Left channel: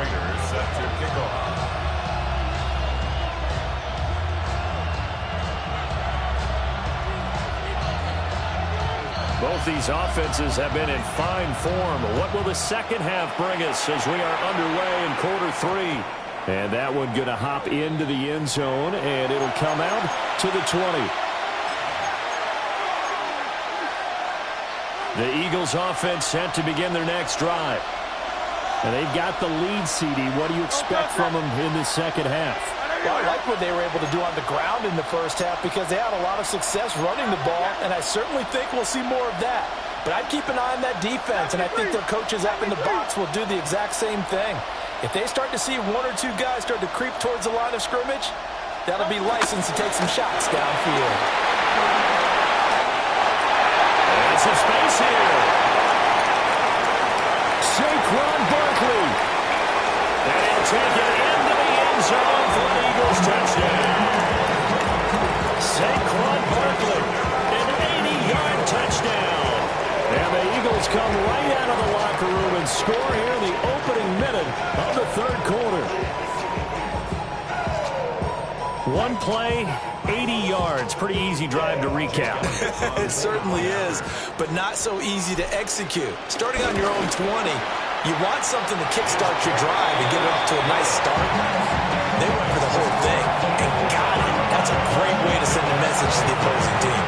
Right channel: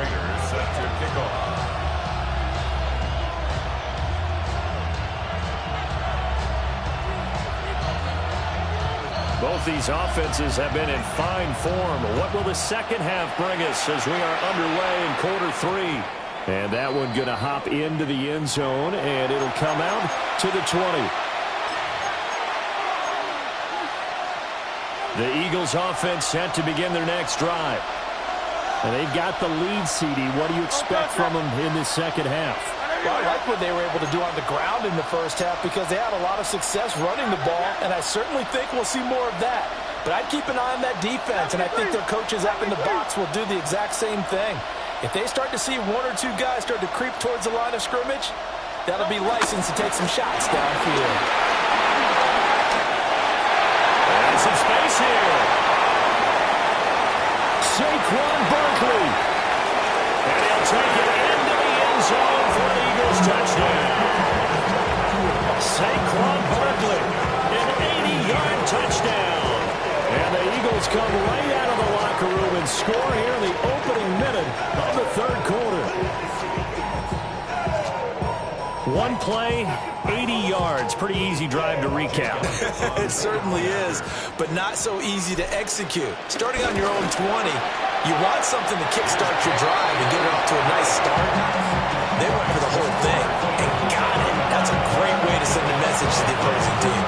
Raiders set to kick off. Both these offenses have been in fine form. What will the second half bring us as we are underway in quarter three? And that one going to hop into the end zone, and it'll come out to the 20. The Eagles offense set to begin their next drive. And they've got the lead, CD. What do you expect from them in this second half? Well, I like what they were able to do on the ground in the first half because they had a lot of success running the ball, and I certainly think we'll see more of that. But I'd keep an eye on that defense, and I think their coaches up in the box will do the exact same thing. If they start to see one or two guys start to creep towards the line of scrimmage, that'll be licensed to take some shots downfield. And some space here. Saquon Barkley. And he'll take it into the end zone for an Eagles touchdown. Saquon Barkley, an 80-yard touchdown. And the Eagles come right out of the locker room and score here in the opening minute of the third quarter. One play, 80 yards. Pretty easy drive to recap. It certainly is, but not so easy to execute. Starting on your own 20, you want something to kickstart your drive and get it off to a nice start. They went for the whole thing and got it. That's a great way to send a message to the opposing team.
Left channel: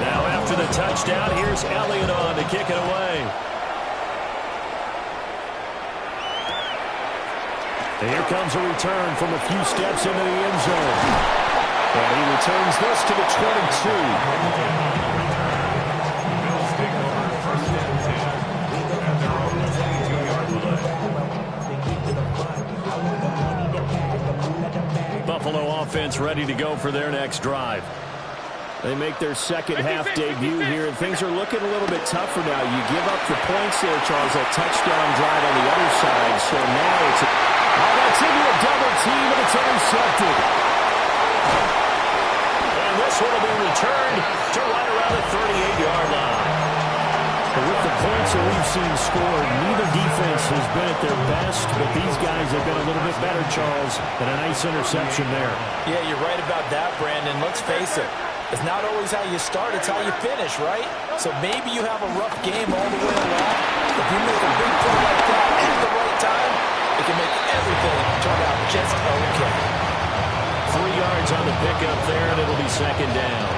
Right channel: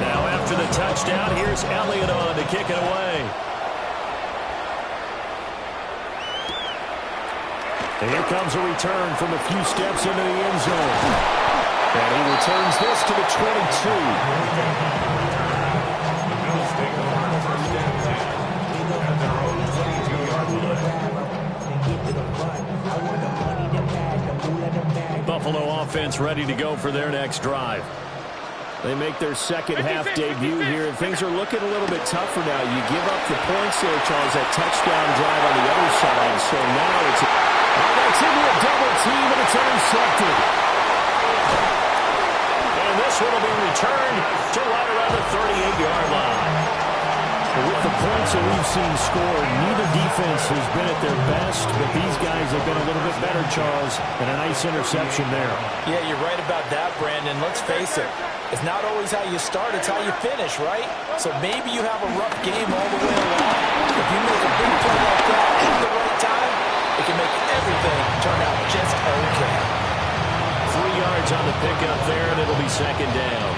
Now after the touchdown, here's Elliott on to kick it away. And here comes a return from a few steps into the end zone. And he returns this to the 22. The Bills take over first and 10 at their own 22-yard line. Buffalo offense ready to go for their next drive. They make their second half debut here, and things are looking a little bit tougher now. You give up the points there, Charles, that touchdown drive on the other side. So now it's... Oh, that's into a double team, and it's intercepted. And this one will be returned to right around the 38-yard line. And with the points that we've seen scored, neither defense has been at their best, but these guys have been a little bit better, Charles, and a nice interception there. Yeah, you're right about that, Brandon. Let's face it. It's not always how you start, it's how you finish, right? So maybe you have a rough game all the way along. If you make a big play like that at the right time, it can make everything turn out just okay. 3 yards on the pickup there, and it'll be second down.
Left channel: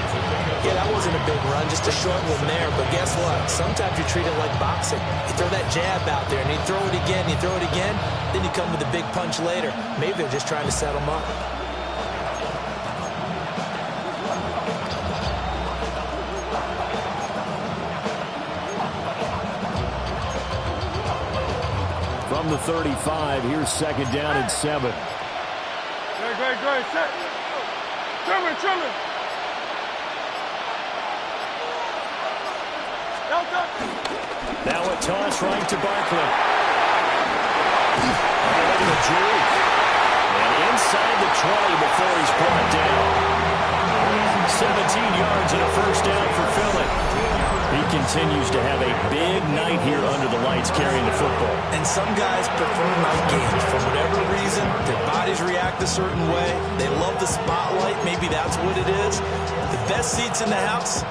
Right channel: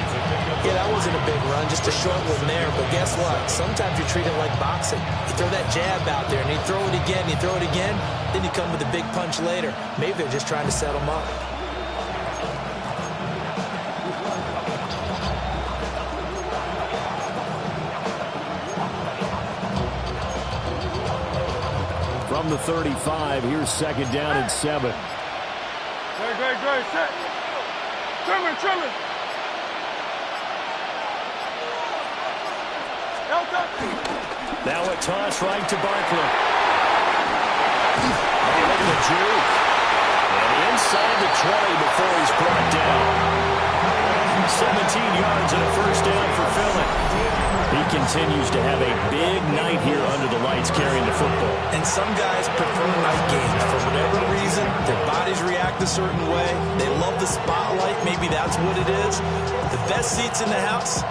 Yeah, that wasn't a big run, just a short one there. But guess what? Sometimes you treat it like boxing. You throw that jab out there, and you throw it again, then you come with a big punch later. Maybe they're just trying to set them up. From the 35, here's second down and 7. Great, set. Trimmer. Now a toss right to Barkley. Oh, look at the juke. And inside the 20 before he's brought down. 17 yards and a first down for Philly. He continues to have a big night here under the lights carrying the football. And some guys prefer night games. For whatever reason, their bodies react a certain way. They love the spotlight. Maybe that's what it is. The best seats in the house,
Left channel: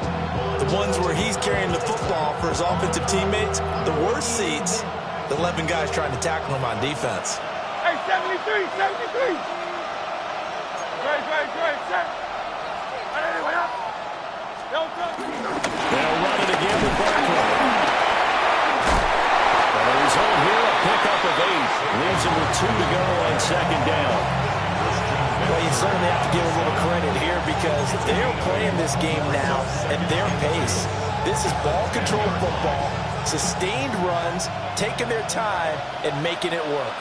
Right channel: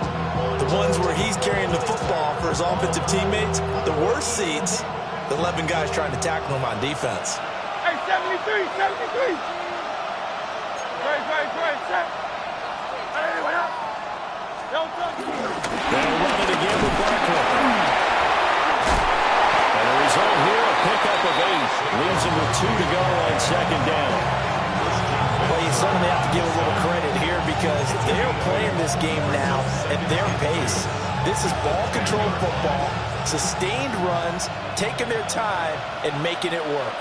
the ones where he's carrying the football for his offensive teammates. The worst seats, the 11 guys trying to tackle him on defense. Hey, 73. Great, set. They'll run it again with Barkley. And the result here, a pickup of 8. Leaves him with 2 to go on second down. Well, you certainly have to give a little credit here because they're playing this game now at their pace. This is ball control football, sustained runs, taking their time, and making it work.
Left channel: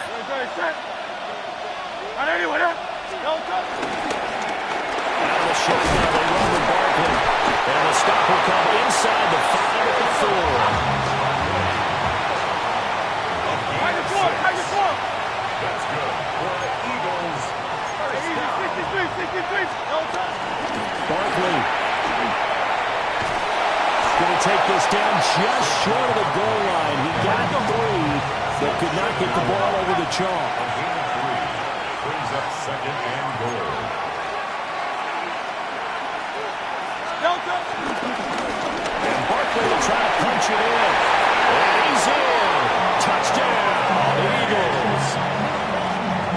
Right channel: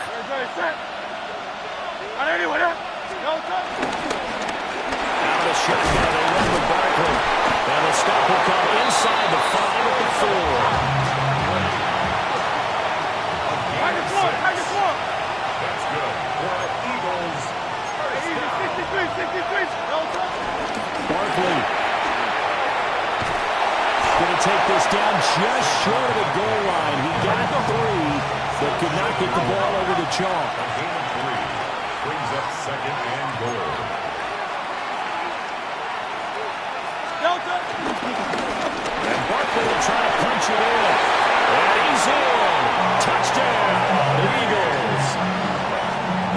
Out of the shotgun, they run with Barkley. And the stop will come inside the 5 at the 4. That's good for an Eagles first down. Barkley going to take this down just short of the goal line. He got 3, but could not get the ball over the chalk. A gain of 3 brings up 2nd and goal. And Barkley will try to punch it in. And he's in. Touchdown, Eagles.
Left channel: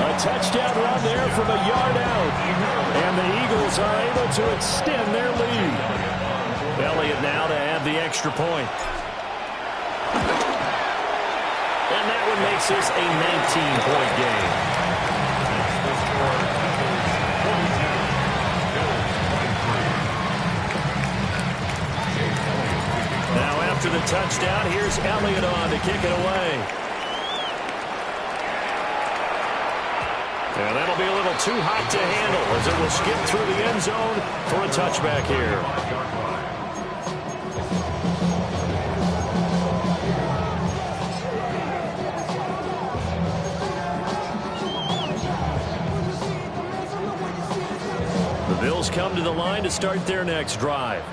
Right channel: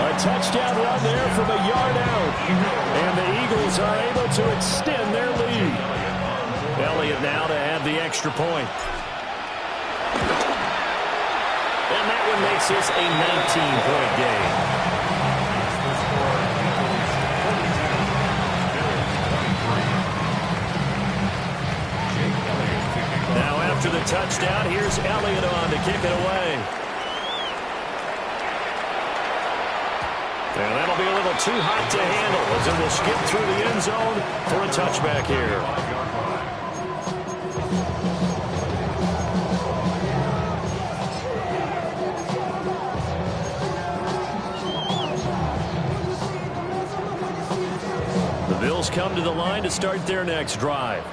A touchdown run there from a yard out. And the Eagles are able to extend their lead. Elliott now to add the extra point. And that one makes this a 19-point game. That's the score. Eagles 42, Bills 23. Jake Elliott kicking off. Now after the touchdown, here's Elliott on to kick it away. And that'll be a little too hot to handle as it will skip through the end zone for a touchback here. 5-yard line. The Bills come to the line to start their next drive.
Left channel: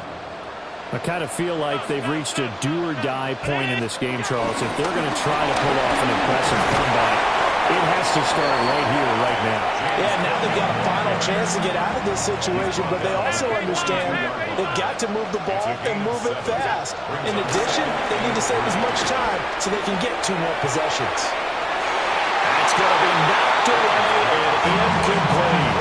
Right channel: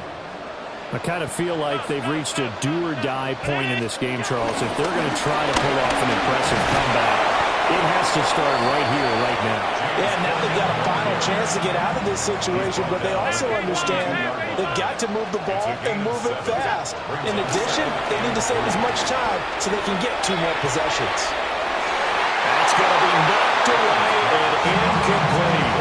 I kind of feel like they've reached a do-or-die point in this game, Charles. If they're going to try to pull off an impressive comeback, it has to start right here, right now. Yeah, now they've got a final chance to get out of this situation, but they also understand they've got to move the ball and move it fast. In addition, they need to save as much time so they can get 2 more possessions. That's going to be knocked away and incomplete.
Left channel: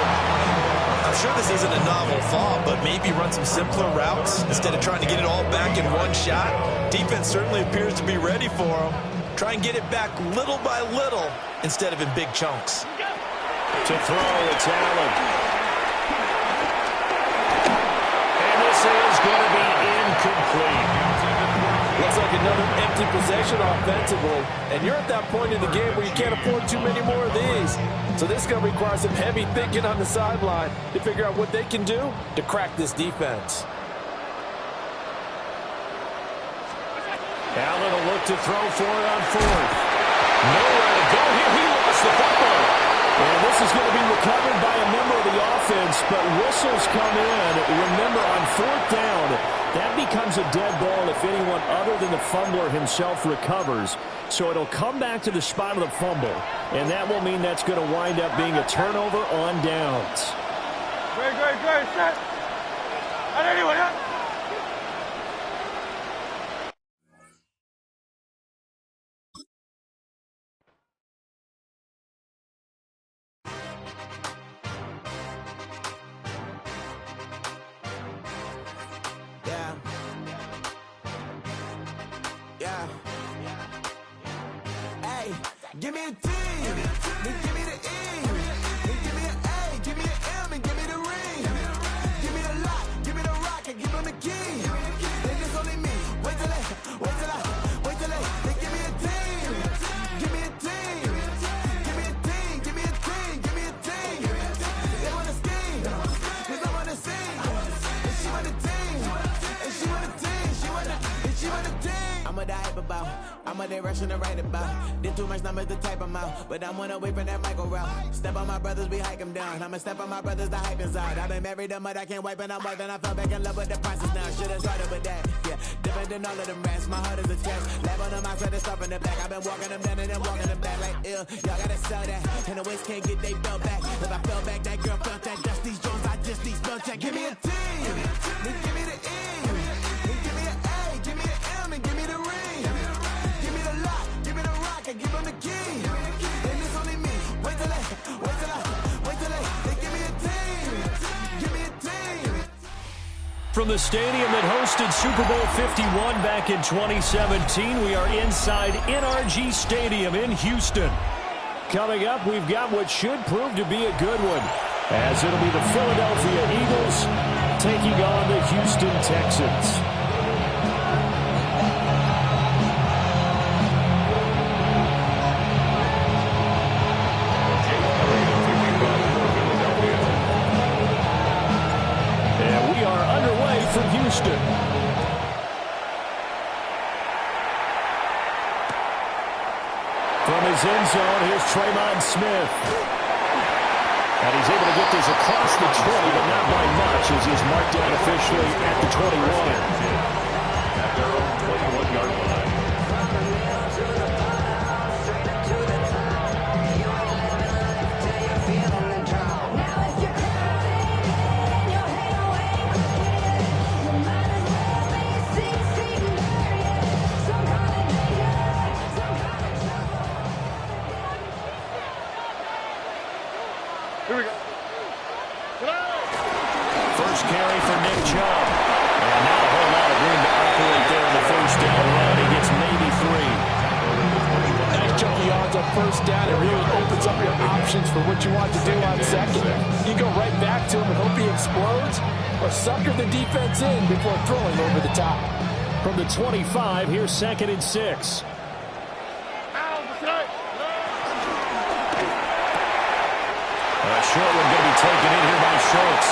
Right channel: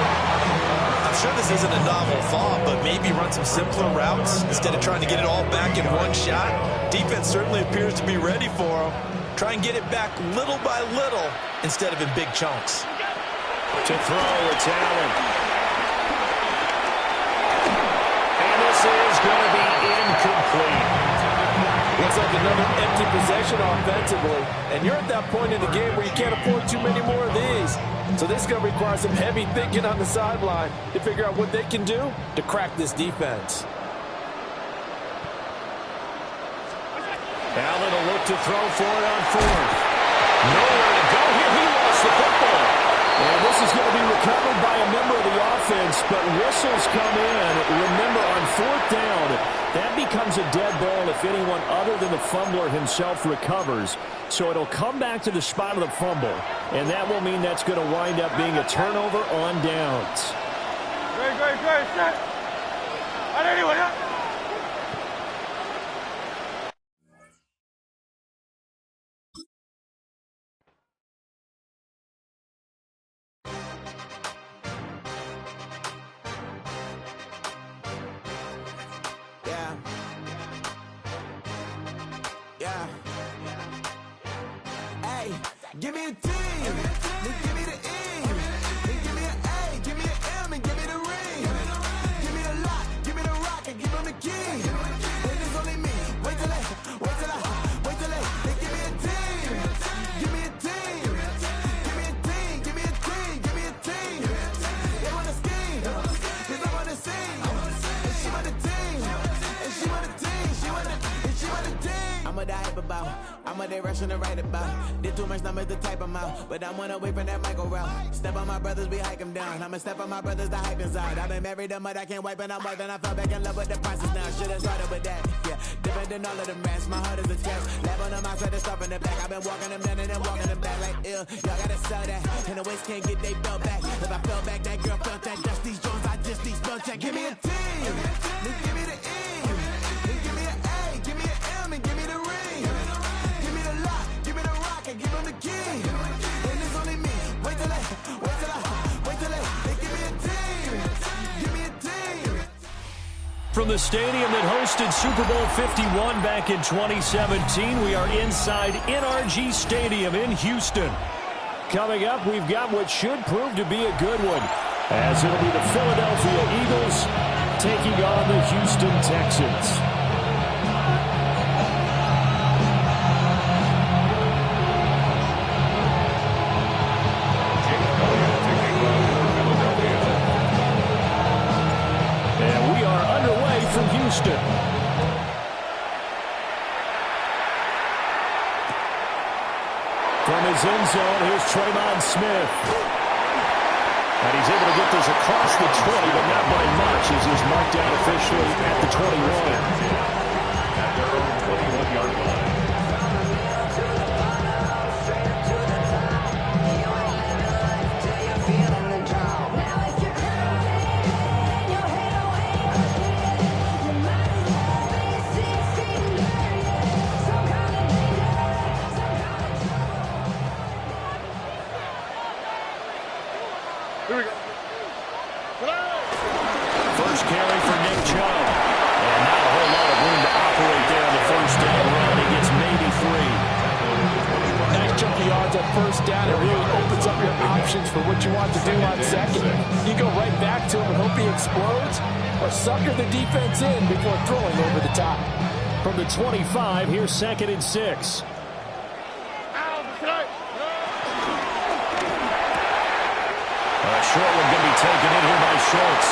I'm sure this isn't a novel thought, but maybe run some simpler routes instead of trying to get it all back in one shot. Defense certainly appears to be ready for them. Try and get it back little by little instead of in big chunks. To throw, it's Allen. And this is going to be incomplete. Looks like another empty possession offensively. And you're at that point in the game where you can't afford too many more of these. So this is going to require some heavy thinking on the sideline to figure out what they can do to crack this defense. Allen will look to throw for it on 4th. Nowhere to go here. He lost the football. And this is going to be recovered by a member of the offense, but whistles come in. Remember, on 4th down, that becomes a dead ball if anyone other than the fumbler himself recovers. So it'll come back to the spot of the fumble, and that will mean that's going to wind up being a turnover on downs. Great, set. Anyone, huh? Yeah. Hey, give me a T, then give me the E, then give me an A, give me an M, and give me the ring. Give me the lock, give me the rock, and give them the key. Then it's only me. Wait till they, then give me a team. Give me a team. Give me a team, give me a team, give me a team. They want to scheme, cause I'm on the scene. And she want the team, and she want the team, she want the team. I'm a die hype about, I'm a direction to write about. Did too much numbers to type them out, but I'm one away from that Michael route. Step on my brothers, we hike them down. I'ma step on my brothers, the hype inside. I've been married to mud, I can't wipe and I'm wiping. I fell back in love with the process now. Should've started with that, yeah. Different than all of them rats, my heart is a test. Lab on them outside, the stuff in the back. I've been walking them down and then walking them back like ill. Y'all gotta sell that, and the waist can't get they belt back. If I fell back, that girl felt that. Dust these joints, I just these spell check. Give me a T, then give me the E, then give me an A, give me an M, and give me the ring. Give me the lock, give me the rock, and give them the key. Then it's only me. Wait till they give me a team. Give me a team. From the stadium that hosted Super Bowl 51 back in 2017, we are inside NRG Stadium in Houston. Coming up, we've got what should prove to be a good one, as it'll be the Philadelphia Eagles taking on the Houston Texans. And we are underway from Houston. From his end zone, here's Tremon Smith. And he's able to get this across the 20, but not by much, as he's marked down officially at the 21. At their own 20-yard line. Here we go. First carry for Nick Chubb. And not a whole lot of room to operate there on the first down run. He gets maybe 3. Nice chunk of yards on first down. It really opens up your options for what you want to do on second. You go right back to him and hope he explodes, or sucker the defense in before throwing over the top. From the 25, here's 2nd and 6. A short one going to be taken in here by Schultz.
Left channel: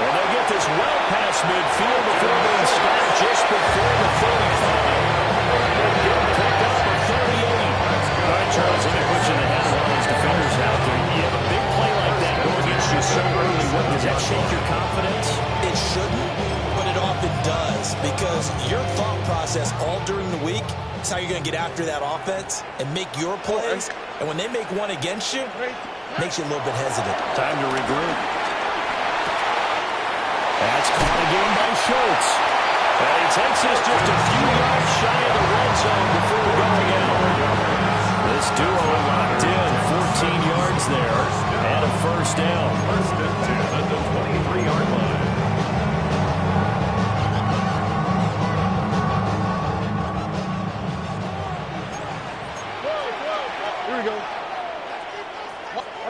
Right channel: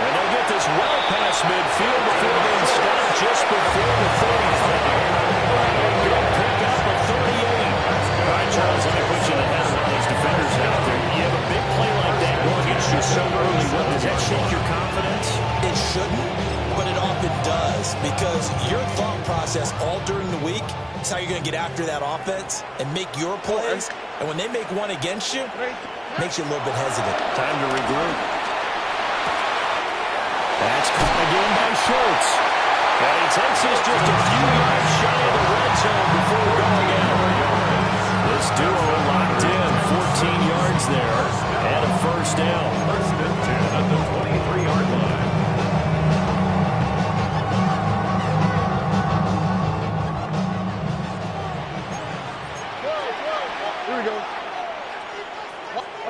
And they get this well past midfield before being stopped just before the 35. And good pick up of 38. All right, Charles, let me put you in the head of one of these defenders out there. You have a big play like that go against you so early. What, does that shake your confidence? It shouldn't, but it often does, because your thought process all during the week is how you're going to get after that offense and make your plays. And when they make one against you, makes you a little bit hesitant. Time to regroup. That's caught again by Schultz. And he takes this just a few yards shy of the red zone before going out. This duo locked in. 14 yards there and a first down. First and 10 at the 23-yard line. Here we go.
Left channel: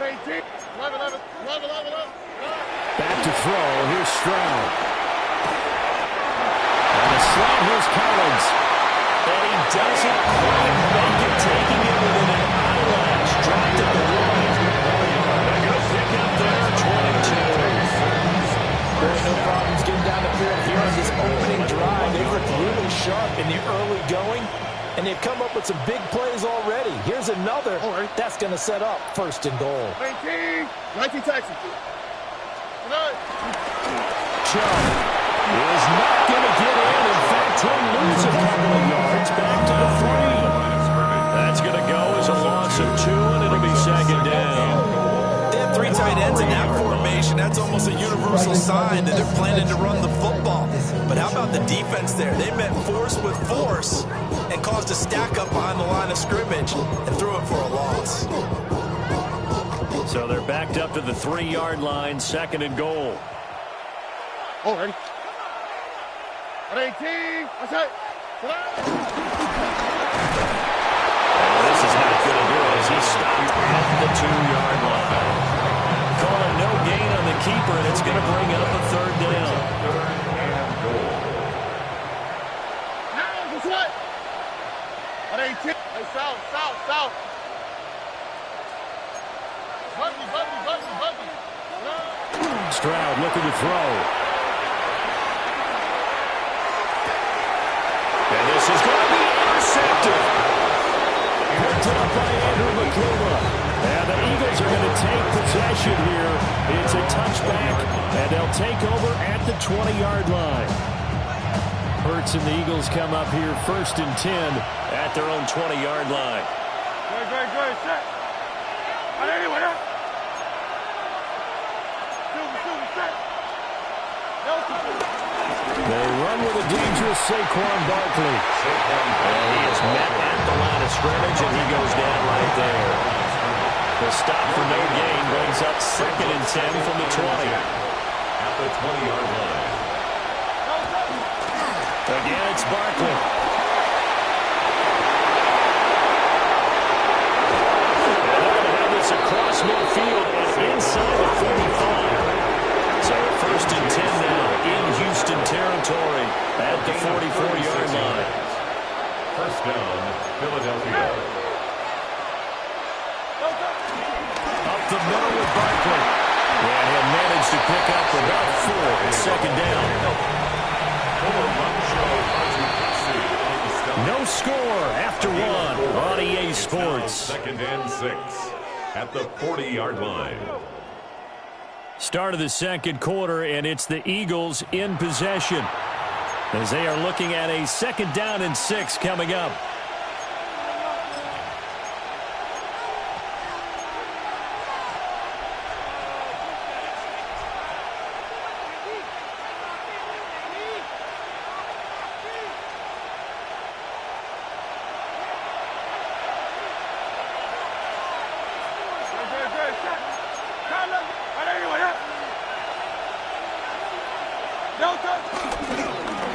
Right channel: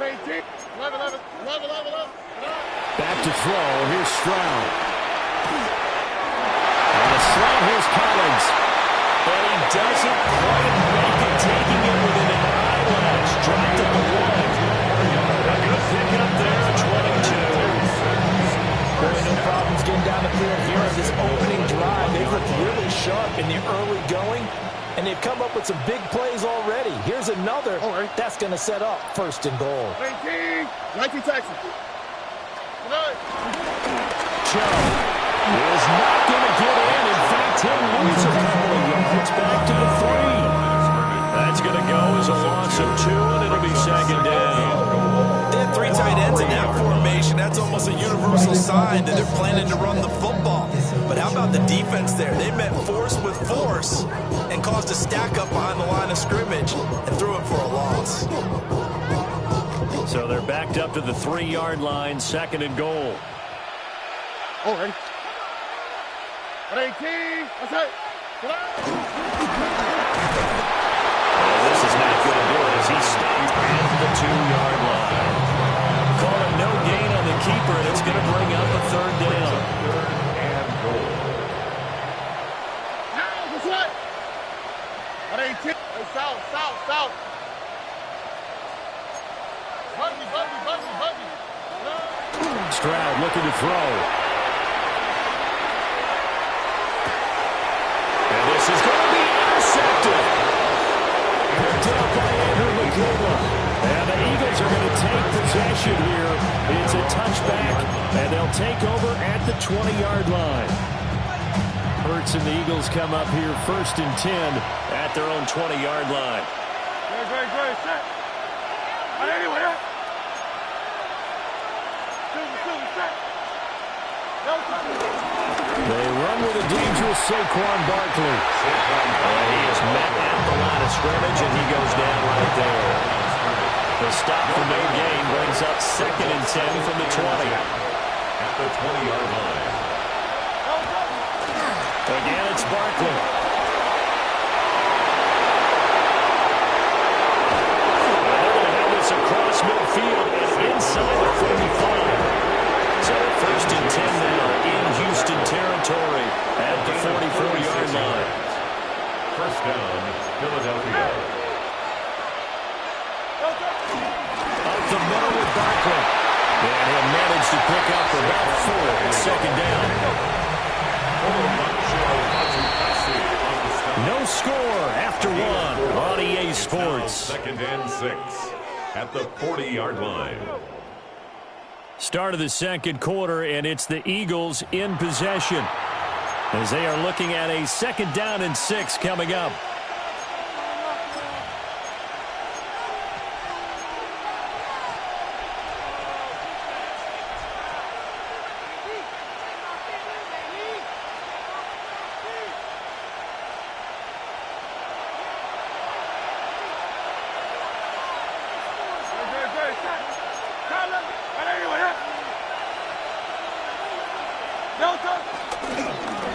18, 11. Back to throw. Here's Stroud. And a slant. Here's Collins. And he doesn't quite make it, taking it within an eyelash. Dropped at the 1. A good pickup there, 22. Boy, no problems getting down the field here on this opening drive. They looked really sharp in the early going, and they've come up with some big plays already. Here's another. That's going to set up 1st and goal. 19 Texas. Chubb is not going to get in. In fact, he'll lose a couple of yards back to the 3. That's going to go as a loss of 2, and it'll be 2nd down. They have 3 tight ends in that formation. That's almost a universal sign that they're planning to run the football. But how about the defense there? They met force with force and caused a stack up behind the line of scrimmage and threw it for a loss. So they're backed up to the 3-yard line, 2nd and goal. Ready? 18. What's that? This is not going to do it as he stopped at the 2-yard line. Calling no gain on the keeper, and it's going to bring up a 3rd down. 3rd and goal. What's that? 18. Hey, south. Buggy. Stroud looking to throw. And this is going to be intercepted. Picked up by Andrew McCullough. And the Eagles are going to take possession here. It's a touchback, and they'll take over at the 20-yard line. Hurts and the Eagles come up here 1st and 10 at their own 20-yard line. Good. Set. Anyway, set. They run with a dangerous Saquon Barkley. And he is met at the line of scrimmage, and he goes down right there. The stop for no gain brings up 2nd and 10 from the 20. At the 20-yard line. Again, it's Barkley. And they're going to have this across midfield and inside the 45. So 1st and 10 now in Houston territory at the 44-yard line. First down, Philadelphia. Up the middle with Barkley. And he'll manage to pick up about 4 at 2nd down. No score after 1 on EA Sports. 2nd and 6 at the 40-yard line. Start of the 2nd quarter, and it's the Eagles in possession. as they are looking at a 2nd down and 6 coming up.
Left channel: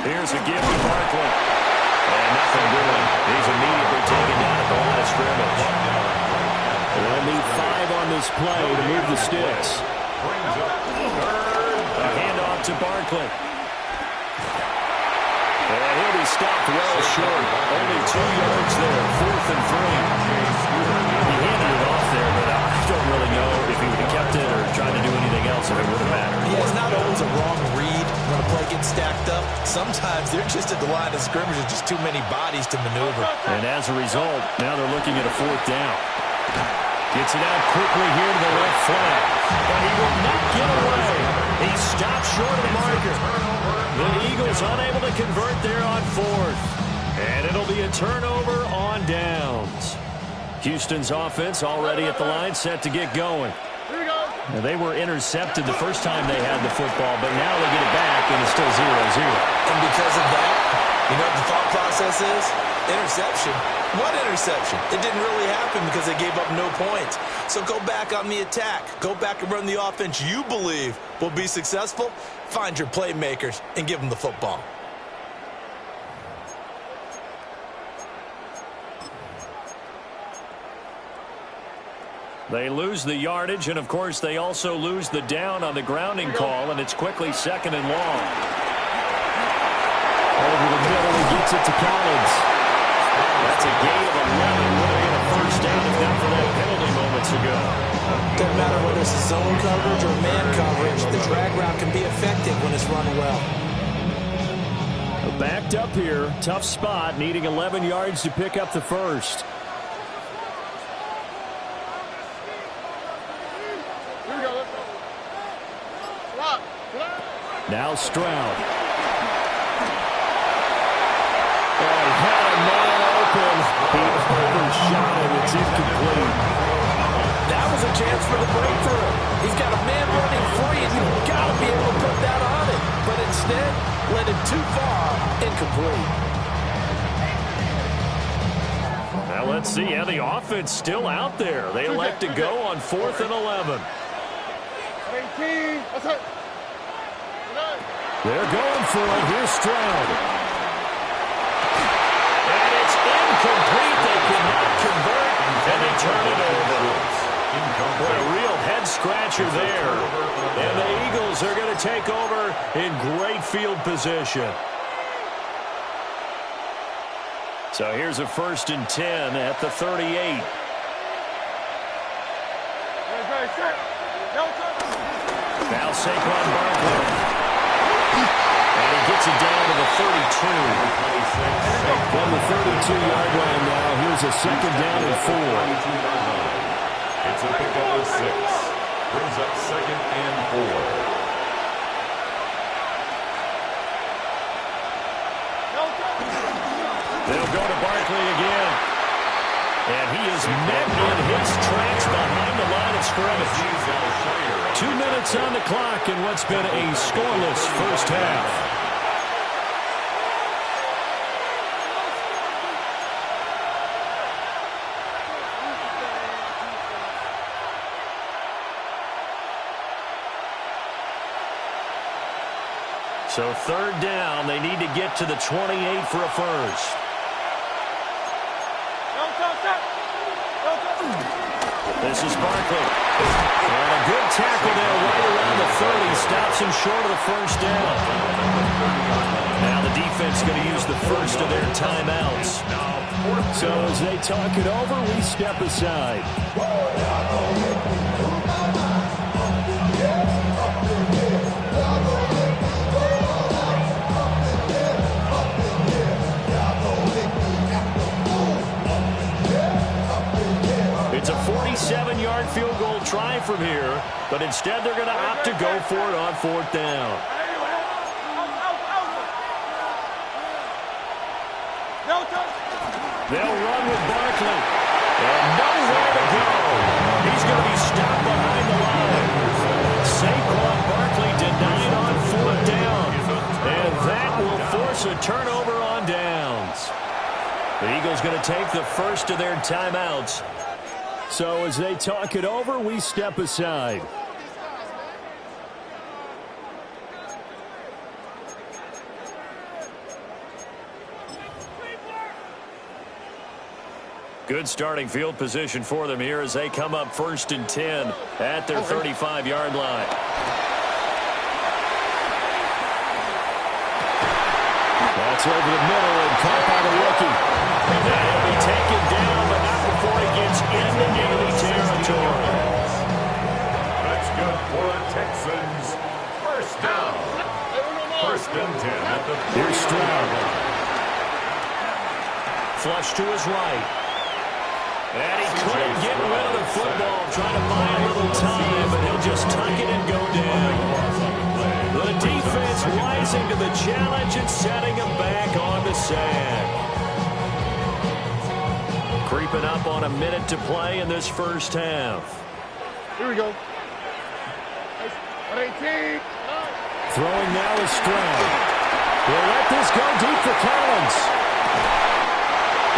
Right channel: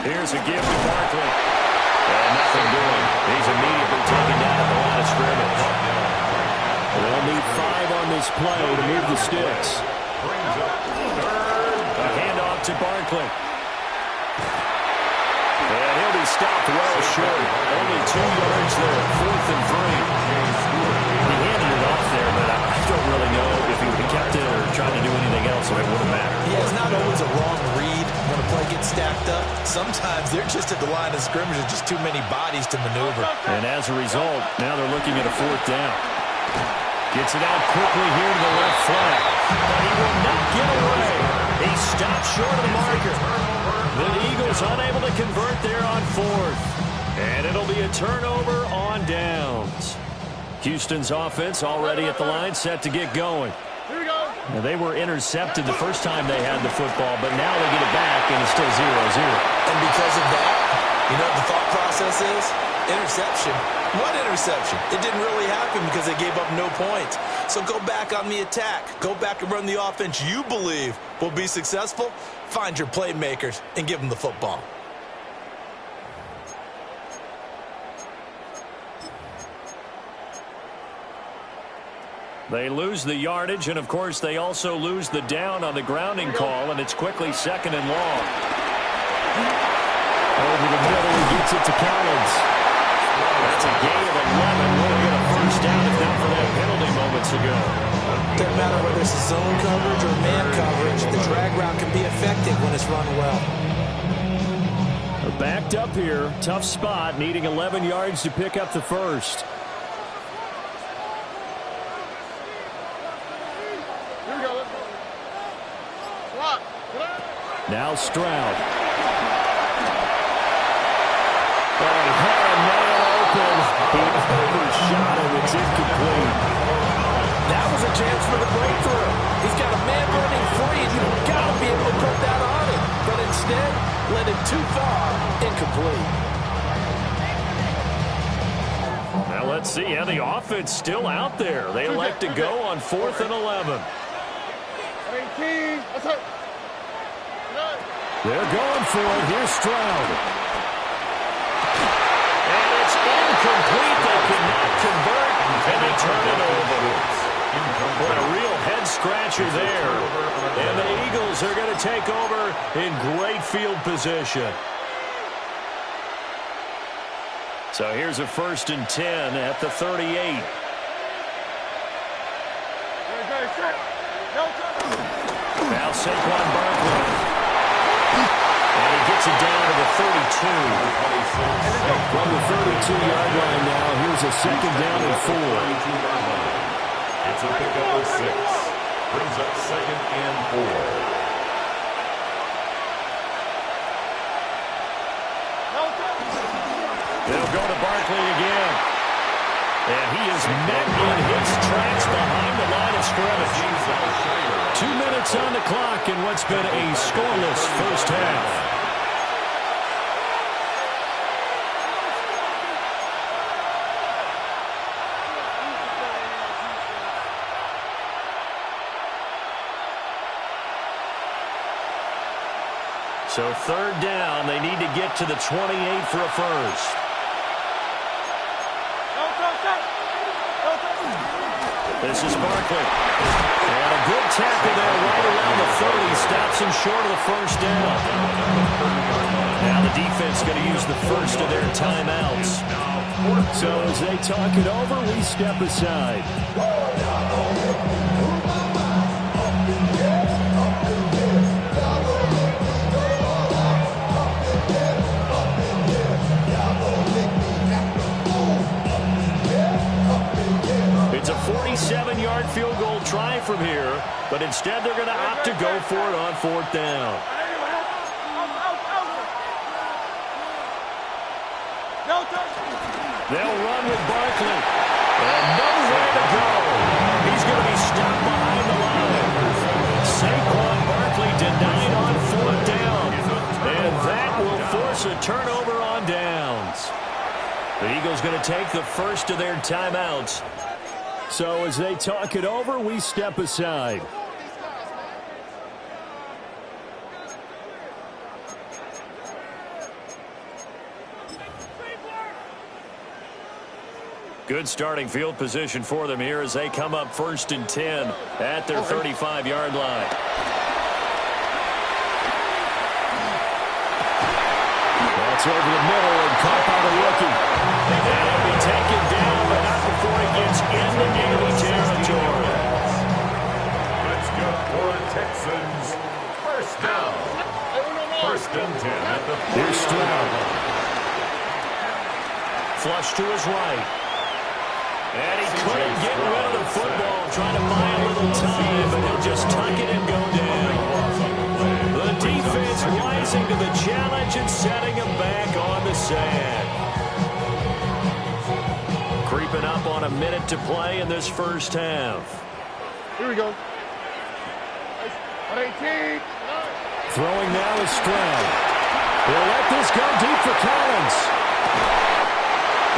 Here's a give to Barkley. And nothing doing. He's immediately taken down at the line of scrimmage. They'll need 5 on this play to move the sticks. A handoff to Barkley. And he'll be stopped well short. Only 2 yards there. 4th and 3. He handed it off there, but I don't really know if he would have kept it or tried to do anything else if it would have mattered. Yeah, it's not always a wrong read when a play gets stacked up. Sometimes they're just at the line of scrimmage. There's just too many bodies to maneuver. And as a result, now they're looking at a 4th down. Gets it out quickly here to the left flank. But he will not get away. He stopped short of the marker. The Eagles unable to convert there on 4th. And it'll be a turnover on downs. Houston's offense already at the line, set to get going. Here we go. Now, they were intercepted the first time they had the football, but now they get it back, and it's still 0-0. And because of that, you know what the thought process is? Interception. What interception? It didn't really happen because they gave up no points. So go back on the attack. Go back and run the offense you believe will be successful. Find your playmakers and give them the football. They lose the yardage, and, of course, they also lose the down on the grounding call, and it's quickly 2nd and long. Over the middle, he gets it to Collins. That's a gain of 11. Would have been a 1st down if not for that penalty moments ago. Doesn't matter whether it's a zone coverage or man coverage. The drag route can be effective when it's run well. Backed up here. Tough spot, needing 11 yards to pick up the 1st. Now Stroud. Oh, he had a man open. He overshot him. It's incomplete. That was a chance for the breakthrough. He's got a man running free, and you've got to be able to put that on him. But instead, led him too far, incomplete. Now let's see. Yeah, the offense still out there. They elect to go on 4th and 11. 18. That's it. They're going for it. Here's Stroud. And it's incomplete. They cannot convert, and they turn it over. What a real head-scratcher there. And the Eagles are going to take over in great field position. So here's a 1st and 10 at the 38. Now Saquon Barkley. And he gets it down to the 32. From the 32-yard line now, here's a 2nd down and 4. It's a pickup of 6. Brings up 2nd and 4. They'll go to Barkley again. And he is met in his tracks behind the line of scrimmage. 2 minutes on the clock in what's been a scoreless first half. So 3rd down, they need to get to the 28 for a 1st. This is Barkley. And a good tackle there right around the 30. Stops him short of the 1st down. Now the defense going to use the first of their timeouts. So as they talk it over, we step aside. It's a 47-yard field goal try from here, but instead they're going to opt to go for it on 4th down. They'll run with Barkley. And nowhere to go. He's going to be stopped behind the line. Saquon Barkley denied on 4th down. And that will force a turnover on downs. The Eagles going to take the first of their timeouts. So as they talk it over, we step aside. Good starting field position for them here as they come up 1st and 10 at their 35-yard line. That's over the middle and caught by the rookie. And he'll be taken down, but not before he gets into enemy territory. That's good for the Texans. First down. 1st and 10 at the 40-yard line. Flush to his right. And he couldn't get rid of the football, trying to buy a little time, but he'll just tuck it and go down. The defense rising to the challenge and setting him back on the sack. Creeping up on a minute to play in this first half. Here we go. 18. Throwing now is Stroud. He'll let this go deep for Collins.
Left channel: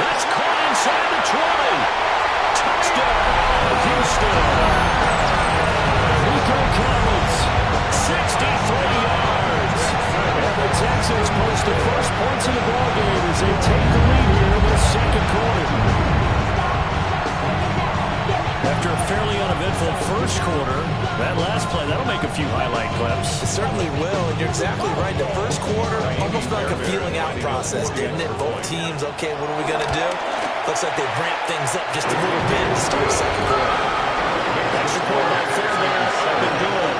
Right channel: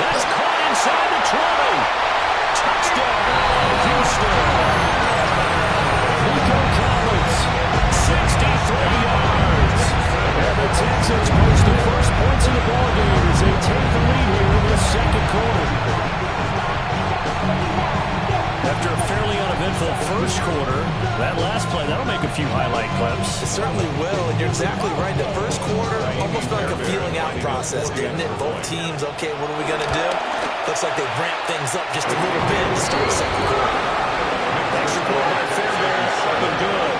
That's caught inside the 20. Touchdown, Houston. Nico Collins, 63 yards. And the Texans post the first points in the ballgame as they take the lead here in this 2nd quarter. After a fairly uneventful first quarter, that last play, that'll make a few highlight clips. It certainly will, and you're exactly right. The first quarter, almost like a feeling out process, didn't it? Both teams, okay, what are we going to do? Looks like they've ramped things up just a little bit to start the 2nd quarter. Extra point by Fairbairn, up and good.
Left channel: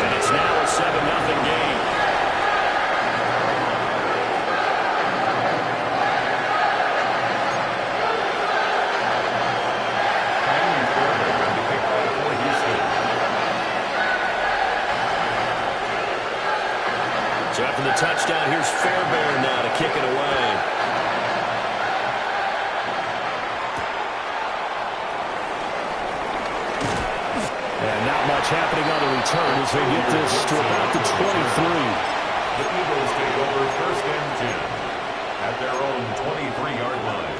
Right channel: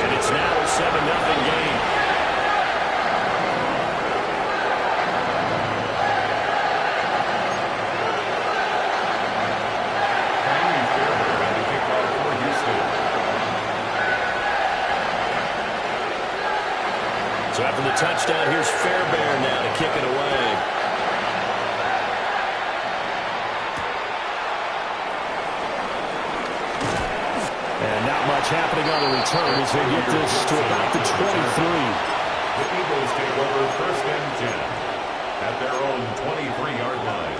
And it's now a 7-0 game. So after the touchdown, here's Fairbairn now to kick it away. And not much happening on the return as they get this to about the 23. The Eagles take over 1st and 10 at their own 23-yard line.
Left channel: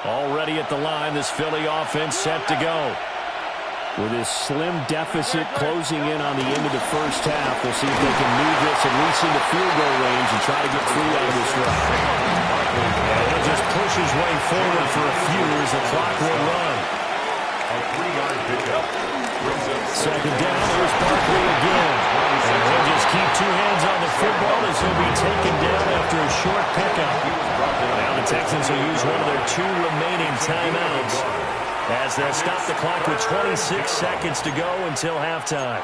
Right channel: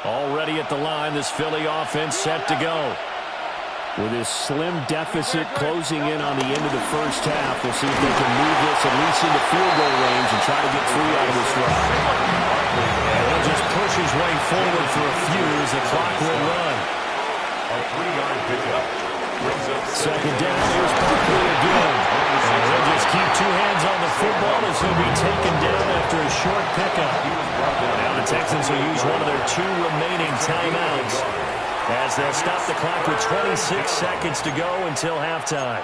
Already at the line, this Philly offense set to go. With this slim deficit closing in on the end of the first half, we'll see if they can move this at least into field goal range and try to get 3 out of this drive. And he'll just push his way forward for a few as the clock will run. A 3-yard pickup. 2nd down, here's Barkley again. And he'll just keep 2 hands on the football as he'll be taken down after a short pickup. Now the Texans will use one of their 2 remaining timeouts as they'll stop the clock with 26 seconds to go until halftime.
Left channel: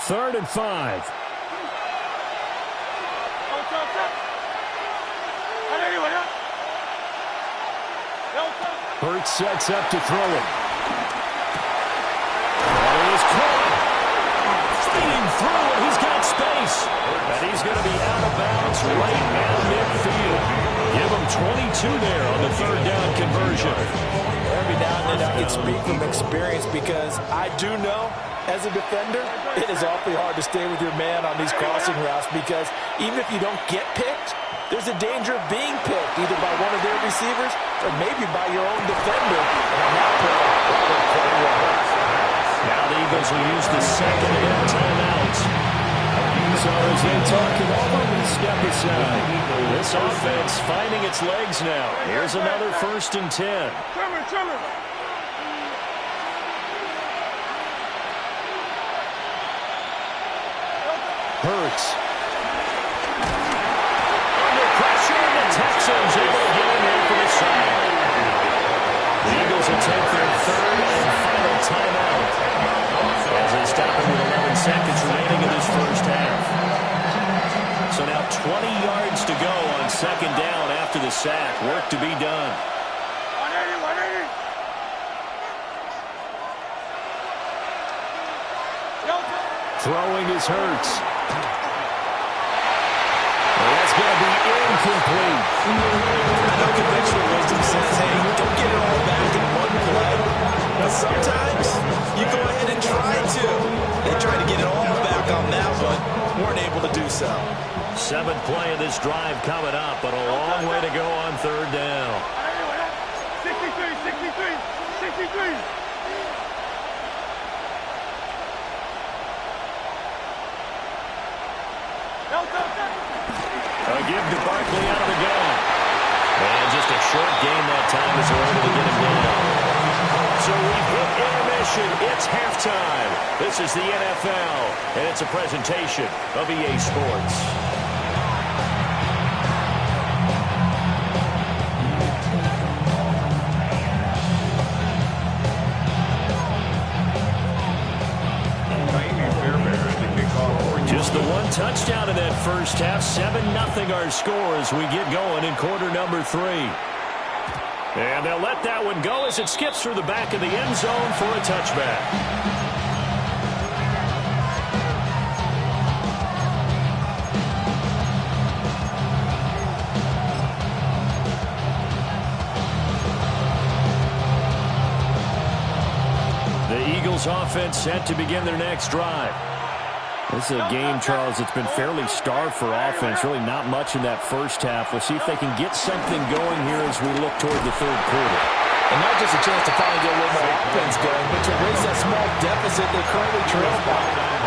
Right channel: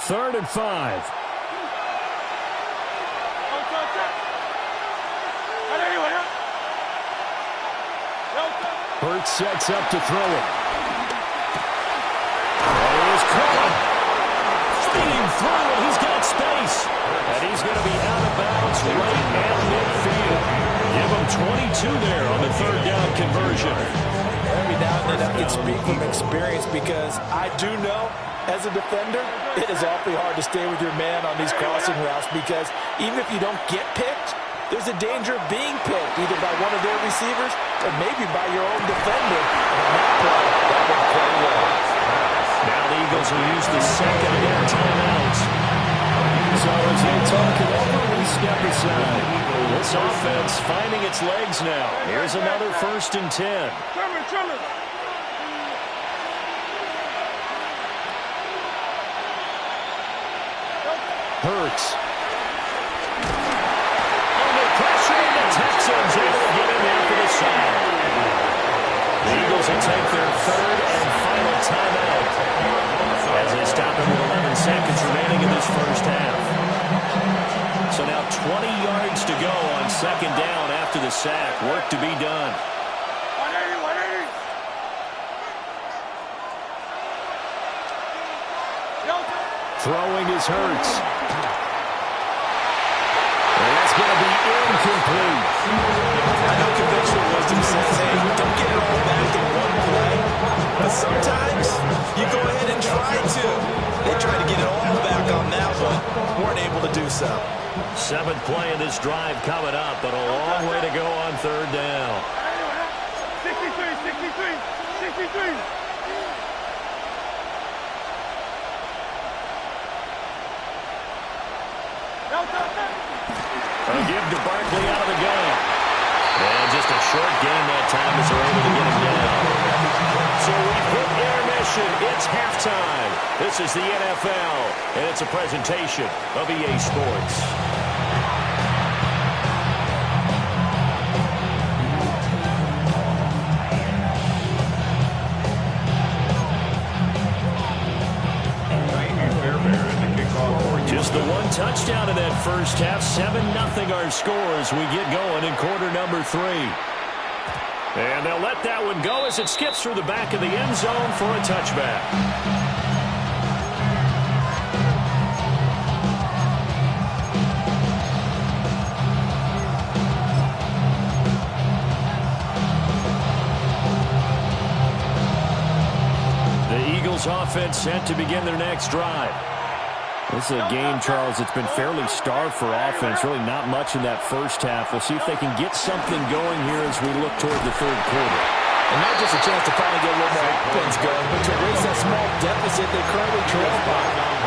Third and 5. Hurts sets up to throw it. And he is caught. Fighting through, and he's got space. And he's going to be out of bounds right at midfield. Give him 22 there on the 3rd down conversion. Every now and then I can speak from experience because I do know, as a defender, it is awfully hard to stay with your man on these crossing routes because even if you don't get picked, there's a danger of being picked either by one of their receivers or maybe by your own defender. And on that play, that went quite well. Now the Eagles will use the 2nd and 10 timeouts. So as they talk it over, we step aside. This offense finding its legs now. Here's another 1st and 10. Hurts. Under pressure, the Texans able to get in there for the sack. The Eagles will take their 3rd and final timeout as they stop it with 11 seconds remaining in this first half. So now 20 yards to go on second down after the sack. Work to be done. 180, 180. Throwing is Hurts. And that's going to be incomplete. I know conventional wisdom says, hey, don't get it all back in one play. But sometimes you go ahead and try to. They tried to get it all back on that one. Weren't able to do so. 7th play of this drive coming up, but a long way to go on third down. 63. A give to Barkley out of the gun. And just a short game that time as they're able to get him down. So we've hit intermission. It's halftime. This is the NFL, and it's a presentation of EA Sports. Just the one touchdown in that first half. 7-0 our score as we get going in quarter number 3. And they'll let that one go as it skips through the back of the end zone for a touchback. The Eagles offense set to begin their next drive. This is a game, Charles, that's been fairly starved for offense. Really not much in that first half. We'll see if they can get something going here as we look toward the third quarter. And not just a chance to finally get a little more offense going, but to erase that small deficit they currently trail by.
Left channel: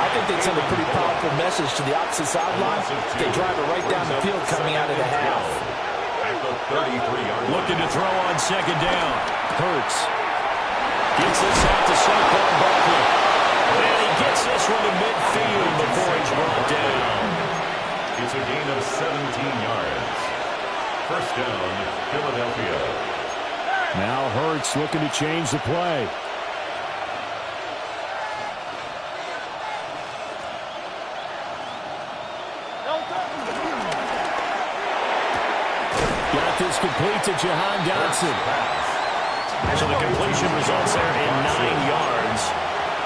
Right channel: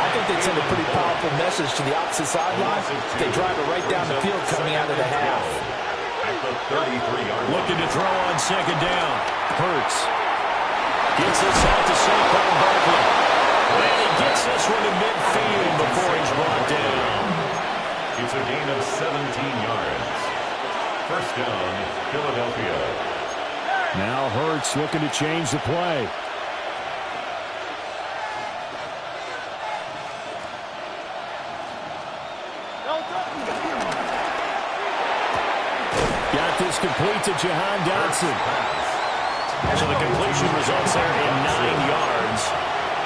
I think they'd send a pretty powerful message to the opposite sideline. They drive it right down the field coming out of the half. At the 33-yard line. Looking to throw on second down. Hurts gets this out to Saquon Barkley. And he gets this one to midfield before he's brought down. It's a gain of 17 yards. First down, Philadelphia. Now Hurts looking to change the play. Got this complete to Jahan Dotson. So the completion results there in 9 yards.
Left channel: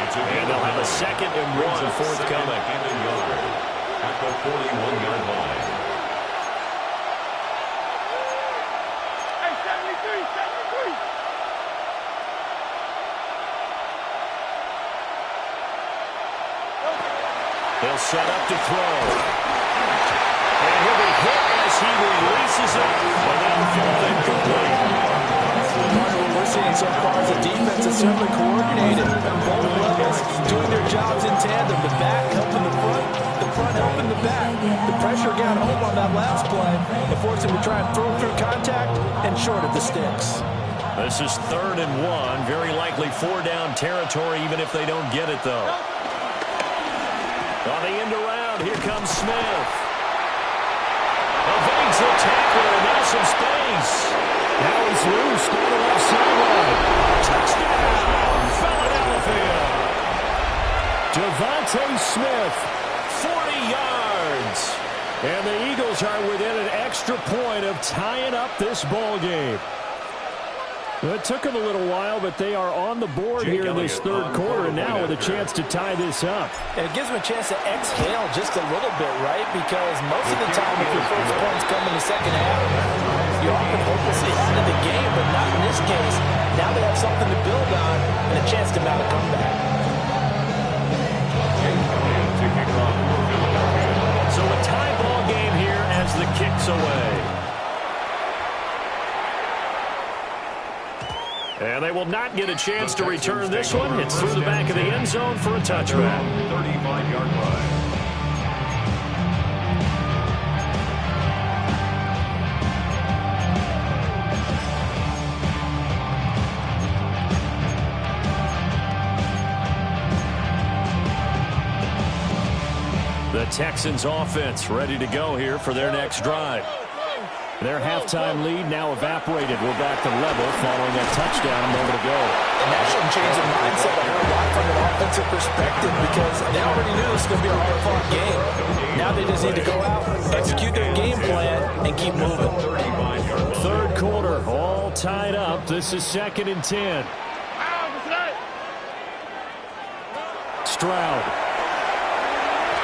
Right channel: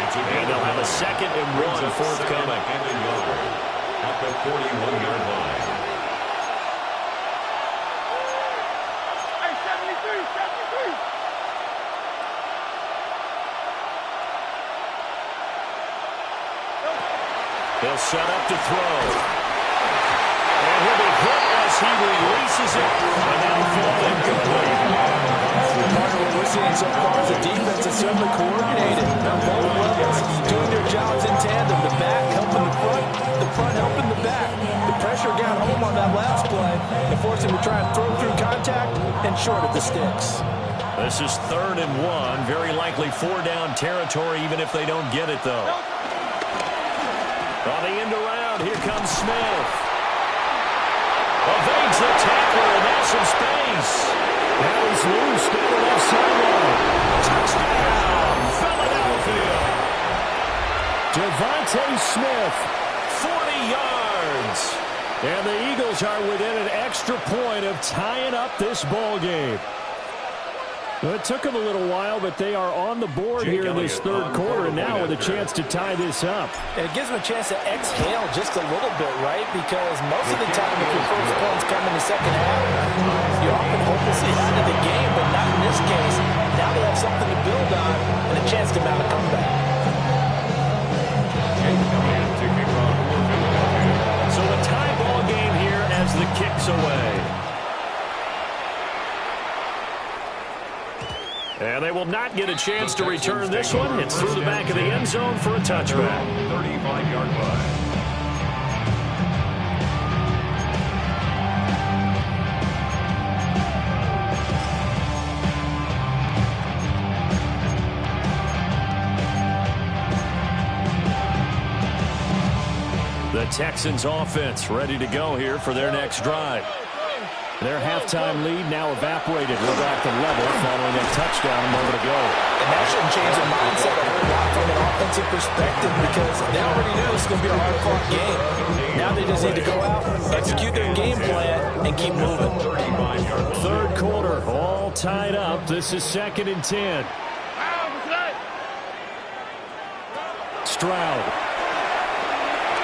And they'll have a 2nd and 1 forthcoming. And a yard at the 41-yard line. Hey, 73. He'll set up to throw. And he'll be hit as he releases it. And that'll fall incomplete. Part of what we're seeing so far is the defense is certainly coordinated. Both levels doing their jobs in tandem. The back helping the front helping the back. The pressure got home on that last play and forced him to try and throw through contact and short of the sticks. This is 3rd and 1. Very likely 4-down territory even if they don't get it, though. On the end around, here comes Smith. Evades the tackler, and now some space. Now he's loose down the left sideline. Touchdown, Philadelphia. Devontae Smith, 40 yards. And the Eagles are within an extra point of tying up this ball game. It took them a little while, but they are on the board here in this third quarter, and now with a chance to tie this up. And it gives them a chance to exhale just a little bit, right? Because most of the time, if your first points come in the second half, you're often hopelessly out of the game, but not in this case. Now they have something to build on and a chance to mount a comeback. To kick off for Philadelphia. So a tie ball game here as the kick's away. And they will not get a chance to return this one. It's through the back of the end zone for a touchback. 35-yard line. The Texans offense ready to go here for their next drive. Their halftime lead now evaporated. We're back to level following that touchdown a moment ago. And that shouldn't change their mindset a whole lot from an offensive perspective because they already knew this was going to be a hard-fought game. Now they just need to go out, execute their game plan, and keep moving. Third quarter, all tied up. This is 2nd and 10. Stroud.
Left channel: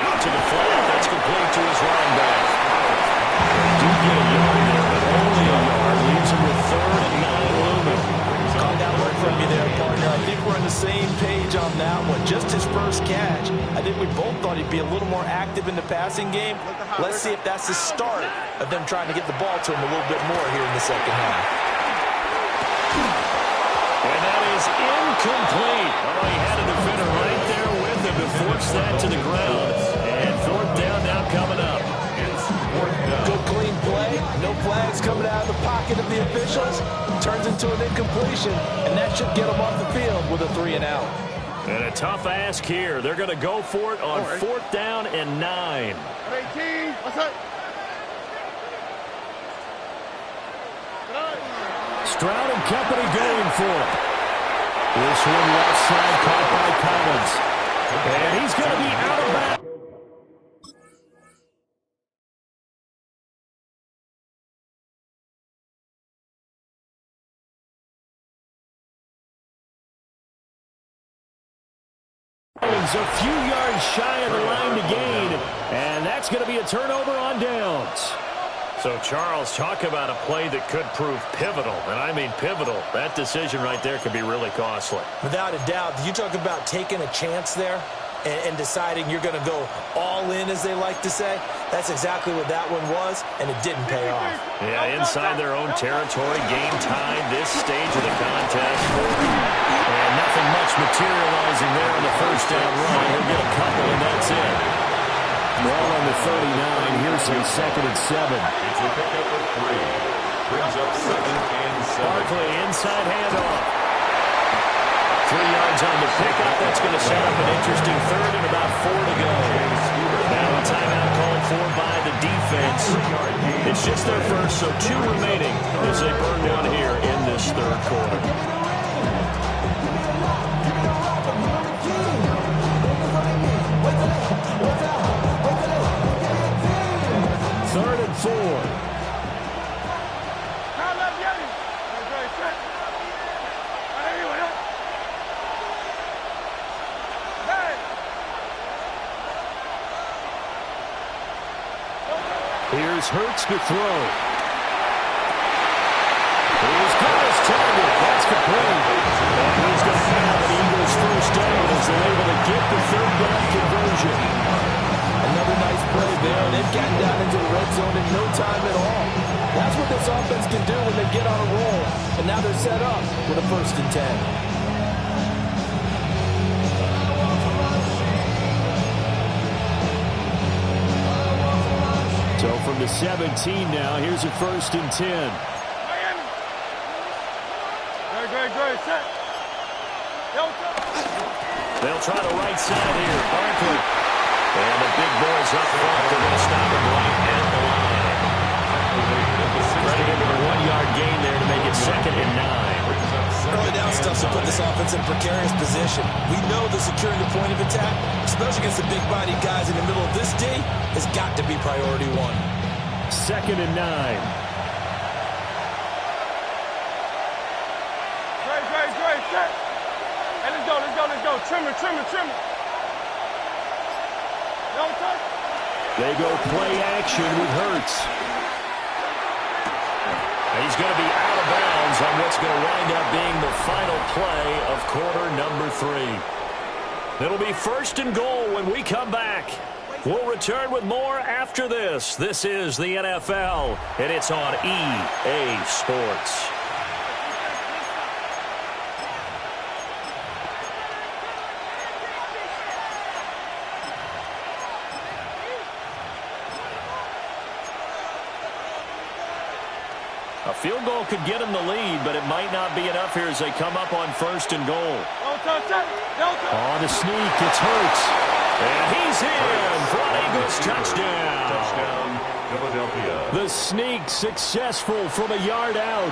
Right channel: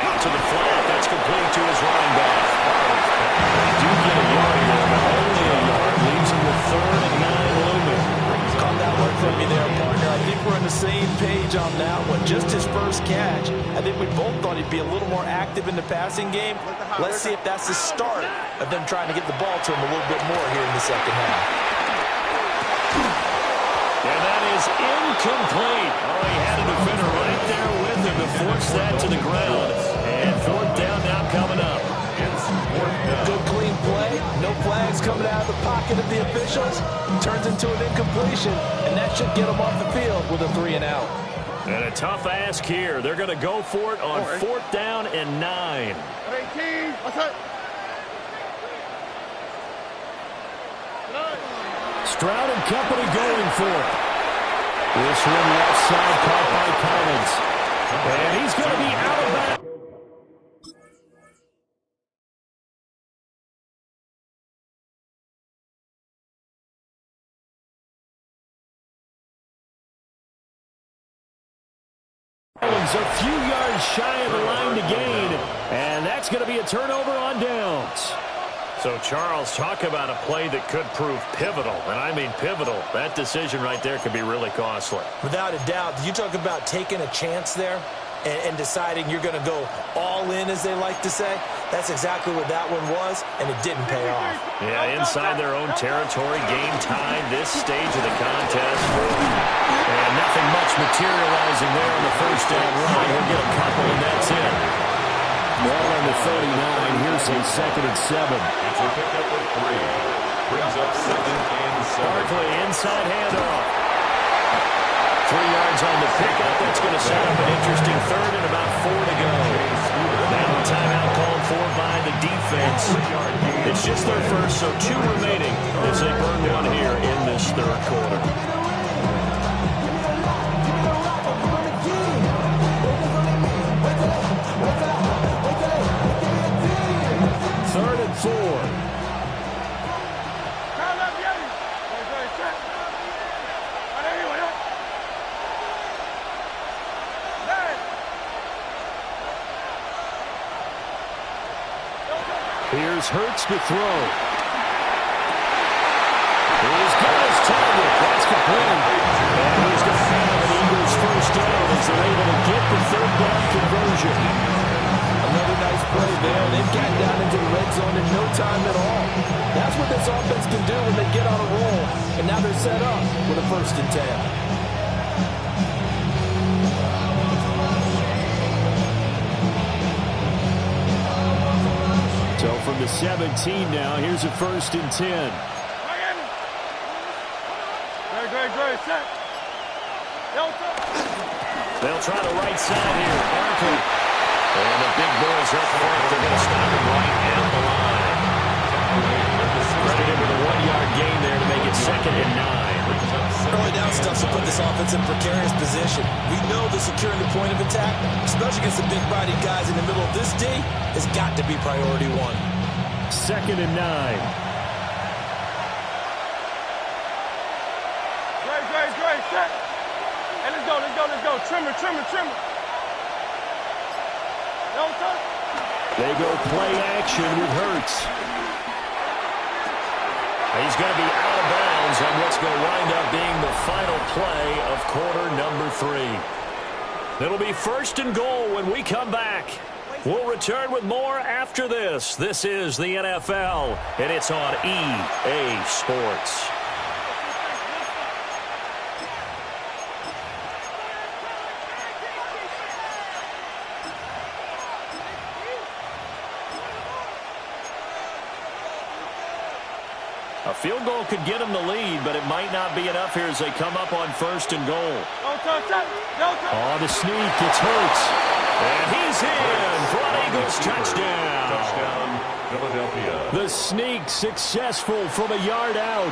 Out to the flat. That's complete to his running back. They do get a yard there, but only a yard. Leaves him with 3rd and 9 looming. Caught that one from you there, partner. I think we're on the same page on that one. Just his first catch. I think we both thought he'd be a little more active in the passing game. Let's see if that's the start of them trying to get the ball to him a little bit more here in the second half. And that is incomplete. Oh, he had a defender right there with him to force that to the ground. And 4th down now coming up. Good clean play. No flags coming out of the pocket of the officials. Turns into an incompletion, and that should get them off the field with a 3-and-out. And a tough ask here. They're going to go for it on 4th down and 9. 18. What's up? Stroud and company going for it. This one left side caught by Collins. And he's going to be out of bounds. A few yards shy of the line to gain, and that's going to be a turnover on downs. So, Charles, talk about a play that could prove pivotal, and I mean pivotal. That decision right there could be really costly. Without a doubt. You talk about taking a chance there and deciding you're going to go all in, as they like to say. That's exactly what that one was, and it didn't pay off. Yeah, inside their own territory, game tied this stage of the contest. And nothing much materializing there on the first down run. He'll get a couple, and that's it. Ball on the 39. Here's a 2nd and 7. It's a pickup of 3. Brings up 2nd and 7. Barkley, inside handoff. 3 yards on the pickup. That's going to set up an interesting 3rd and about 4 to go. Now a timeout called for by the defense. It's just their first, so 2 remaining as they burn one here in this 3rd quarter. 3rd and 4. Here's Hurts to throw. He's got his target. That's complete. And he's going to have an Eagles first down as they're able to get the 3rd down conversion. Another nice play there. They've gotten down into the red zone in no time at all. That's what this offense can do when they get on a roll. And now they're set up with a 1st and 10. So from the 17 now, here's a 1st and 10. Miami. Great. Set. They'll try the right side here. Barkley. And the big boys up front. They're going to stop him right at the line. Credited with a 1-yard gain there to make it 2nd and 9. Early down stuff to put this offense in precarious position. We know that securing the point of attack, especially against the big-bodied guys in the middle of this D, has got to be priority 1. 2nd and 9. Great. Set. Hey, let's go. Trimmer. Don't touch. They go play action with Hurts. He's going to be out of bounds on what's going to wind up being the final play of quarter number 3. It'll be 1st and goal when we come back. We'll return with more after this. This is the NFL, and it's on EA Sports. A field goal could get them the lead, but it might not be enough here as they come up on 1st and goal. Don't touch. On a sneak, it's Hurts. And he's in for an Eagles touchdown. Philadelphia. The sneak successful from a yard out.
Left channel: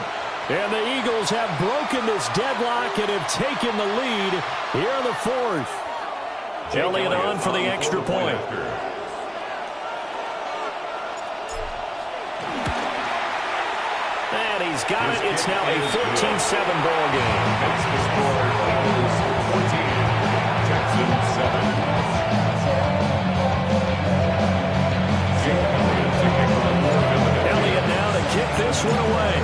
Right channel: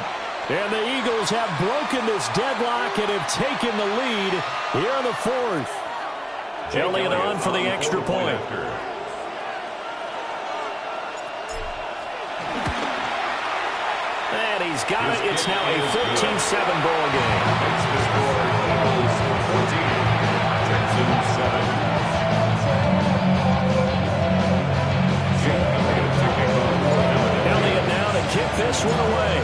And the Eagles have broken this deadlock and have taken the lead here in the fourth. Elliott on for the extra point. And he's got it. It's now a 14-7 ball game. Makes the score Eagles 14, Texans 7. Jake Elliott to kick off for Philadelphia. Elliott now to kick this one away.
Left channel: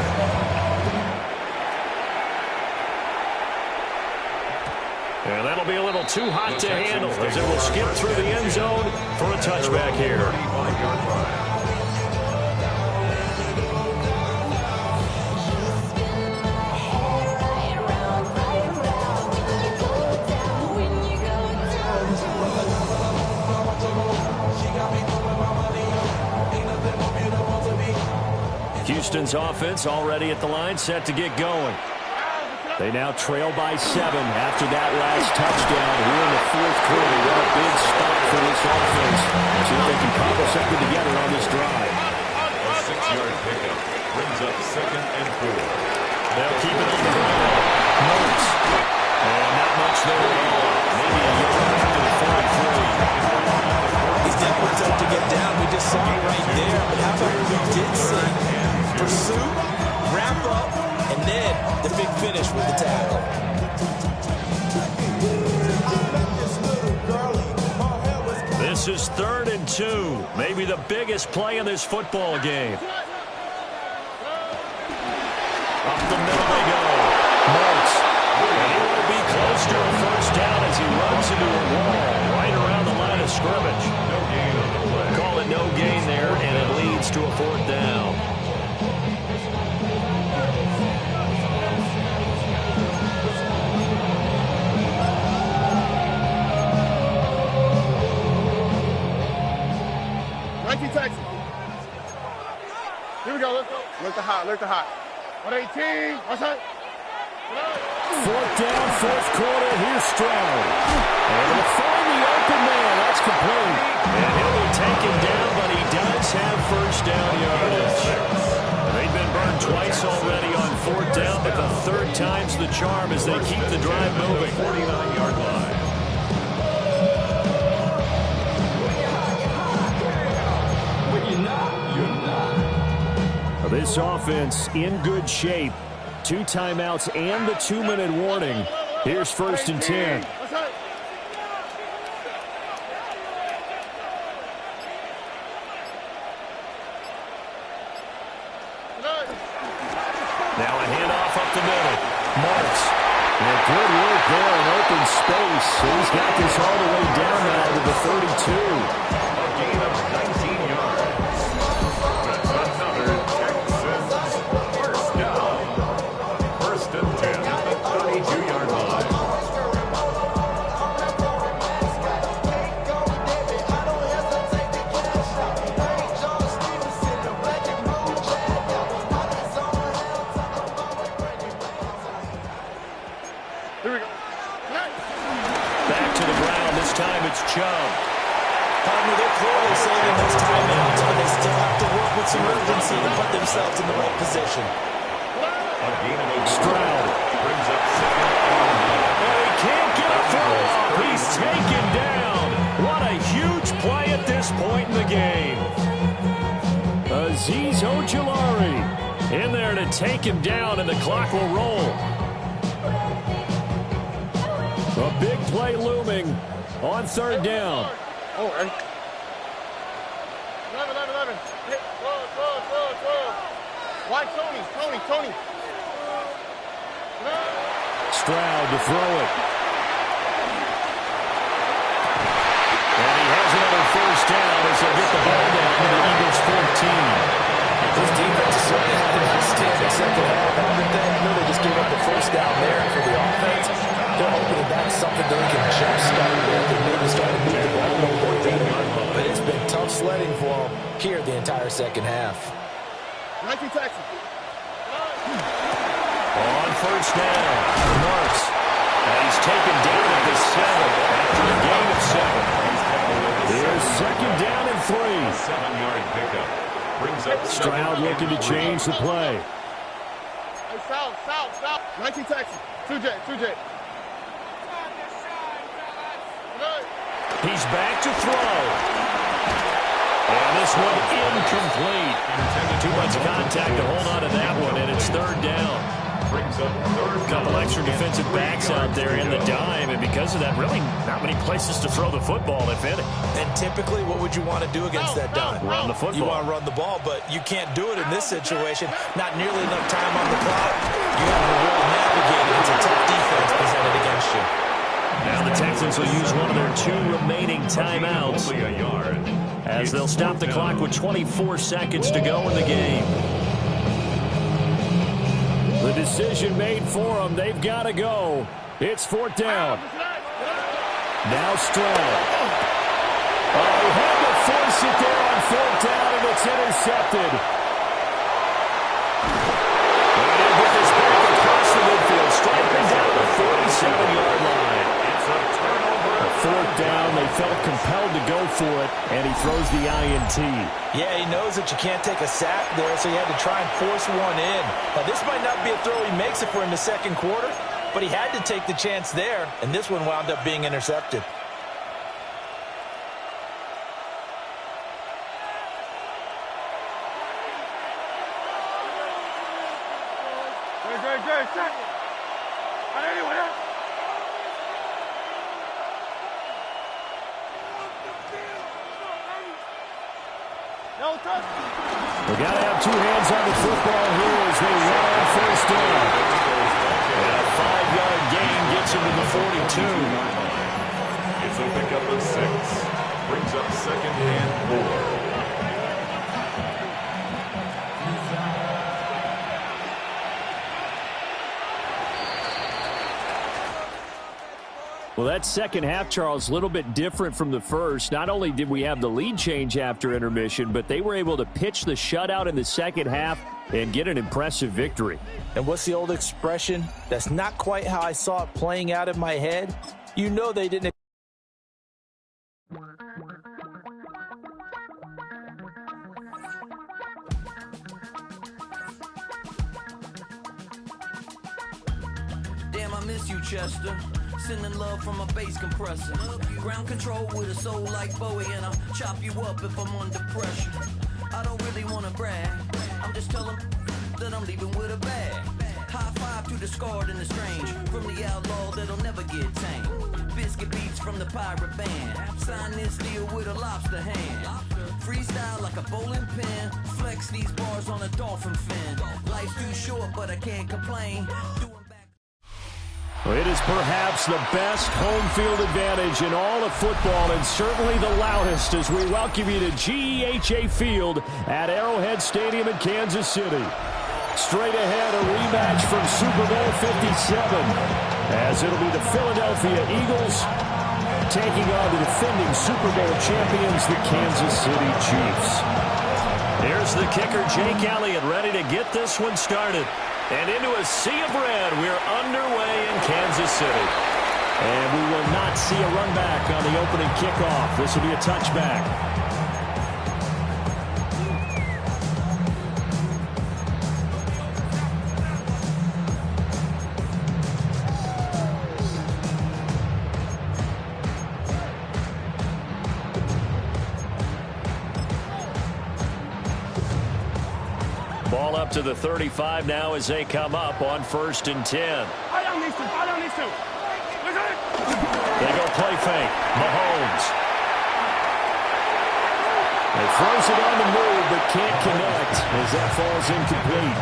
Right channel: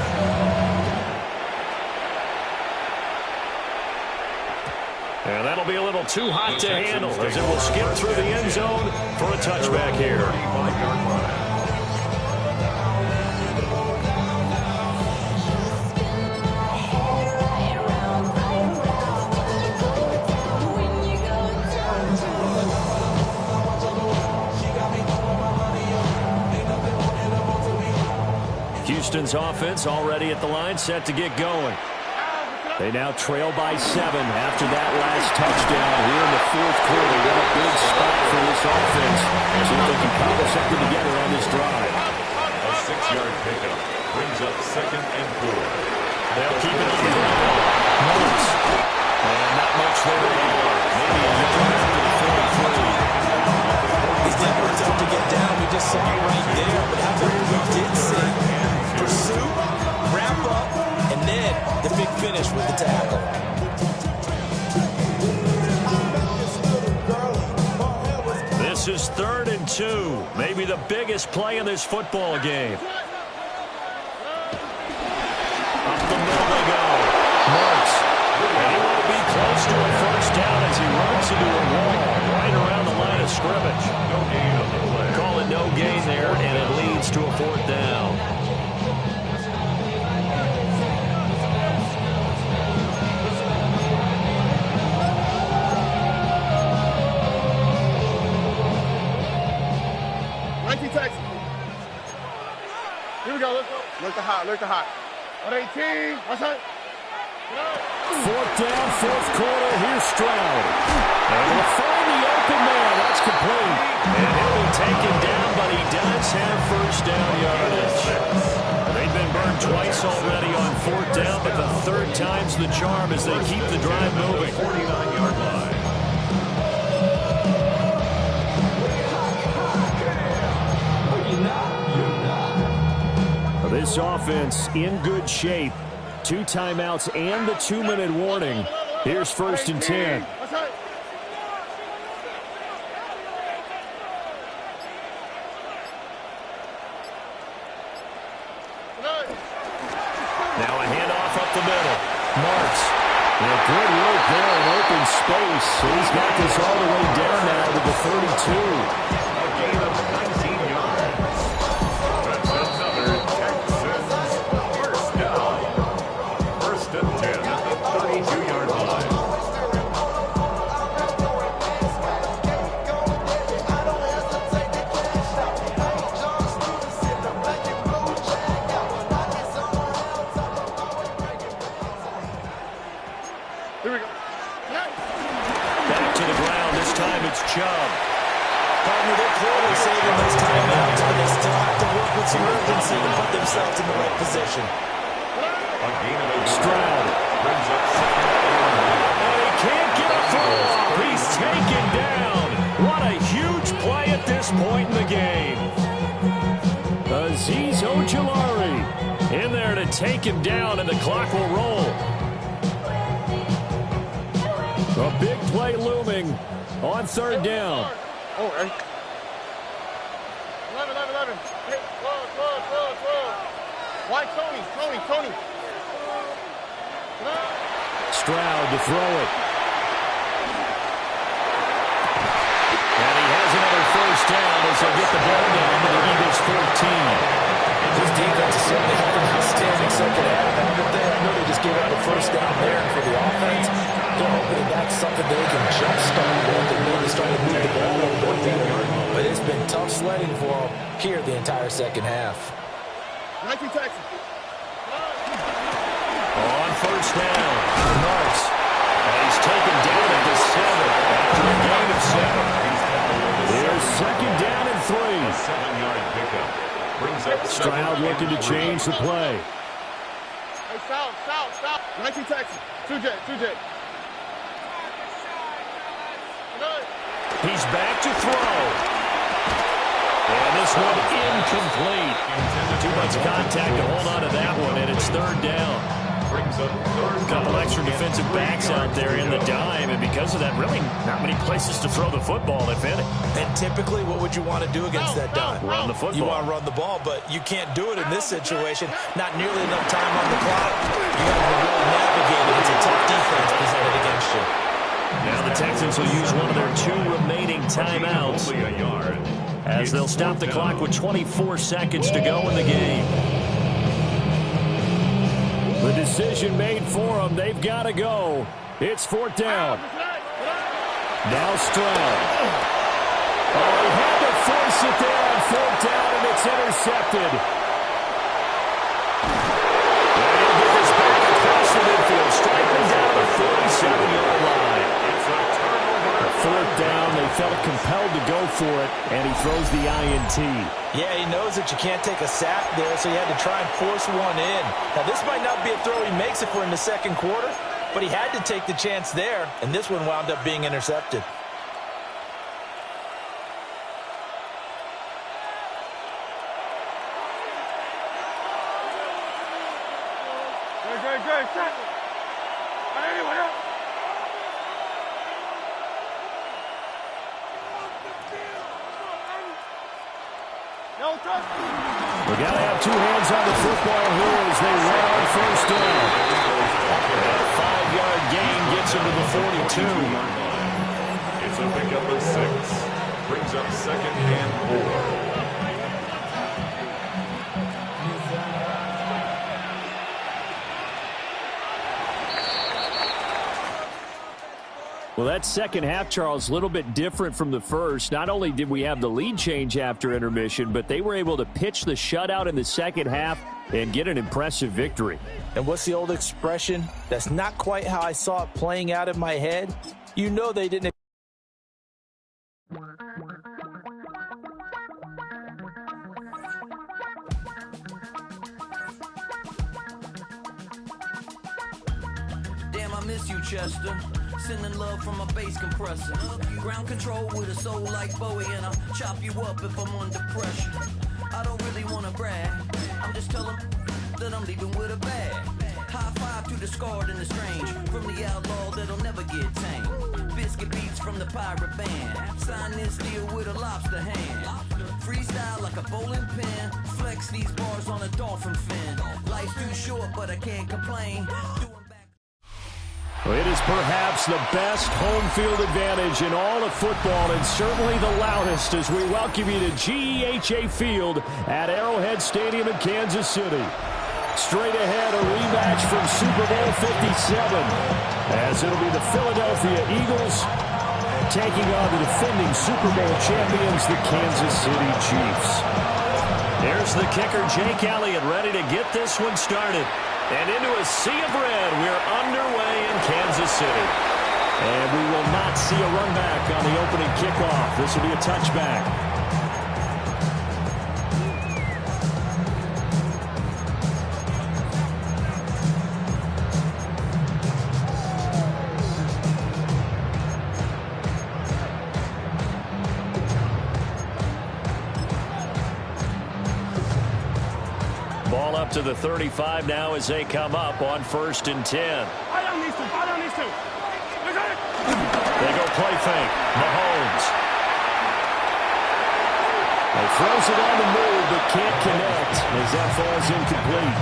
And that'll be a little too hot to handle as it will skip through the end zone for a touchback here. 35-yard line. Houston's offense already at the line, set to get going. They now trail by 7 after that last touchdown here in the fourth quarter. What a big spot for this offense. See if they can cobble something together on this drive. A 6-yard pickup brings up 2nd and 4. They'll keep it on the ground. Morris. And not much there at all. Maybe a yard after the 43. He's never tough to get down. We just saw it right there. But how about what we did see? Pursuit, wrap up, and then the big finish with the tackle. This is 3rd and 2. Maybe the biggest play in this football game. Up the middle they go. Marks. And he will be close to a first down as he runs into a wall right around the line of scrimmage. No gain on the play. Call it no gain there, and it leads to a 4th down. Texas. Here we go. Let's go. Look the hot. Look the hot. 118. What's that? 4th down, 4th quarter. Here's Stroud. And he'll find the open man. That's complete. And he'll be taken down, but he does have first down yardage. And they've been burned twice already on 4th down, but the 3rd time's the charm as they keep the drive moving. 49-yard line. This offense in good shape. 2 timeouts and the 2-minute warning. Here's 1st and 10. Now a handoff up the middle. Marks. And good work there in open space. He's got this all the way down now to the 32. A gain of 19 yards. That's another Texans first down. 1st and 10 at the 32-yard line. Here we go. Back to the ground. This time it's Chubb. Partner, they're clearly saving those timeouts, but they still have to work with some urgency to put themselves in the right position. A gain of 8 Stroud. brings up 2nd and 9. And he can't get a throw off. He's taken down. What a huge play at this point in the game. Azeez Ojulari in there to take him down, and the clock will roll. A big play looming on 3rd down. Oh, hey. 11. Hey, 12. Why Tony? Stroud to throw it. And he has another first down as they'll get the ball down to the Eagles 14. This defense has certainly had an outstanding second half, haven't they? I know they just gave up a first down there, and for the offense, they're hoping that that's something they can jumpstart with and maybe start to move the ball a little bit better. But it's been tough sledding for them here the entire second half. 19 Texans. On first down, Marks. And he's taken down at the 7 after a gain of 7. Here's 2nd down and 3. A 7-yard pickup. Brings up Stroud looking to change the play. Hey, south. 19 Texas. 2J. He's back to throw. And this one incomplete. Too much contact to hold on to that one, and it's third down. Brings up third A couple extra defensive backs out there in the dime, and because of that, really not many places to throw the football, if any. And typically, what would you want to do against that dime? Run the football. You want to run the ball, but you can't do it in this situation. Not nearly enough time on the clock. You have to really navigate it. It's a tough defense presented against you. Now the Texans will use one of their 2 remaining timeouts as they'll stop the clock with 24 seconds to go in the game. The decision made for them. They've got to go. It's fourth down. Now Stroud. Oh, he had to force it there on fourth down, and it's intercepted. And he'll get this back across the midfield, striking down the 47-yard line. It's a turnover. Fourth down, they felt compelled to go for it, and he throws the INT. Yeah, he knows that you can't take a sack there, so he had to try and force one in. Now, this might not be a throw he makes if we're in the second quarter, but he had to take the chance there, and this one wound up being intercepted. Great. Set. Anyone else? No touch. We got to have 2 hands on the football here as they run on first down. And a 5-yard gain gets him to the 42. It's a pickup of 6. Brings up second and 4. Well, that second half, Charles, a little bit different from the first. Not only did we have the lead change after intermission, but they were able to pitch the shutout in the second half and get an impressive victory. And what's the old expression? That's not quite how I saw it playing out in my head. You know they didn't. Damn, I miss you, Chester. Sending love from a bass compressor. Ground control with a soul like Bowie, and I'll chop you up if I'm under pressure. I don't really want to brag. I'm just telling that I'm leaving with a bag. High five to the scarred and the strange. From the outlaw that'll never get tamed. Biscuit beats from the pirate band. Sign this deal with a lobster hand. Freestyle like a bowling pin. Flex these bars on a dolphin fin. Life's too short, but I can't complain. It is perhaps the best home field advantage in all of football, and certainly the loudest as we welcome you to GEHA Field at Arrowhead Stadium in Kansas City. Straight ahead, a rematch from Super Bowl 57, as it'll be the Philadelphia Eagles taking on the defending Super Bowl champions, the Kansas City Chiefs. Here's the kicker, Jake Elliott, ready to get this one started. And into a sea of red, we're underway in Kansas City. And we will not see a run back on the opening kickoff. This will be a touchback. Ball up to the 35 now as they come up on 1st and 10. I don't need to. They go play fake. Mahomes. He throws it on the move but can't connect as that falls incomplete.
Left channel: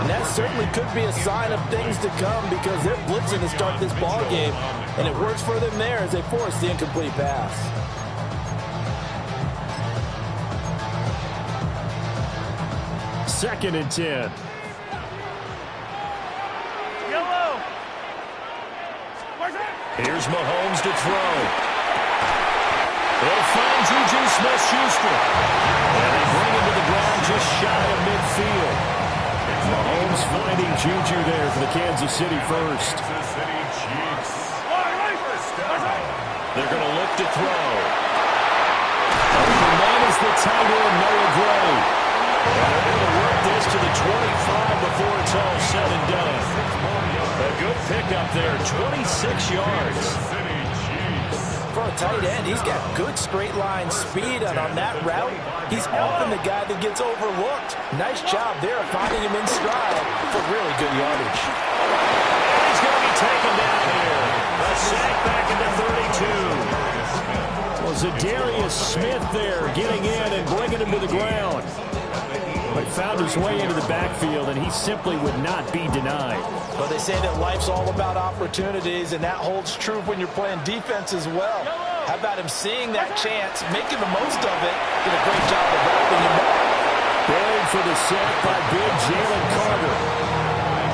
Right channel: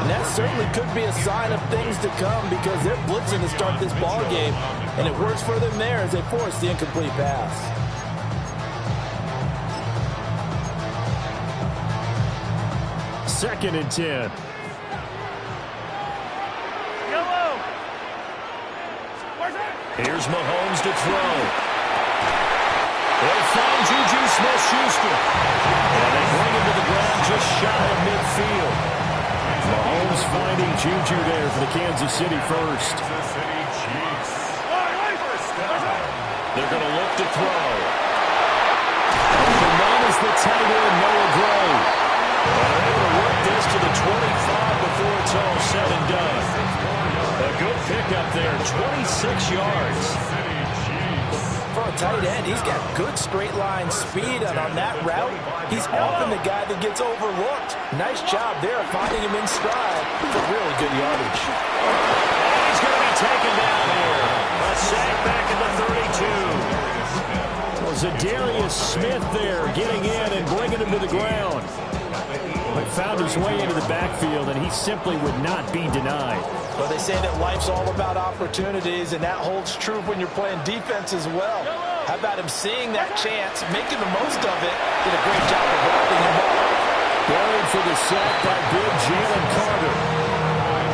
And that certainly could be a sign of things to come because they're blitzing to start this ball game, and it works for them there as they force the incomplete pass. Second and 10. Yellow. Here's Mahomes to throw. He'll find Juju Smith-Schuster. And they bring him to the ground just shy of midfield. Mahomes finding Juju there for the Kansas City first. Kansas City Chiefs. They're going to look to throw. And that is the tight end, Noah Gray. And they're able to work this to the 25 before it's all said and done. A good pickup there, 26 yards. For a tight end, he's got good straight line speed, and on that route, he's often the guy that gets overlooked. Nice job there finding him in stride for really good yardage. And he's going to be taken down here. A sack back at the 32. Well, Zadarius Smith there getting in and bringing him to the ground. But found his way into the backfield, and he simply would not be denied. Well, they say that life's all about opportunities, and that holds true when you're playing defense as well. How about him seeing that chance, making the most of it, did a great job of wrapping him up. Buried for the sack by big Jalen Carter.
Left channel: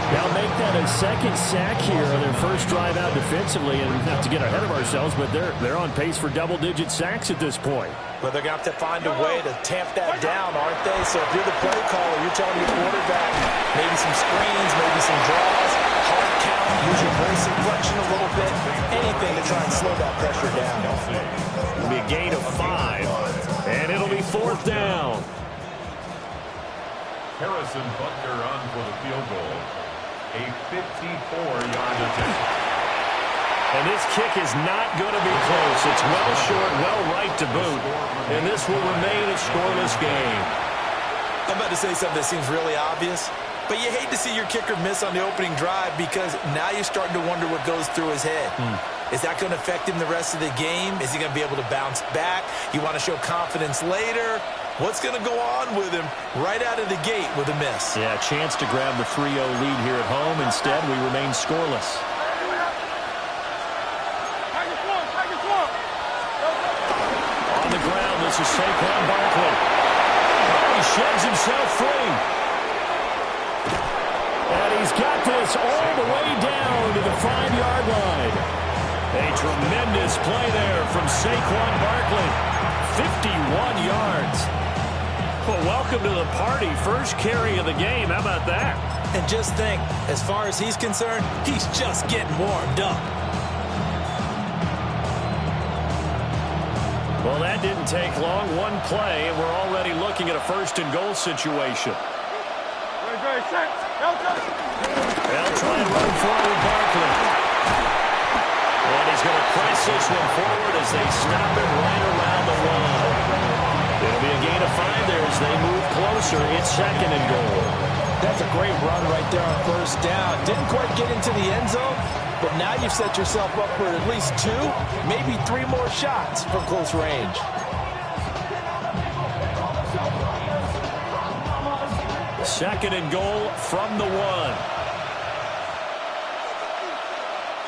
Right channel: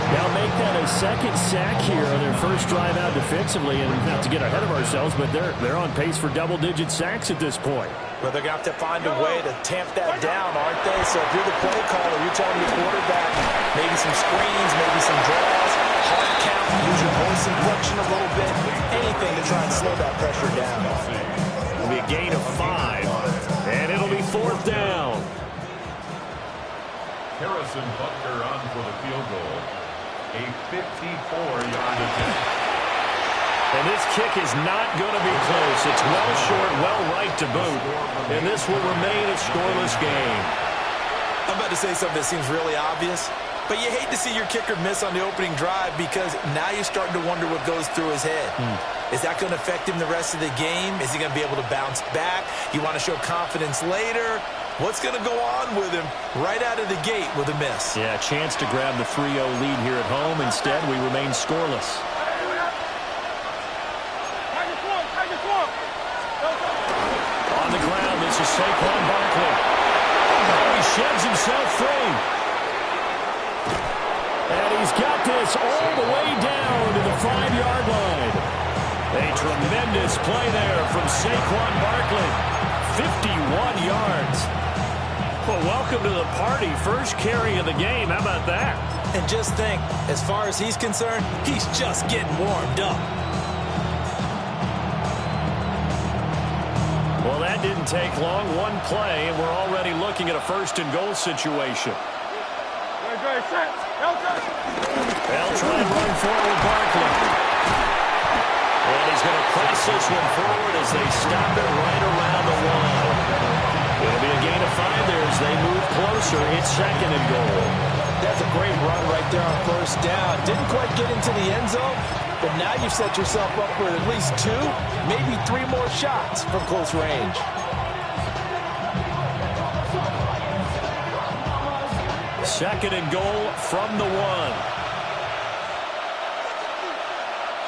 Now make that a second sack here on their first drive out defensively, and not to get ahead of ourselves, but they're on pace for double-digit sacks at this point. Well, they're going to have to find a way to tamp that down, aren't they? So if you're the play caller, you're telling your quarterback maybe some screens, maybe some draws, hard count, use your voice inflection a little bit, anything to try and slow that pressure down. It'll be a gain of 5, and it'll be 4th down. Harrison Butker on for the field goal. A 54-yard attempt. And this kick is not going to be close. It's well short, well right to boot. And this will remain a scoreless game. I'm about to say something that seems really obvious, but you hate to see your kicker miss on the opening drive because now you're starting to wonder what goes through his head. Is that going to affect him the rest of the game? Is he going to be able to bounce back? You want to show confidence later? What's going to go on with him right out of the gate with a miss? Yeah, a chance to grab the 3-0 lead here at home. Instead, we remain scoreless. On the ground, this is Saquon Barkley. Oh, he sheds himself free. And he's got this all the way down to the 5-yard line. A tremendous play there from Saquon Barkley. 51 yards. Well, welcome to the party. First carry of the game. How about that? And just think, as far as he's concerned, he's just getting warmed up. Well, that didn't take long. One play, and we're already looking at a 1st and goal situation. They'll try and run forward Barkley. And he's going to press this one forward as they stop it right around the 1. It'll be a gain of 5 there as they move closer. It's 2nd and goal. That's a great run right there on 1st down. Didn't quite get into the end zone, but now you've set yourself up for at least 2, maybe 3 more shots from close range. Second and goal from the 1.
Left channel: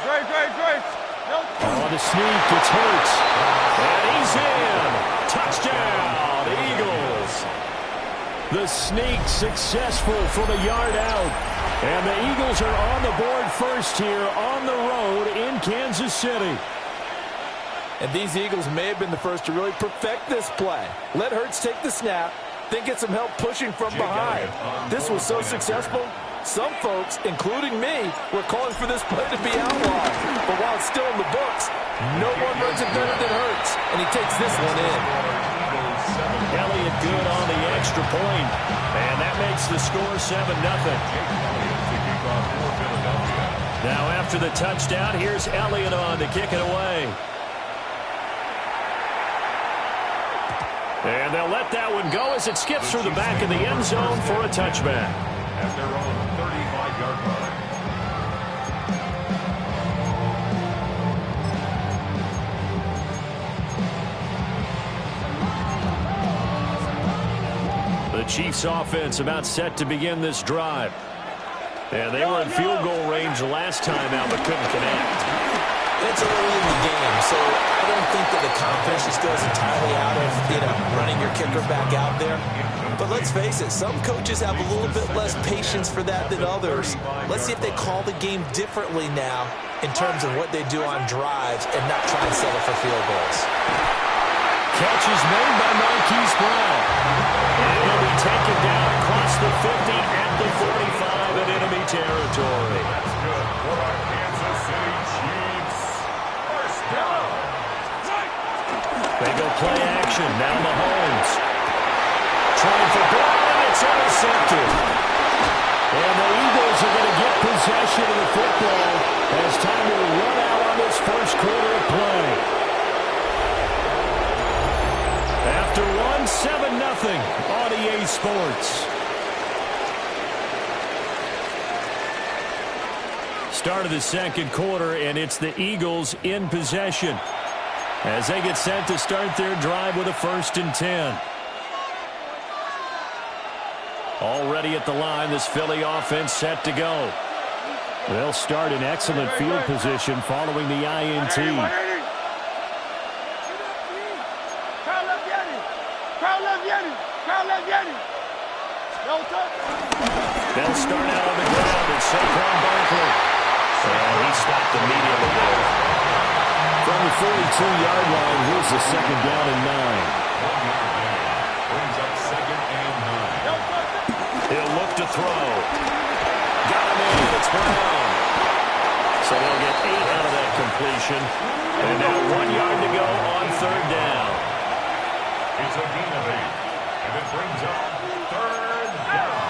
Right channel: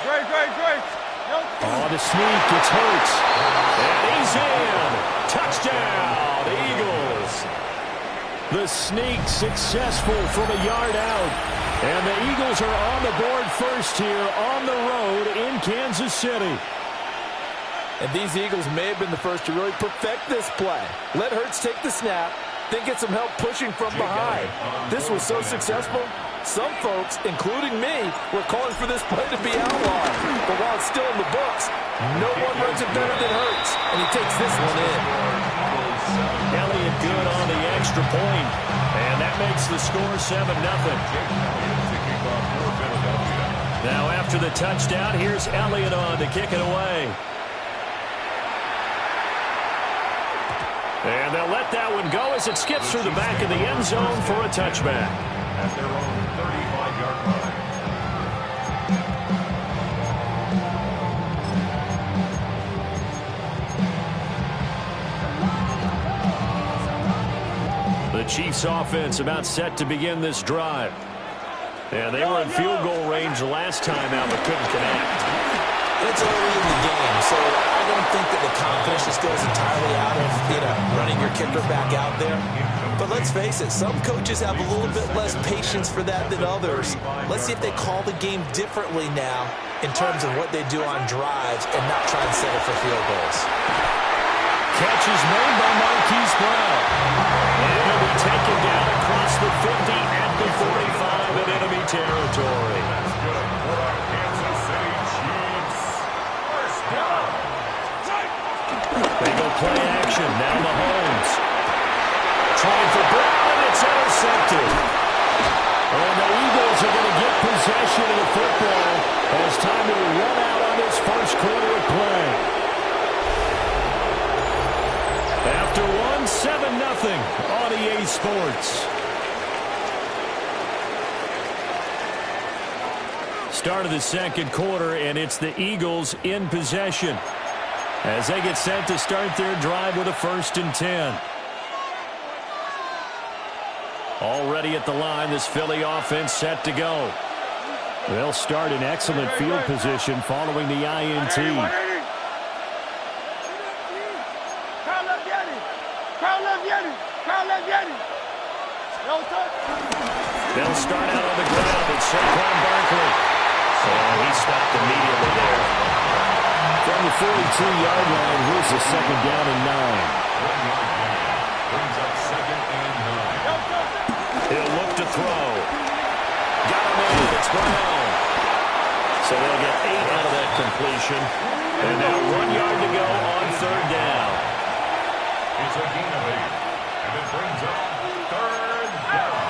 Great. On the sneak, it's Hurts. And he's in. Touchdown, Eagles. The sneak successful from a yard out. And the Eagles are on the board first here on the road in Kansas City. And these Eagles may have been the first to really perfect this play. Let Hurts take the snap, then get some help pushing from behind. This was so successful, some folks, including me, were calling for this play to be outlawed. But while it's still in the books, no one runs it better than Hurts, and he takes this one in. Elliott good on the extra point, and that makes the score 7-0. Now after the touchdown, here's Elliott on to kick it away. And they'll let that one go as it skips through the back of the end zone for a touchback. At their own 35-yard line. The Chiefs offense about set to begin this drive. And they were in field goal range last time out but couldn't connect. It's early in the game, so I don't think that the confidence just goes entirely out of, running your kicker back out there. But let's face it, some coaches have a little bit less patience for that than others. Let's see if they call the game differently now in terms of what they do on drives and not try and settle for field goals. Catch is made by Marquise Brown. And he'll be taken down across the 50 at the 45 in enemy territory. That's good for our Kansas City Chiefs. First down. They go play action. Now Mahomes. Trying for Brown, and it's intercepted. And the Eagles are going to get possession of the football as time will run out on this first quarter of play. After one, 7-0 on EA Sports. Start of the second quarter, and it's the Eagles in possession as they get set to start their drive with a 1st and 10. Already at the line, this Philly offense set to go. They'll start in excellent field position following the INT. They'll start out on the ground. It's Saquon Barkley. And he stopped immediately there. From the 42-yard line, here's the 2nd down and 9. Brings up 2nd and 9. He'll look to throw. Got him in. It's Brown. So they'll get 8 out of that completion. And now 1 yard to go on 3rd down. It's a gain of 8. And it brings up 3rd down.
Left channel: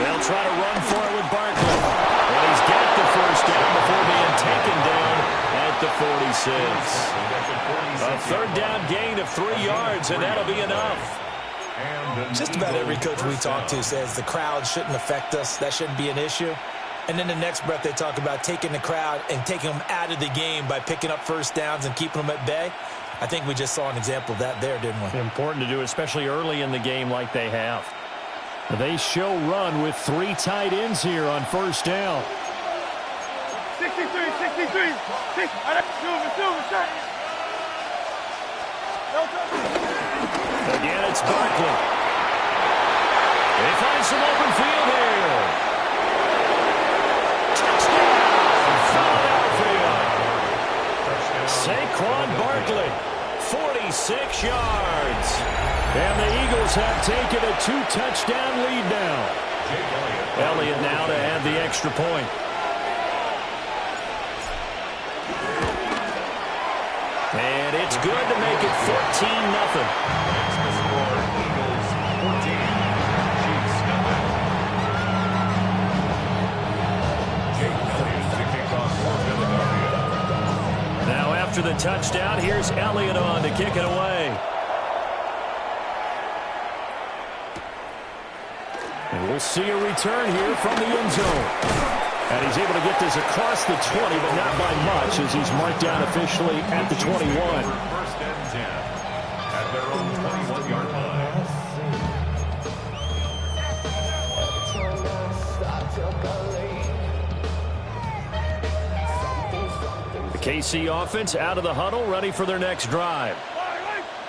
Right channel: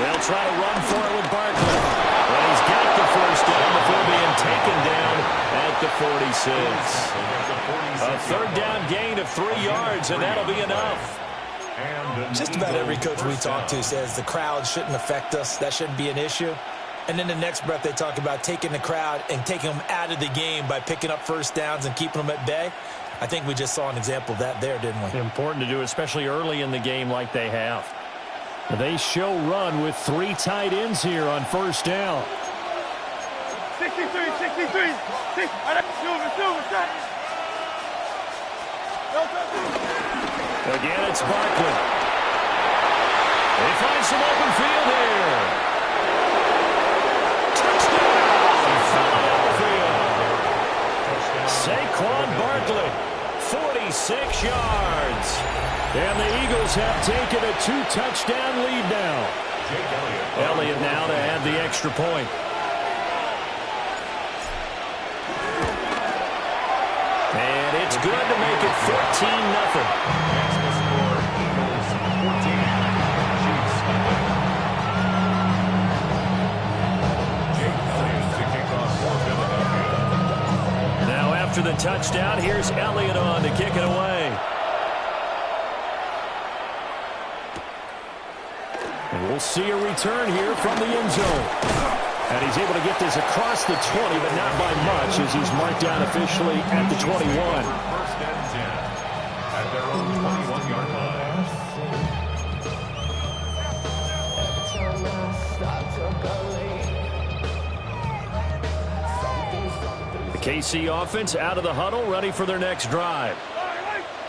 They'll try to run for it with Barkley. And he's got the 1st down before being taken down at the 46. A 3rd down gain of 3 yards, and that'll be enough. Just about every coach we talk to says the crowd shouldn't affect us. That shouldn't be an issue. And then the next breath they talk about taking the crowd and taking them out of the game by picking up 1st downs and keeping them at bay. I think we just saw an example of that there, didn't we? Important to do, especially early in the game like they have. They show run with 3 tight ends here on 1st down. 63. Again, it's Barkley. They find some open field here. Touchdown, Philadelphia. Saquon Barkley, 46 yards. And the Eagles have taken a 2-touchdown lead now. Elliott now to add the extra point. And it's good to make it 14-0. Next to score, Eagles 14. Chiefs nothing. Jake Elliott to kick off for Philadelphia. Now after the touchdown, here's Elliott on to kick it away. And we'll see a return here from the end zone. And he's able to get this across the 20, but not by much, as he's marked down officially at the 21. 1st and 10 at their own 21-yard line. The KC offense out of the huddle, ready for their next drive.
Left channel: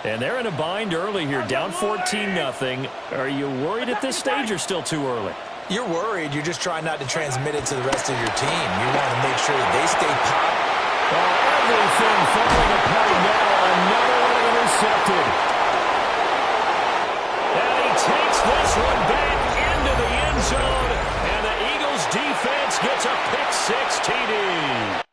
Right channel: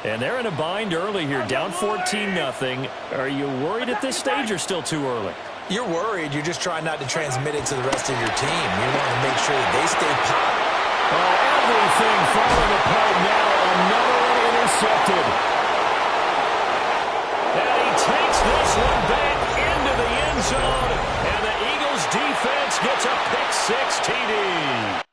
And they're in a bind early here, down 14-0. Are you worried at this stage or still too early? You're worried. You're just trying not to transmit it to the rest of your team. You want to make sure that they stay popped. Oh, everything falling apart now. Another one intercepted. And he takes this one back into the end zone. And the Eagles defense gets a pick-6 TD.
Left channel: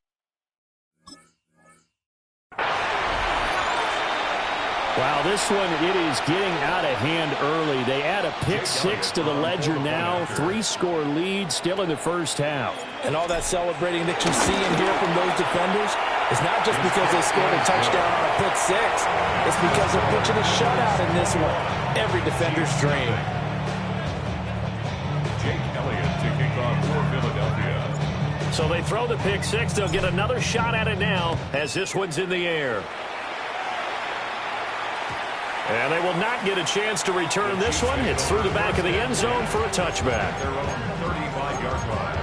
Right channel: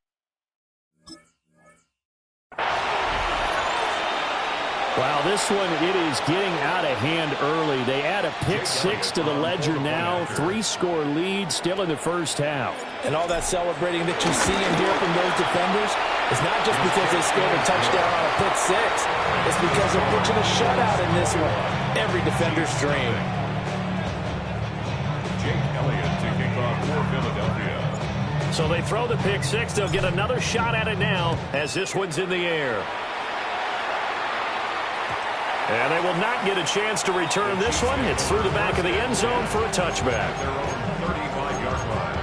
Wow, this one, it is getting out of hand early. They add a pick-6 to the ledger now. 3-score lead, still in the 1st half. And all that celebrating that you see and hear from those defenders is not just because they scored a touchdown on a pick-6. It's because they're pitching a shutout in this one. Every defender's dream. Jake Elliott to kick off for Philadelphia. So they throw the pick-6. They'll get another shot at it now as this one's in the air. And they will not get a chance to return this one. It's through the back of the end zone for a touchback. Their own 35-yard line.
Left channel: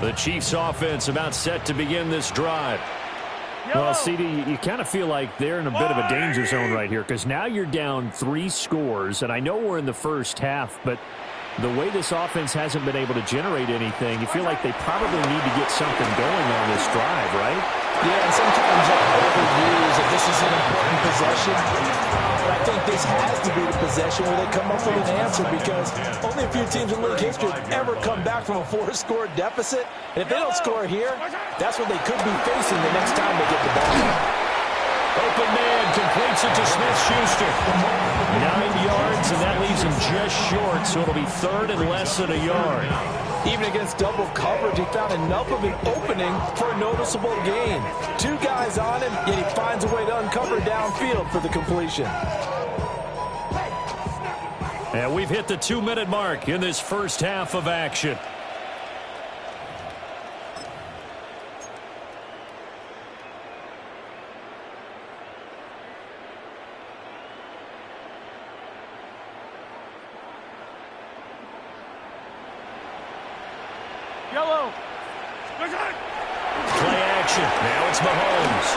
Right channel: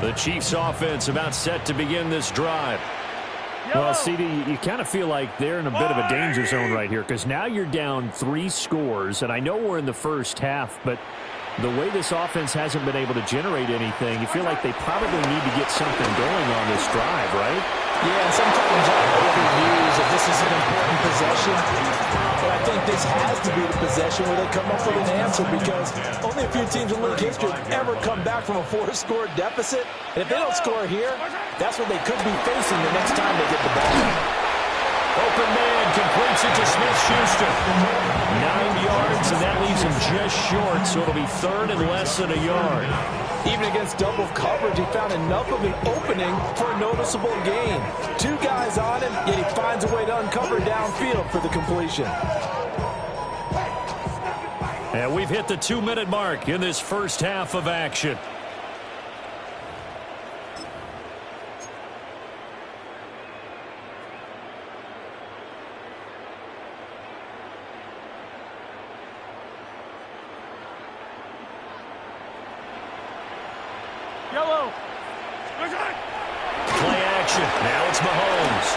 The Chiefs offense about set to begin this drive. Well, CD, you kind of feel like they're in a bit of a danger zone right here because now you're down 3 scores, and I know we're in the first half, but the way this offense hasn't been able to generate anything, you feel like they probably need to get something going on this drive, right? Yeah, and sometimes I overuse if this is an important possession. But I think this has to be the possession where they come up with an answer because only a few teams in league history have ever come back from a 4-score deficit. And if they don't score here, that's what they could be facing the next time they get the ball. Open man completes it to Smith-Schuster. 9 yards, and that leaves him just short, so it'll be third and less than a yard. Even against double coverage, he found enough of an opening for a noticeable gain. 2 guys on him, yet he finds a way to uncover downfield for the completion. And we've hit the 2-minute mark in this first half of action. Yellow. Play action. Now it's Mahomes.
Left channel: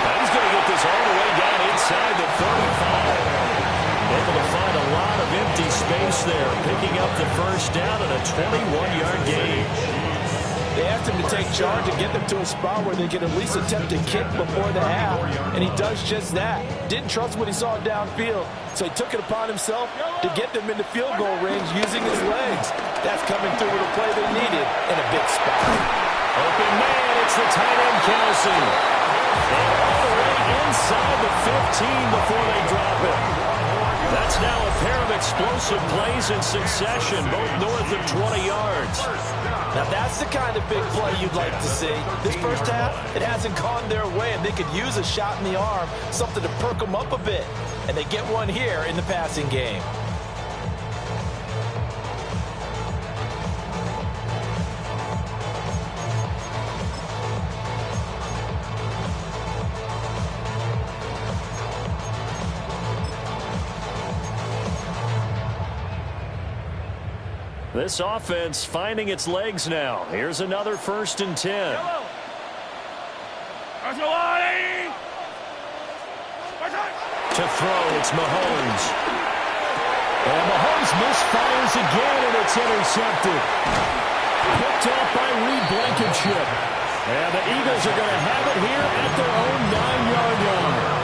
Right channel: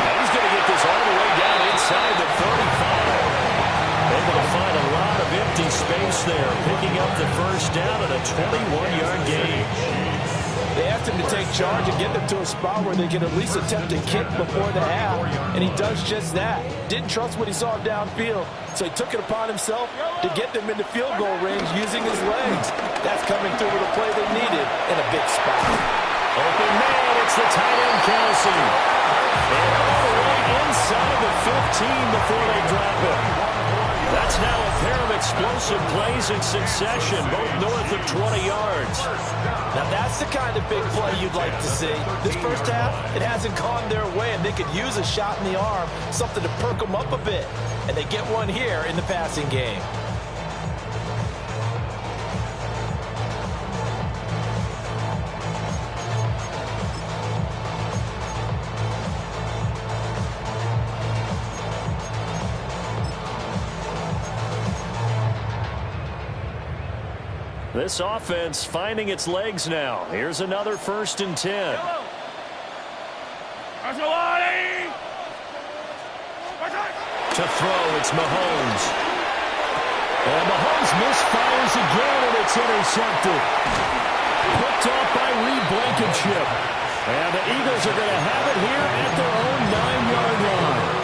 Now he's going to get this all the way down inside the 35. Able to find a lot of empty space there, picking up the first down at a 21-yard gain. They asked him to take charge and get them to a spot where they could at least attempt to kick before the half, and he does just that. Didn't trust what he saw downfield, so he took it upon himself to get them into field goal range using his legs. That's coming through with a play they needed in a big spot. Open man, it's the tight end Kelsey. And all the way inside the 15 before they drop him. That's now a pair of explosive plays in succession, both north of 20 yards. Now that's the kind of big play you'd like to see. This first half, it hasn't gone their way, and they could use a shot in the arm, something to perk them up a bit. And they get one here in the passing game. This offense finding its legs now. Here's another 1st and 10. To throw, it's Mahomes. And Mahomes misfires again, and it's intercepted. Picked off by Reed Blankenship. And the Eagles are going to have it here at their own 9-yard line.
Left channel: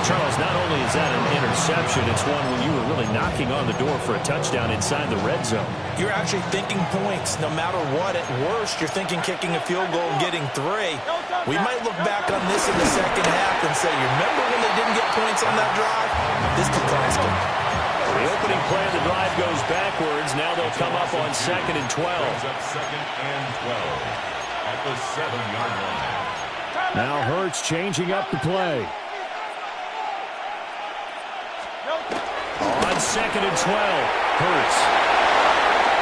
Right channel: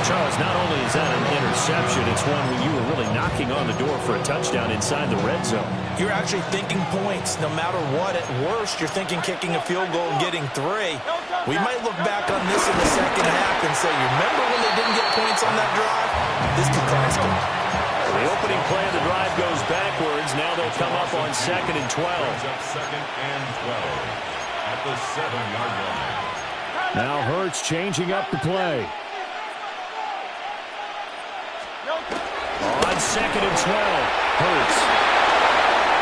Charles, not only is that an interception, it's one when you were really knocking on the door for a touchdown inside the red zone. You're actually thinking points no matter what. At worst, you're thinking kicking a field goal and getting 3. We might look back on this in the second half and say, you remember when they didn't get points on that drive? This could cost them. The opening play of the drive goes backwards. Now they'll come up on 2nd and 12. Second and 12 at the 7-yard line. Now Hurts changing up the play. On 2nd and 12, Hurts.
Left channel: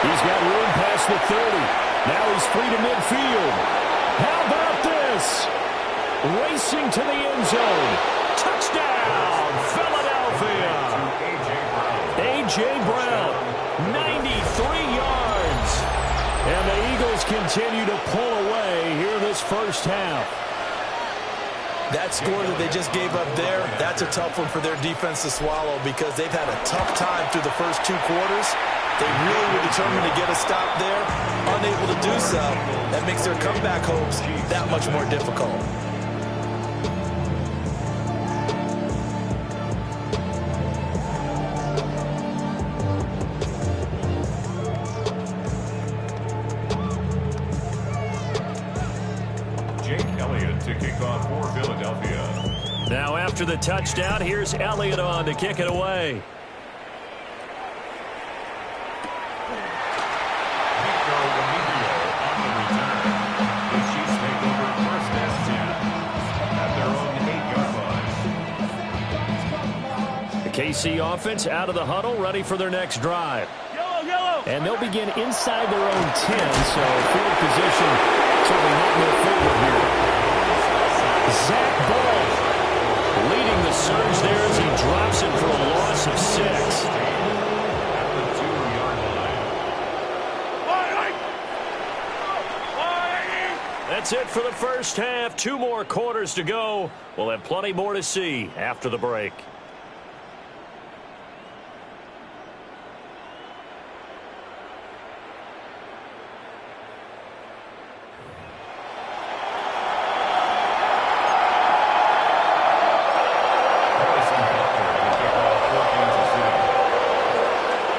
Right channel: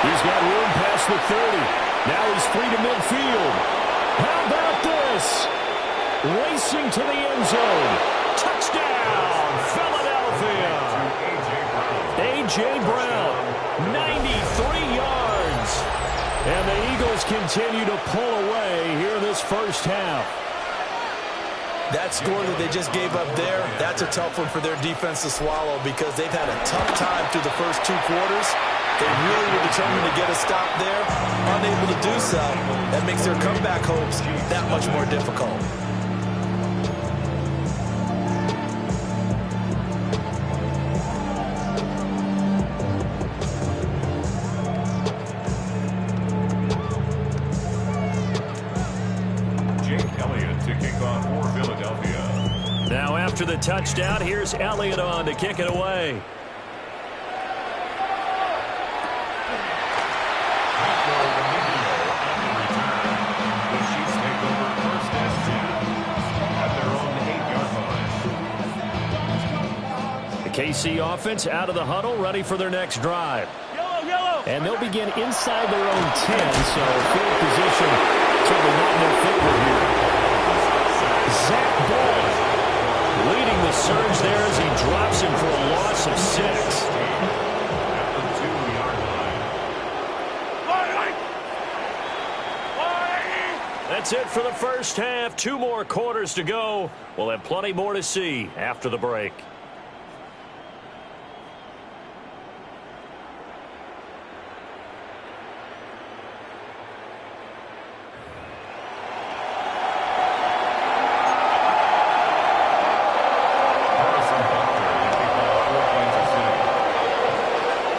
He's got room past the 30. Now he's free to midfield. How about this? Racing to the end zone. Touchdown, Philadelphia. A.J. Brown, 93 yards. And the Eagles continue to pull away here in this first half. That score that they just gave up there, that's a tough one for their defense to swallow because they've had a tough time through the first 2 quarters. They really were determined to get a stop there, unable to do so. That makes their comeback hopes that much more difficult. To kick off for Philadelphia. Now after the touchdown, here's Elliott on to kick it away. Nico Remigio on the return. The Chiefs take over 1st and 10 at their own 8-yard line. The KC offense out of the huddle, ready for their next drive. Yellow. And they'll begin inside their own 10, so field position certainly not in their favor here. Zach Ball leading the surge there as he drops him for a loss of 6. At the 2-yard line. That's it for the first half. 2 more quarters to go. We'll have plenty more to see after the break.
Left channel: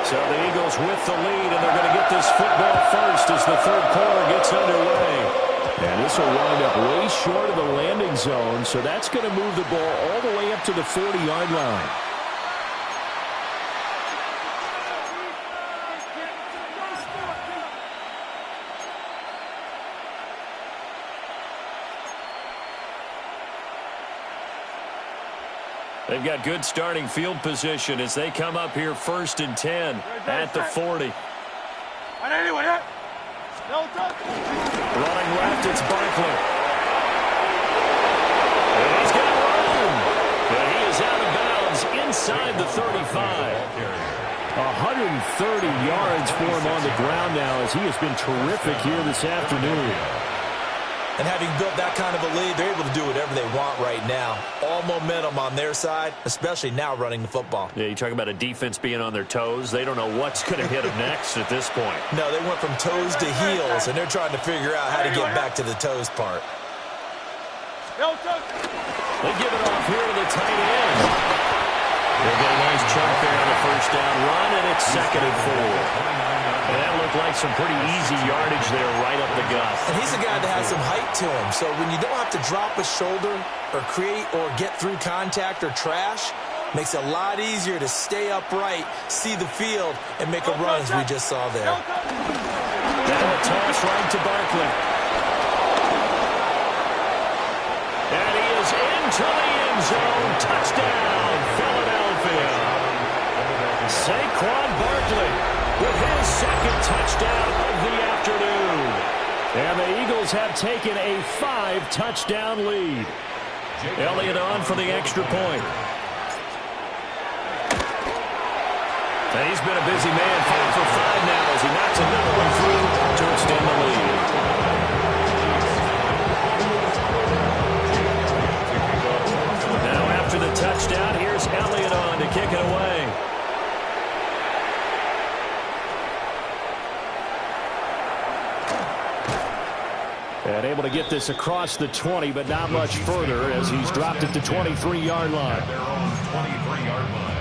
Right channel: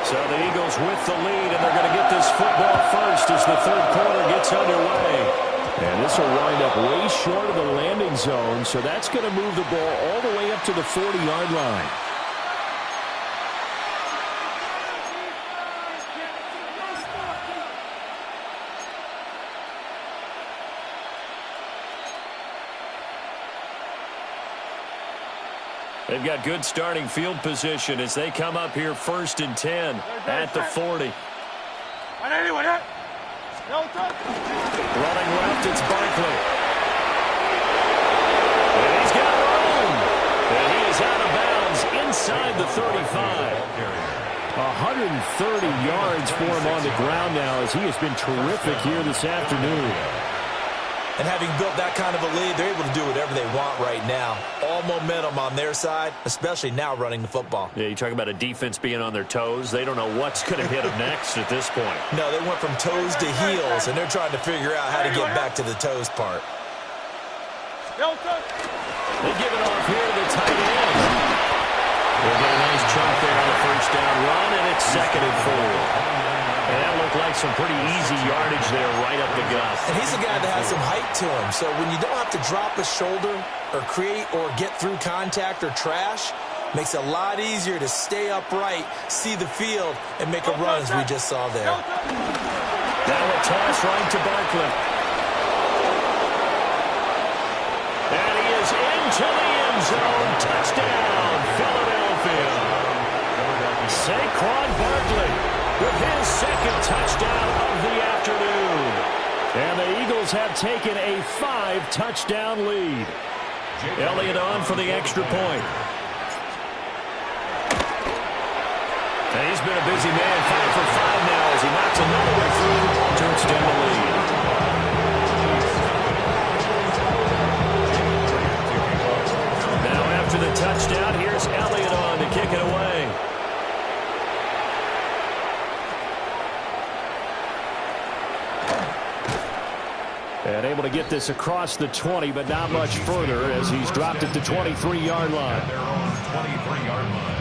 So the Eagles with the lead, and they're going to get this football first as the third quarter gets underway. And this will wind up way short of the landing zone, so that's going to move the ball all the way up to the 40-yard line. They've got good starting field position as they come up here 1st and 10 at the 40. Running left, it's Barkley. And he's got room. And he is out of bounds inside the 35. 130 yards for him on the ground now as he has been terrific here this afternoon. And having built that kind of a lead, they're able to do whatever they want right now. All momentum on their side, especially now running the football. Yeah, you talk about a defense being on their toes. They don't know what's going to hit them next at this point. No, they went from toes to heels, and they're trying to figure out how to get back to the toes part. They give it off here to the tight end. They'll get a nice chunk there on the first down run, and it's 2nd and 4. And that looked like some pretty easy yardage there right up the gut. And he's a guy that has some height to him, so when you don't have to drop a shoulder or create or get through contact or trash, makes it a lot easier to stay upright, see the field, and make a run as we just saw there. Now a toss right to Barkley. And he is into the end zone. Touchdown, Philadelphia. Saquon Barkley with his 2nd touchdown of the afternoon. And the Eagles have taken a 5-touchdown lead. Elliott on for the extra point. And he's been a busy man, 5 for 5 now as he knocks another one through to extend the lead. Now after the touchdown, here's Elliott on to kick it away. And able to get this across the 20, but not much further as he's dropped it to 23-yard line. Their own 23-yard line.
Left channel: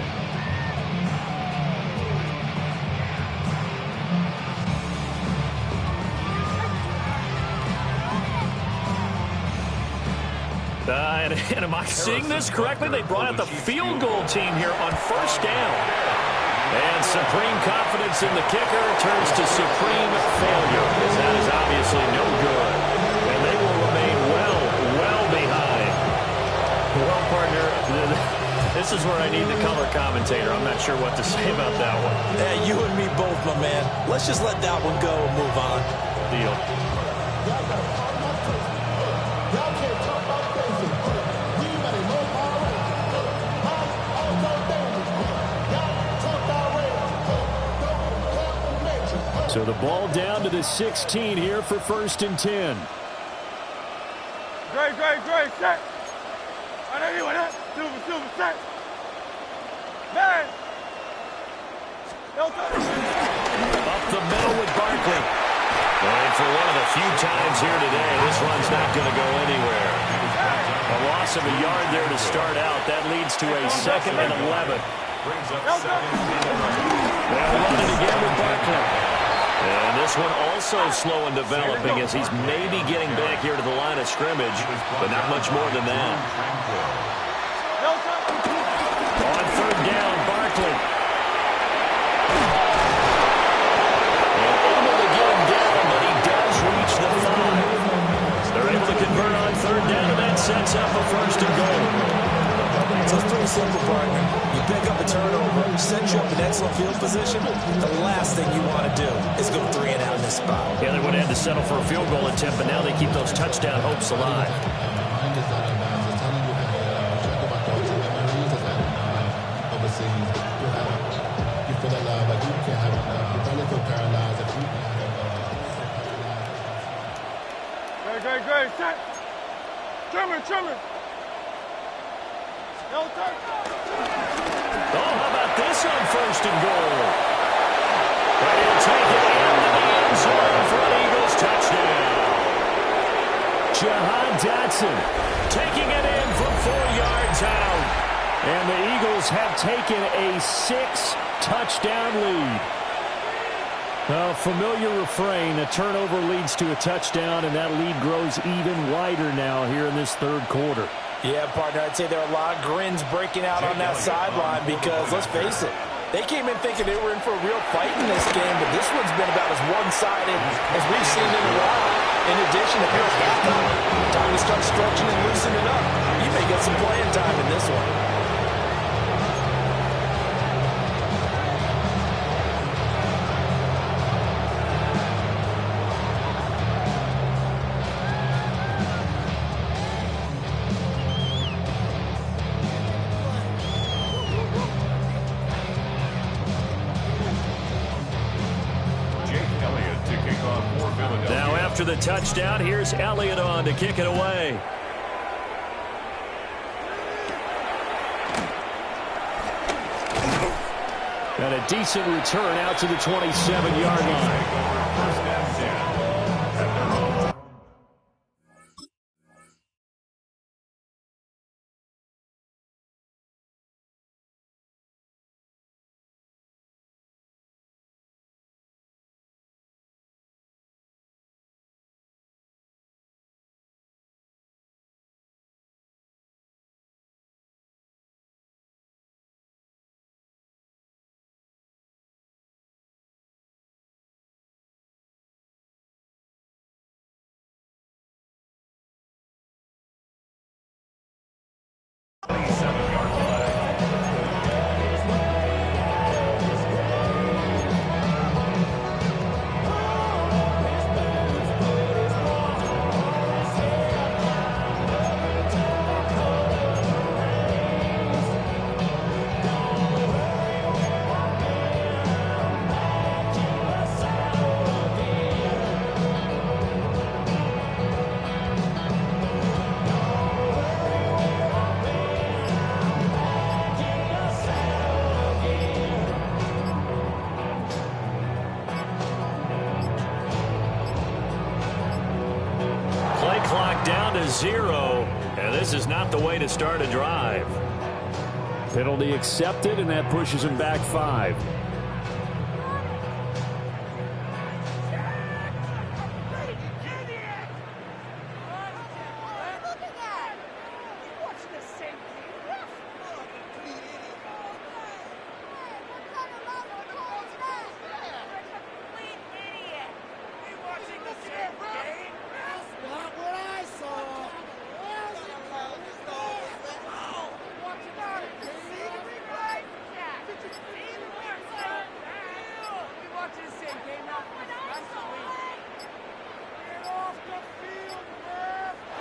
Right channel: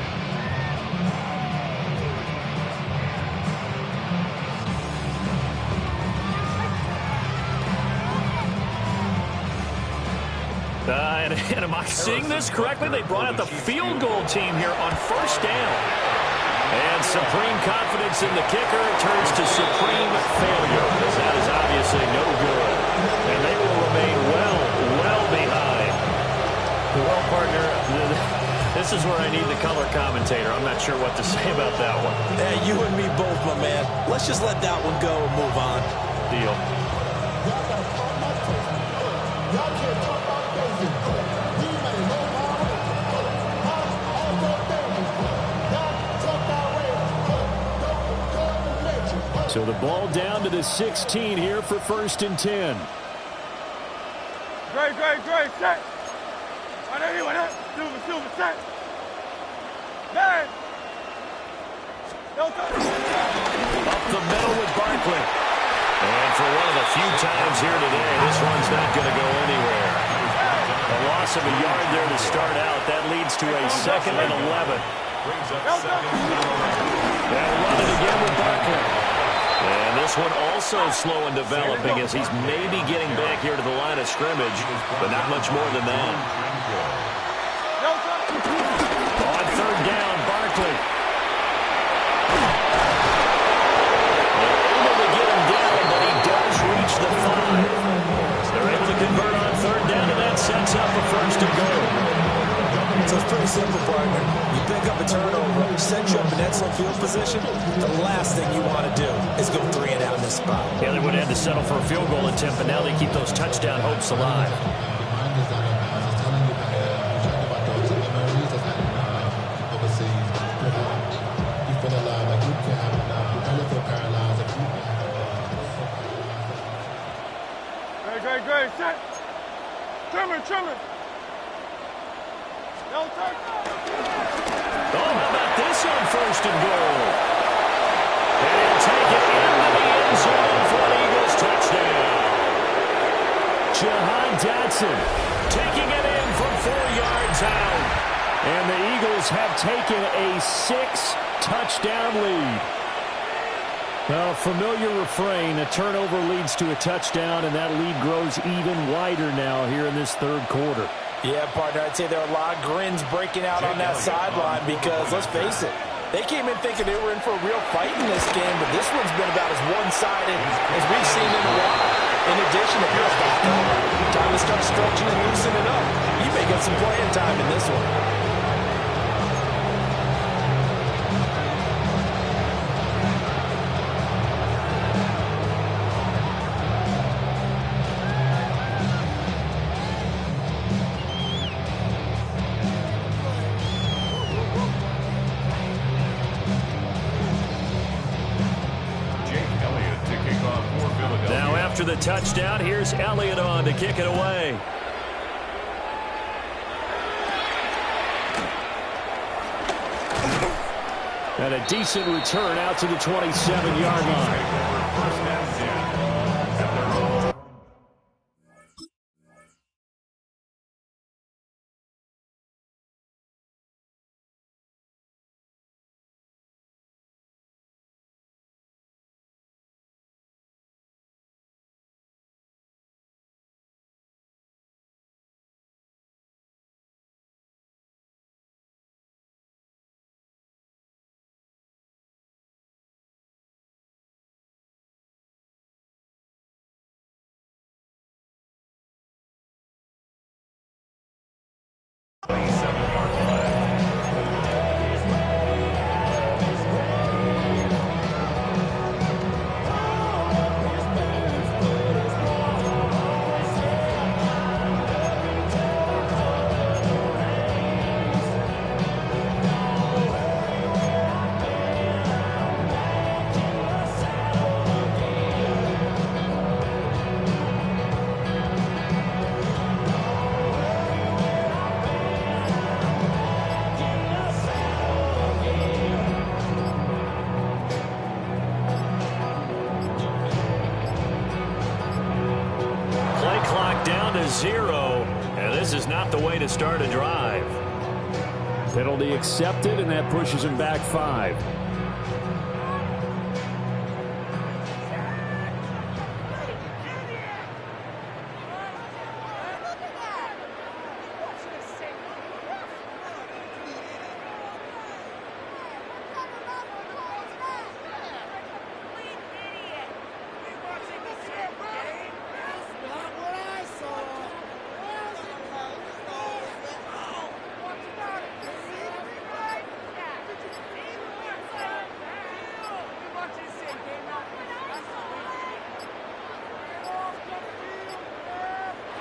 And am I seeing this correctly? They brought out the field goal team here on 1st down. And supreme confidence in the kicker turns to supreme failure, as that is obviously no good. And they will remain well behind. Well, partner, this is where I need the color commentator. I'm not sure what to say about that one. Yeah, you and me both, my man. Let's just let that one go and move on. Deal. Y'all can't talk about basic. You better know my way. I'm also dangerous. Y'all talk our way. Don't talk the nature. So the ball down to the 16 here for 1st and 10. Great, set. Right there, right there. Silver, set. Man. Up the middle with Barkley. And for one of the few times here today, this run's not going to go anywhere. A loss of a yard there to start out. That leads to a 2nd and 11. They'll run it again with Barkley. And this one also slow in developing as he's maybe getting back here to the line of scrimmage, but not much more than that. On 3rd down, Barkley. But he does reach the 5. They're able to convert on 3rd down, and that sets up a 1st and goal. So it's pretty simple, partner. You pick up a turnover, set you up in excellent field position. The last thing you want to do is go 3 and out in this spot. Yeah, they would have had to settle for a field goal attempt, but now they keep those touchdown hopes alive. You feel alive like you can't have enough. You probably feel paralyzed if you can't have enough. Great. Set. Trimmer. No turn. Oh, how about this on 1st and goal? And he'll take it into the end zone for an Eagles touchdown. Jahan Dotson taking it in from 4 yards out. And the Eagles have taken a 6-touchdown lead. Well, familiar refrain, a turnover leads to a touchdown, and that lead grows even wider now here in this 3rd quarter. Yeah, partner, I'd say there are a lot of grins breaking out on that sideline because, let's face it, they came in thinking they were in for a real fight in this game, but this one's been about as one-sided as we've seen in a while. In addition, if you're a backup, time to start stretching and loosening up. You may get some playing time in this one. Now after the touchdown, here's Elliott on to kick it away. And a decent return out to the 27-yard line. First and 10 at their own. Clock down to 0, and this is not the way to start a drive. Penalty accepted, and that pushes him back 5.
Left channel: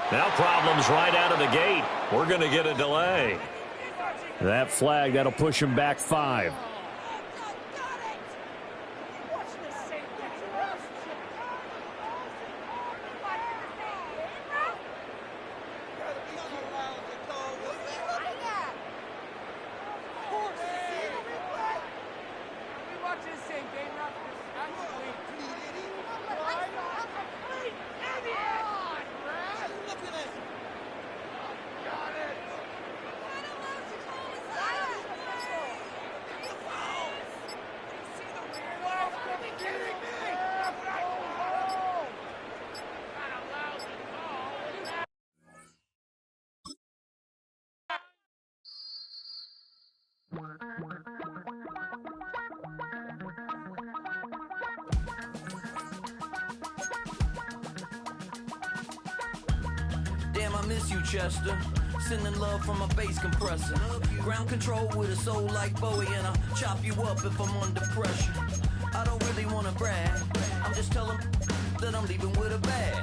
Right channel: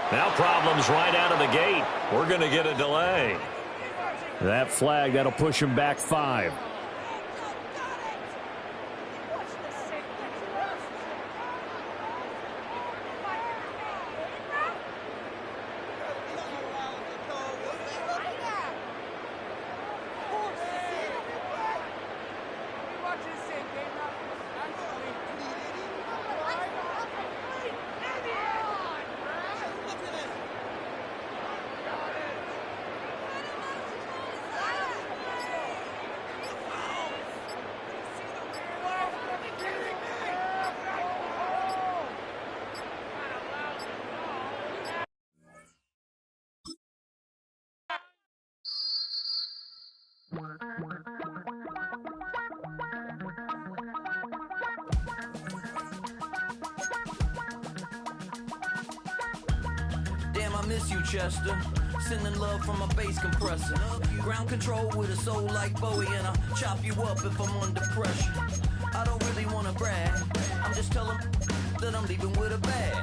Now problems right out of the gate. We're going to get a delay. That flag, that'll push him back 5. Damn, I miss you, Chester. Sending love from a bass compressor. Ground control with a soul like Bowie, and I'll chop you up if I'm under pressure. I don't really want to brag. I'm just telling that I'm leaving with a bag.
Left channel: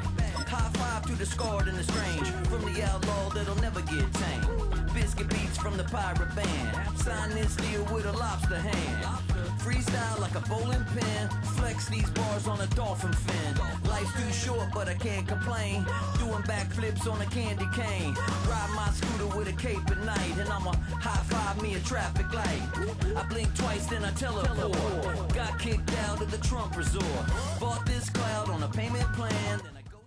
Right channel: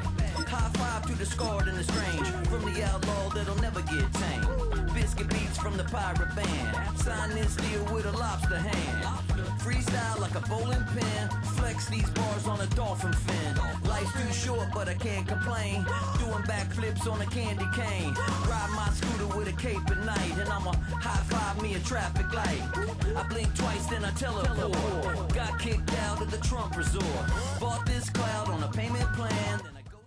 High five to the scarred and the strange. From the outlaw that'll never get tamed. Biscuit beats from the pirate band. Sign this deal with a lobster hand. freestyle like a bowling pin. Flex these bars on a dolphin fin. Life's too short, but I can't complain. Doing backflips on a candy cane. Ride my scooter with a cape at night, and I'ma high-five me a traffic light. I blink twice, then I teleport. Got kicked out of the Trump resort. Bought this cloud on a payment plan. Then I go.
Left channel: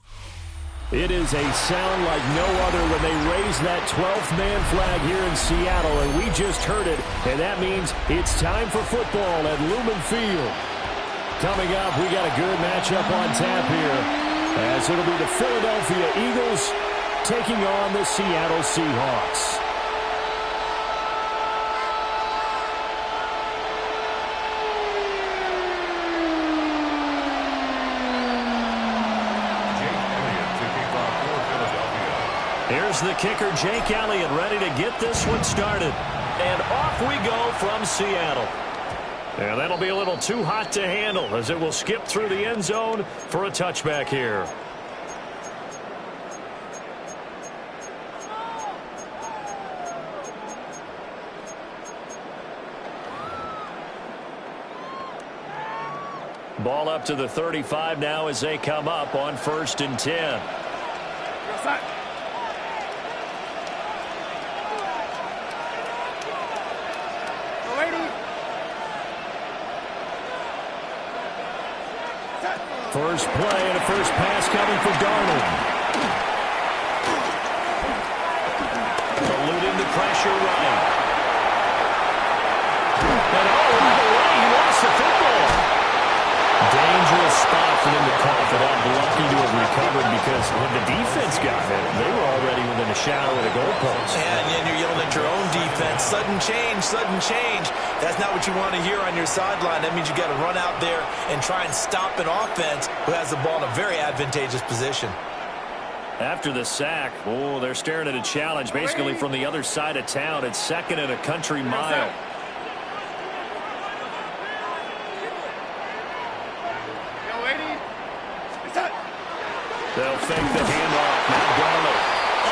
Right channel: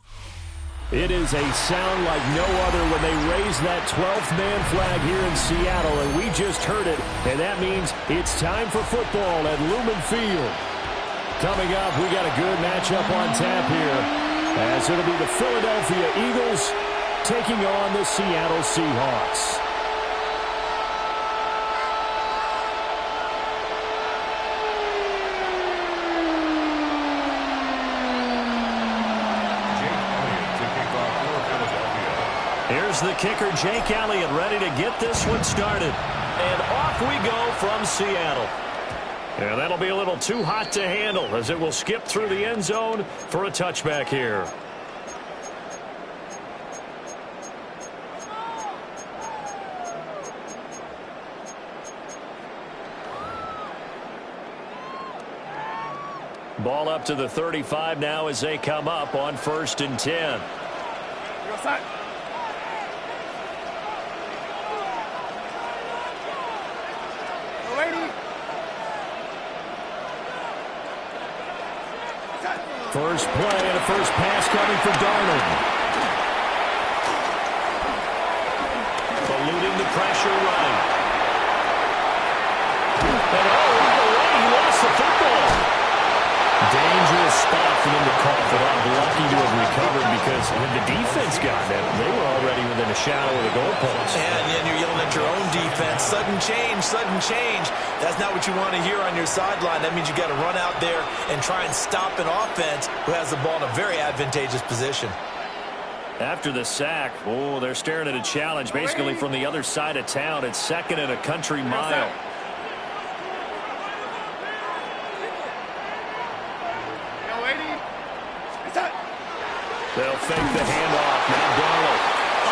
It is a sound like no other when they raise that 12th man flag here in Seattle, and we just heard it, and that means it's time for football at Lumen Field. Coming up, we got a good matchup on tap here, as it'll be the Philadelphia Eagles taking on the Seattle Seahawks. Here's the kicker, Jake Elliott, ready to get this one started. And off we go from Seattle. And that'll be a little too hot to handle as it will skip through the end zone for a touchback here. Ball up to the 35 now as they come up on 1st and 10. First play and a first pass coming for Darnold. Eluding the pressure right. And right away he lost the football. Dangerous spot for them to cough it up. Lucky to have recovered because had the defense gotten it, they were already within a shadow of the goalpost. And you're yelling at your own defense. Sudden change, sudden change. That's not what you want to hear on your sideline. That means you got to run out there and try and stop an offense who has the ball in a very advantageous position. After the sack, they're staring at a challenge basically from the other side of town. It's 2nd and a country mile. They'll fake the handoff. Now Darnold.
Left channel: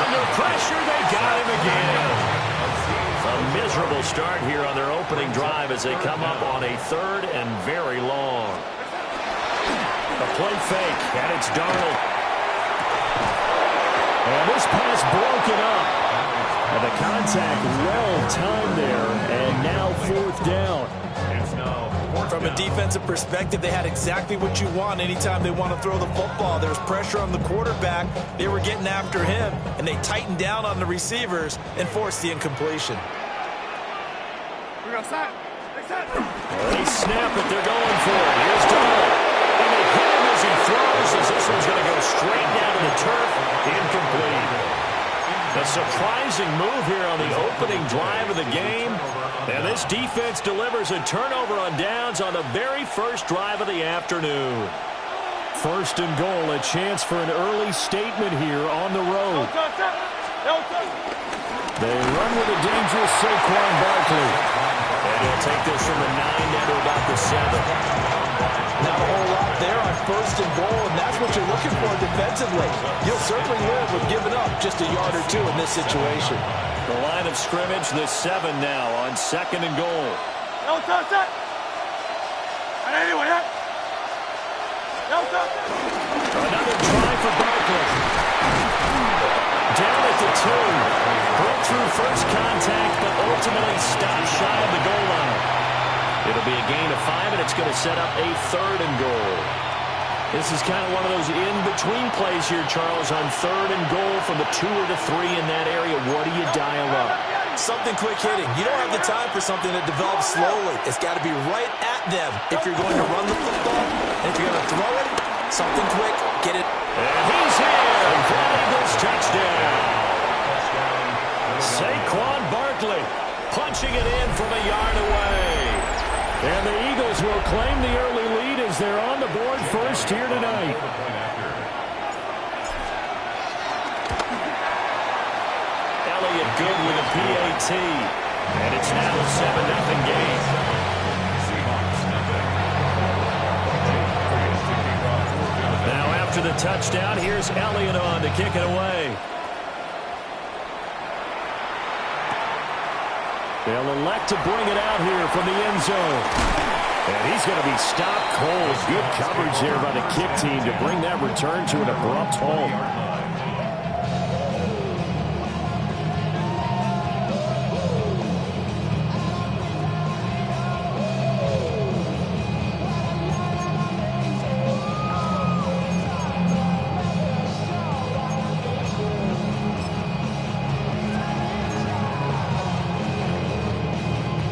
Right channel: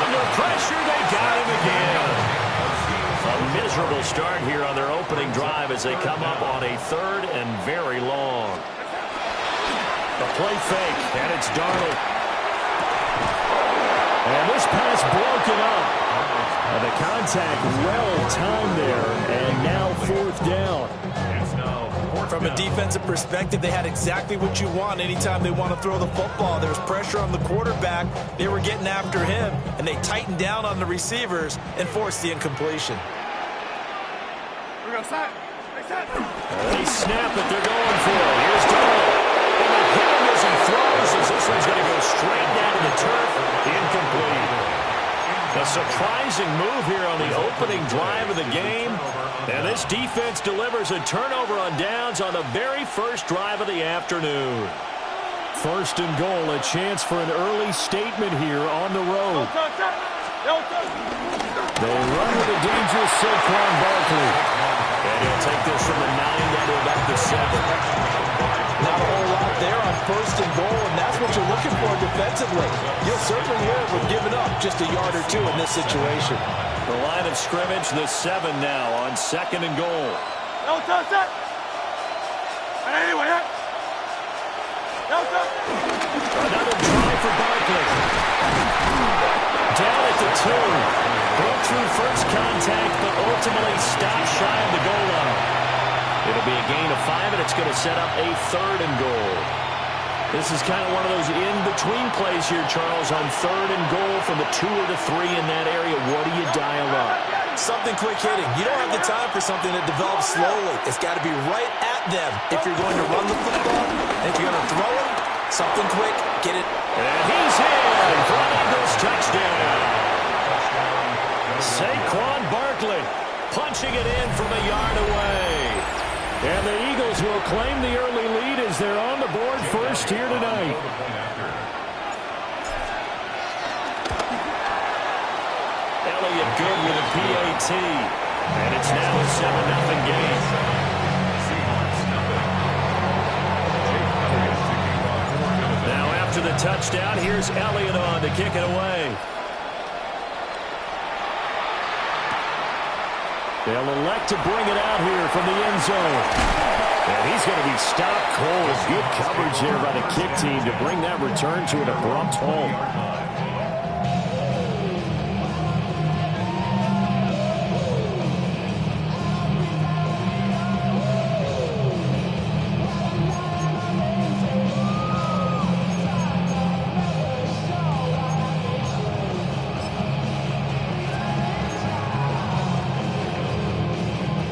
Under pressure, they got him again. A miserable start here on their opening drive as they come up on a 3rd and very long. A play fake, and it's Darnold. And this pass broken up. And the contact well timed there, and now 4th down. From a defensive perspective, they had exactly what you want anytime they want to throw the football. There was pressure on the quarterback. They were getting after him, and they tightened down on the receivers and forced the incompletion. They snap it. They're going for it. Here's Darnold. And they hit him as he throws, as this one's going to go straight down to the turf. Incomplete. A surprising move here on the opening drive of the game. And this defense delivers a turnover on downs on the very first drive of the afternoon. 1st and goal, a chance for an early statement here on the road. They run with a dangerous Saquon Barkley. And he'll take this from the 9 down to about the 7. Not a whole lot there on 1st and goal, and that's what you're looking for defensively. You'll certainly live with giving up just a yard or 2 in this situation. The line of scrimmage, the 7 now on 2nd and goal. Another try for Barkley. Down at the 2. Broke through first contact, but ultimately stopped shy of the goal line. It'll be a gain of 5, and it's going to set up a 3rd and goal. This is kind of one of those in-between plays here, Charles, on 3rd and goal from the 2 or the 3 in that area. What do you dial up? Something quick hitting. You don't have the time for something that develops slowly. It's got to be right at them if you're going to run the football. And if you're going to throw it, something quick, get it. And he's in for an Eagles touchdown. Saquon Barkley punching it in from a yard away. And the Eagles will claim the early lead as they're on the board first here tonight. Elliott good with a PAT. And it's now a 7-0 game. Now after the touchdown, here's Elliott on to kick it away. They'll elect to bring it out here from the end zone. And he's going to be stopped cold. Good coverage there by the kick team to bring that return to an abrupt halt.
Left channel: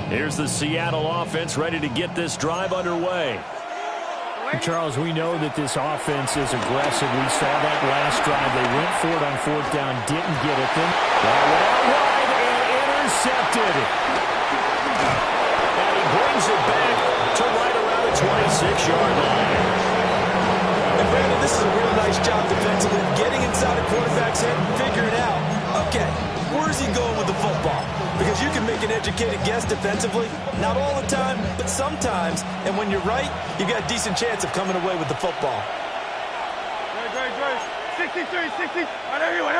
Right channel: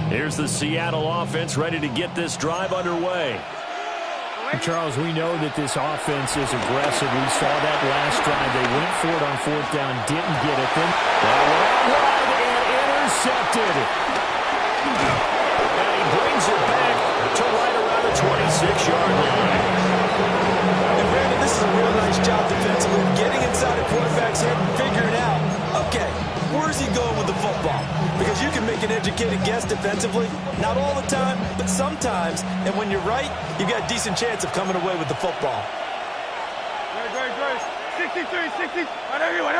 Here's the Seattle offense ready to get this drive underway. Charles, we know that this offense is aggressive. We saw that last drive. They went for it on fourth down, didn't get it. Then that went out wide and intercepted. And he brings it back to right around the 26-yard line. And Brandon, this is a real nice job defensively, getting inside a quarterback's head and figuring out, okay, where's he going with the football? Because you can make an educated guess defensively, not all the time, but sometimes. And when you're right, you've got a decent chance of coming away with the football. Great. 63, 60. Whatever you want.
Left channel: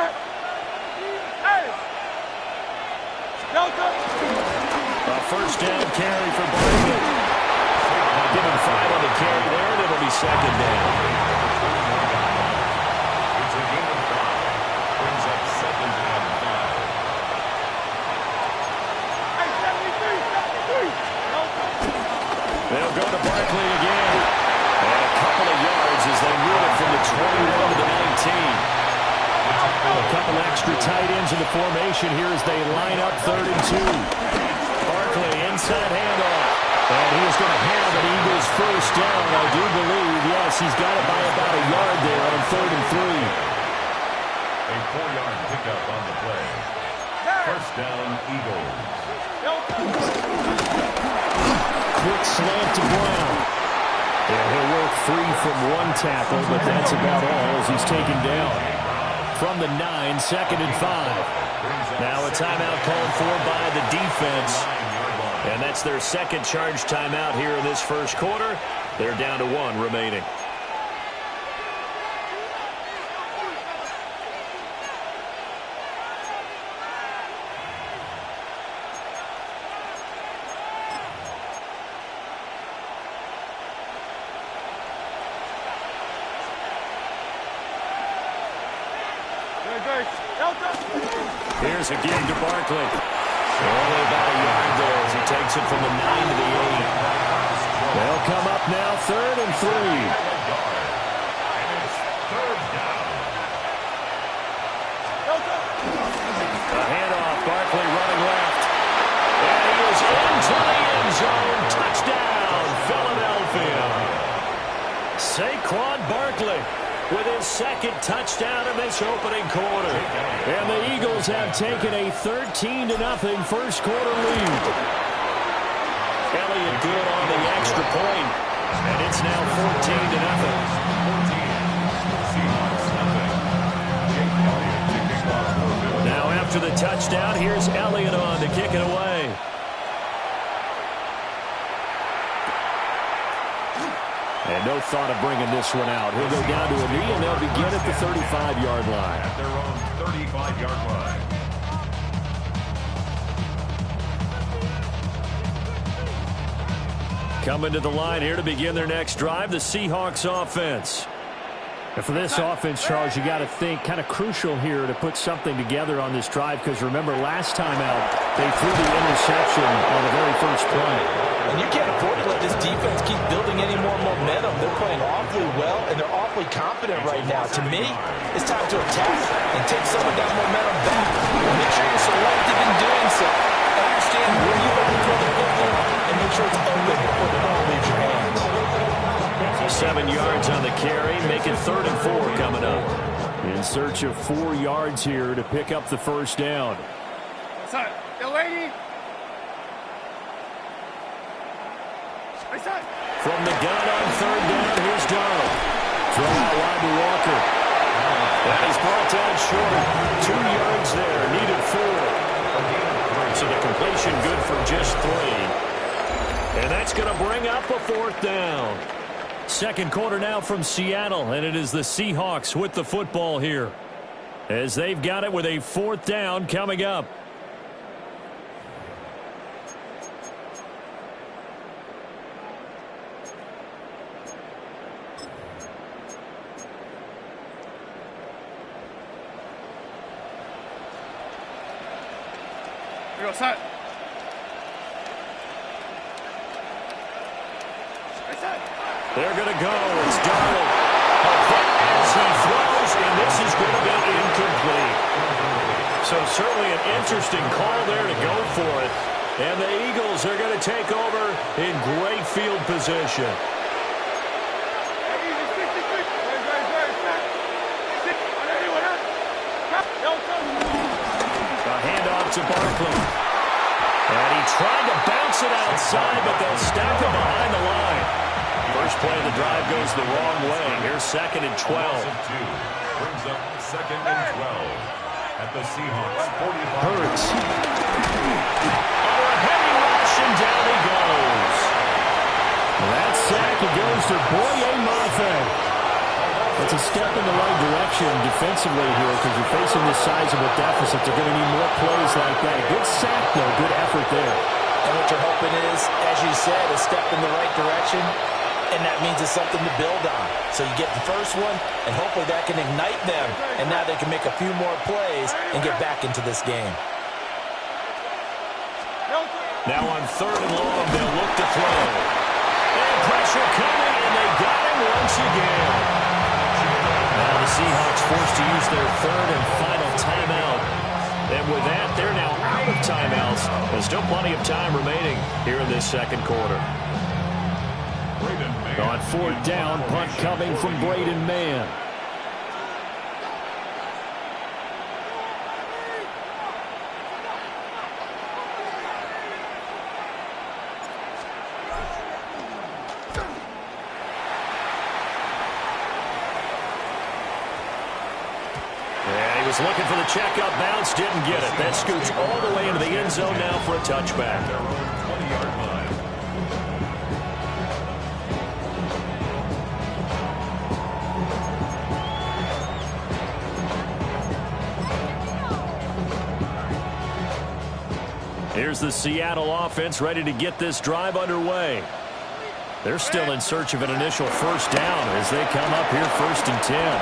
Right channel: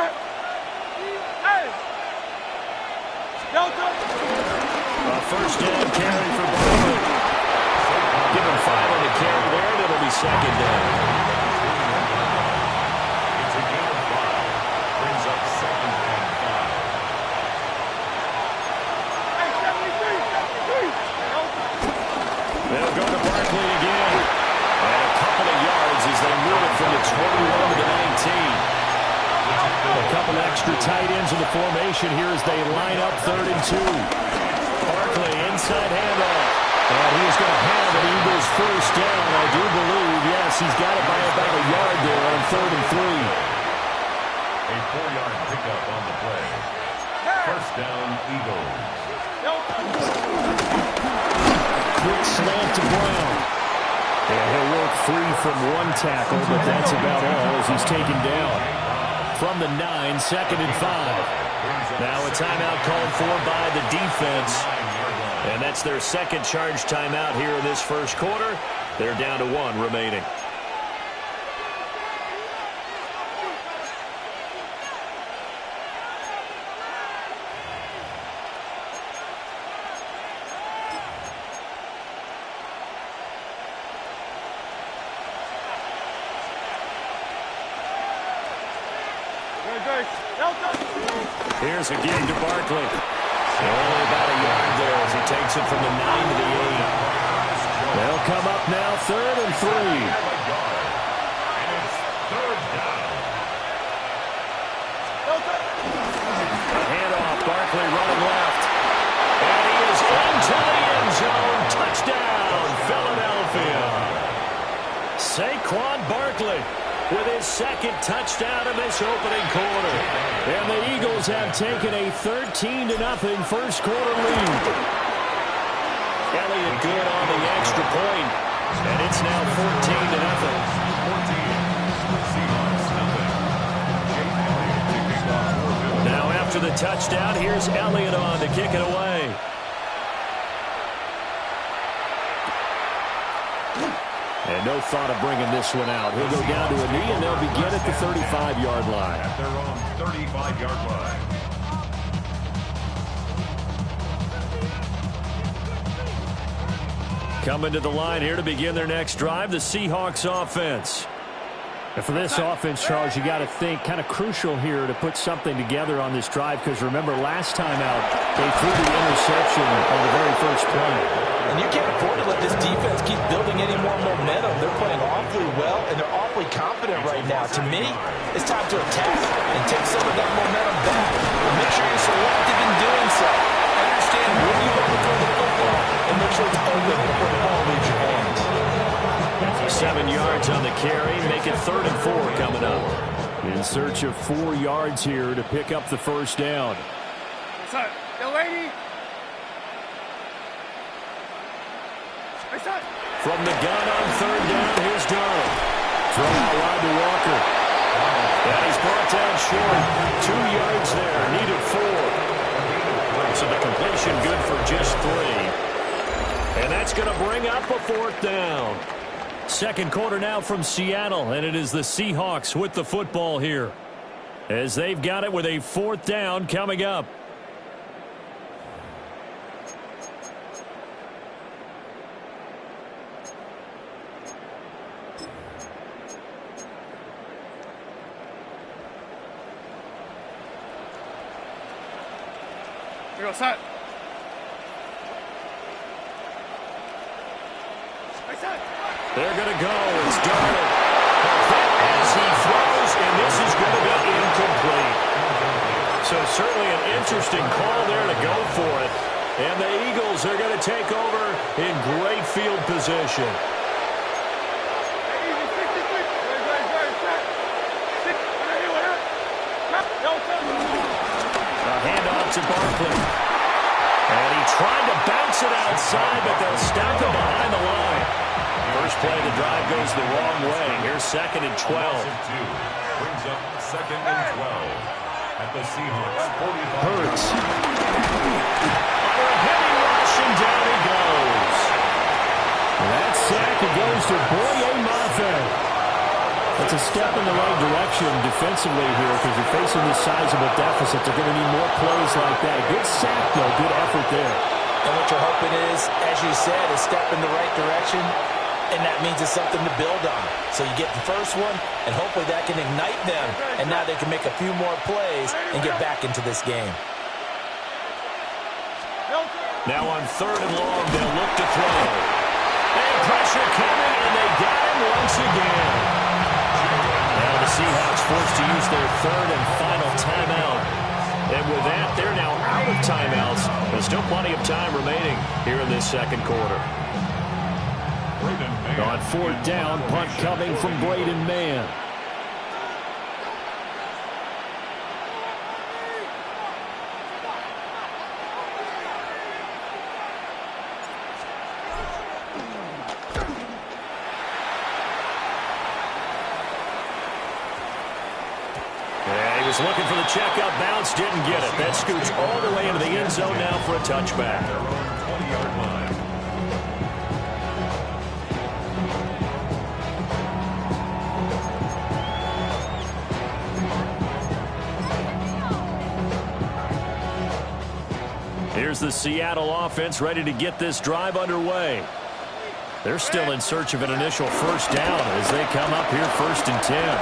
Hey! Delta! A first down carry for Barkley. Give him 5 on the carry there, and it'll be second down. It's a gain of 5. Brings up second and 5. Hey, 73. They'll go to Barkley again. And a couple of yards as they move it from the 21 to the 19. A couple extra tight ends in the formation here as they line up 3rd and 2. Barkley inside handoff. And he is going to have an Eagles first down, I do believe. Yes, he's got it by about a yard there on 3rd and 3. A 4-yard pickup on the play. First down, Eagles. Quick slant to Brown. And he'll work free from one tackle, but that's about all as he's taken down. From the 9, 2nd and 5. Now a timeout called for by the defense. And that's their second charge timeout here in this first quarter. They're down to 1 remaining. Here's a give to Barkley. Only about a yard there as he takes it from the 9 to the 8. They'll come up now 3rd and 3. And it's 3rd down. A handoff. Barkley running left. And he is into the end zone. Touchdown, Philadelphia. Saquon Barkley with his second touchdown in this opening quarter. And the Eagles have taken a 13-0 first quarter lead. Elliott good on the extra point, and it's now 14-0. 14. Seahawks, nothing. Jake Elliott to kick off for Philadelphia. Now after the touchdown, here's Elliott on to kick it away. And no thought of bringing this one out. He'll go down to a knee, and they'll begin at the 35-yard line. At their own 35-yard line. Coming to the line here to begin their next drive, the Seahawks offense. And for this offense, Charles, you got to think kind of crucial here to put something together on this drive, because remember last time out they threw the interception on the very first play. And you can't afford to let this defense keep building any more momentum. They're playing awfully well, and they're awfully confident right now. To me, it's time to attack and take some of that momentum back. Make sure you're selective in doing so. Understand where you want to throw the football and make sure it's open before the ball leaves your hands. 7 yards on the carry, make it 3rd and 4 coming up. In search of 4 yards here to pick up the first down. What's up? Yo, lady. What's up? From the gun on 3rd down, here's Darnold. Throw out wide to Walker. And he's brought down short. 2 yards there, needed 4. So the completion good for just 3. And that's going to bring up a 4th down. Second quarter now from Seattle, and it is the Seahawks with the football here, as they've got it with a 4th down coming up. They're going to go. It's Darnold. As he throws, and this is going to be incomplete. So certainly an interesting call there to go for it. And the Eagles are going to take over in great field position. A handoff to Barkley. And he tried to bounce it outside, but they'll stop him behind the line. First play of the drive goes the wrong way. Here's 2nd and 12. Brings up 2nd and 12 at the Seahawks 45. Hurts. Under a heavy rush, and down he goes. That sack, it goes to Boye Mafe. That's a step in the right direction defensively here because you're facing this sizable deficit. They're going to need more plays like that. A good sack, though. Good effort there. And what you're hoping is, as you said, a step in the right direction, and that means it's something to build on. So you get the first one, and hopefully that can ignite them, and now they can make a few more plays and get back into this game. Now on 3rd and long, they'll look to throw. And pressure coming, and they got him once again. Now the Seahawks forced to use their 3rd and final timeout. And with that, they're now out of timeouts. There's still plenty of time remaining here in this 2nd quarter. On 4th down, punt coming from Braden Mann. Looking for the checkup bounce, didn't get it. That scoots all the way into the end zone now for a touchback. Their own 20-yard line. Here's the Seattle offense ready to get this drive underway. They're still in search of an initial first down as they come up here 1st and 10.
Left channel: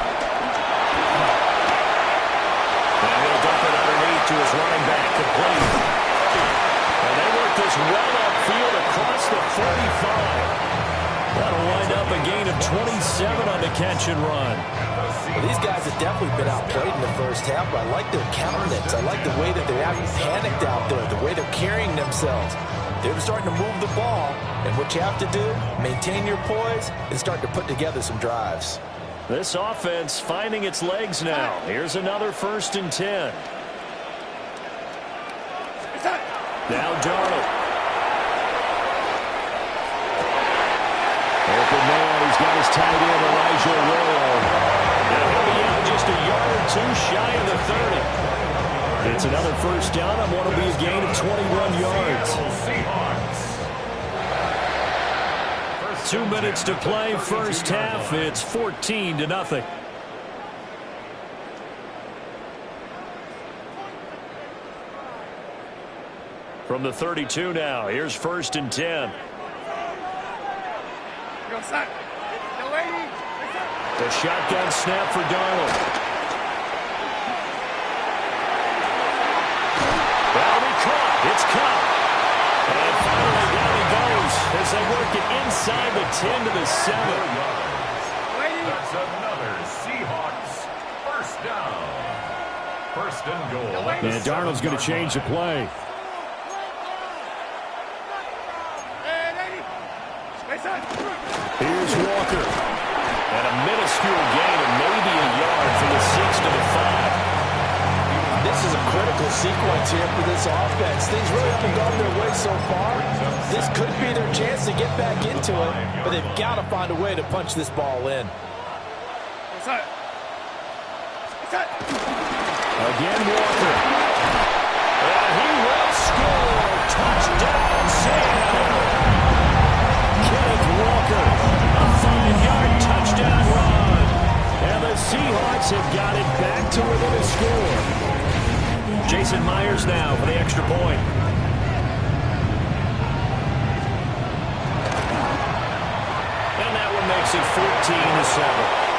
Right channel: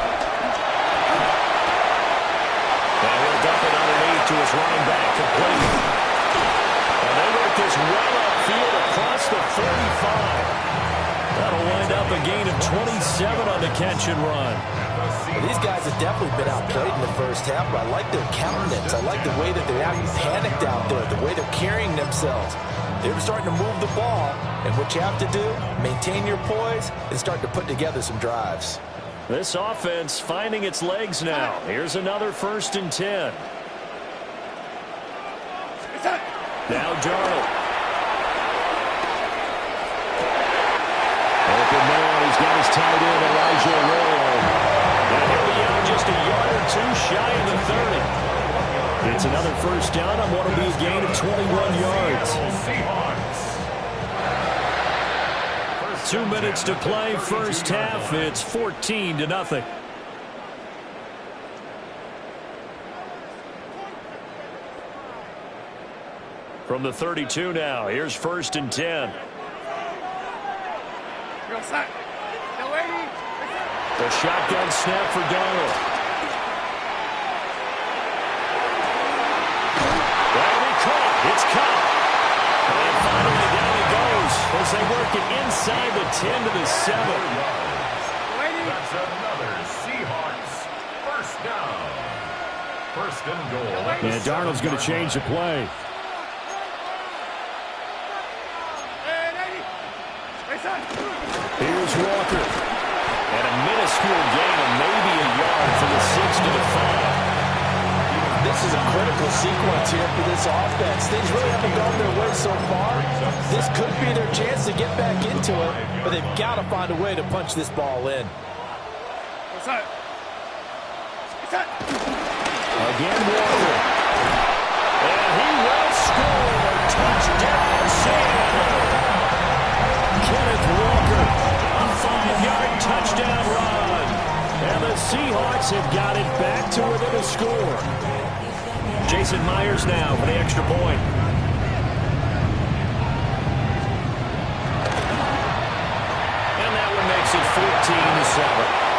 Now he'll dump it underneath to his running back, complete. And they work this well upfield across the 45. That'll wind up a gain of 27 on the catch and run. Well, these guys have definitely been outplayed in the first half, but I like their countenance. I like the way that they're acting panicked out there, the way they're carrying themselves. They're starting to move the ball, and what you have to do, maintain your poise and start to put together some drives. This offense finding its legs now. Here's another 1st and 10. Now Darnold. Open man. He's got his tight end, Elijah Arroyo. Now he'll be out just a yard or two shy of the 30. It's another first down on what will be a gain of 21 yards. 2 minutes to play, first half. It's 14-0. From the 32 now, here's 1st and 10. The shotgun snap for Darnold. That'll be caught. It's caught. And finally down he goes as they work it inside the 10 to the 7. That's another Seahawks first down. 1st and goal. And Darnold's going to change the play. Here's Walker. And a minuscule gain of maybe a yard from the 6 to the 5. This is a critical sequence here for this offense. Things really haven't gone their way so far. This could be their chance to get back into it, but they've got to find a way to punch this ball in. Again, Walker. And he will score. Touchdown, Seattle. Kenneth Walker, a 5-yard touchdown run. And the Seahawks have got it back to within a score. Jason Myers now for the extra point. And that one makes it 14-7.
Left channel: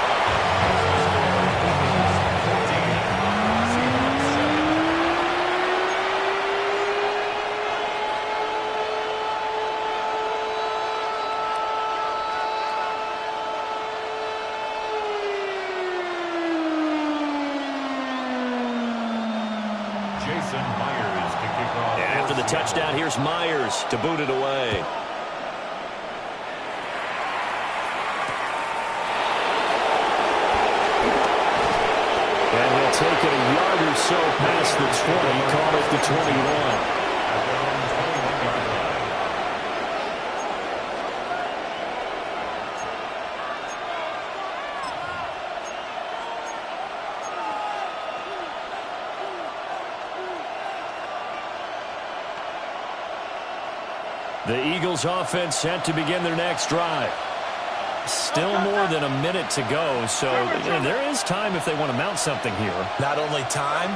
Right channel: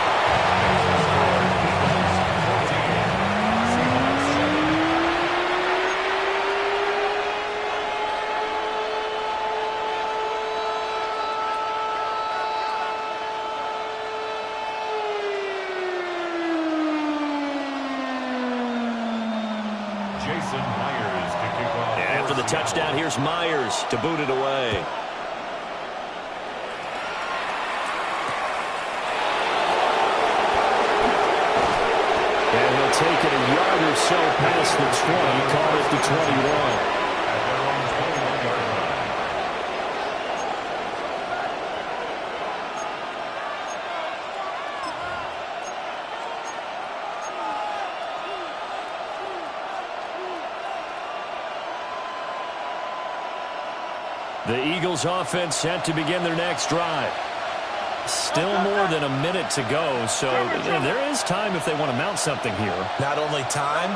Jason Myers to kick off. And after the touchdown, here's Myers to boot it away. And he'll take it a yard or so past the 20, call it the 21. At their own 21-yard line. The Eagles offense set to begin their next drive. Still more than a minute to go, so there is time if they want to mount something here. Not only time,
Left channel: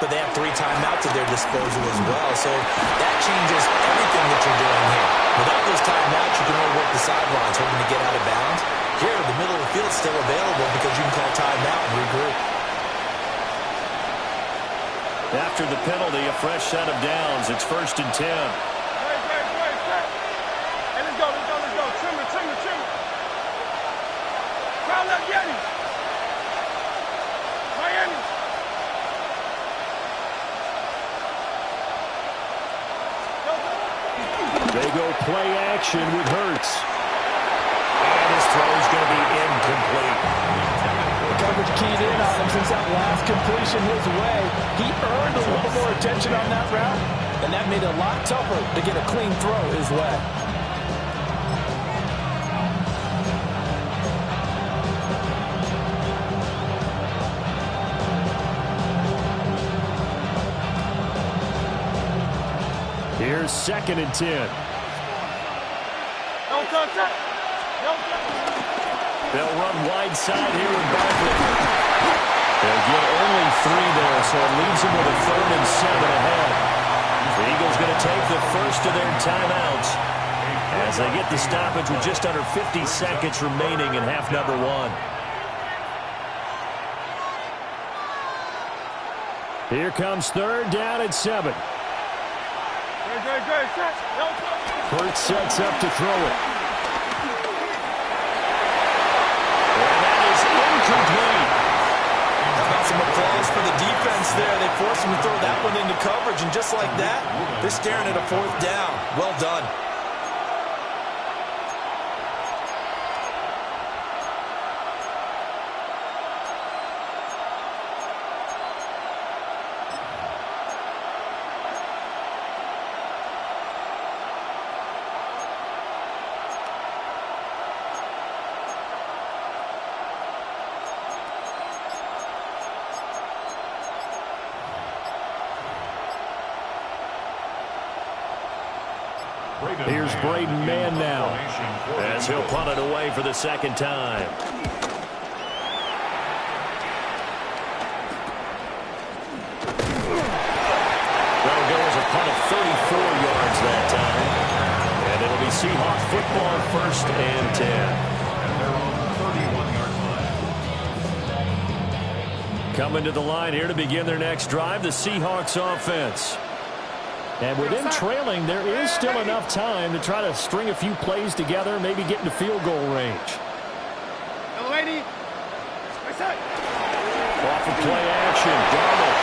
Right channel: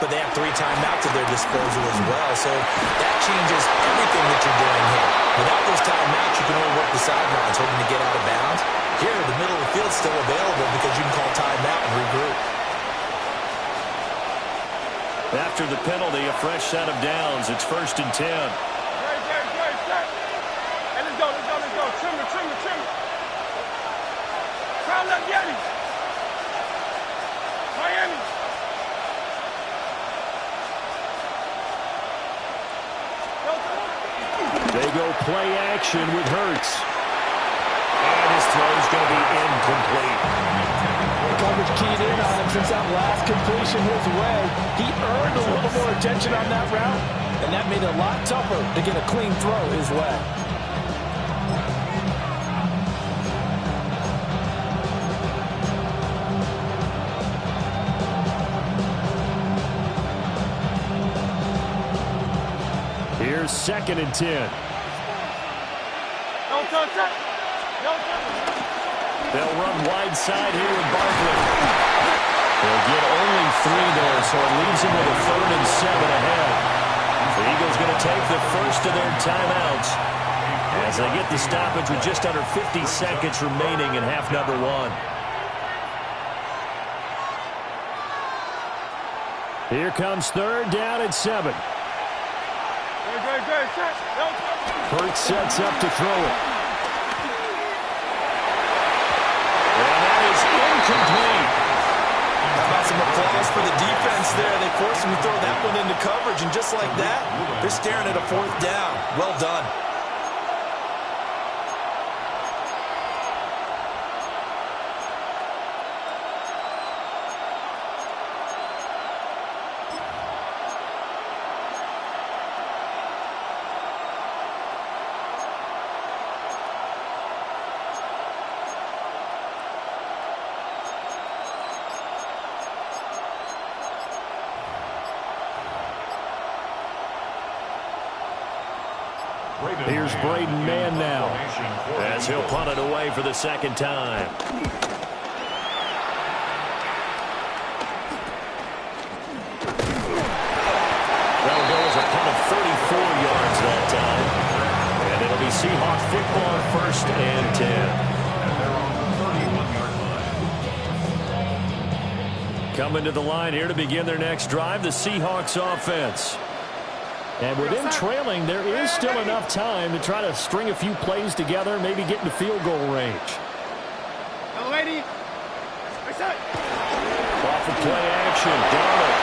but they have 3 timeouts at their disposal as well, so that changes everything that you're doing here. Without those timeouts, you can only work the sidelines, hoping to get out of bounds. Here, the middle of the field is still available because you can call timeout and regroup. After the penalty, a fresh set of downs. It's 1st and 10. Hey, let's go. Trim it. Crowd up, Yeti. Miami. They go play action with Hurts. And his throw's going to be incomplete. The coverage keyed in on him since that last completion his way. He earned a little more attention on that route, and that made it a lot tougher to get a clean throw his way. Here's 2nd and 10. Don't touch it. They'll run wide side here with Barkley. They'll get only 3 there, so it leaves them with a 3rd and 7 ahead. The Eagles going to take the first of their timeouts as they get the stoppage with just under 50 seconds remaining in half number 1. Here comes 3rd down and 7. Hurts sets up to throw it. And that is incomplete. How about some applause for the defense there? They forced him to throw that one into coverage, and just like that, they're staring at a 4th down. Well done. Here's Braden Mann now as he'll punt it away for the 2nd time. That'll go as a punt of 34 yards that time. And it'll be Seahawk football 1st and 10. At their own 31-yard line. Coming to the line here to begin their next drive, the Seahawks offense. And with them trailing, there is still enough time to try to string a few plays together, maybe get into field goal range. Off of play action, Darnold.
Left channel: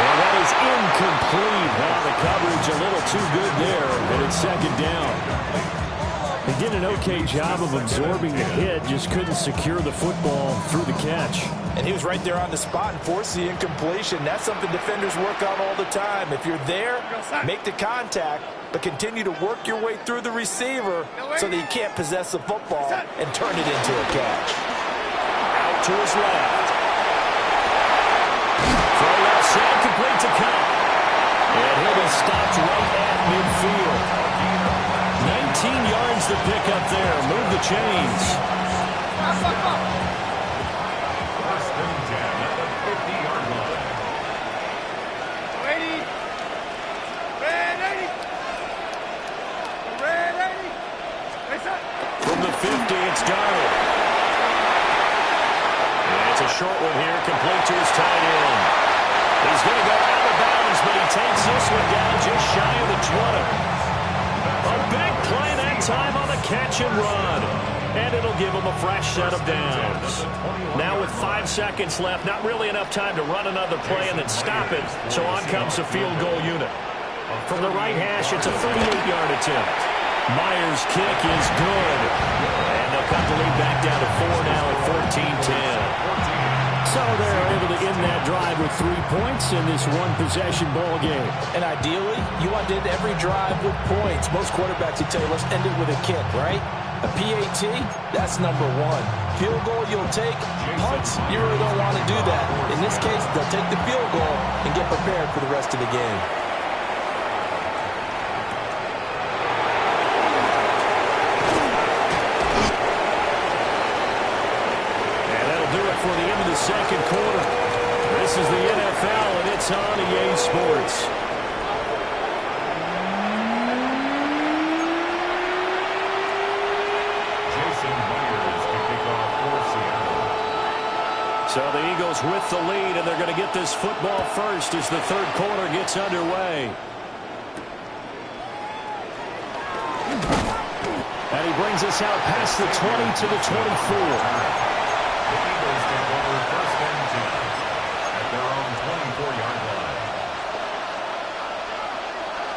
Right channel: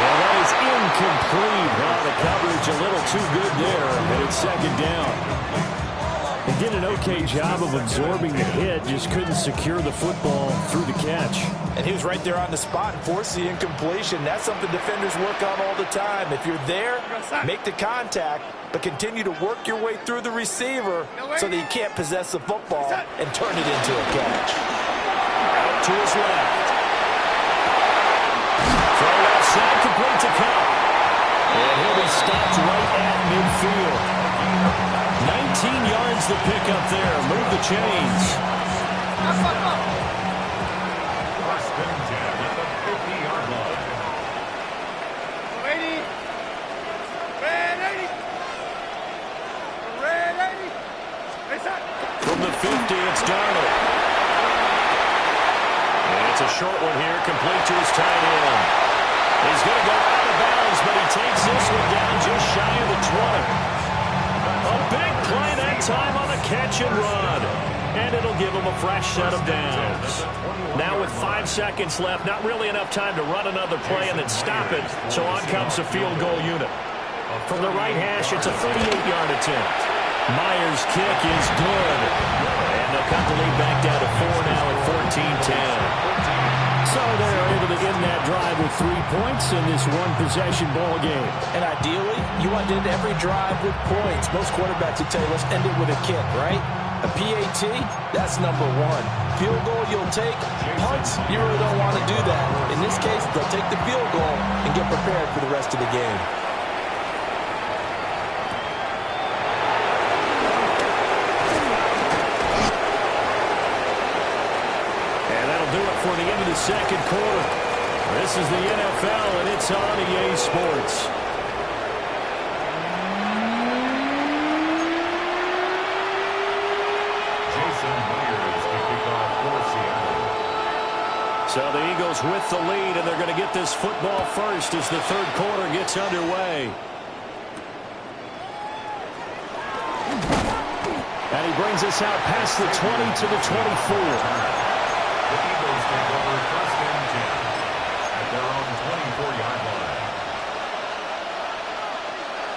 And that is incomplete. Now the coverage a little too good there, and it's 2nd down. They did an okay job of absorbing the hit, just couldn't secure the football through the catch. And he was right there on the spot and forced the incompletion. That's something defenders work on all the time. If you're there, make the contact, but continue to work your way through the receiver so that you can't possess the football and turn it into a catch. Out to his left. Throw left side, complete to Cup. And he'll be stopped right at midfield. 19 yards to pick up there. Move the chains. 1st and 10 at the 50-yard line. From the 50, it's Darnold. And it's a short one here, complete to his tight end. He's going to go out of bounds, but he takes this one down just shy of the 20. A big play that time on the catch and run. And and it'll give them a fresh set of downs. Now with 5 seconds left, not really enough time to run another play and then stop it, so on comes the field goal unit. From the right hash, it's a 38-yard attempt. Myers' kick is good. And they'll cut the lead back down to 4 now at 14-10. So they're able to end that drive with 3 points in this one-possession ball game. And ideally, you want to end every drive with points. Most quarterbacks would tell you, let's end it with a kick, right? A PAT, that's number one. Field goal you'll take. Punts, you really don't want to do that. In this case, they'll take the field goal and get prepared for the rest of the game. Do it for the end of the second quarter. This is the NFL, and it's on EA Sports. Jason Myers to kick off for Seattle. So the Eagles with the lead, and they're going to get this football first as the third quarter gets underway. And he brings us out past the 20 to the 24. The Eagles take over first and 10 at their own 24-yard line.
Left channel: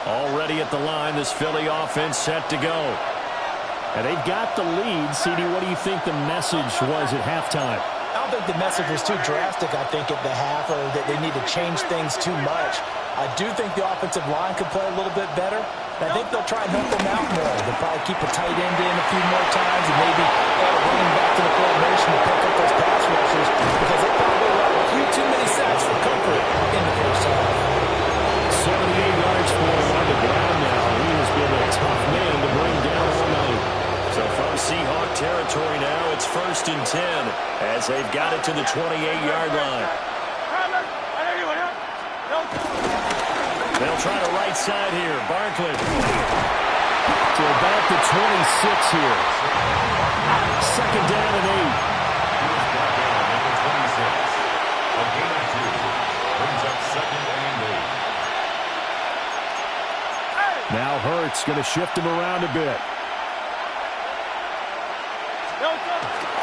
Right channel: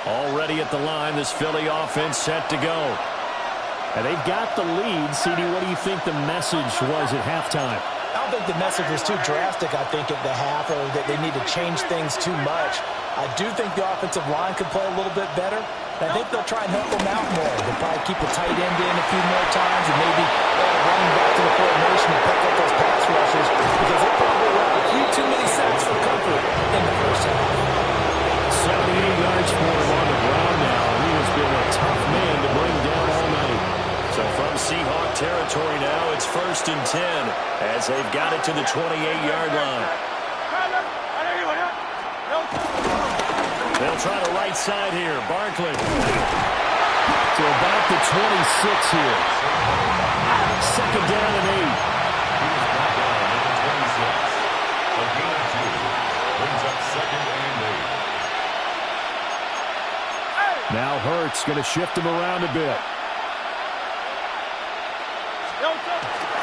Already at the line, this Philly offense set to go. And they've got the lead. CD, what do you think the message was at halftime? I don't think the message was too drastic, I think, at the half, or that they need to change things too much. I do think the offensive line could play a little bit better. And I think they'll try and help them out more. They'll probably keep a tight end in a few more times and maybe add a running back to the formation to pick up those pass rushers because they probably let a few too many sacks for comfort in the first half. 78 yards for him on the ground now. He has been a tough man to bring down all night. So from Seahawk territory now, it's first and 10 as they've got it to the 28-yard line. They'll try the right side here. Barkley. So about the 26 here. Second down and 8. He was brought down at the 26. A gain of 2 brings up second and 8. Now Hurts going to shift him around a bit.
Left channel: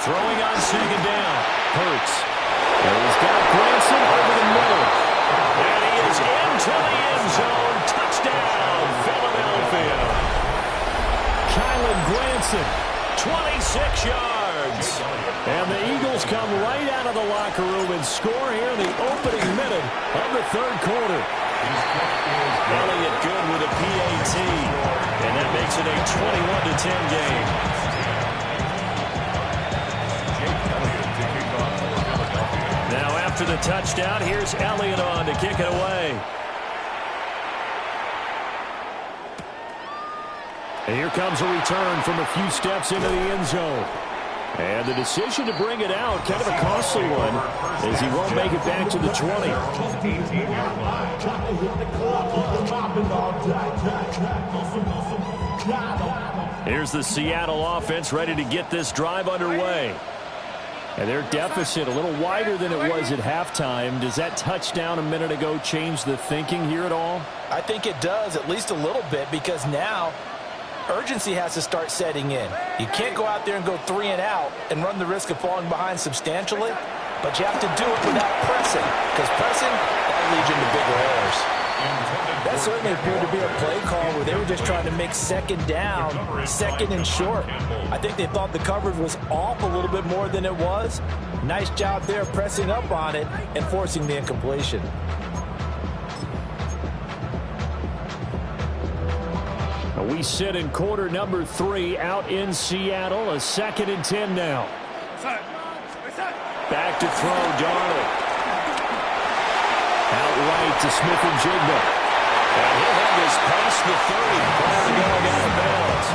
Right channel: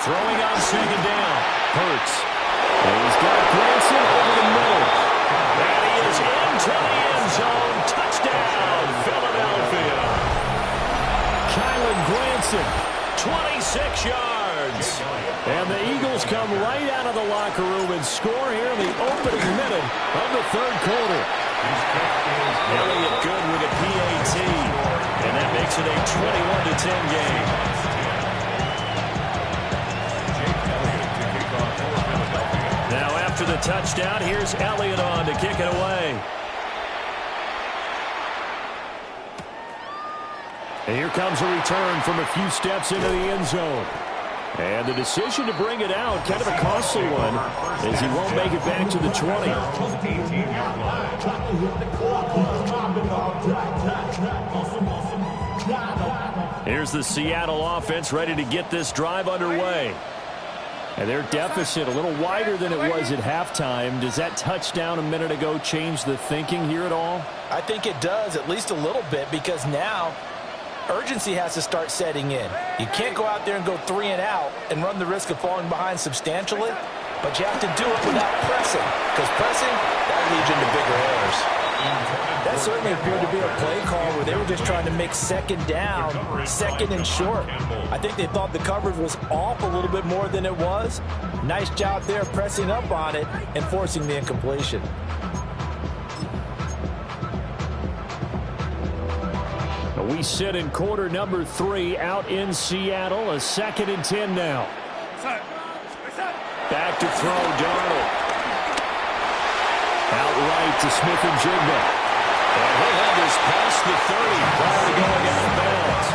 Throwing on second down. Hurts. And he's got Granson over the middle. And he is into the end zone. Touchdown, Philadelphia. Kylan Granson. 26 yards. And the Eagles come right out of the locker room and score here in the opening minute of the third quarter. Elliott good with a PAT. And that makes it a 21-10 game. Now after the touchdown, here's Elliott on to kick it away. And here comes a return from a few steps into the end zone. And the decision to bring it out, kind of a costly one, as he won't make it back to the 20. Here's the Seattle offense ready to get this drive underway. And their deficit a little wider than it was at halftime. Does that touchdown a minute ago change the thinking here at all? I think it does, at least a little bit, because now urgency has to start setting in. You can't go out there and go 3 and out and run the risk of falling behind substantially, but you have to do it without pressing, because pressing, that leads into bigger errors. That certainly appeared to be a play call where they were just trying to make second down, second and short. I think they thought the coverage was off a little bit more than it was. Nice job there pressing up on it and forcing the incompletion. We sit in quarter number 3 out in Seattle. A 2nd and 10 now. Back to throw, Darnold. Outright to Smith-Njigba. And he'll have this past the 30 prior to going out of bounds.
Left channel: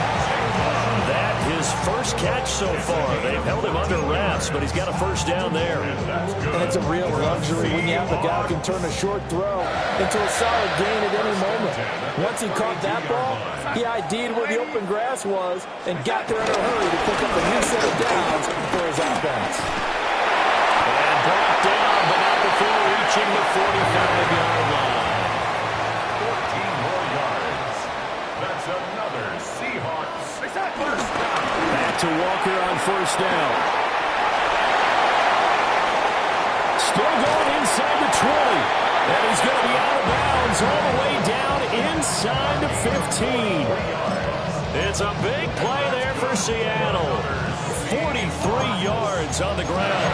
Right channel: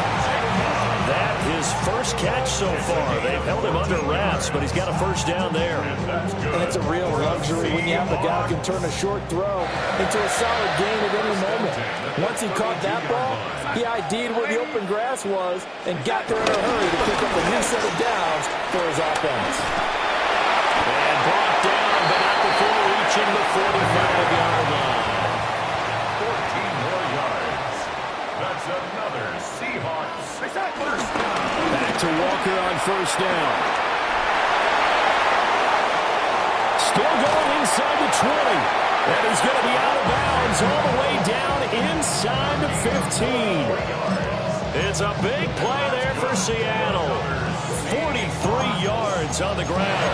That his first catch so far. They've held him under wraps, but he's got a first down there. And it's a real luxury when you have a guy who can turn a short throw into a solid gain at any moment. Once he caught that ball, he ID'd where the open grass was and got there in a hurry to pick up a new set of downs for his offense. And brought down, but not before reaching the 45-yard line. 14 more yards. That's another Seahawks. First down. Back to Walker on first down. Still going inside the 20. And he's going to be out of bounds all the way down inside the 15. It's a big play there for Seattle. 43 yards on the ground.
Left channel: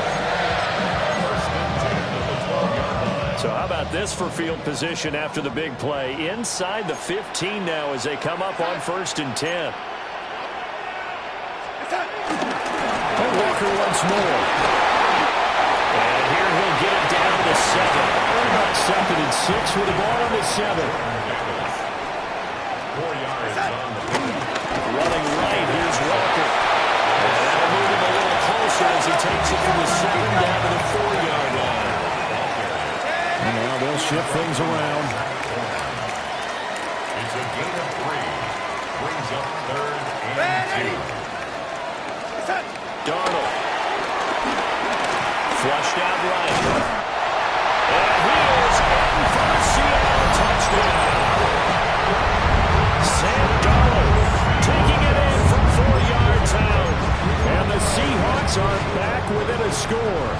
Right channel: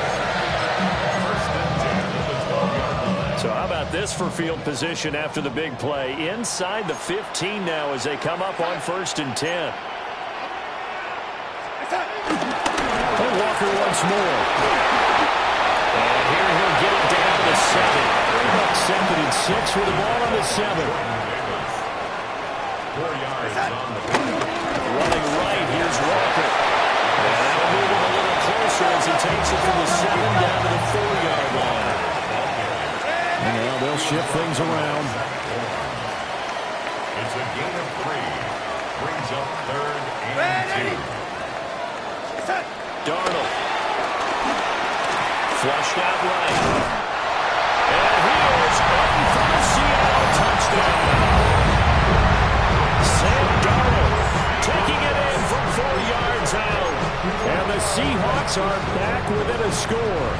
First and 10 at the 12-yard line. So how about this for field position after the big play? Inside the 15 now as they come up on first and 10. And Walker once more. And here he'll get it down to 7. Second and 6 with the ball on the 7. 4 yards on the pickup. Running right, here's Walker. And that'll move him a little closer as he takes it from the 7 down to the 4-yard line. And now they'll shift things around. It's a gain of 3. Brings up 3rd and 2. Darnold. Flushed out right. And he is in for the Seattle touchdown. Sam Darnold taking it in from 4 yards out. And the Seahawks are back within a score.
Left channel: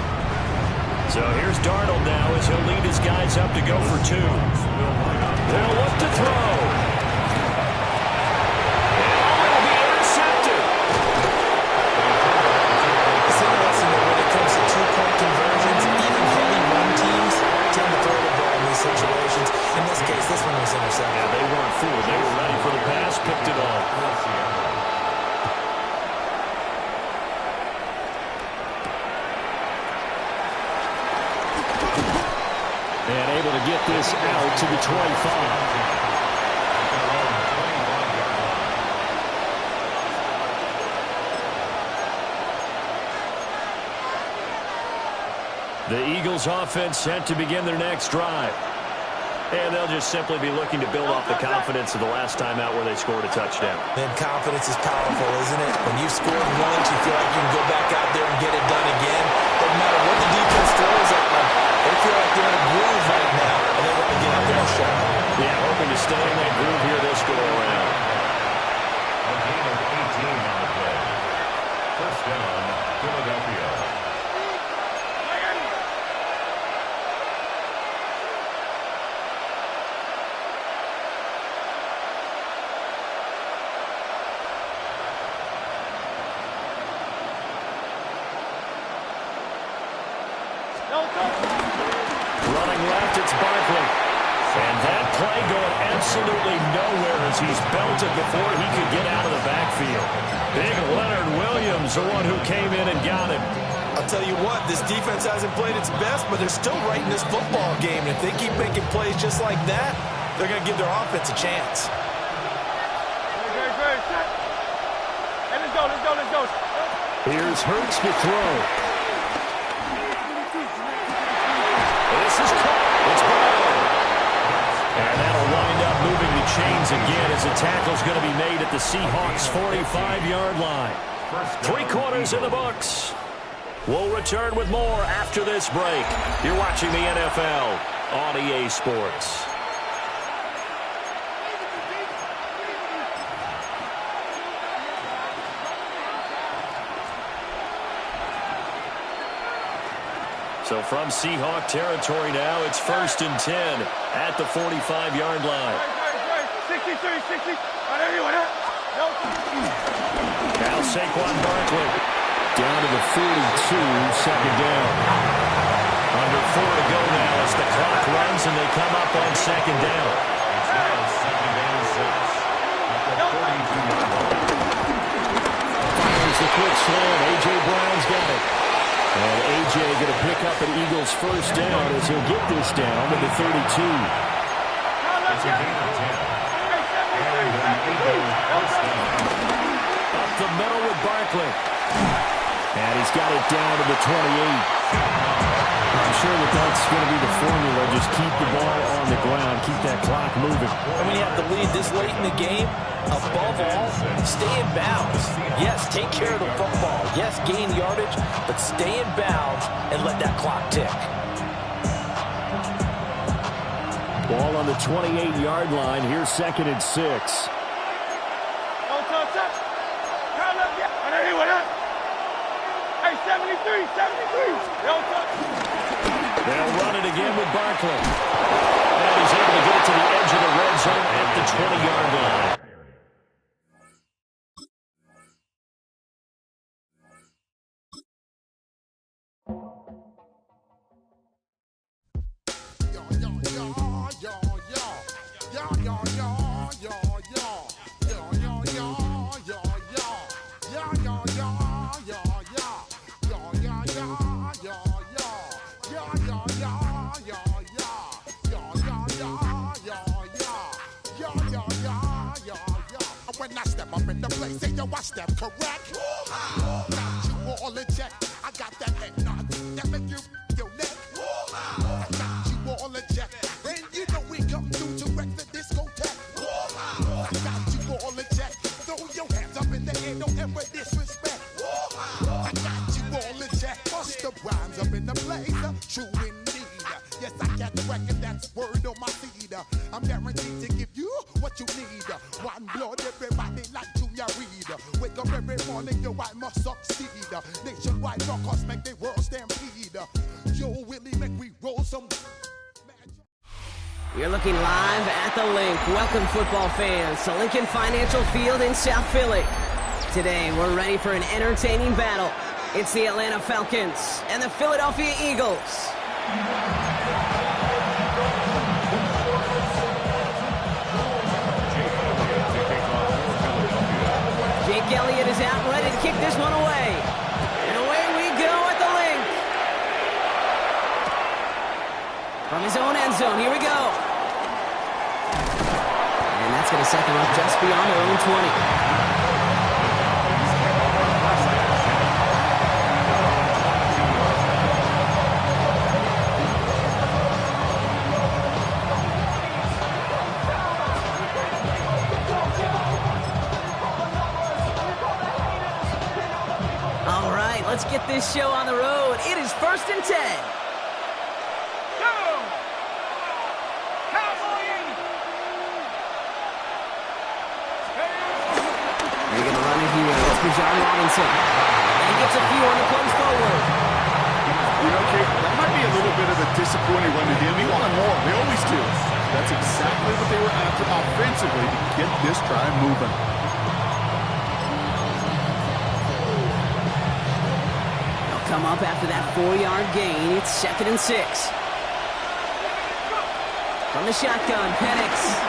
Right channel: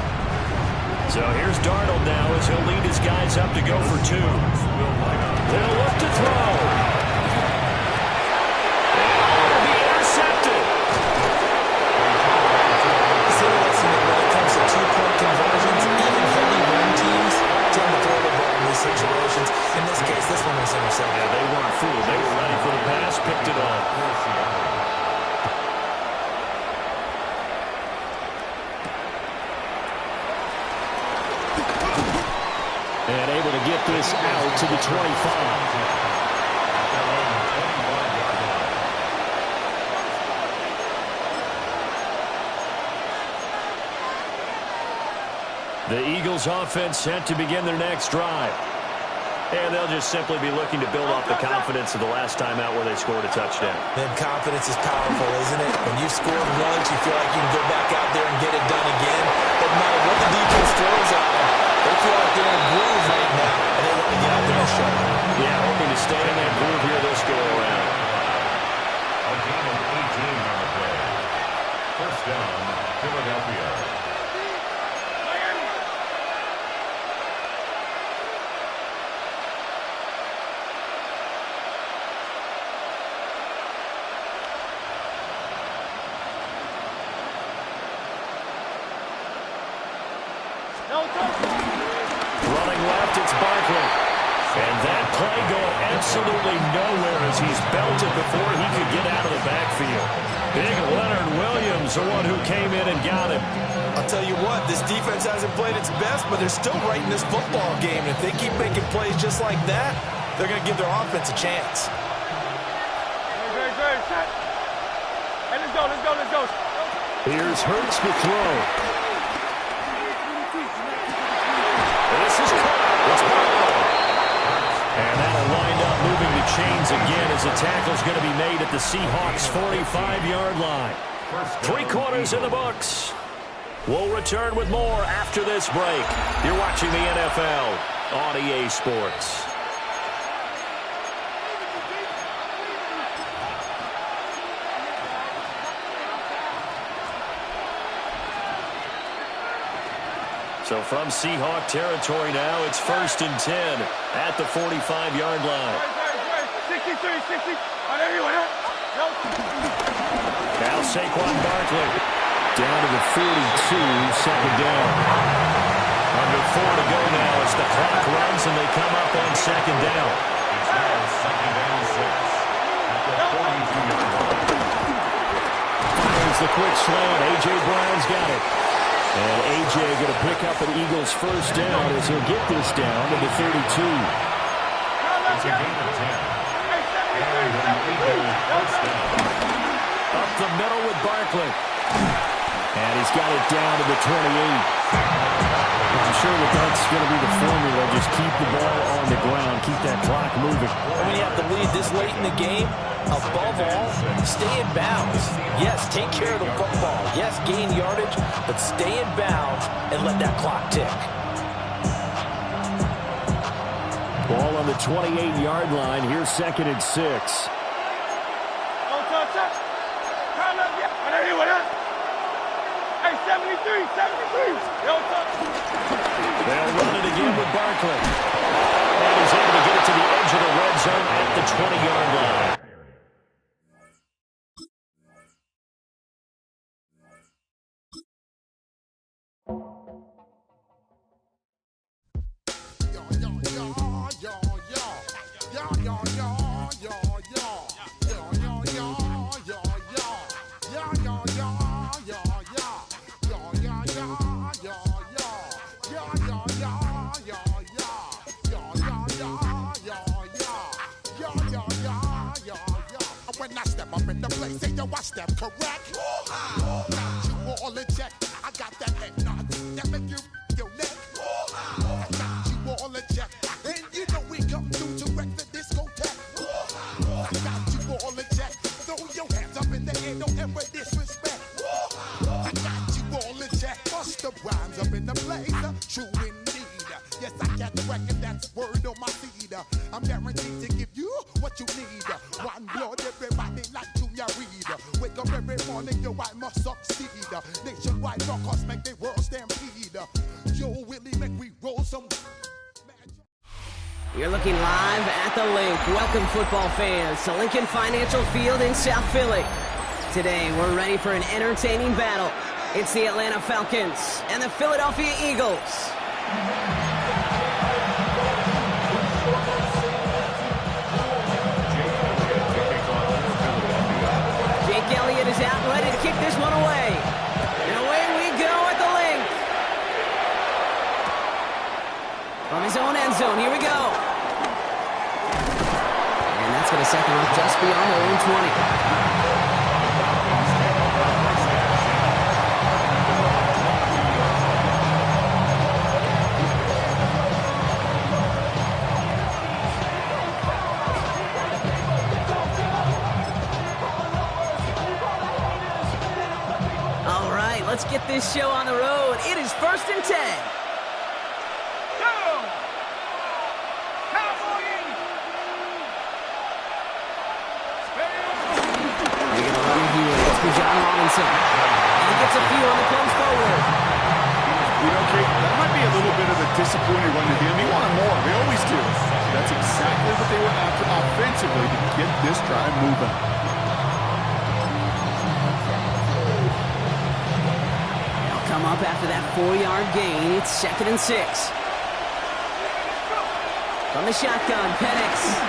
So here's Darnold now as he'll lead his guys up to go for 2. They'll look to throw. And it'll be intercepted. It's interesting that when it comes to two-point conversions, even heavy run teams tend to throw the ball in these situations. In this case, this one was intercepted. Yeah, they weren't fooled. They were ready for the pass, picked it off. And able to get this out to the 25. At their own 25-yard line. The Eagles offense set to begin their next drive. And they'll just simply be looking to build off the confidence of the last time out where they scored a touchdown. Man, confidence is powerful, isn't it? When you've scored once, you feel like you can go back out there and get it done again. Doesn't matter what the defense throws at them. They feel like they're in a groove right now, and they want to get out there and show. Yeah, hoping to stay in that groove here this go-around. A gain of 18 on the play. First down, Philadelphia. Running left, it's Barkley. And that play going absolutely nowhere as he's belted before he could get out of the backfield. Big Leonard Williams, the one who came in and got him. I'll tell you what, this defense hasn't played its best, but they're still right in this football game. And if they keep making plays just like that, they're going to give their offense a chance. Hey, let's go. Here's Hurts to throw. This is caught. It's Brown. And that'll wind up moving the chains again as the tackle's going to be made at the Seahawks' 45-yard line. 3 quarters in the books. We'll return with more after this break. You're watching the NFL on EA Sports. So from Seahawk territory now, it's first and 10 at the 45-yard line. 63. Now Saquon Barkley down to the 42, second down. Under 4 to go now as the clock runs and they come up on second down. It's now second and 6 at the 42-yard line. Fires the quick slant. A.J. Brown's got it. And A.J. going to pick up an Eagles first down as he'll get this down to the 32. It's a gain of 10. And an Eagles first down. Up the middle with Barkley. And he's got it down to the 28. I'm sure that's going to be the formula. Just keep the ball on the ground. Keep that clock moving. And when you have the lead this late in the game, above all, stay in bounds. Yes, take care of the football. Yes, gain yardage, but stay in bounds and let that clock tick. Ball on the 28-yard line. Here's second and 6. 73, 73. They'll run it again with Barkley. And he's able to get it to the edge of the red zone at the 20-yard line. When I step up in the place, say yo, I step correct. Got you all in check. I got that eggnog that make you your neck. I got you all in check, and you know we come through to wreck the discotheque. I got you all in check. Throw your hands up in the air, don't ever disrespect. I got you all in check. Bust the rhymes up in the blazer, true indeed. Yes, I got the record, that's word on my seed. I'm guaranteed to give you what you need. One blood, everybody like Junior Reed. Wake up every morning, yo, I must succeed. Nationwide rockers make the world stampede. Yo, Willie, make we roll some. You're looking live at the Link. Welcome, football fans, to Lincoln Financial Field in South Philly. Today, we're ready for an entertaining battle. It's the Atlanta Falcons and the Philadelphia Eagles. Jake Elliott is out, ready to kick this one away. And away we go at the Link. From his own end zone, here we go. And that's going to set them up just beyond their own 20. All right, let's get this show on the road. It is 1st and 10. They're going to run it here. It's for John Robinson. And he gets a few on the plunge forward. You know, Kate, that might be a little bit of a disappointing run to him. He wanted more. They always do. That's exactly what they were after offensively to get this drive moving. They'll come up after that 4-yard gain. It's 2nd and 6. From the shotgun, Penix.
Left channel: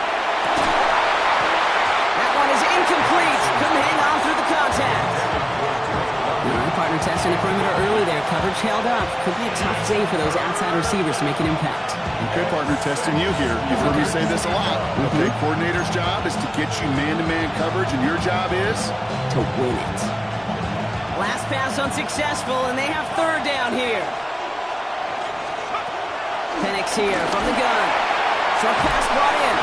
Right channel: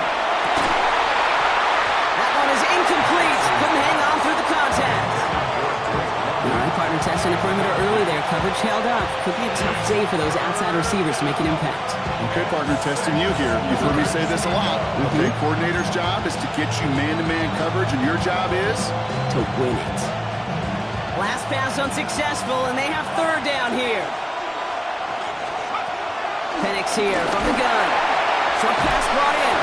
That one is incomplete. Couldn't hang on through the contact. All right, partner testing the perimeter early there. Coverage held up. Could be a tough day for those outside receivers to make an impact. Okay, partner testing you here. You've heard me say this a lot. Okay, coordinator's job is to get you man-to-man coverage, and your job is? To win it. Last pass unsuccessful, and they have 3rd down here. Penix here from the gun. Short pass brought in.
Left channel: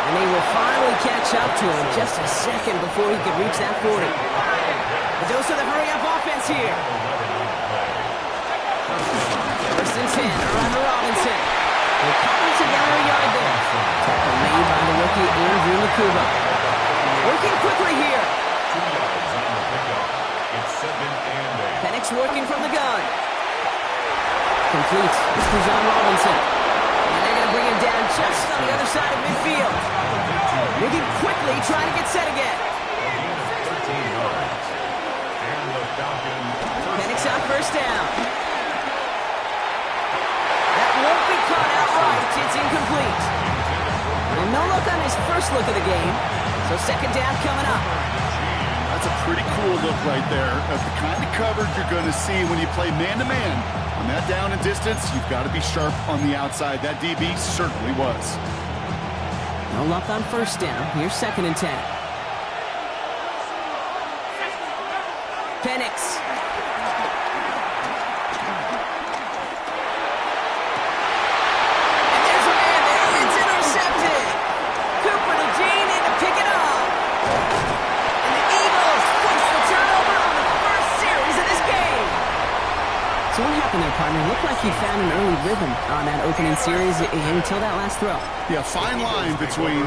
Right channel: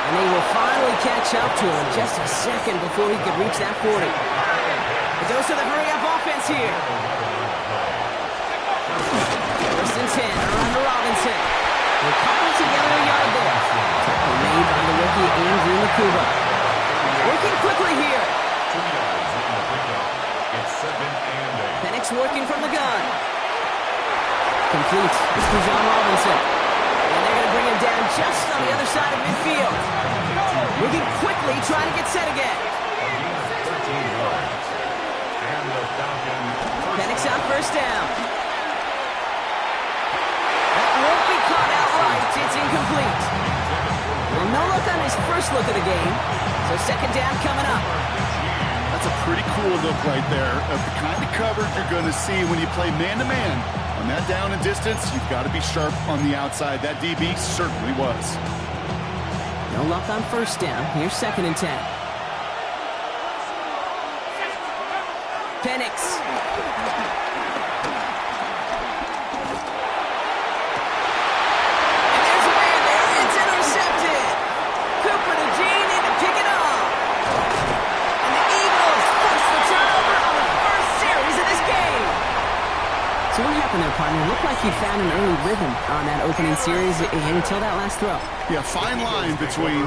And they will finally catch up to him just a second before he could reach that 40. The dose of the hurry-up offense here. 1st and 10, around to Robinson. They cobble together a yard there. Tackle made by the rookie Andrew Makuba. Working quickly here. 2 yards on the pickup. It's 2nd and 8. Penix working from the gun. Complete. It's for John Robinson. And they're going to bring him down just on the other side of midfield. Moving quickly, trying to get set again. 13 yards. And the Falcons. Penix on 1st down. That won't be caught outright. It's incomplete. Well, no look on his first look of the game. So 2nd down coming up. That's a pretty cool look right there of the kind of coverage you're going to see when you play man-to-man. On that down and distance, you've got to be sharp on the outside. That DB certainly was. No luck on 1st down. Here's 2nd and 10. Penix. And there's a man there. It's intercepted. Cooper to Gene in to pick it up. And the Eagles force the turnover on the first series of this game. So what happened there, partner? It looked like you found an early rhythm on that opening series until that last throw. Yeah, fine line between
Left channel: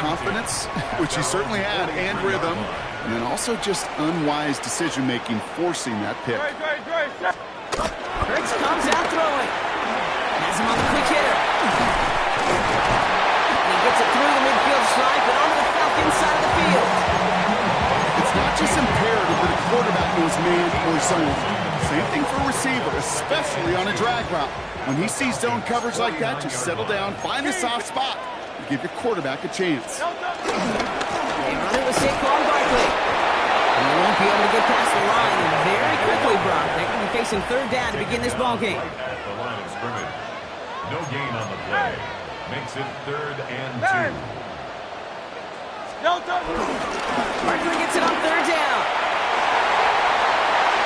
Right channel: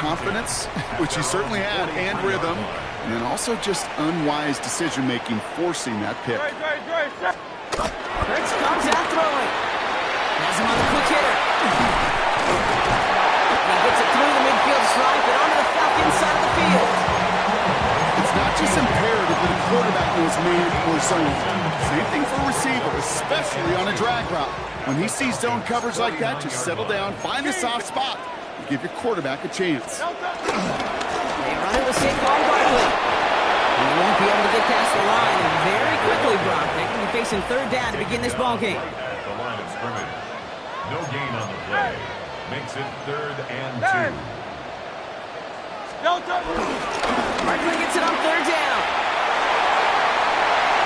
confidence, which he certainly had, and rhythm, and then also just unwise decision-making, forcing that pick. Hurts comes out throwing. Has him on the quick hitter. And he gets it through the midfield stripe and onto the Falcons side of the field. It's not just imperative that a quarterback knows man or zone. Same thing for a receiver, especially on a drag route. When he sees zone coverage like that, just settle down, find the soft spot, and give your quarterback a chance. They run it with Saquon Barkley. And they won't be able to get past the line. And very quickly, Brock, they're going to be facing third down to begin this ball game. At the line of scrimmage. No gain on the play. Makes it 3rd and 2. Barkley gets it on third down.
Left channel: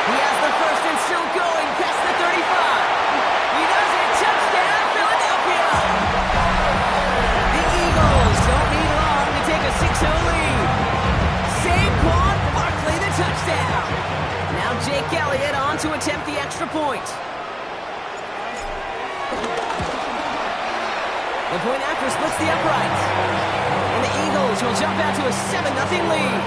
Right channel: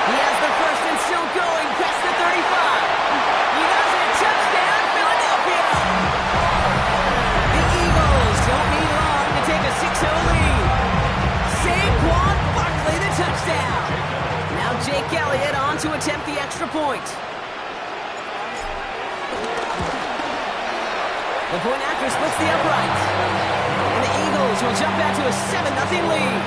He has the first and still going past the 35. He does it. Touchdown, Philadelphia. The Eagles don't need long to take a 6-0 lead. Saquon Barkley, the touchdown. Now Jake Elliott on to attempt the extra point. The point after splits the uprights. And the Eagles will jump out to a 7-0 lead.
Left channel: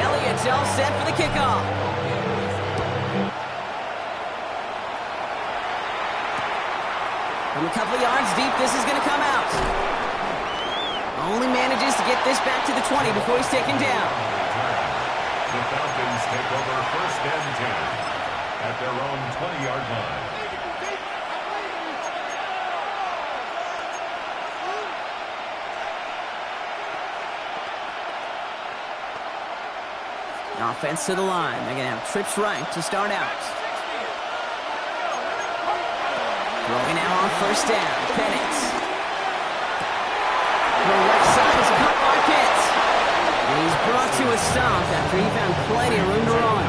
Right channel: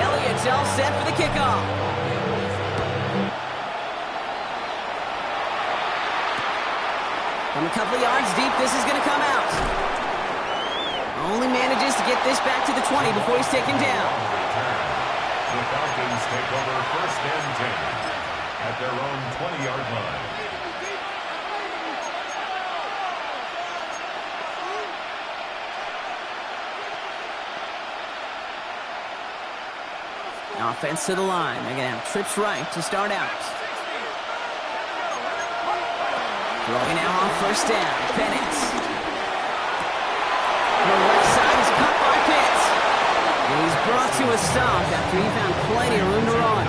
Elliott's all set for the kickoff. From a couple of yards deep, this is going to come out. Only manages to get this back to the 20 before he's taken down. The Falcons take over 1st and 10 at their own 20-yard line. Offense to the line. They're going to have trips right to start out. Throwing now on 1st down. Penix. The left side is caught by Pitts. And he's brought to a stop after he found plenty of room to run.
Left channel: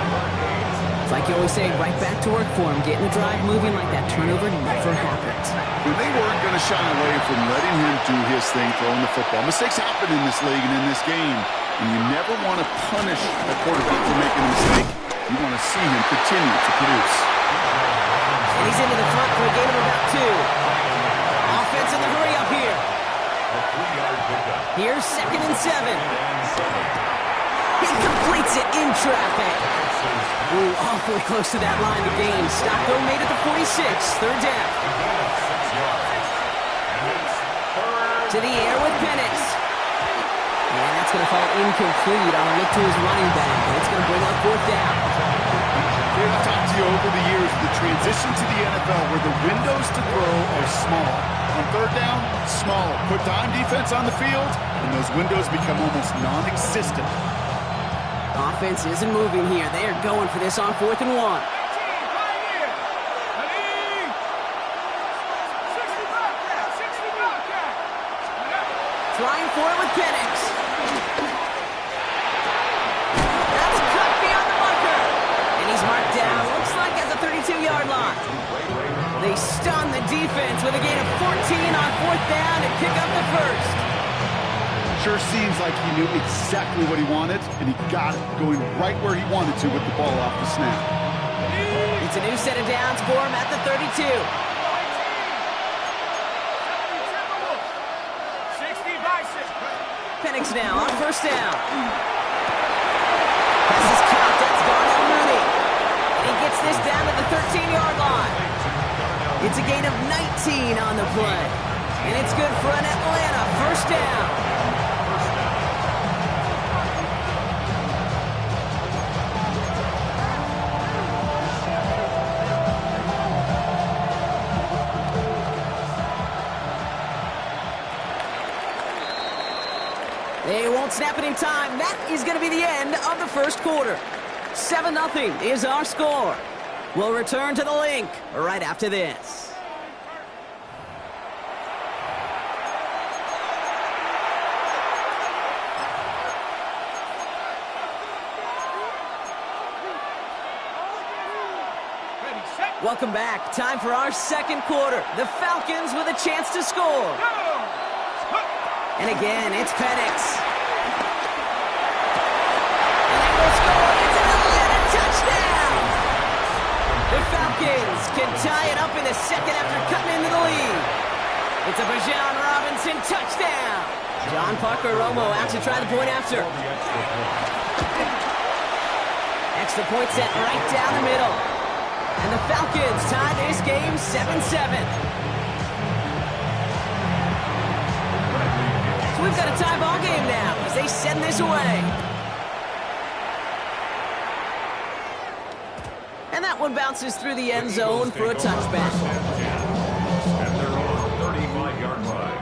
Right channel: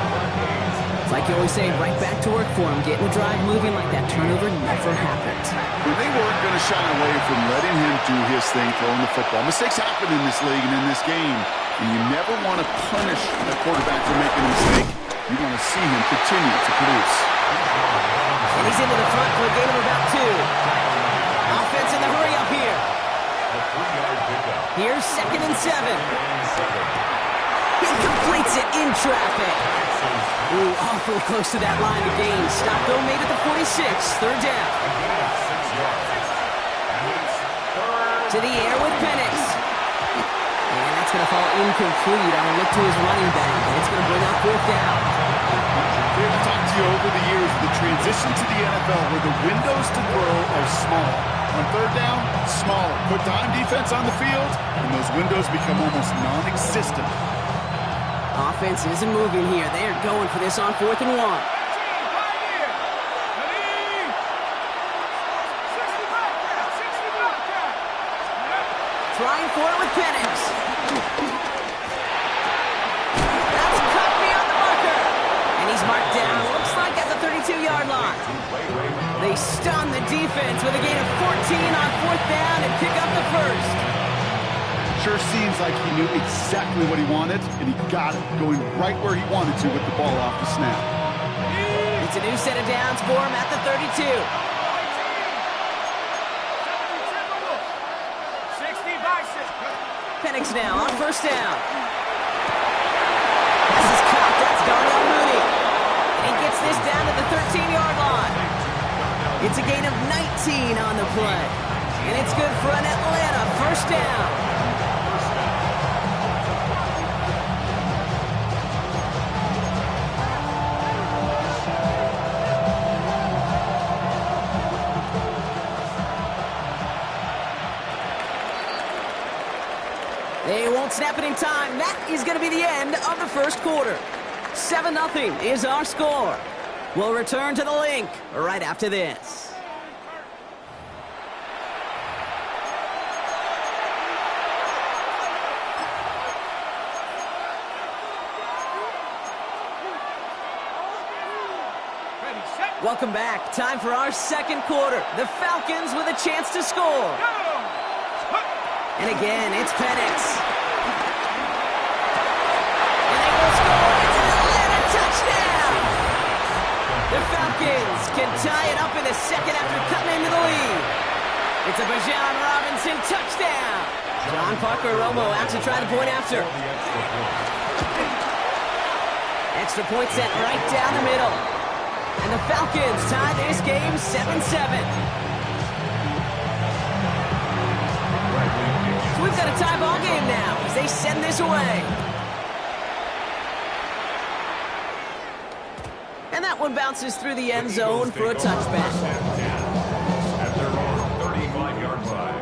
It's like you always say, right back to work for him. Getting the drive moving like that turnover never happened. Well, they weren't going to shy away from letting him do his thing, throwing the football. Mistakes happen in this league and in this game. And you never want to punish a quarterback for making a mistake. You want to see him continue to produce. And he's into the front for a gain of about 2. Offense in the hurry up here. A 3-yard pickup. Here's 2nd and 7. He completes it in traffic. Ooh, awfully close to that line to gain. Stop though made at the 46. 3rd down. A gain of 6 yards. And it's 3rd. To the air with Penix. And that's going to fall incomplete on a look to his running back. And it's going to bring up 4th down. I've talked to you over the years, the transition to the NFL where the windows to throw are small. On 3rd down, smaller. Put dime defense on the field, and those windows become almost non-existent. Offense isn't moving here. They are going for this on 4th and 1. Trying for it with Penix. That's cut beyond the marker. And he's marked down, looks like at the 32-yard line. They stun the defense with a gain of 14 on 4th down and pick up the first. Sure seems like he knew exactly what he wanted, and he got it going right where he wanted to with the ball off the snap. It's a new set of downs for him at the 32. Penix now on 1st down. Pass is caught. That's Darnell Mooney. And he gets this down to the 13-yard line. It's a gain of 19 on the play. And it's good for an Atlanta 1st down. They won't snap it in time. That is going to be the end of the 1st quarter. 7-0 is our score. We'll return to the link right after this. Welcome back. Time for our 2nd quarter. The Falcons with a chance to score. And again, it's Penix. The Falcons can tie it up in the second after cutting into the lead. It's a Bijan Robinson touchdown. John Parker Romo out to try the point after. Extra point set right down the middle. And the Falcons tie this game 7-7. So we've got a tie ball game now as they send this away. And that one bounces through the end zone for a touchback. At their own 35-yard line.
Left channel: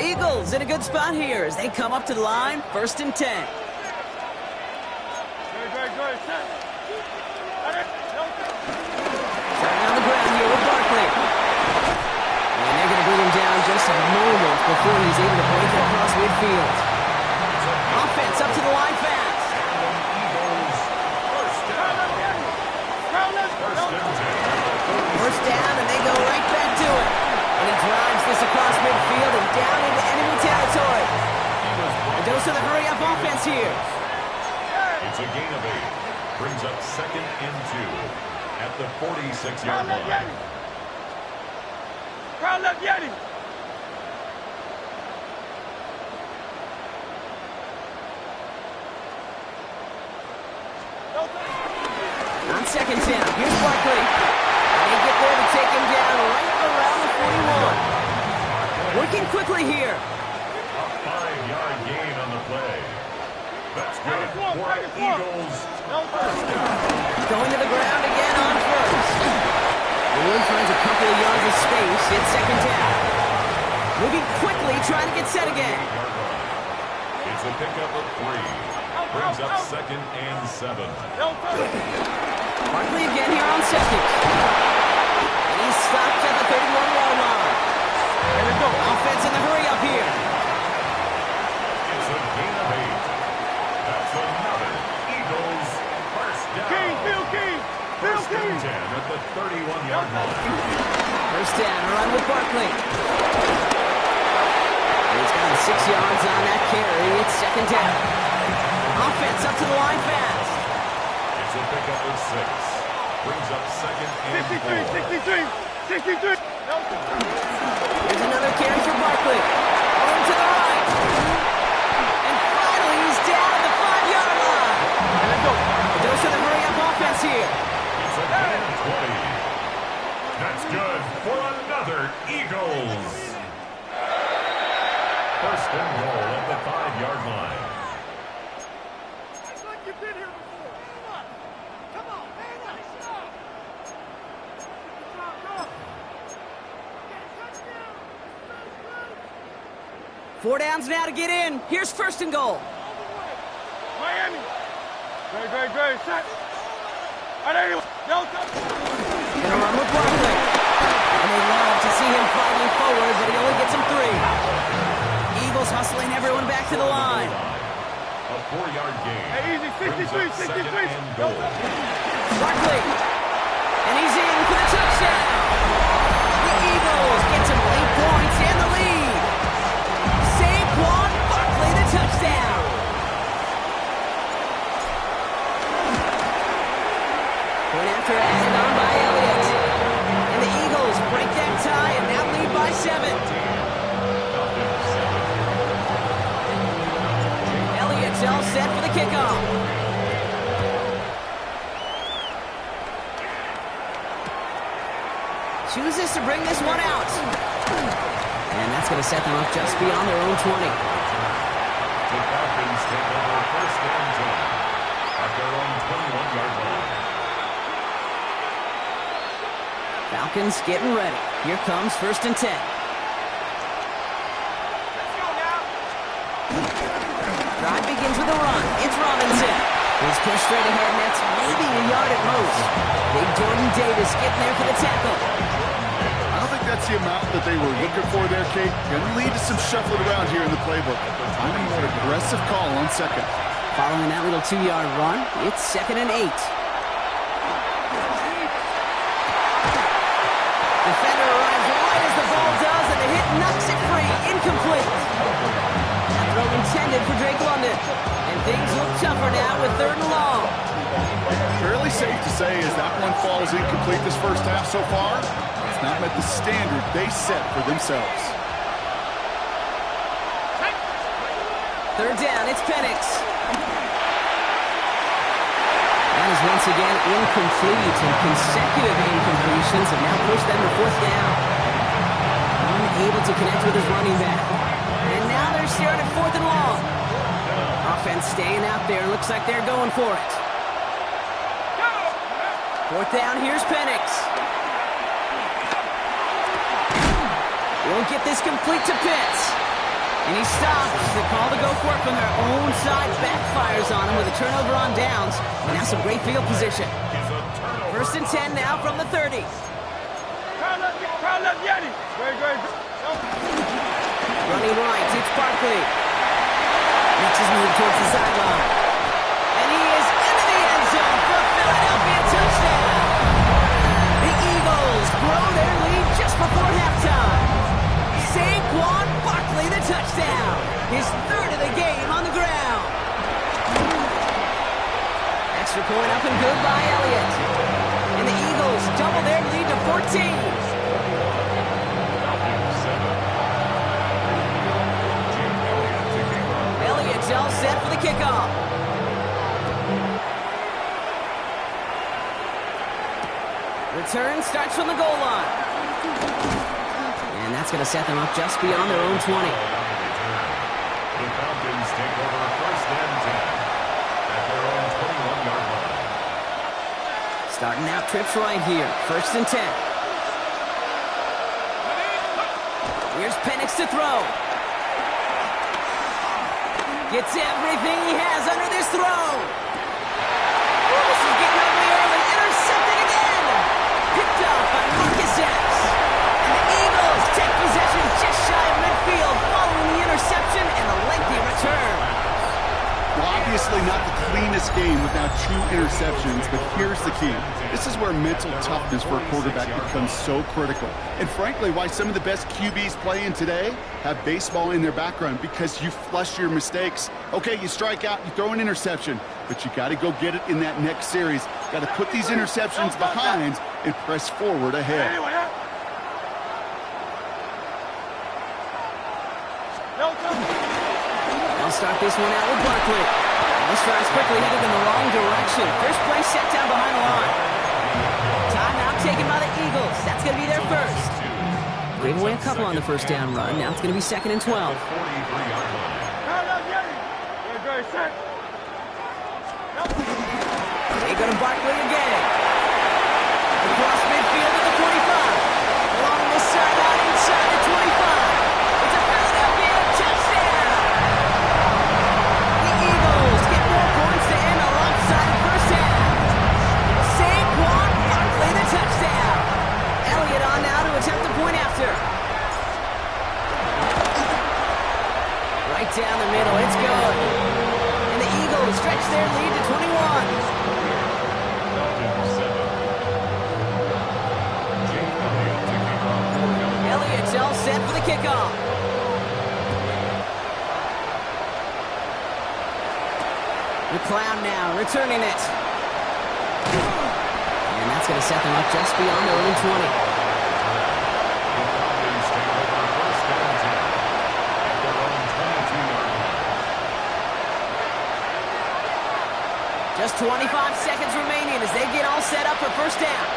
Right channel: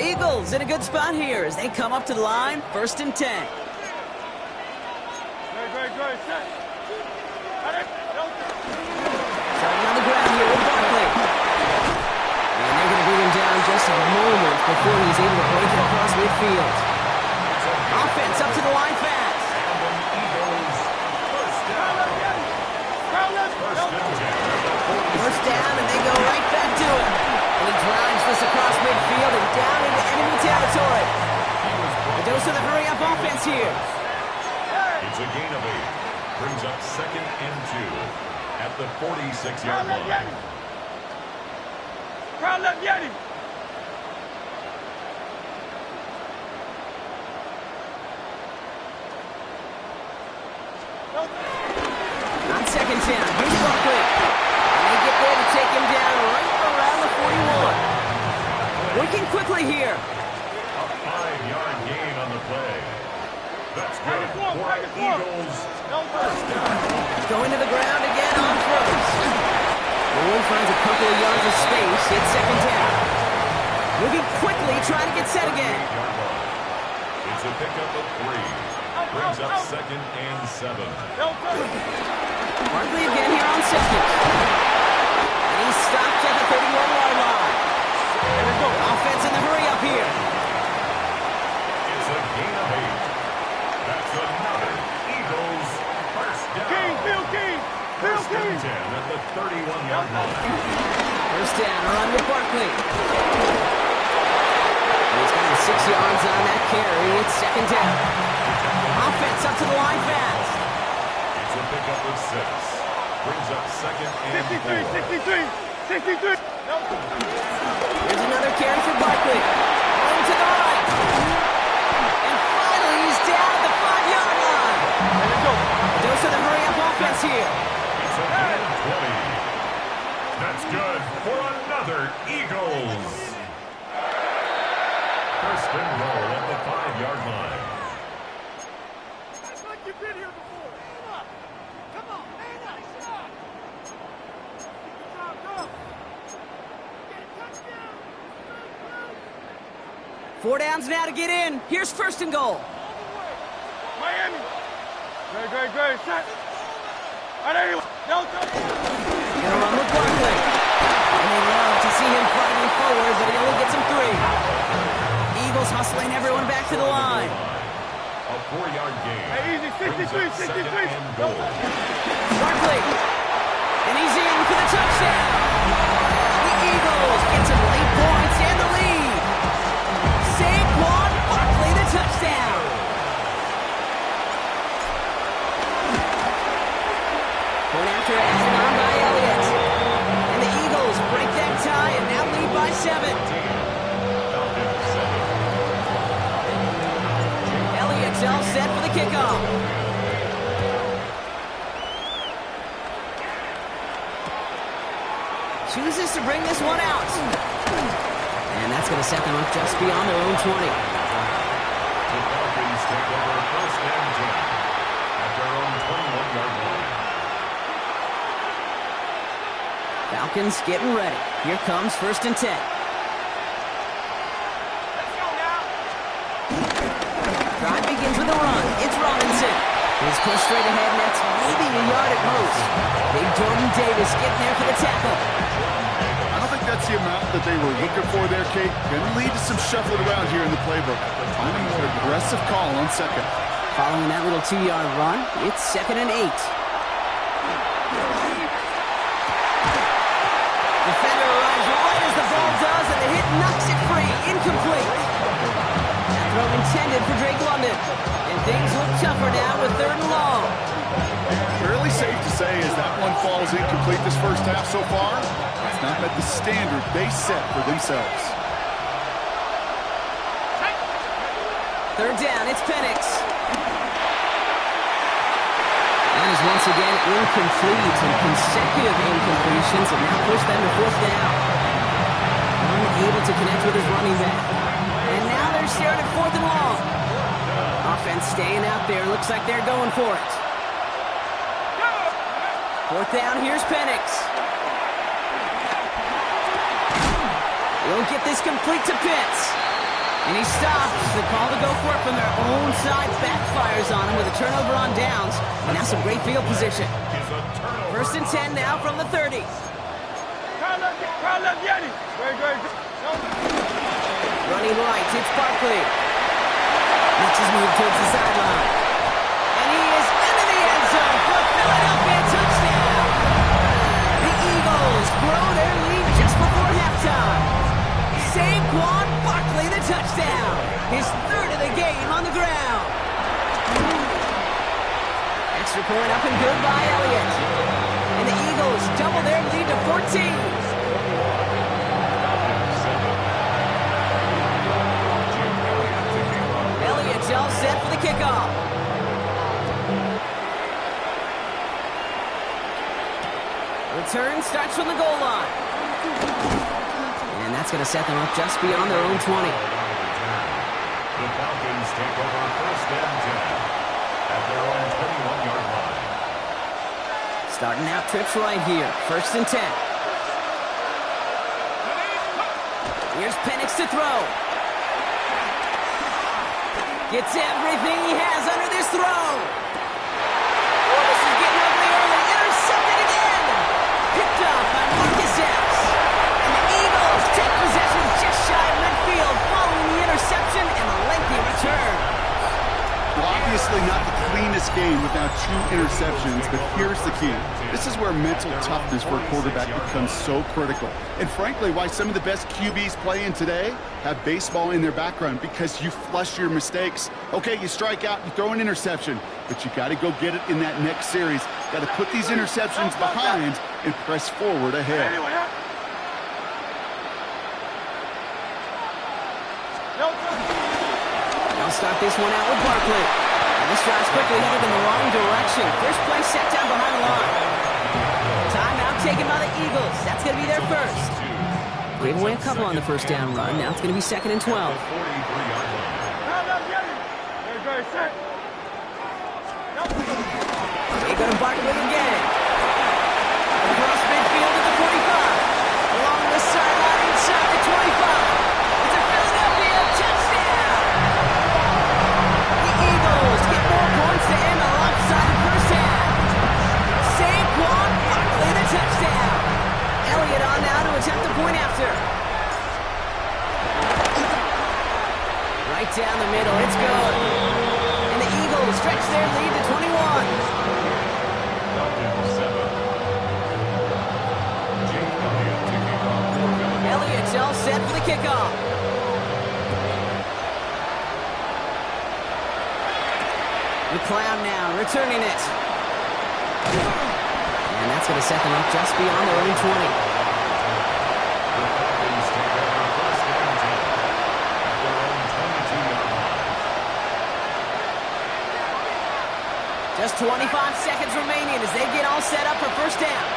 Eagles in a good spot here as they come up to the line, 1st and 10. Good. Starting on the ground here with Barkley. And they're going to bring him down just a moment before he's able to break it across midfield. Offense up to the line fast. And the Eagles first down. First down, and they go right back to it. And he drives this across midfield and down into enemy territory. A dose of the hurry-up offense here. It's a gain of 8. Brings up 2nd and 2 at the 46-yard line. Crowd left Yeti. On 2nd down, here's Barkley. And they get there to take him down right around the 41. Working quickly here. A 5-yard gain on the play. That's good for Eagles. First down. Going to the ground again on first. Bowen finds a couple of yards of space. It's 2nd down. Moving quickly, trying to get set again. It's a pickup of 3. Brings up 2nd and 7. Barkley again here on 2nd. And he stopped at the 31-yard line. Offense in the hurry-up here. It's a gain of 8. That's another Eagles first down. First and 10 at the 31-yard line. First down, a run with Barkley. And he's got 6 yards on that carry. It's 2nd down. Offense up to the line fast. It's a pickup of 6. Brings up 2nd and 4. 63. Here's another carry for Barkley. Home to the right. And finally, he's down at the 5-yard line. A dose of the hurry-up offense here. It's a gain of 20. That's good for another Eagles. First and goal at the 5-yard line. It's like you've been here before. Come on, man up. Go. Get a touchdown. 4 downs now to get in. Here's 1st and goal. Miami. Great. Set. All right, anyway. Gonna run with Barkley. And they love to see him fighting forward, but he only gets him 3. Eagles hustling everyone back to the line. A 4-yard gain. Hey, easy. 63. And goal. Barkley. And he's in for the touchdown. The Eagles get some late points and the lead. Saquon Barkley, the touchdown. Point after added on by Elliott. And the Eagles break that tie and now lead by 7. Elliott's all set for the kickoff. Chooses to bring this one out. And that's going to set them up just beyond their own 20. The Falcons take over 1st and 10 at their own 21-yard line. Falcons getting ready. Here comes 1st and 10. Let's go now. Drive begins with a run. It's Robinson. He's pushed straight ahead, and that's maybe a yard at most. Big Jordan Davis getting there for the tackle. I don't think that's the amount that they were looking for there, Kate. Going to lead to some shuffling around here in the playbook. Find a more aggressive call on 2nd. Following that little 2-yard run, it's 2nd and 8. Defender arrives right as the ball does, and the hit knocks it free. Incomplete. That throw intended for Drake London. And things look tougher now with 3rd and long. Fairly safe to say as that one falls incomplete this first half so far, it's not met the standard they set for themselves. 3rd down, it's Penix. That is once again incomplete, and consecutive incompletions have now pushed them to 4th down. Unable to connect with his running back. And now they're staring at 4th and long. Offense staying out there. Looks like they're going for it. 4th down, here's Penix. He'll get this complete to Pitts. And he stops. The call to go for it from their own side backfires on him with a turnover on downs. And now some great field position. 1st and 10 now from the 30. Running right, it's Barkley. Makes his move towards the sideline. And he is into the end zone for a Philadelphia touchdown. The Eagles grow their lead just before halftime. Saquon Barkley, the touchdown. His 3rd of the game on the ground. Extra point up and good by Elliott. And the Eagles double their lead to 14. Elliott's all set for the kickoff. Return starts from the goal line. And that's going to set them up just beyond their own 20. The Falcons take over 1st and 10 at their own 21-yard line. Starting out trips right here. 1st and 10. Here's Penix to throw. Gets everything he has under this throw. Oh, this is getting ugly early. Intercepted again. Picked up by Marcus Epps. And the Eagles take possession just shy of midfield following the interception and a lengthy return. Well, obviously not the cleanest game without 2 interceptions, but here's the key. This is where mental toughness for a quarterback becomes so critical. And frankly, why some of the best QBs playing today have baseball in their background, because you flush your mistakes. Okay, you strike out, you throw an interception, but you got to go get it in that next series. Got to put these interceptions behind and press forward ahead. They'll start this one out with Barkley. And this drive's quickly headed in the wrong direction. First play set down behind the line. Timeout taken by the Eagles. That's going to be their first. Gave away a couple on the 1st down run. Now it's going to be 2nd and 12. They go to Barkley again. Across midfield at the 45. Along this sideline inside the 25. It's a Philadelphia touchdown. The Eagles get more points to end a lopsided 1st half. Saquon Barkley, the touchdown. Elliott on now to attempt the point after. Right down the middle, it's good. And the Eagles stretch their lead to 21. Elliott's all set for the kickoff. McLeod now returning it. And that's going to set them up just beyond their own 20. The Falcons take over 1st and 10 at their own 22-yard line. Just 25 seconds remaining as they get all set up for 1st down.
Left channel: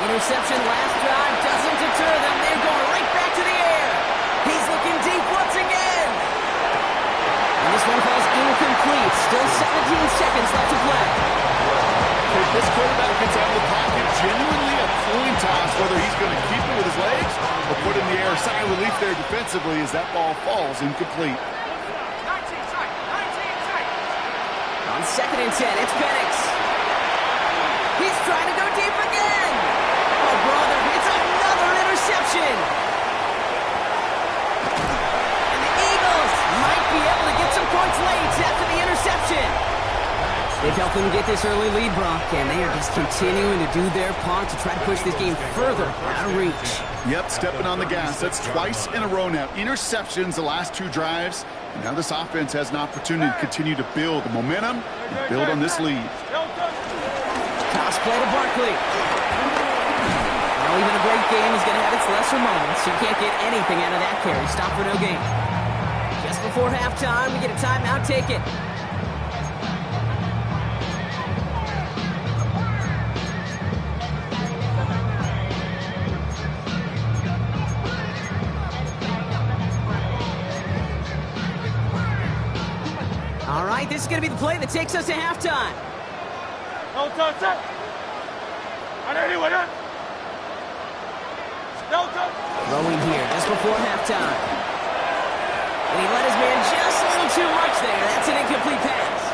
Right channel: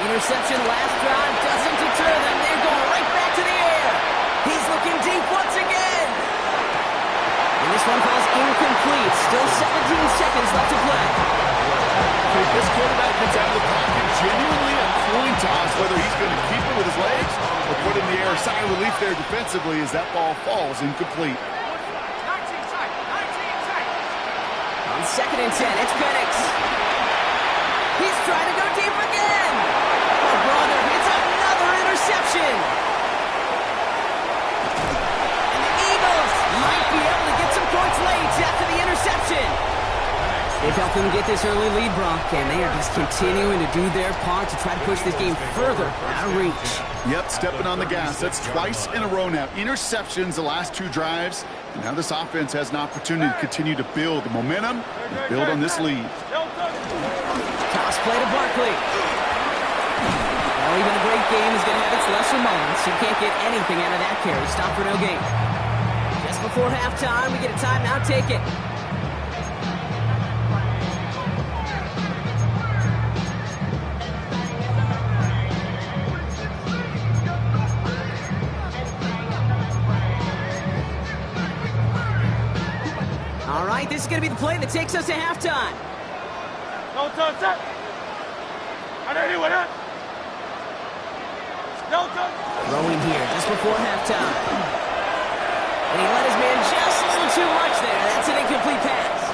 Interception last drive doesn't deter them. They're going right back to the air. He's looking deep once again. And this one falls incomplete. Still 17 seconds left to play. If this quarterback gets out of the pocket, genuinely a coin toss whether he's going to keep it with his legs or put it in the air. Sigh of relief there defensively as that ball falls incomplete. 19 seconds. On 2nd and 10, it's Penix. He's trying to go deep again. Oh, brother, it's another interception. And the Eagles might be able to get some points late after the interception. They've helped them get this early lead, Brock, and they are just continuing to do their part to try to push this game further out of reach. Yep, stepping on the gas. That's twice in a row now. Interceptions the last 2 drives. And now this offense has an opportunity to continue to build the momentum and build on this lead. Toss play to Barkley. Well, even a great game is going to have its lesser moments. You can't get anything out of that carry. Stop for no gain. Just before halftime, we get a timeout. Take it. All right, this is going to be the play that takes us to halftime. Throwing here just before halftime. And he let his man just a little too much there. That's an incomplete pass.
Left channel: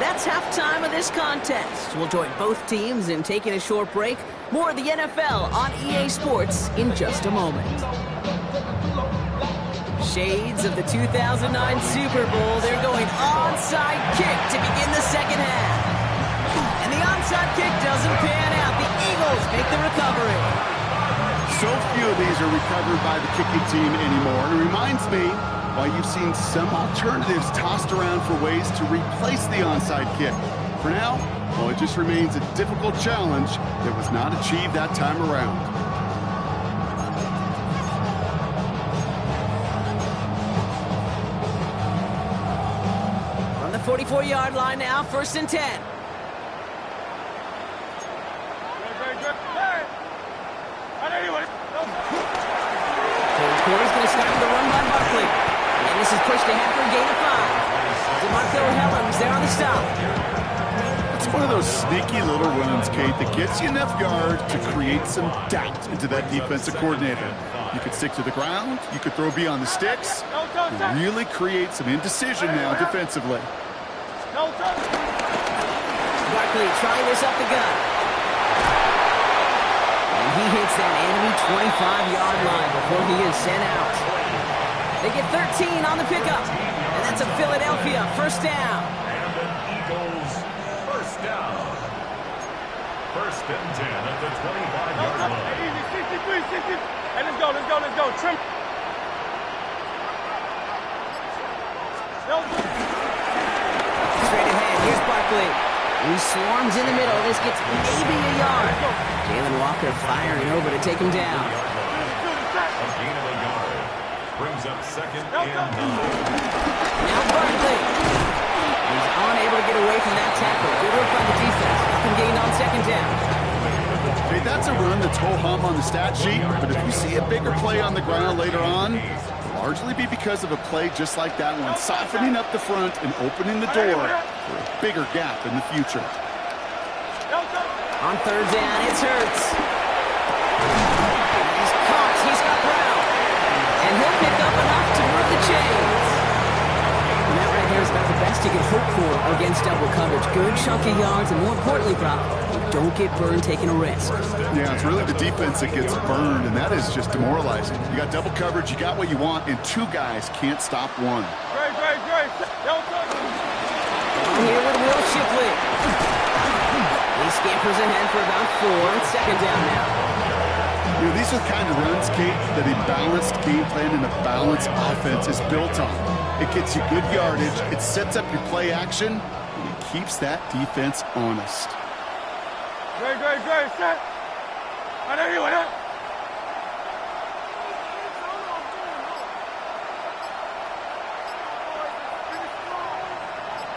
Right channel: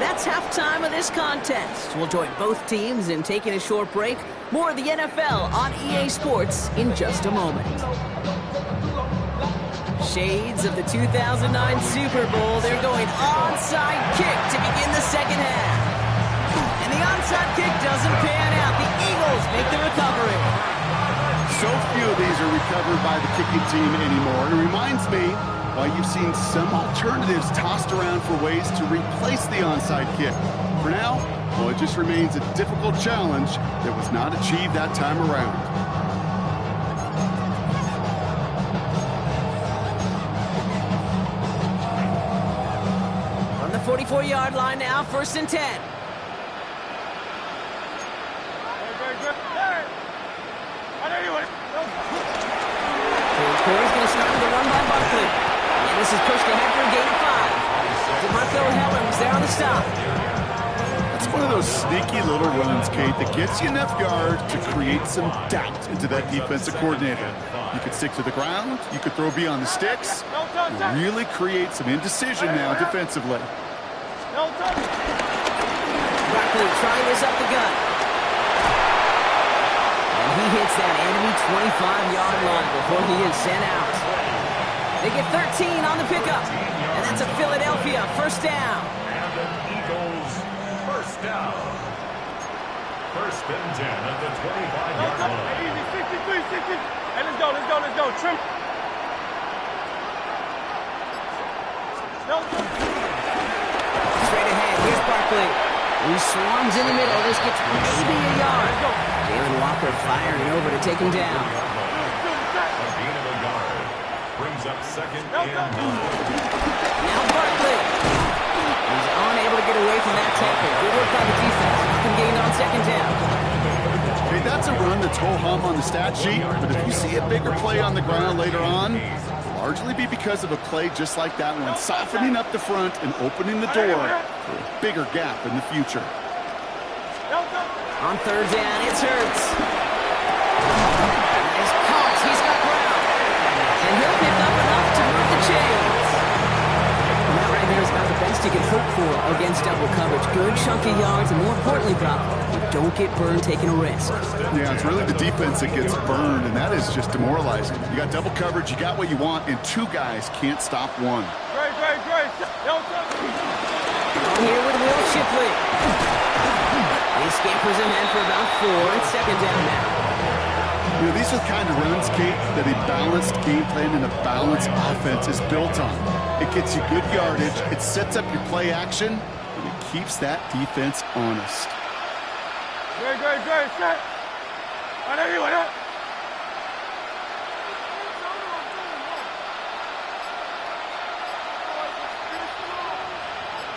That's halftime of this contest. We'll join both teams in taking a short break. More of the NFL on EA Sports in just a moment. Shades of the 2009 Super Bowl. They're going onside kick to begin the second half. And the onside kick doesn't pan out. The Eagles make the recovery. So few of these are recovered by the kicking team anymore. It reminds me why you've seen some alternatives tossed around for ways to replace the onside kick. For now, well, it just remains a difficult challenge that was not achieved that time around. From the 44-yard line now, 1st and 10. Corey's going to start with a run by Barkley. And this is pushed ahead for a gain of 5. DeMarco Hellams there on the stop. That's one of those sneaky little runs, Kate, that gets you enough yards to create some doubt into that defensive coordinator. You could stick to the ground. You could throw beyond the sticks. Really create some indecision now defensively. Barkley trying this up the gut. And he hits that enemy 25-yard line before he is sent out. They get 13 on the pickup. And that's a Philadelphia 1st down. And an Eagles 1st down. 1st and 10 at the 25-yard line. Easy, 63, 60. Hey, let's go. Trim. Straight ahead, here's Barkley. He swarms in the middle. This gets maybe a yard. Jalen Walker firing over to take him down. A gain of a yard. Brings up 2nd and 9. Now Barkley. He's unable to get away from that tackle. Good work by the defense. Nothing gained on 2nd down. Okay, that's a run that's ho-hum on the stat sheet, but if you see a bigger play on the ground later on, it'll largely be because of a play just like that one, softening up the front and opening the door for a bigger gap in the future. On 3rd down, it's Hurts. He's caught. He's got Brown. And he'll pick up enough to move the chains. And that right there is about the best you can hope for against double coverage. Good chunky yards, and more importantly, Brock, you don't get burned taking a risk. Yeah, it's really the defense that gets burned, and that is just demoralizing. You got double coverage, you got what you want, and 2 guys can't stop one. Great. On here with Will Shipley. He scampers ahead for about 4. It's 2nd down now. You know, these are the kind of runs, Kate, that a balanced game plan and a balanced offense is built on. It gets you good yardage, it sets up your play action, and it keeps that defense honest. Great. Set. I know you want it.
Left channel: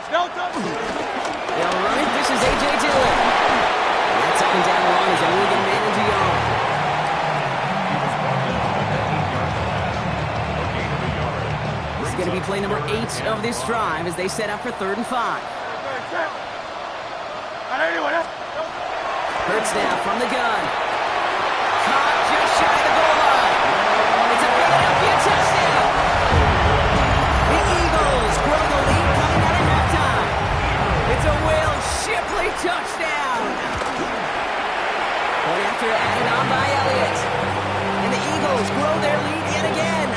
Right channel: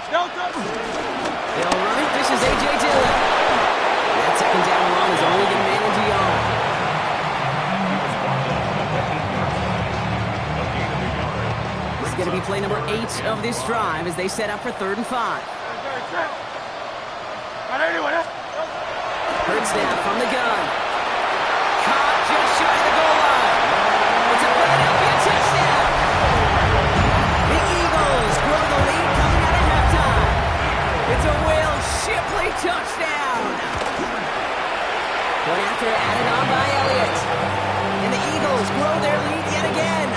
They'll run it. This is A.J. Dillon. And that 2nd down run is only going to manage a yard. He was brought down at the 8-yard line. A gain of a yard. This is going to be play number 8 of this drive as they set up for 3rd and 5. Hurts now from the gun. Caught just shy of the goal line. It's a Philadelphia touchdown. The Eagles grow the lead coming out of halftime. It's a Will Shipley touchdown. Point after added on by Elliott. And the Eagles grow their lead yet again.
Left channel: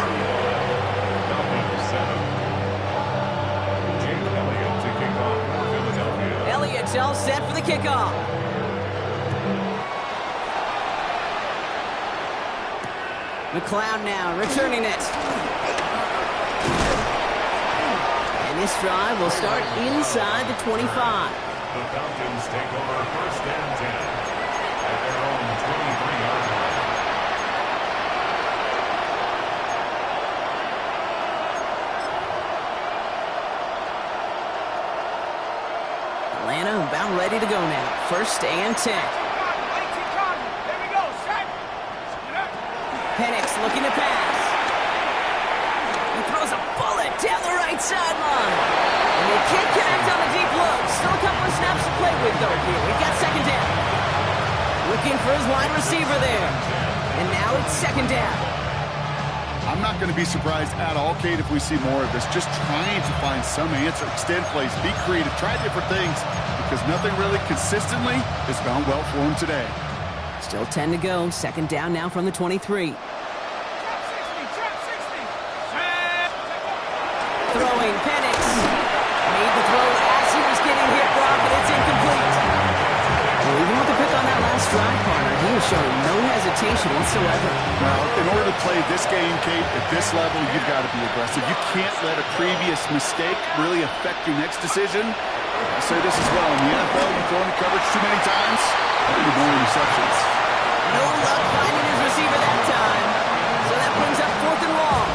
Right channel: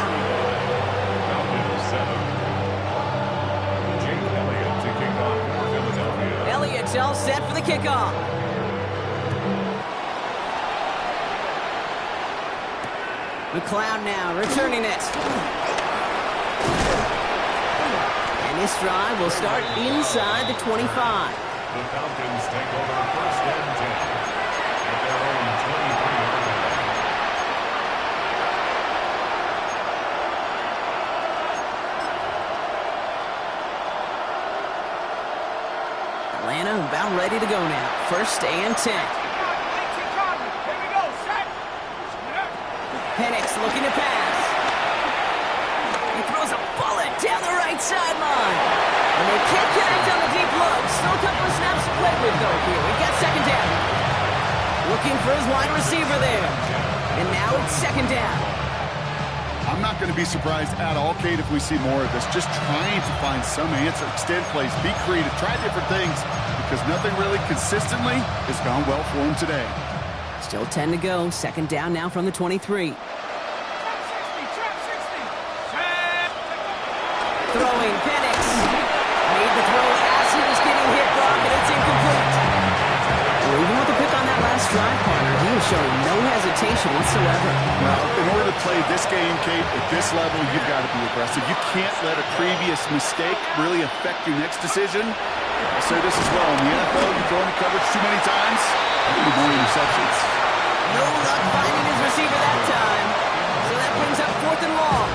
Falcons set up. Jake Elliott to kick off for Philadelphia. Elliott all set for the kickoff. McLeod now returning it. And this drive will start inside the 25. The Falcons take over 1st and 10 at their own 23-yard line. Atlanta about ready to go now. 1st and 10. Here we go, set. Penix looking to pass. He throws a bullet down the right sideline. And they can't connect on the deep look. Still a couple of snaps to play with, though, here. We've got 2nd down. Looking for his wide receiver there. And now it's 2nd down. I'm not going to be surprised at all, Kate, if we see more of this. Just trying to find some answer, extend plays, be creative, try different things, because nothing really consistently has gone well for him today. Still 10 to go. 2nd down now from the 23. Trap 60. Throwing, Penix. Made the throw as he was getting hit, Brock, and it's incomplete. Well, even with the pick on that last drive, partner, he was showing no hesitation whatsoever. Well, in order to play this game, Kate, at this level, you've got to be aggressive. You can't let a previous mistake really affect your next decision. I'll say this as well. In the NFL, you throw into coverage too many times, you need more interceptions. No luck finding his receiver that time. So that brings up 4th and long.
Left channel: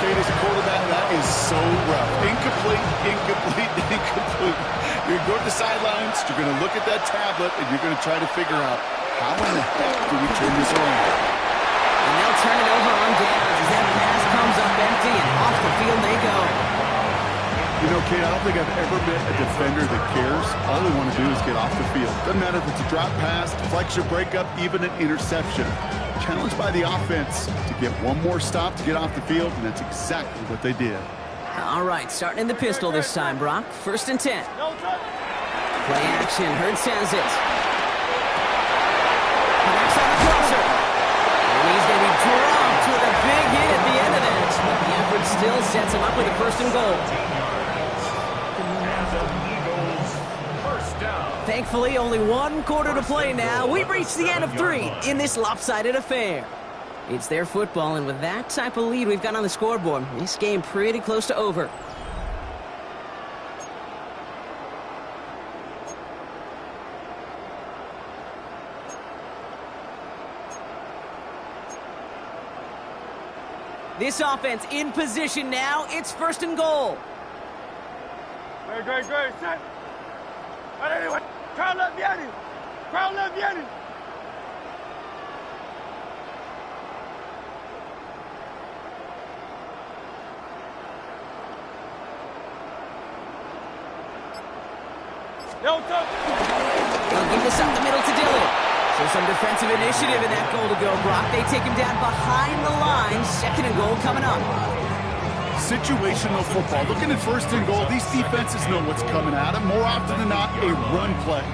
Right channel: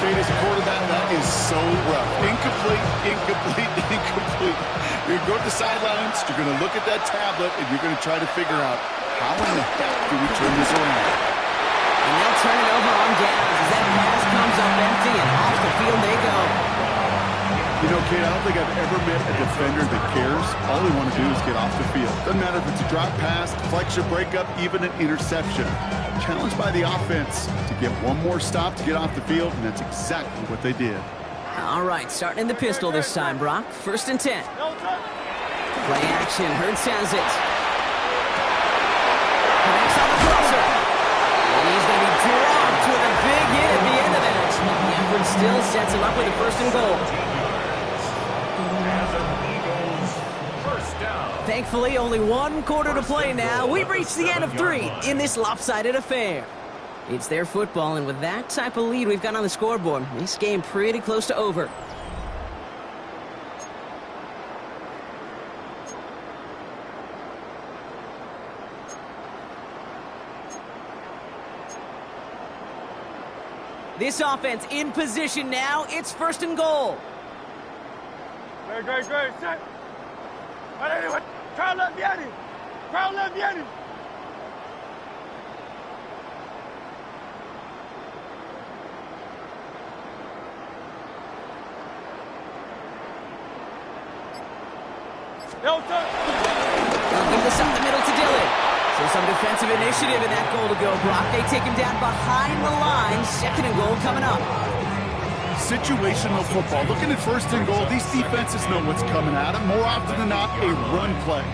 Kate, as a quarterback, that is so rough. Incomplete, incomplete, incomplete. You're going to go to the sidelines, you're going to look at that tablet, and you're going to try to figure out how in the heck do we turn this around. And they'll turn it over on downs as that pass comes up empty, and off the field they go. You know, Kate, I don't think I've ever met a defender that cares. All they want to do is get off the field. Doesn't matter if it's a drop pass, deflection, breakup, even an interception. Challenged by the offense to get one more stop to get off the field, and that's exactly what they did. All right, starting in the pistol this time, Brock. 1st and 10. Play action. Hurts has it. Connects on the crosser. And he's going to be dropped with a big hit at the end of that. But the effort still sets him up with a 1st and goal. And the Eagles, 1st down. Thankfully, only 1 quarter to play now. We've reached the end of 3 in this lopsided affair. It's their football, and with that type of lead we've got on the scoreboard, this game pretty close to over. This offense in position now. It's 1st and goal. Great, set. Anyway, crowd left Yanni. Crowd left Yanni. No touch. They'll give this up the middle to Dillon. So some defensive initiative in that goal to go, Brock. They take him down behind the line. 2nd and goal coming up. Situational football. Looking at 1st and goal, these defenses know what's coming at them. More often than not, a run play.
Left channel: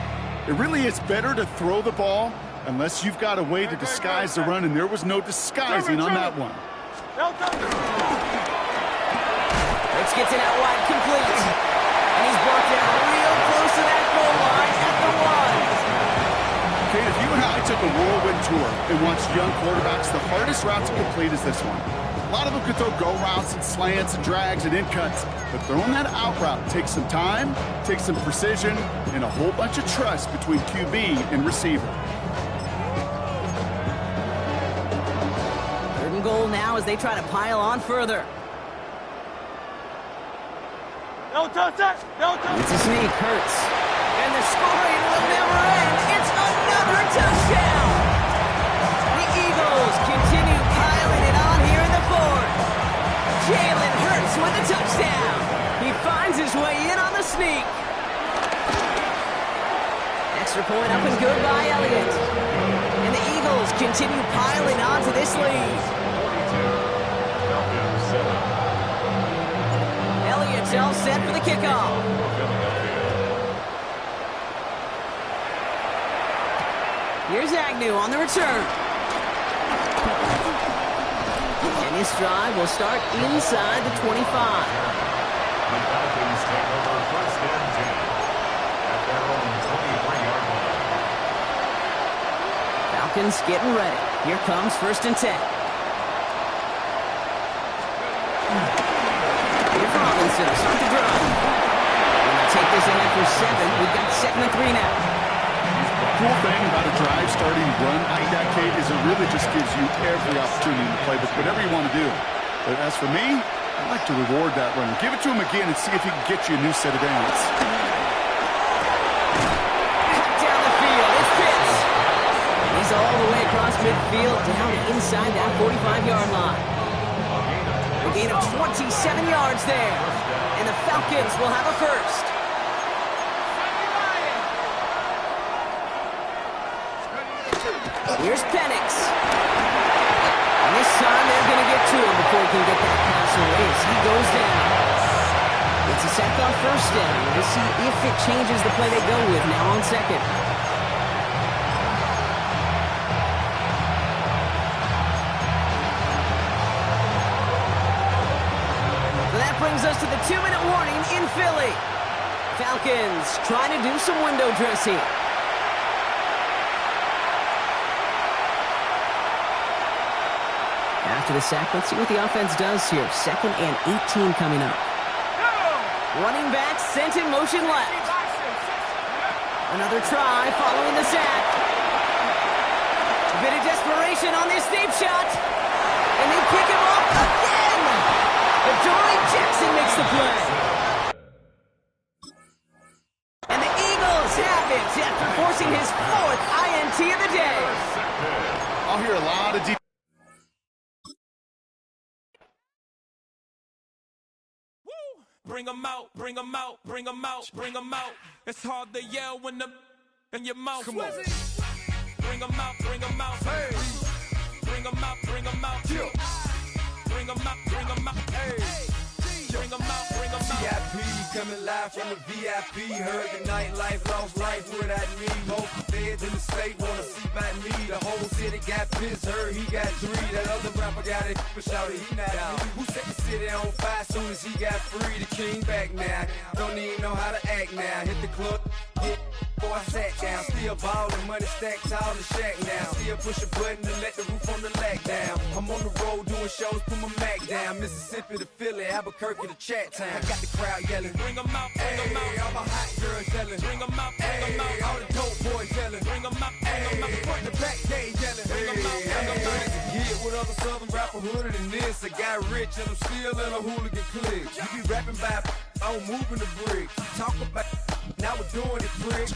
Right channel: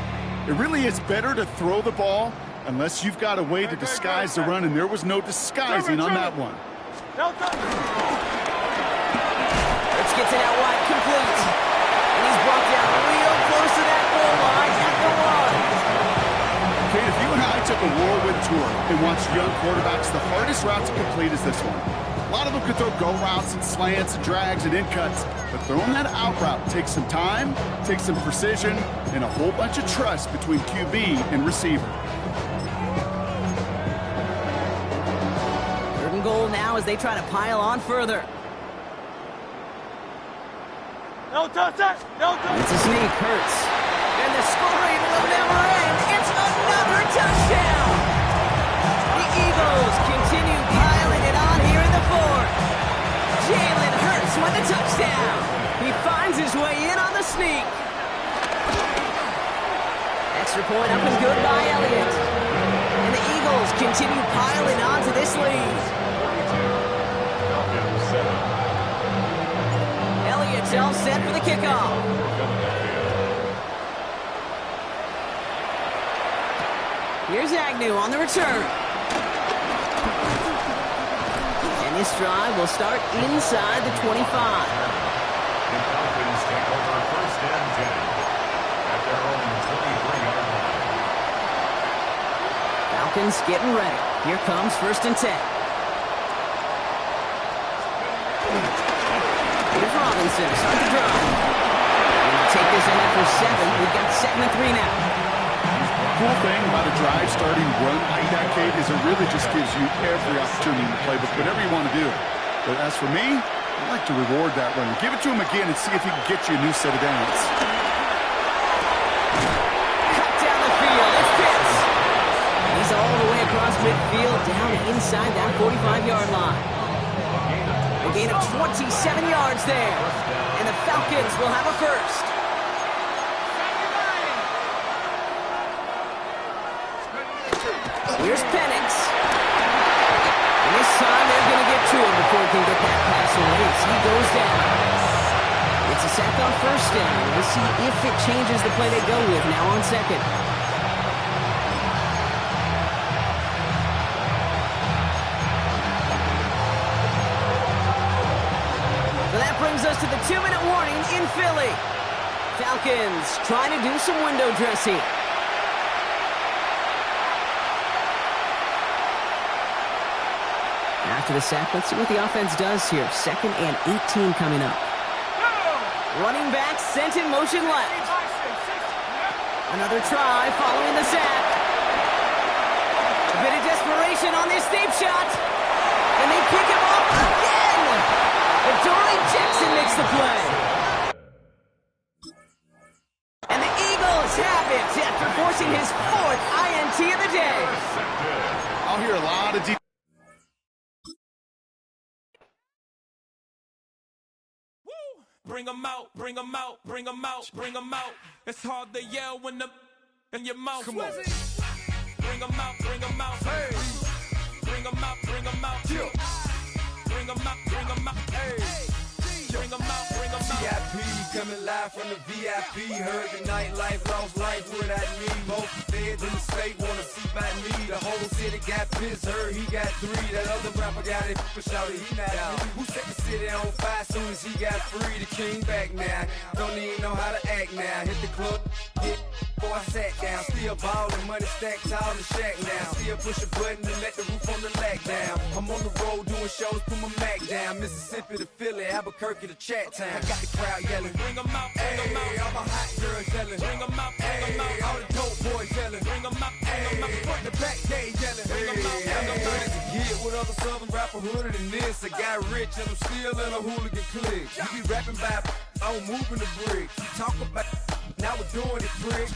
It really is better to throw the ball unless you've got a way to disguise the run, and there was no disguising on that one. Hurts gets it out wide, complete. And he's brought down real close to that goal line at the 1. Kate, if you and I took a whirlwind tour and watched young quarterbacks, the hardest route to complete is this one. A lot of them could throw go routes and slants and drags and in cuts, but throwing that out route takes some time, takes some precision, and a whole bunch of trust between QB and receiver. 3rd and goal now as they try to pile on further. No touch, no touch. It's a sneak, Hurts. And the scoring will never end. It's another touchdown. The Eagles continue piling it on here in the 4th. Jalen Hurts with the touchdown. He finds his way in on the sneak. Extra point up and good by Elliott. And the Eagles continue piling on to this lead. 42. Falcons 7. Elliott's all set for the kickoff. Here's Agnew on the return. And this drive will start inside the 25. The Falcons take over 1st and 10 at their Falcons getting ready. Here comes 1st and 10. Here's Robinson, start the drive. Gonna take this ahead for 7. We've got 2nd and 3 now. Cool thing about a drive starting run like that, Kate, is it really just gives you every opportunity in the playbook, whatever you want to do. But as for me, I like to reward that runner. Give it to him again and see if he can get you a new set of downs. Cut down the field. It's Pitts. And he's all the way across midfield, down inside that 45-yard line. A gain of 27 yards there. And the Falcons will have a first. Here's Penix. And this time they're going to get to him before he can get that pass away as he goes down. It's a sack on 1st down. We'll see if it changes the play they go with now on 2nd. So that brings us to the 2-minute warning in Philly. Falcons trying to do some window dressing. After the sack, let's see what the offense does here. 2nd and 18 coming up. Running back sent in motion left. Another try following the sack. A bit of desperation on this deep shot. And they pick him off again. Adoree Jackson makes the play. And the Eagles have it after forcing his 4th INT of the day. I'll hear a lot of deep. Bring 'em out, bring 'em out, bring 'em out, bring 'em out. It's hard to yell when the in your mouth. Come on. Bring 'em out, bring 'em out. Hey. Bring 'em out, bring 'em out. Yeah. Bring 'em out, bring 'em out. Hey. Bring 'em out, bring 'em out. VIP coming live from the VIP. Heard the nightlife, lost life without me. Both feds in the state wanna see about me. The whole city got pissed, heard he got 3. That other rapper got it, but shouted he not out. Who set the city on fire soon as he got free? The king back now, don't even know how to act now. Hit the club, get before I sat down. Still ballin', money stacked tall in the shack now. Still push a button and let the roof on the lack down. I'm on the road doing shows, put my Mac down. Mississippi to Philly, Albuquerque to Chat Town. I got the crowd yelling, bring 'em out, bring 'em out. All my hot girls yelling, bring 'em out, bring 'em out. All the dope boys yelling, bring 'em out, bring 'em out. Front the back, they yelling, bring 'em out, bring 'em out. To get with other southern rapper hooded than this. I got rich and I'm still in a hooligan clique. You be rapping by, I'm moving the bricks. You talk about, now we're doing it, pricks.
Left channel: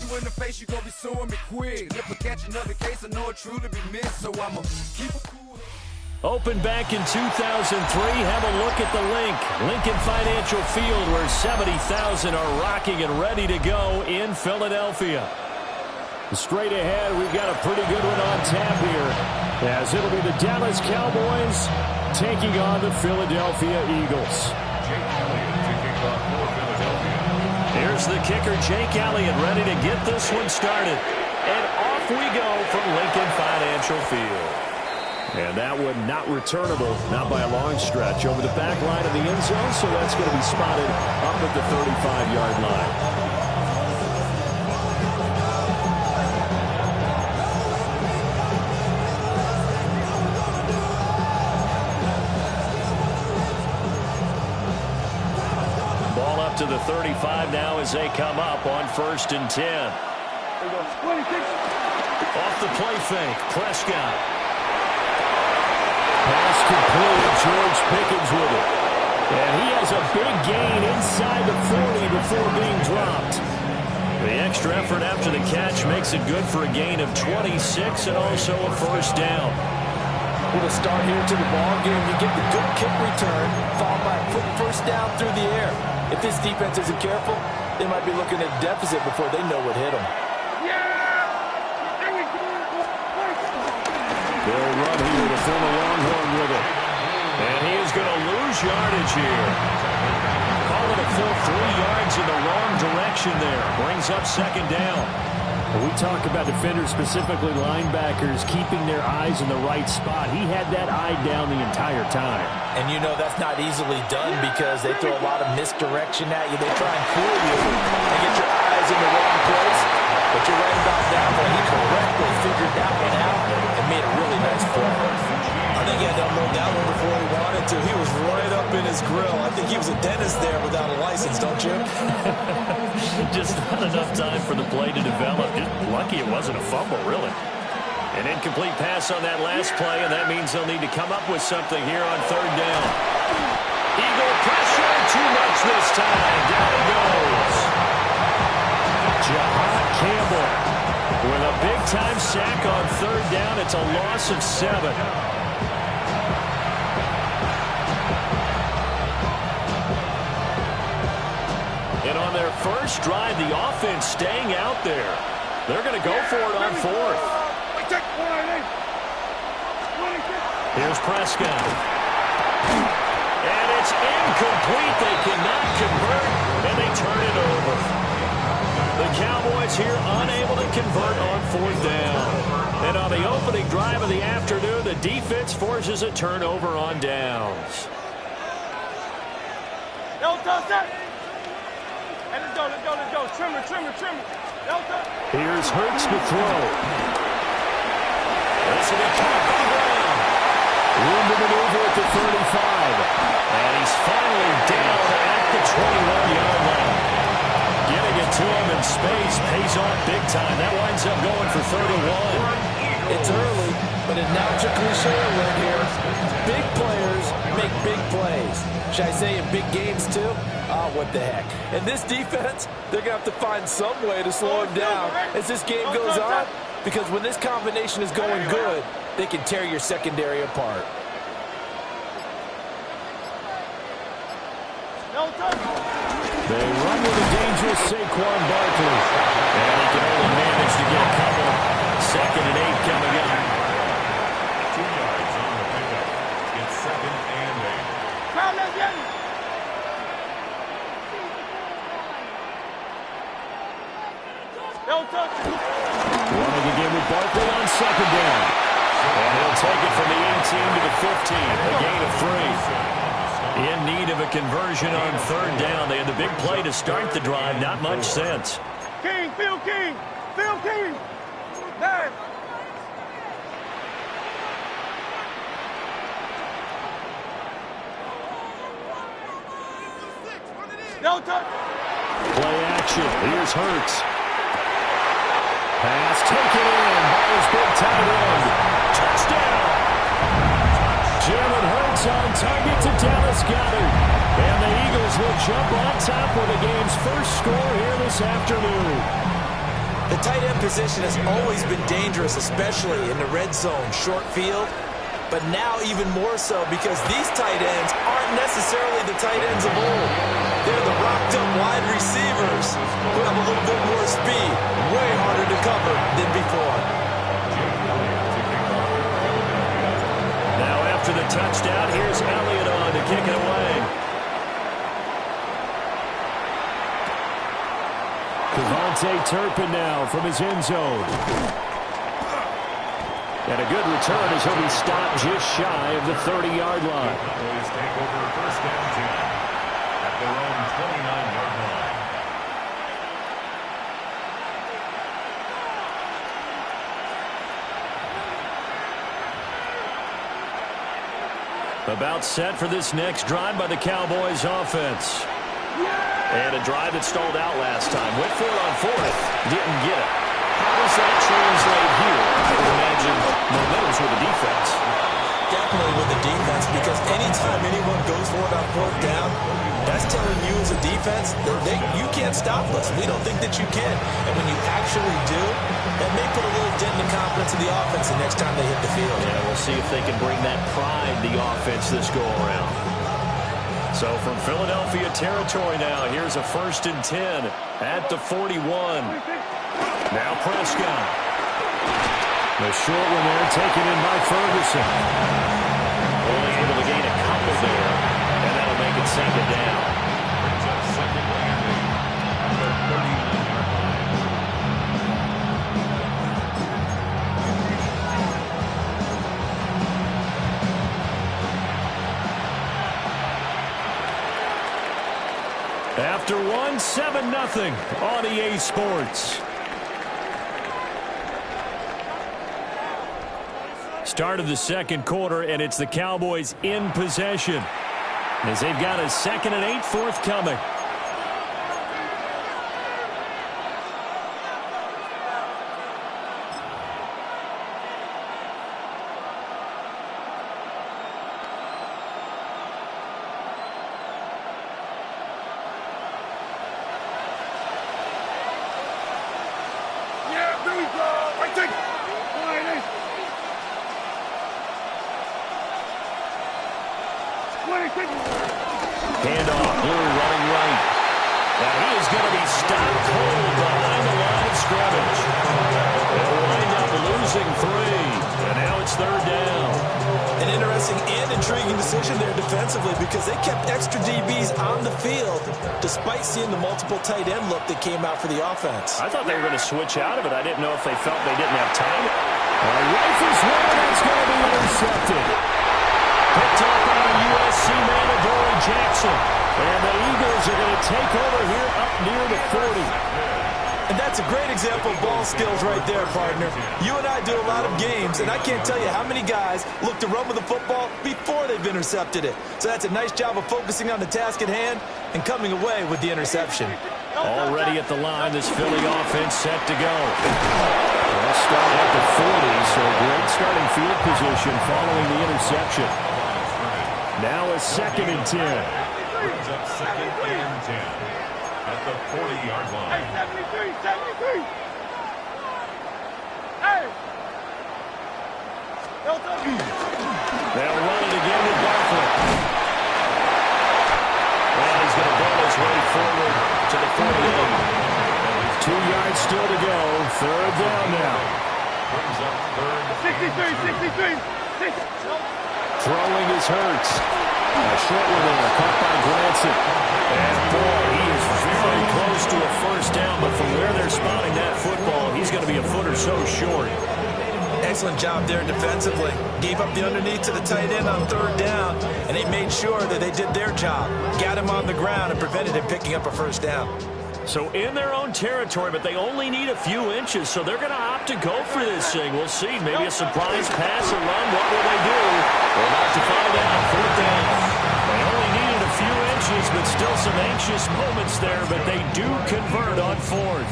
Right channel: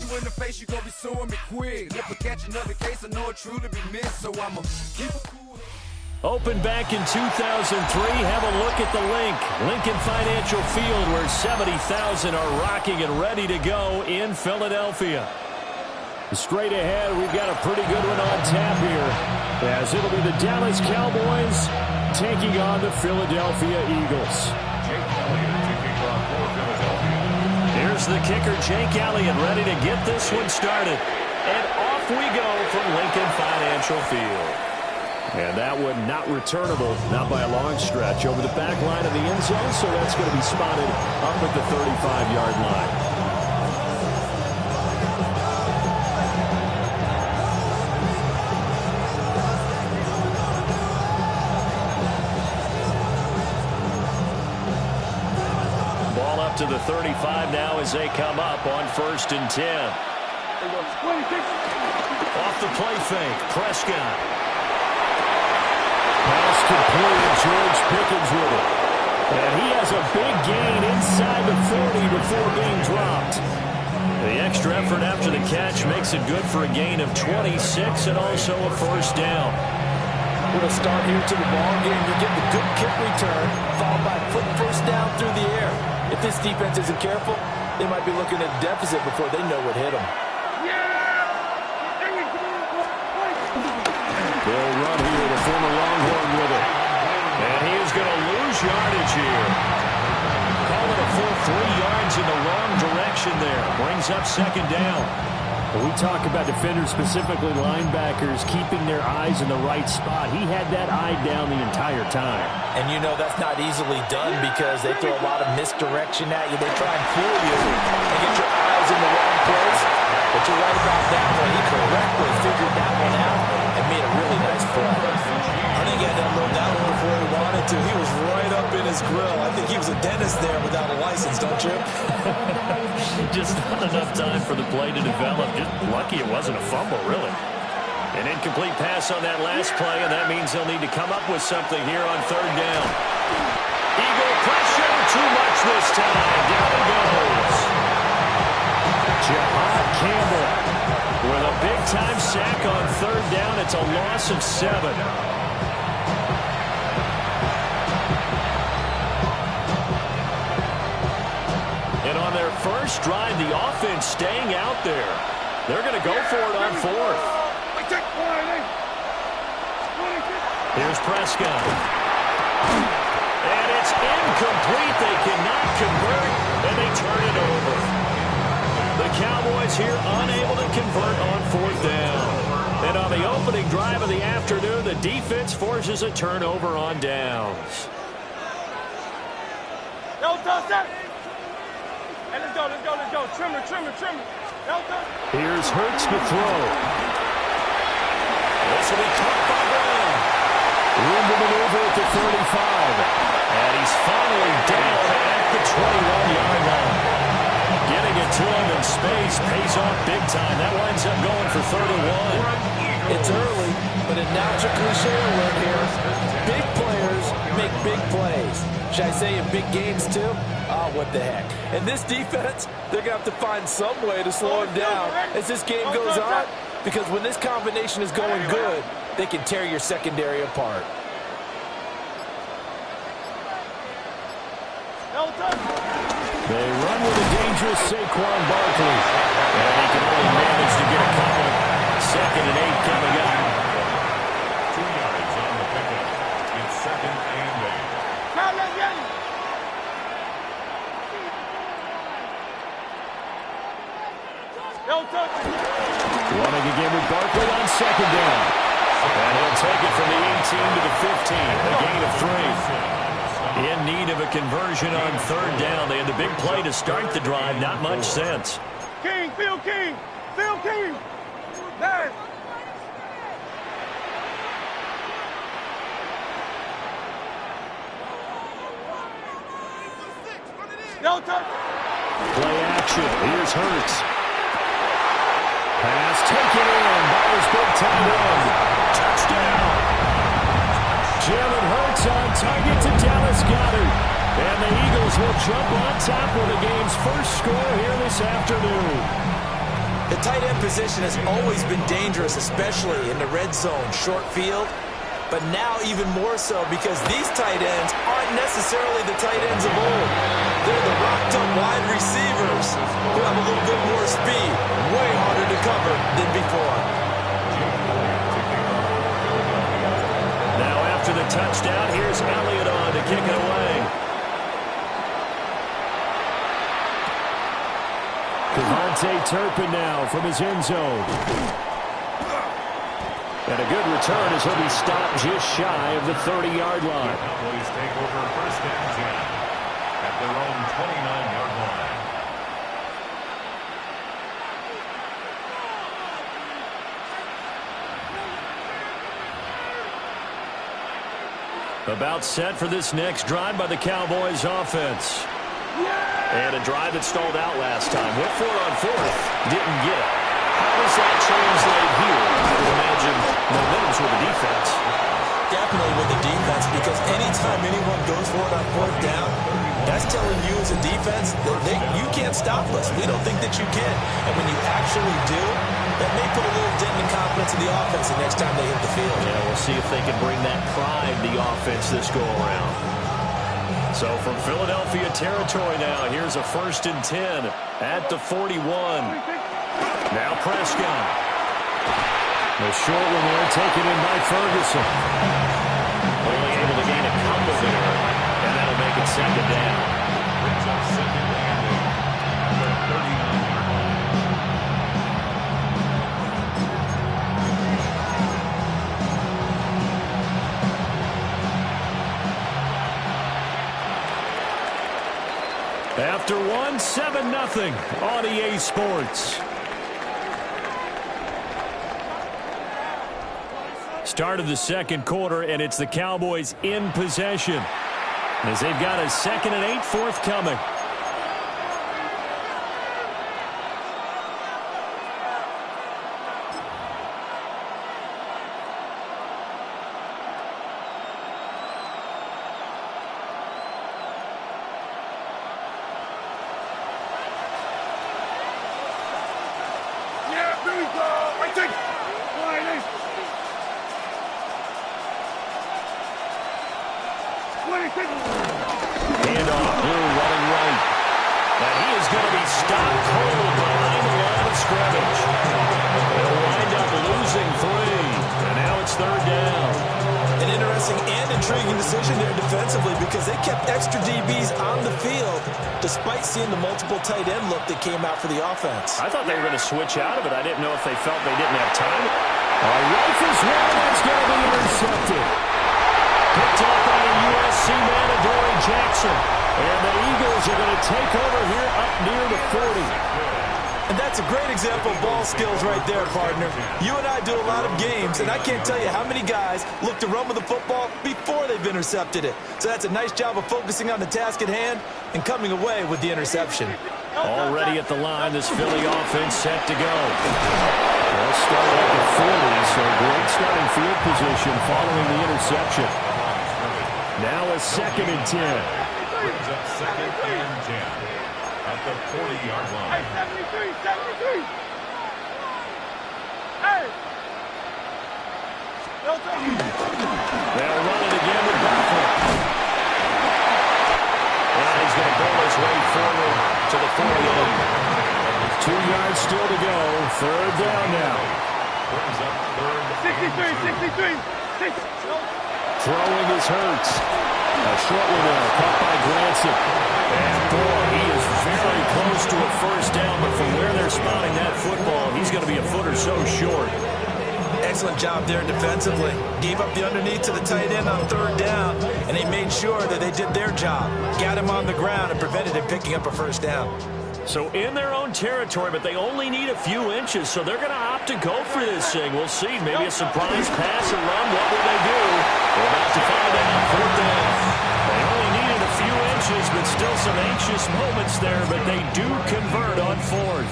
You in the face, you gonna be suing me quick. If I catch another case, I know it truly be missed. So I'ma keep it cool. Opened back in 2003. Have a look at the link. Lincoln Financial Field, where 70,000 are rocking and ready to go in Philadelphia. Straight ahead, we've got a pretty good one on tap here, as it'll be the Dallas Cowboys taking on the Philadelphia Eagles. Jake Elliott kicking off for Philadelphia. Here's the kicker, Jake Elliott, ready to get this one started. And off we go from Lincoln Financial Field. And that one not returnable, not by a long stretch, over the back line of the end zone, so that's going to be spotted up at the 35-yard line. Ball up to the 35 now as they come up on 1st and 10. Off the play fake, Prescott. Pass complete, George Pickens with it. And he has a big gain inside the 40 before being dropped. The extra effort after the catch makes it good for a gain of 26 and also a 1st down. What a start here to the ball game. You get the good kick return, followed by a quick 1st down through the air. If this defense isn't careful, they might be looking at a deficit before they know what hit them. They'll run here, the former Longhorn with it. And he is going to lose yardage here. Call it a full 3 yards in the wrong direction there. Brings up 2nd down. When we talk about defenders, specifically linebackers, keeping their eyes in the right spot. He had that eye down the entire time. And you know that's not easily done because they throw a lot of misdirection at you. They try and fool you and get your eyes in the wrong place. But you're right about that one. He correctly figured figured that one out and made a really nice play. I think he had to unload that one before he wanted to. He was right up in his grill. I think he was a dentist there without a license, don't you? Just not enough time for the play to develop. Just lucky it wasn't a fumble, really. An incomplete pass on that last play, and that means they'll need to come up with something here on third down. Eagle pressure, too much this time. Down he goes. Jahad Campbell with a big-time sack on third down. It's a loss of 7. And on their first drive, the offense staying out there. They're going to go for it on fourth. Here's Prescott. And it's incomplete. They cannot convert, and they turn it over. The Cowboys here unable to convert on fourth down. And on the opening drive of the afternoon, the defense forces a turnover on downs. Yo, toss that. Hey, let's go. Trimmer. Yo, toss. Here's Hurts to throw. This will be caught by Brown. Room to maneuver at the 35. And he's finally down at the 21-yard line. Getting it to him in space pays off big time. That winds up going for 31. It's early, but a now to cliche alert here. Big players make big plays. Should I say in big games too? Oh, what the heck. And this defense, they're going to have to find some way to slow him down as this game goes on. Because when this combination is going good, they can tear your secondary apart. They run with a dangerous Saquon Barkley. And he can only manage to get a couple. 2nd and 8 coming up. 2 yards on the pickup. It's 2nd and 8. Crowd, let's get it. Running again with Barkley on 2nd down. And he'll take it from the 18 to the 15. A gain of 3. In need of a conversion on third down. They had the big play to start the drive. Not much sense. Phil King. Man. Play action. Here's Hurts. Pass taken in by his big tight end. Touchdown. Jalen Hurts on target to Dallas Goedert. And the Eagles will jump on top with the game's first score here this afternoon. The tight end position has always been dangerous, especially in the red zone, short field. But now even more so because these tight ends aren't necessarily the tight ends of old. They're the rocked-up wide receivers who have a little bit more speed, way harder to cover than before. Now after the touchdown, here's Elliott on to kick it away. Devontae Turpin now from his end zone. And a good return as he'll be stopped just shy of the 30-yard line. The Cowboys take over 1st and 10 at their own 29-yard line. About set for this next drive by the Cowboys offense. And a drive that stalled out last time. Went for it on fourth. Didn't get it. How does that translate here? I would imagine momentum's with the defense. Definitely with the defense, because anytime anyone goes for it on fourth down, that's telling you as a defense that you can't stop us. We don't think that you can. And when you actually do, that may put a little dent in the confidence of the offense the next time they hit the field. Yeah, we'll see if they can bring that pride to the offense this go-around. So from Philadelphia territory now, here's a 1st and 10 at the 41. Now Prescott. The short one there taken in by Ferguson. Only able to gain a couple there, and that'll make it 2nd down. Brings up 2nd and 8 at the 39-yard line. After one, 7-0 on EA Sports. Start of the second quarter, and it's the Cowboys in possession as they've got a 2nd and 8 forthcoming. Yeah, there we go. Right there. Handoff, Blue running right. And he is going to be stopped cold behind the line of scrimmage. They'll wind up losing 3, and now it's 3rd down. An interesting and intriguing decision there defensively because they kept extra DBs on the field despite seeing the multiple tight end look that came out for the offense. I thought they were going to switch out of it. I didn't know if they felt they didn't have time. Rifles one, that's going to be intercepted. Picked off by a USC man, Adoree Jackson. And the Eagles are going to take over here up near the 40. And that's a great example of ball skills right there, partner. You and I do a lot of games, and I can't tell you how many guys look to run with the football before they've intercepted it. So that's a nice job of focusing on the task at hand and coming away with the interception. Already at the line, this Philly offense set to go. They'll start at the 40, so great starting field position following the interception. Now a 2nd and 10. Brings up 2nd and 10 at the 40-yard line. Hey, 73. Hey. They'll run it again with Barkley. And he's going to bowl his way forward to the 48. 2 yards still to go. 3rd down now. Brings up 3rd. 63. Throwing is Hurts. A short one there, caught by Granson. And boy, he is very close to a 1st down, but from where they're spotting that football, he's going to be a foot or so short. Excellent job there defensively. Gave up the underneath to the tight end on 3rd down, and they made sure that they did their job. Got him on the ground and prevented him picking up a 1st down. So in their own territory, but they only need a few inches, so they're going to opt to go for this thing. We'll see. Maybe a surprise pass or run. What will they do? We're about to find out. 4th down. They only needed a few inches, but still some anxious moments there, but they do convert on 4th.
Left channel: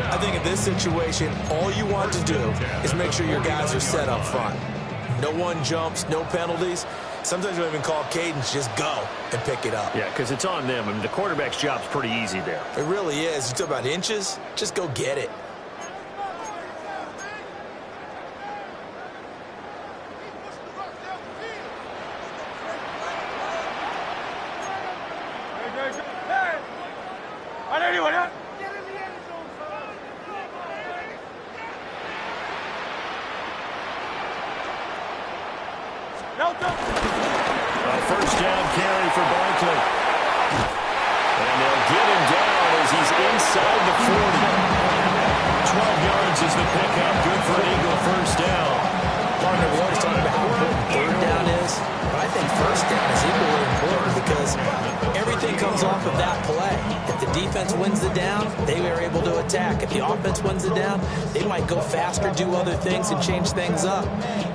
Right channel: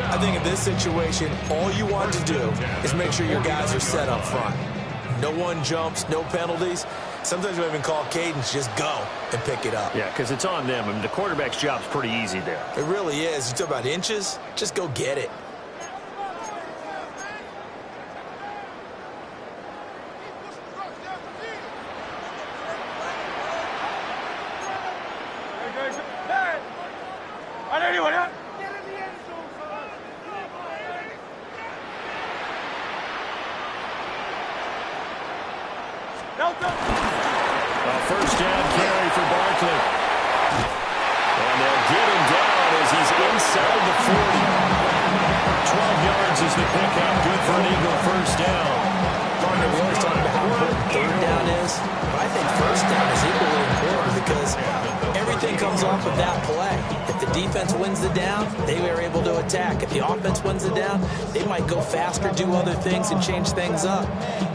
I think in this situation, all you want to do is make sure your guys are set up front. No one jumps, no penalties. Sometimes we even call cadence, just go and pick it up. Yeah, because it's on them. I mean, the quarterback's job's pretty easy there. It really is. You talk about inches, just go get it. A 1st down carry for Barkley. And they'll get him down as he's inside the 40. 12 yards is the pickup. Good for an Eagle 1st down. Partner, we always talk about how important 3rd down is, but I think 1st down is equally important because everything comes off of that play. If the defense wins the down, they are able to attack. If the offense wins the down, they might go faster, do other things, and change things up.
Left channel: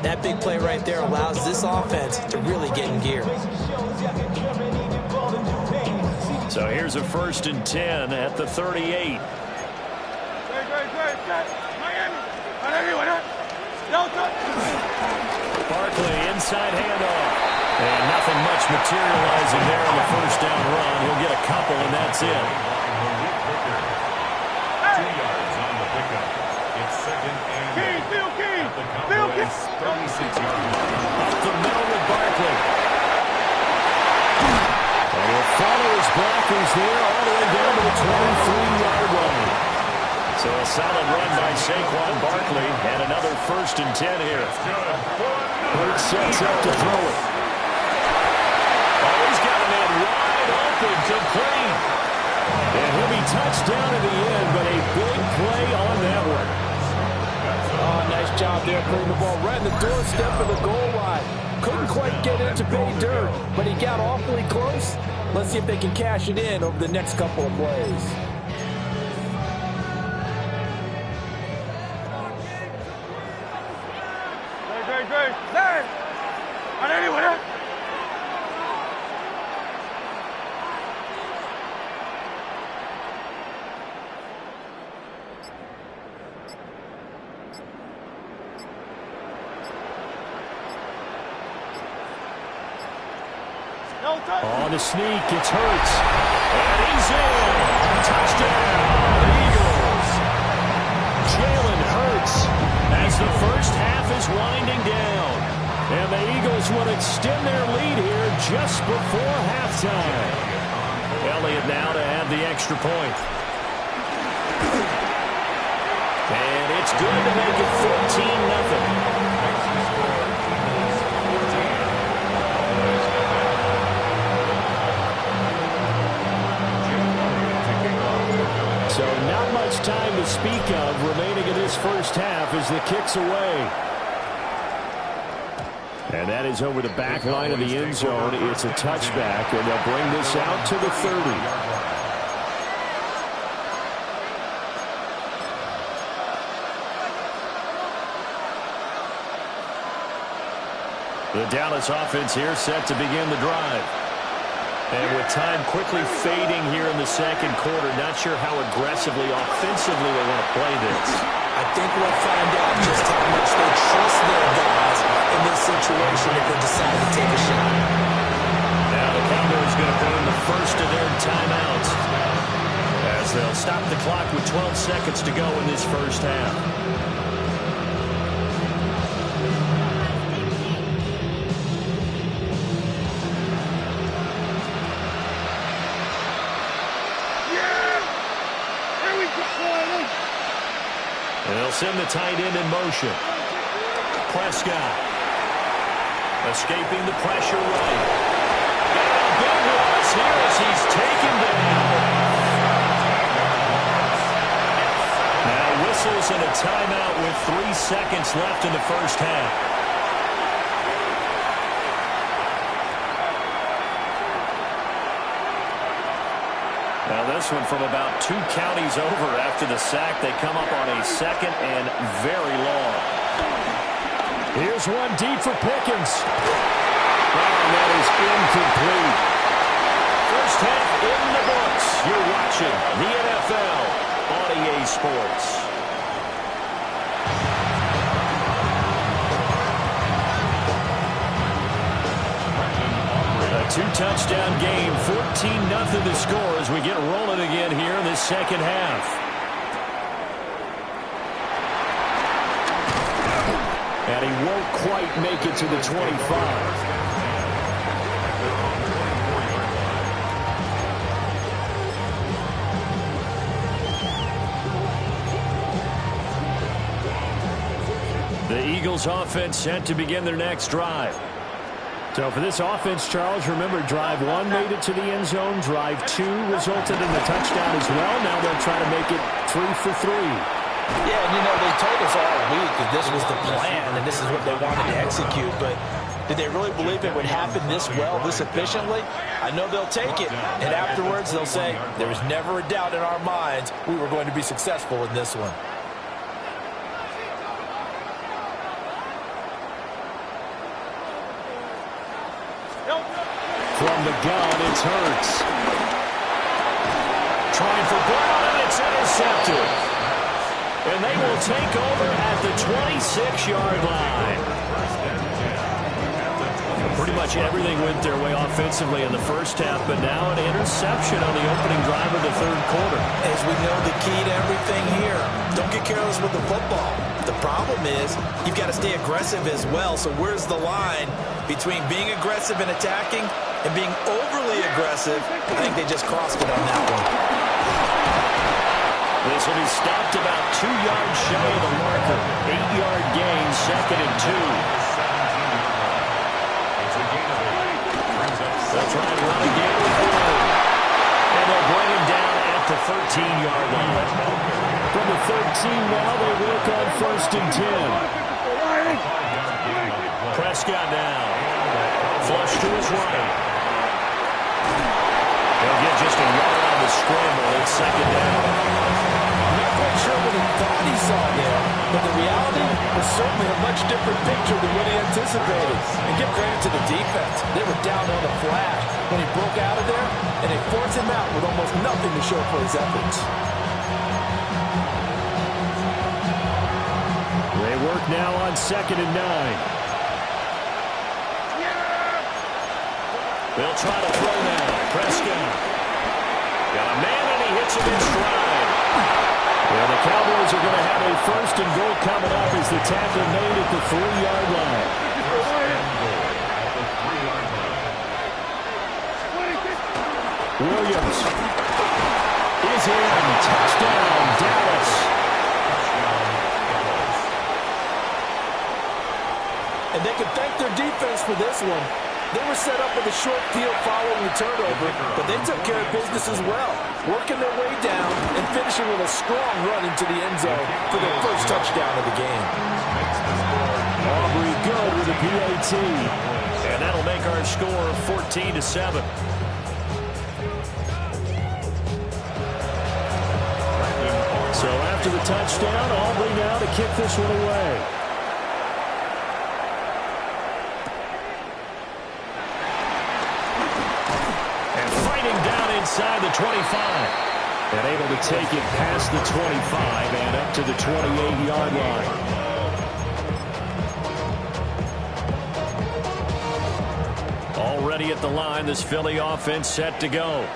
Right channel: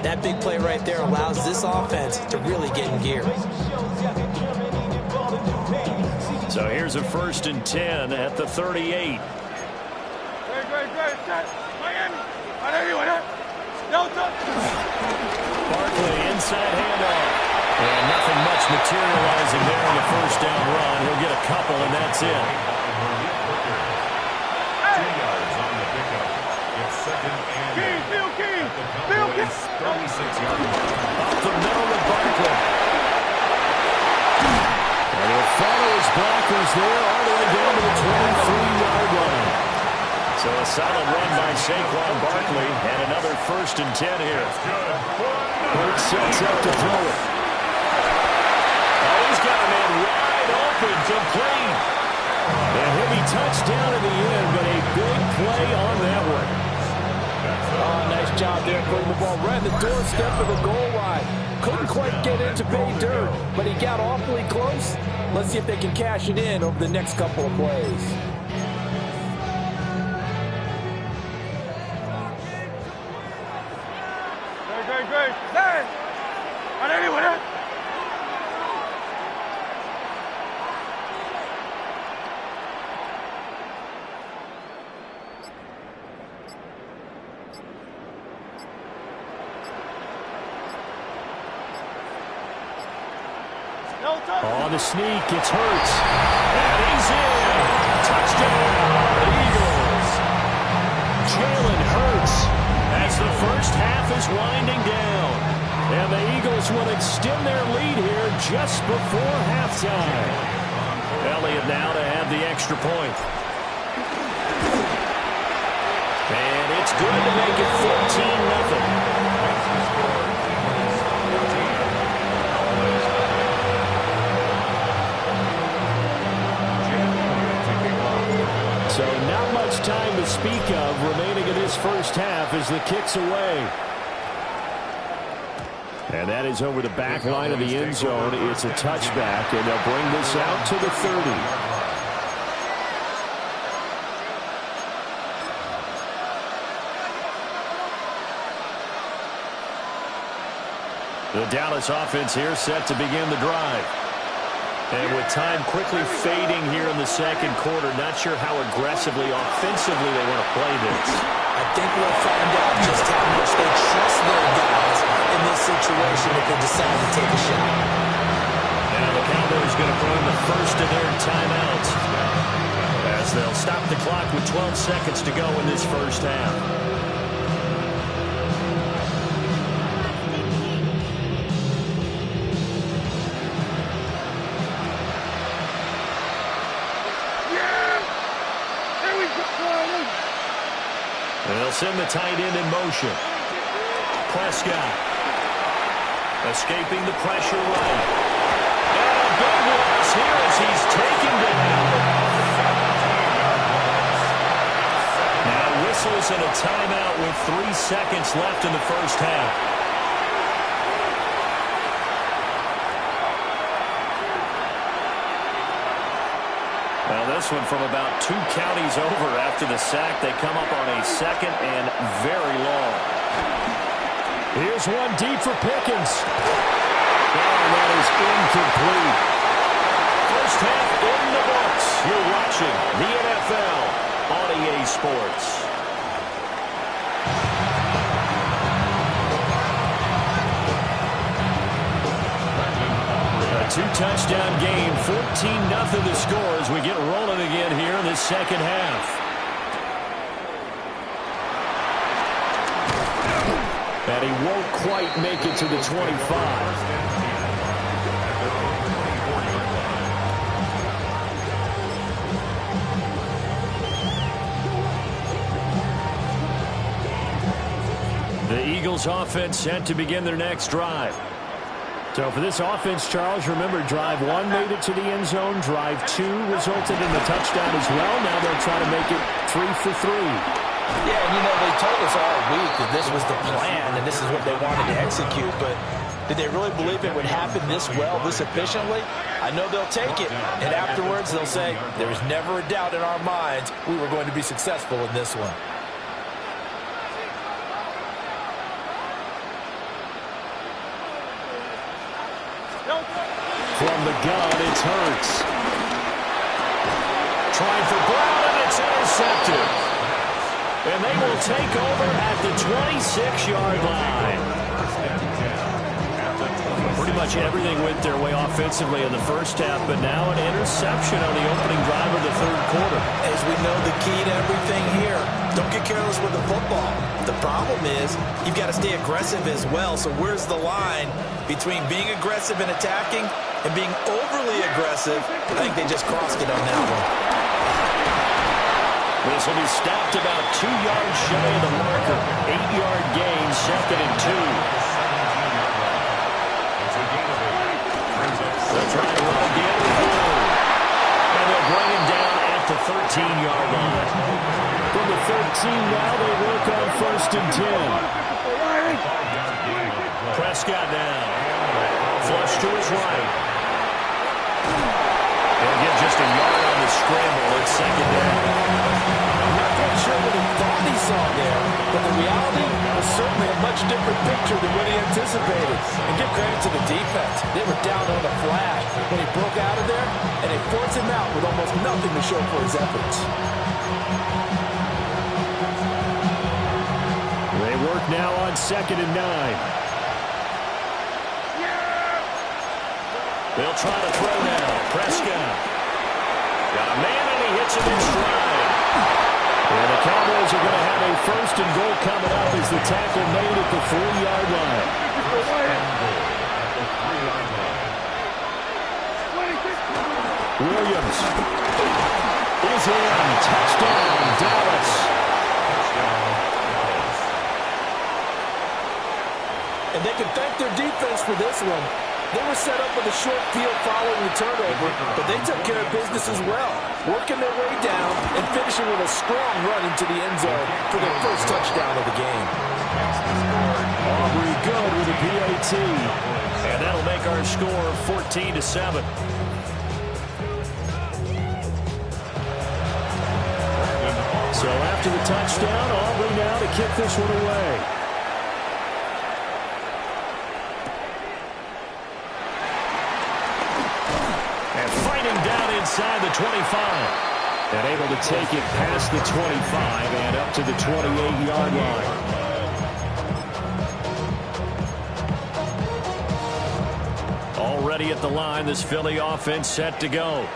That big play right there allows this offense to really get in gear. So here's a 1st and 10 at the 38. Miami. Barkley inside handoff. And nothing much materializing there in the 1st down run. He'll get a couple, and that's it. 2 yards on the pickup. It's 2nd and 8 at the Cowboys' 36-yard line. Up the middle with Barkley. And he'll follow his blockers there all the way down to the 23-yard line. So a solid run by Saquon Barkley, and another 1st and 10 here. Hurts sets up to throw it. Oh, he's got a man wide open, complete. And he'll be touched down in the end, but a big play on that one. Oh, nice job there putting the ball right in the doorstep of the goal line. Couldn't quite get in to pay dirt, but he got awfully close. Let's see if they can cash it in over the next couple of plays. Great. Hey! On anyone else? On the sneak, it's Hurts. And he's in. Touchdown, Eagles. Jalen Hurts as the first half is winding down. And the Eagles will extend their lead here just before halftime. Elliott now to add the extra point. And it's good to make it 14-0. So not much time to speak of remaining in this first half as the kick's away. And that is over the back line of the end zone. It's a touchback, and they'll bring this out to the 30. The Dallas offense here set to begin the drive. And with time quickly fading here in the second quarter, not sure how aggressively, offensively they want to play this. I think we'll find out just how much they trust their guys in this situation if they decide to take a shot. Now the Cowboys going to burn the first of their timeouts as they'll stop the clock with 12 seconds to go in this first half. They'll send the tight end in motion. Prescott escaping the pressure right. And a big loss here as he's taken down. Now whistles and a timeout with 3 seconds left in the first half. Now this one from about 2 counties over after the sack. They come up on a second and very long. Here's one deep for Pickens. Oh, that is incomplete. First half in the books. You're watching the NFL on EA Sports. A 2-touchdown game, 14-0 the score as we get rolling again here in this second half. And he won't quite make it to the 25. The Eagles offense set to begin their next drive. So for this offense, Charles, remember, drive 1 made it to the end zone. Drive 2 resulted in a touchdown as well. Now they'll try to make it 3 for 3. Yeah, and you know, they told us all week that this was the plan and this is what they wanted to execute, but did they really believe it would happen this well, this efficiently? I know they'll take it, and afterwards they'll say, there was never a doubt in our minds we were going to be successful in this one. From the gun, it's Hurts. Trying for Brown, and it's intercepted. And they will take over at the 26-yard line. Pretty much everything went their way offensively in the first half, but now an interception on the opening drive of the third quarter. As we know, the key to everything here, don't get careless with the football. The problem is you've got to stay aggressive as well. So where's the line between being aggressive and attacking and being overly aggressive? I think they just crossed it on that one. This will be stopped about 2 yards shy of the marker. 8-yard gain, 2nd and 2. They'll try and run again with Blue. And they'll bring him down at the 13-yard line. From the 13 now, they work on 1st and 10. Prescott now. Flush to his right. He'll get just a yard on the scramble. It's 2nd down. I'm not quite sure what he thought he saw there, but the reality, was certainly a much different picture than what he anticipated. And give credit to the defense. They were down on the flash when he broke out of there, and they forced him out with almost nothing to show for his efforts. They work now on 2nd and 9. They'll try to throw now. Prescott. Got a man, and he hits him in stride. And the Cowboys are going to have a 1st and goal coming up as the tackle made at the 3-yard line. Williams is in. Touchdown, Dallas. And they can thank their defense for this one. They were set up with a short field following the turnover, but they took care of business as well, working their way down and finishing with a strong run into the end zone for their first touchdown of the game. Aubrey good with a PAT. And that'll make our score 14-7. So after the touchdown, Aubrey now to kick this one away. Down inside the 25. And able to take it past the 25 and up to the 28-yard line. Already at the line, this Philly offense set to go.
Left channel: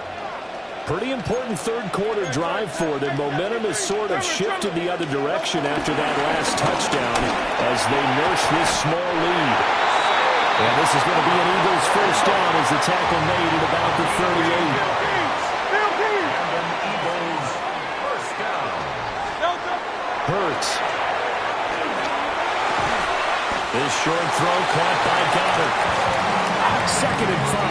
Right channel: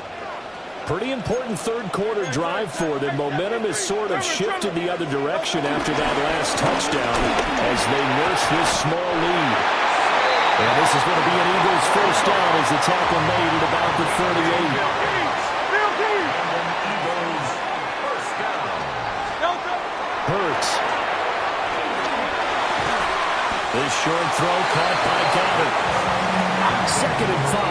Pretty important third-quarter drive for them. Momentum has sort of shifted the other direction after that last touchdown as they nurse this small lead. And this is going to be an Eagles first down as the tackle made at about the 38. And an Eagles first down. Hurts. This short throw caught by Goddard. 2nd and 5.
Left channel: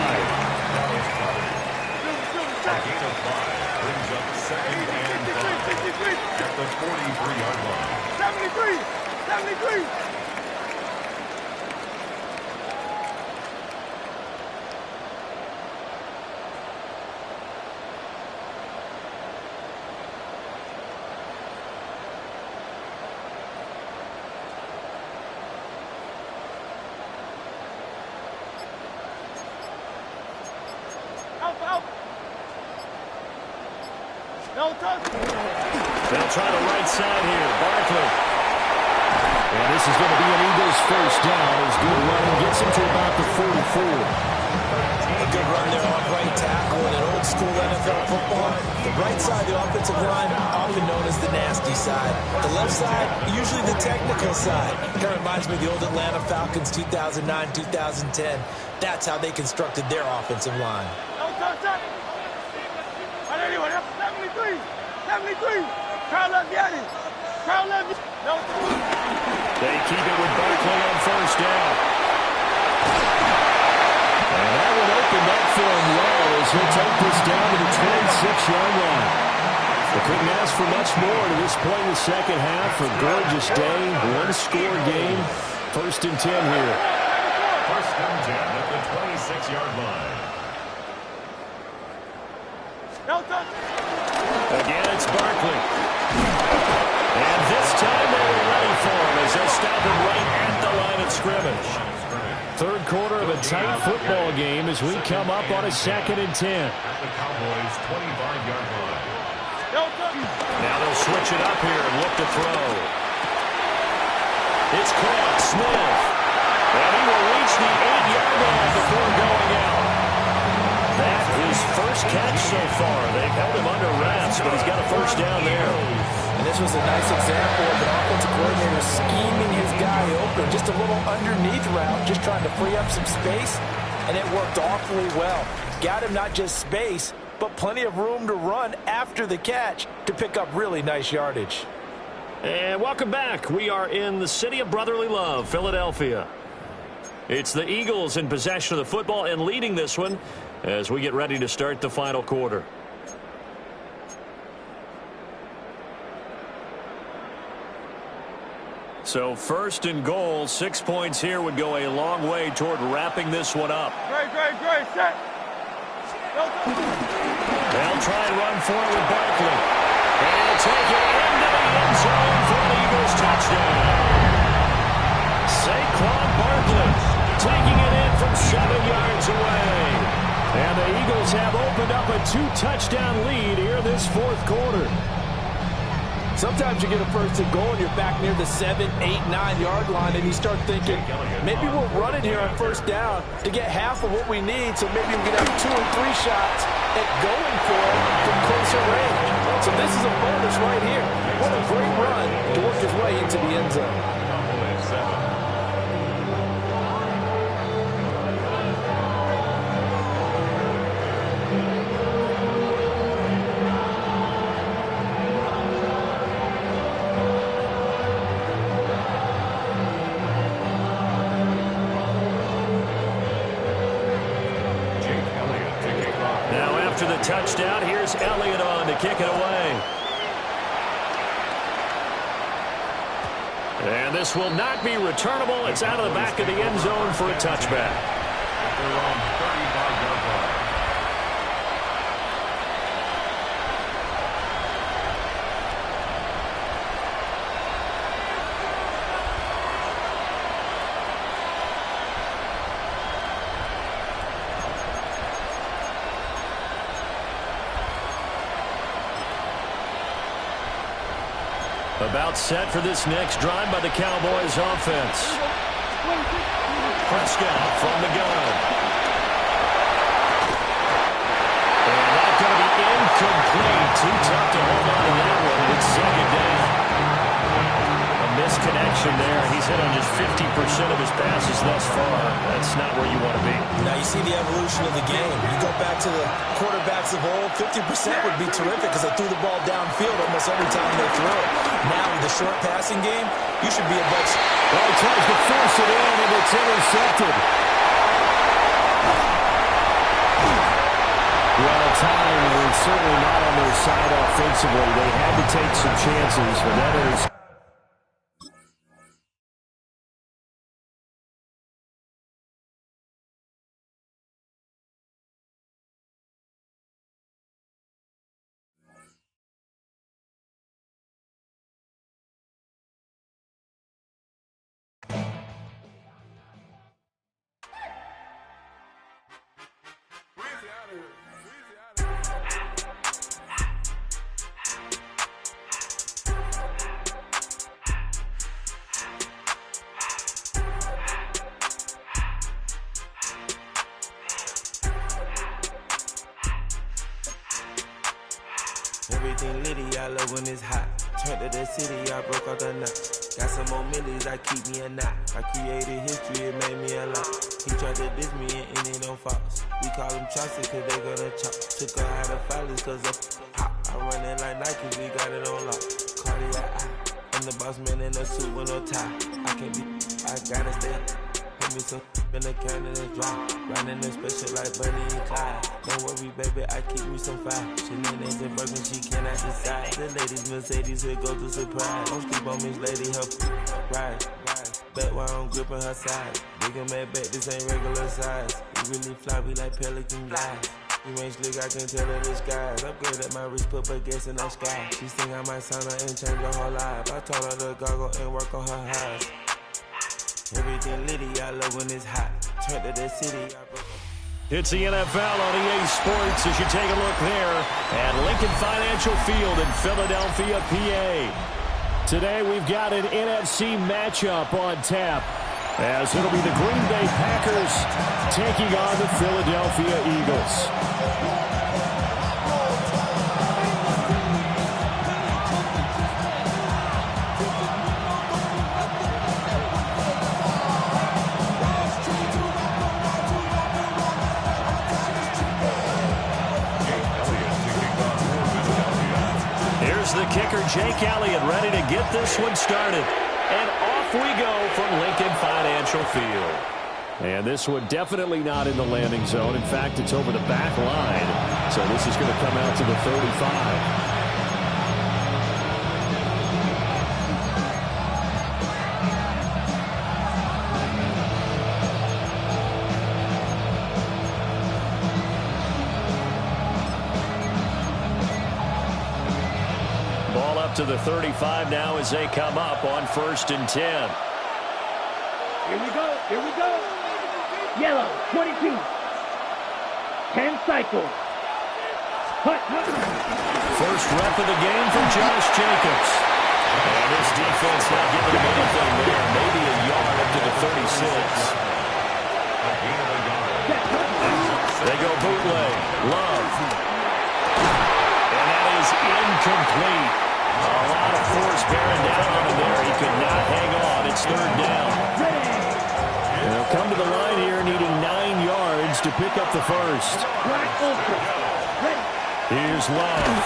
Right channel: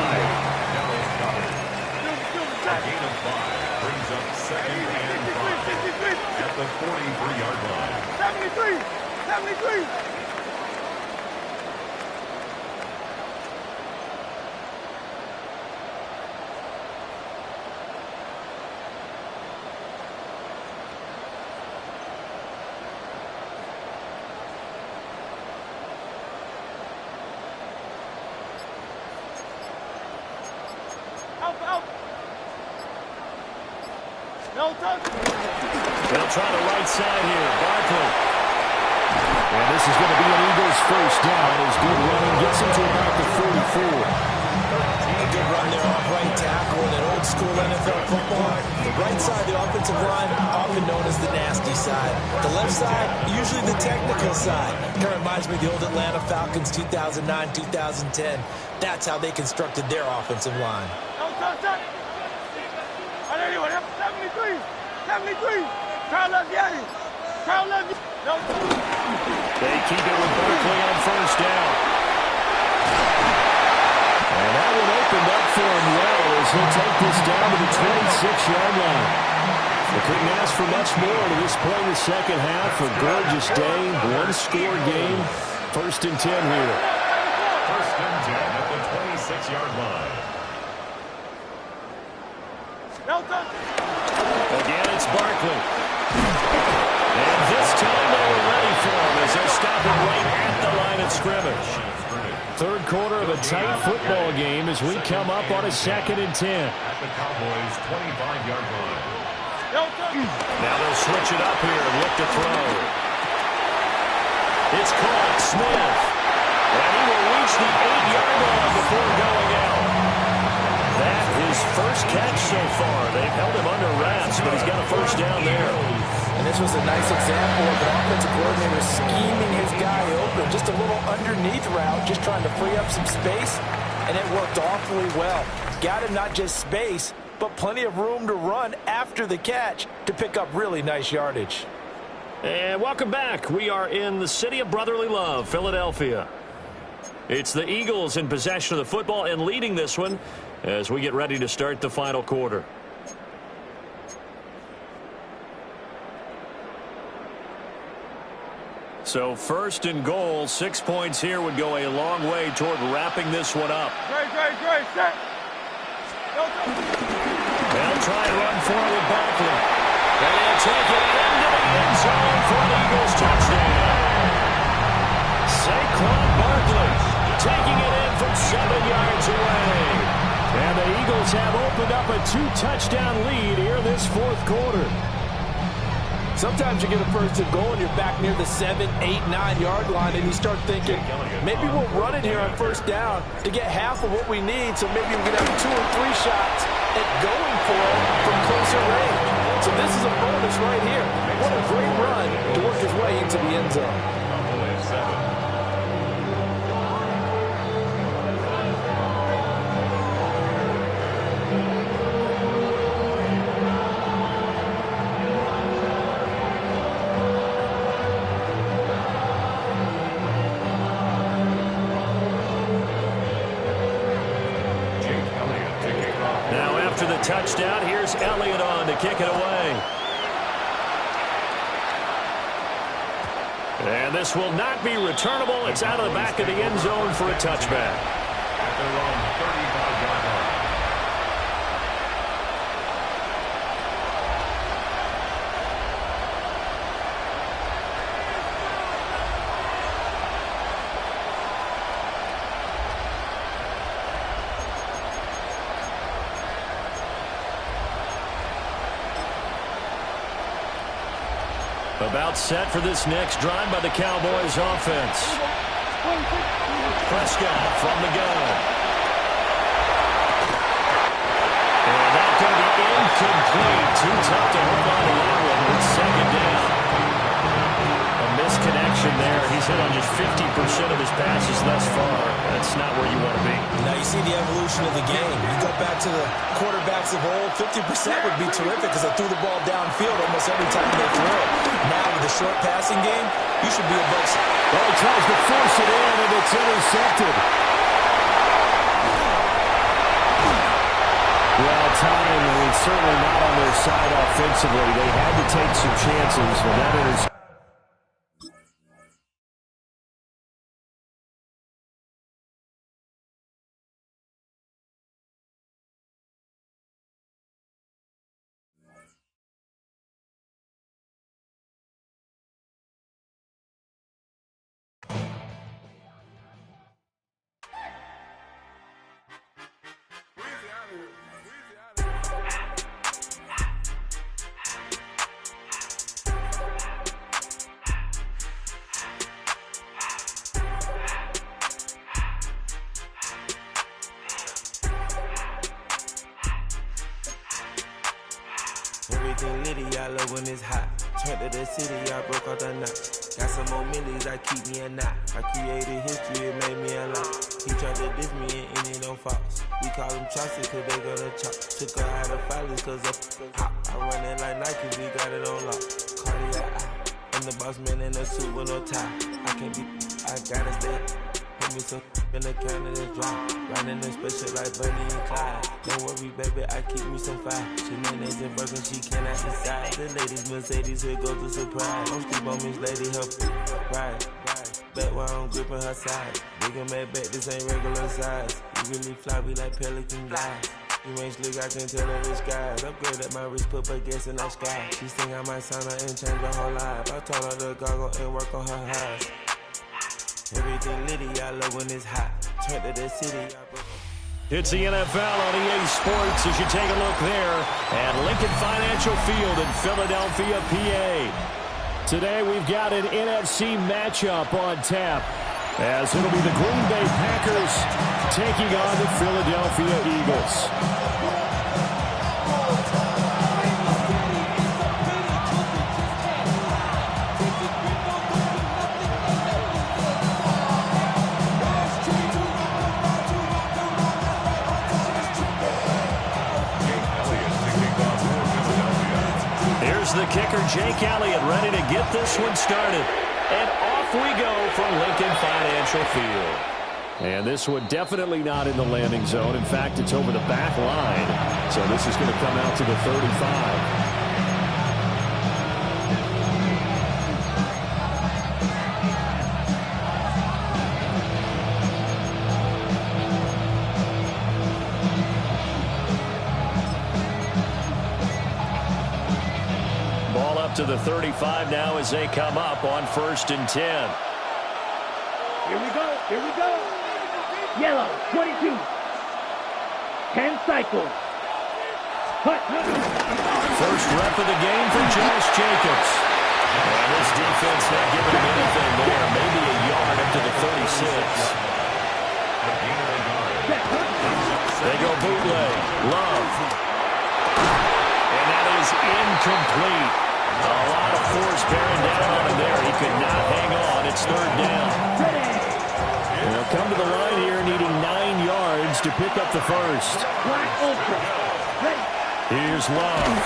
Dallas Goddard. A gain of 5 brings up 2nd and 5 at the 43-yard line. 73. They'll try the right side here. Barkley. And this is going to be an Eagles first down as good running gets him to about the 44. A good run there off right tackle in an old school NFL football. The right side of the offensive line, often known as the nasty side. The left side, usually the technical side. Kind of reminds me of the old Atlanta Falcons 2009, 2010. That's how they constructed their offensive line. 73. Carl left Yanni. Carl left. They keep it with Barkley on first down. And that one opened up for him well as he'll take this down to the 26-yard line. They couldn't ask for much more to this point in the second half. A gorgeous day, one-score game. 1st and 10 here. 1st and 10 at the 26-yard line. Again, it's Barkley. And this time they were ready for him as they'll stop him right at the line of scrimmage. Third quarter of a tight football game as we come up on a 2nd and 10. At the Cowboys' 25-yard line. Now they'll switch it up here and look to throw. It's caught. Smith. And he will reach the 8-yard line before going out. That his first catch so far. They've held him under wraps, but he's got a first down there. And this was a nice example of an offensive coordinator scheming his guy open. Just a little underneath route, just trying to free up some space, and it worked awfully well. Got him not just space, but plenty of room to run after the catch to pick up really nice yardage. And welcome back. We are in the city of brotherly love, Philadelphia. It's the Eagles in possession of the football and leading this one as we get ready to start the final quarter. So 1st and goal, 6 points here would go a long way toward wrapping this one up. Great, set. They'll try and run for it with Barkley. And he'll take it into the end zone for an Eagles touchdown. 7 yards away. And the Eagles have opened up a 2-touchdown lead here this fourth quarter. Sometimes you get a first and goal and you're back near the 7, 8, 9-yard line and you start thinking, maybe we'll run it here on first down to get half of what we need, so maybe we can have 2 or 3 shots at going for it from closer range. So this is a bonus right here. What a great run to work his way into the end zone. Touchdown. Here's Elliott on to kick it away. And this will not be returnable. It's out of the back of the end zone for a touchback. At their own 35-yard line. About set for this next drive by the Cowboys offense. Prescott from the gun. And that's going to be incomplete. Too tough to hold on to that one. It's second down. A misconnection there. He's hit on just 50% of his passes thus far. That's not where you want to be. Now you see the evolution of the game. You go back to the quarterbacks of old, 50% would be terrific because they threw the ball downfield almost every time they threw it. Now with the short passing game, you should be above. Oh, he tries to force it in, and it's intercepted. Well, time was certainly not on their side offensively. They had to take some chances, but that interception. Everything litty, I love when it's hot. Turned to the city, I broke out the knot. Got some more millies, I keep me a knot. I created history, it made me a lot. He tried to diss me and ended on Fox. We call them Chaucer, cause they gonna chop. Took her out of filers, cause up hot. I run it like Nike, we got it on lock. Cardiac eye. I'm the boss man in a suit with no tie. I can't be, I gotta stay. Put me some in the can of this dry. Riding in special like Bunny and Clyde. Don't worry, baby, I keep me some fire. Shenanigans and broken, she cannot decide. The ladies Mercedes, here go to surprise. Don't sleep on Miss Lady, help ride. Back while I'm gripping her side. Big and mad back, this ain't regular size. We really fly, we like Pelican guys. You ain't slick, I can tell her the skies. Upgrade at my wrist, put her gas in the sky. She think I might sign her and change her whole life. I told her to goggle and work on her eyes. Everything litty, I love when it's hot. Turn to the city, I broke. It's the NFL on EA Sports as you take a look there at Lincoln Financial Field in Philadelphia, PA. Today we've got an NFC matchup on tap as it'll be the Green Bay Packers taking on the Philadelphia Eagles. The kicker, Jake Elliott, ready to get this one started. And off we go from Lincoln Financial Field. And this one definitely not in the landing zone. In fact, it's over the back line. So this is going to come out to the 35. To the 35 now as they come up on 1st and 10. Here we go. Here we go. Yellow, 22. 10 cycles. First rep of the game for Josh Jacobs. And this defense not giving him anything there. Maybe a yard up to the 36. They go bootleg. Love. And that is incomplete. A lot of force bearing down on him there. He could not hang on. It's third down. And they'll come to the line here needing 9 yards to pick up the first. Here's Love.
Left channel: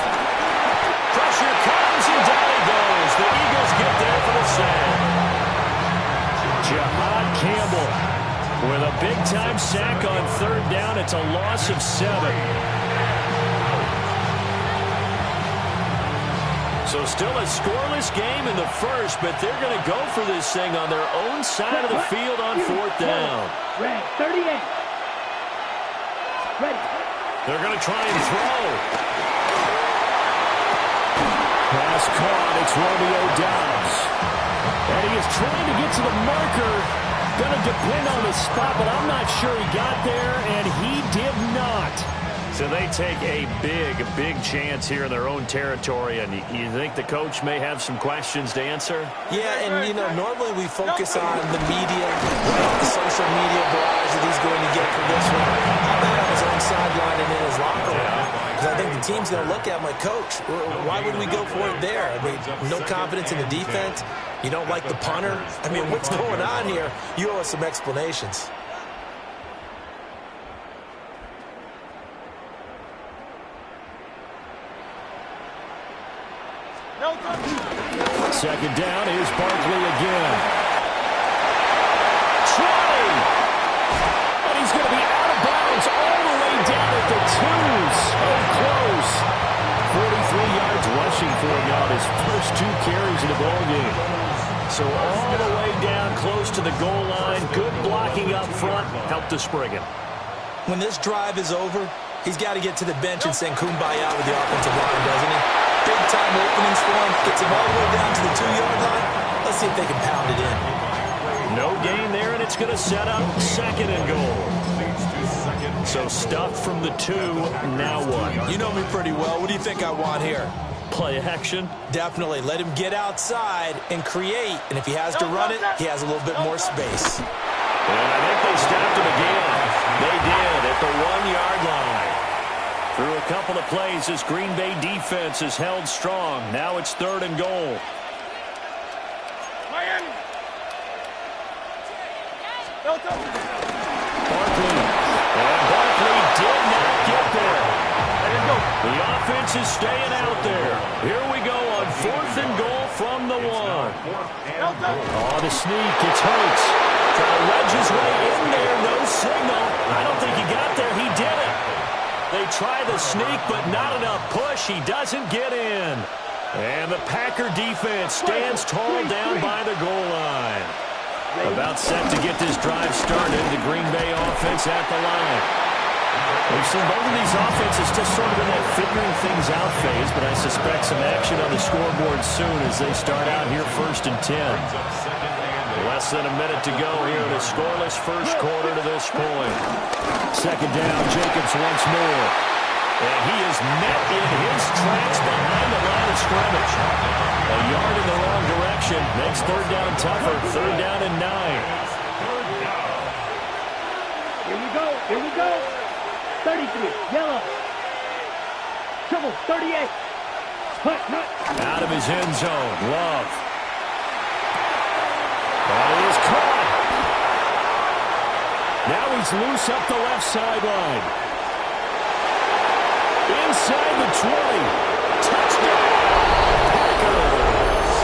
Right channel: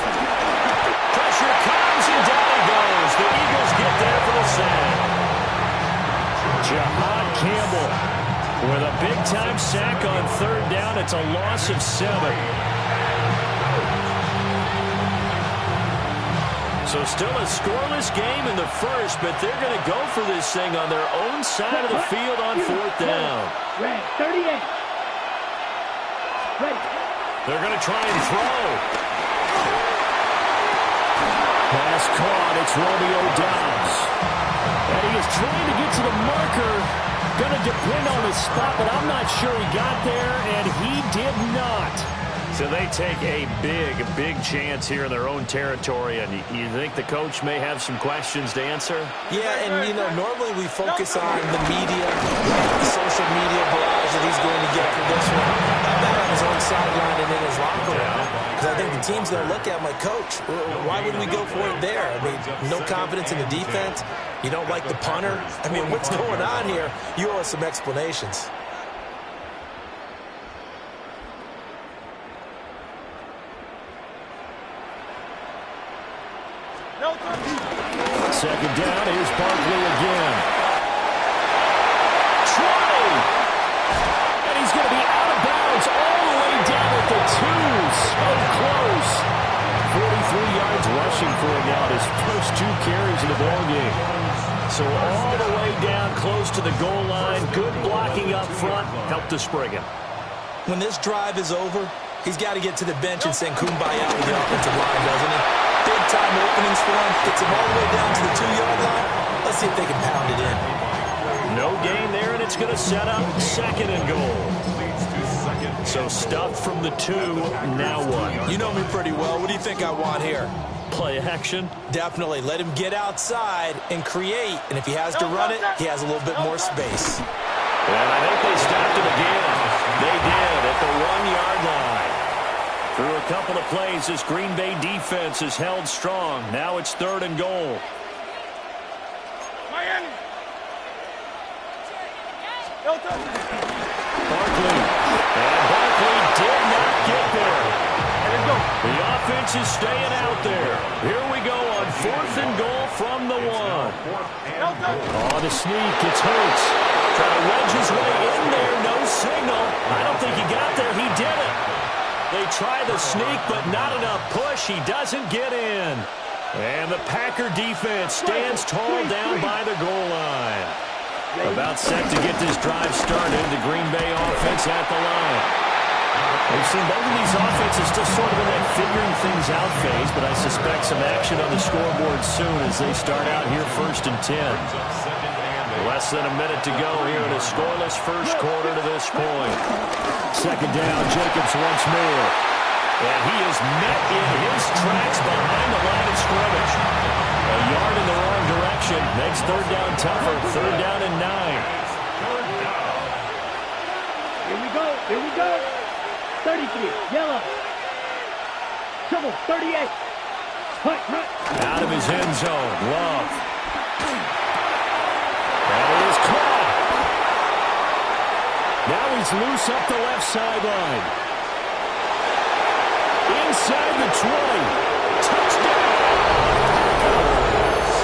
Pressure comes and down he goes. The Eagles get there for the sack. Jahad Campbell with a big-time sack on third down. It's a loss of 7. So still a scoreless game in the first, but they're going to go for this thing on their own side of the field on fourth down. Red, 38. Ready. They're going to try and throw. Pass caught. It's Romeo Doubs. And he is trying to get to the marker. Going to depend on his spot, but I'm not sure he got there, and he did not. So they take a big chance here in their own territory, and you think the coach may have some questions to answer? Yeah, and, you know, normally we focus on the media, right, the social media barrage that he's going to get for this one. How about on his own sideline and in his locker room? Because I think the team's going to look at my coach. Why would we go for it there? I mean, no confidence in the defense. You don't like the punter. I mean, what's going on here? You owe us some explanations. Second down, here's Barkley again. 20! And he's going to be out of bounds all the way down at the 2. So close. 43 yards rushing for him now, his first 2 carries in the ballgame. So all the way down close to the goal line. Good blocking up front. Helped to spring him. When this drive is over, he's got to get to the bench and sing kumbaya with the offensive line, doesn't he? Big-time openings for him. Gets him all the way down to the 2-yard line. Let's see if they can pound it in. No gain there, and it's going to set up second and goal. So stuffed from the 2, now what? You know me pretty well. What do you think I want here? Play action? Definitely. Let him get outside and create. And if he has to run it, he has a little bit more space. And I think they stopped him again. They did at the 1-yard line. Through a couple of plays, this Green Bay defense is held strong. Now it's third and goal. Miami. Barkley. And Barkley did not get there. The offense is staying out there. Here we go on fourth and goal from the 1. Oh, the sneak. It's Hurts. Trying to wedge his way in there. No signal. I don't think he got there. He did it. They try the sneak, but not enough push. He doesn't get in. And the Packer defense stands tall down by the goal line. About set to get this drive started. The Green Bay offense at the line. We've seen both of these offenses still sort of in that figuring things out phase, but I suspect some action on the scoreboard soon as they start out here first and 10. Less than a minute to go here in a scoreless first quarter to this point. Second down, Jacobs once more. And he is met in his tracks behind the line of scrimmage. A yard in the wrong direction makes third down tougher. Third down and 9. Here we go. Here we go. 33. Yellow. Triple. 38. Out of his end zone. Love. That is caught. Now he's loose up the left sideline. Inside the 20. Touchdown, Packers.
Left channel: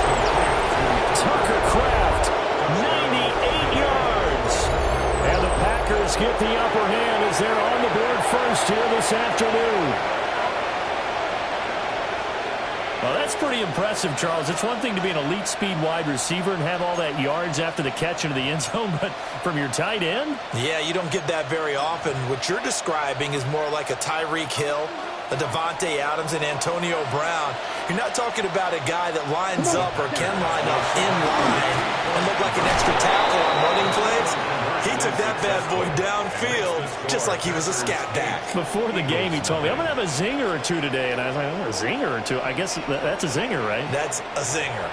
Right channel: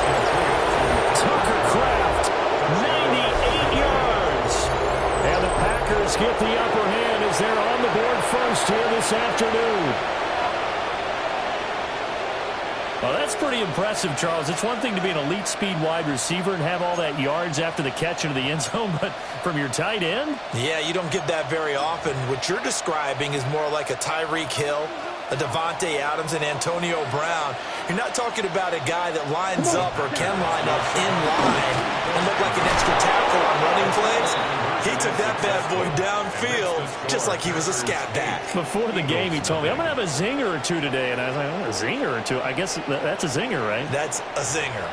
Tucker Kraft, 98 yards. And the Packers get the upper hand as they're on the board first here this afternoon. Well, that's pretty impressive, Charles. It's one thing to be an elite speed wide receiver and have all that yards after the catch into the end zone, but from your tight end? Yeah, you don't get that very often. What you're describing is more like a Tyreek Hill a Devontae Adams and Antonio Brown. You're not talking about a guy that lines up or can line up in line and look like an extra tackle on running plays. He took that bad boy downfield just like he was a scat back. Before the game, he told me, I'm going to have a zinger or two today. And I was like, oh, a zinger or two? I guess that's a zinger, right? That's a zinger.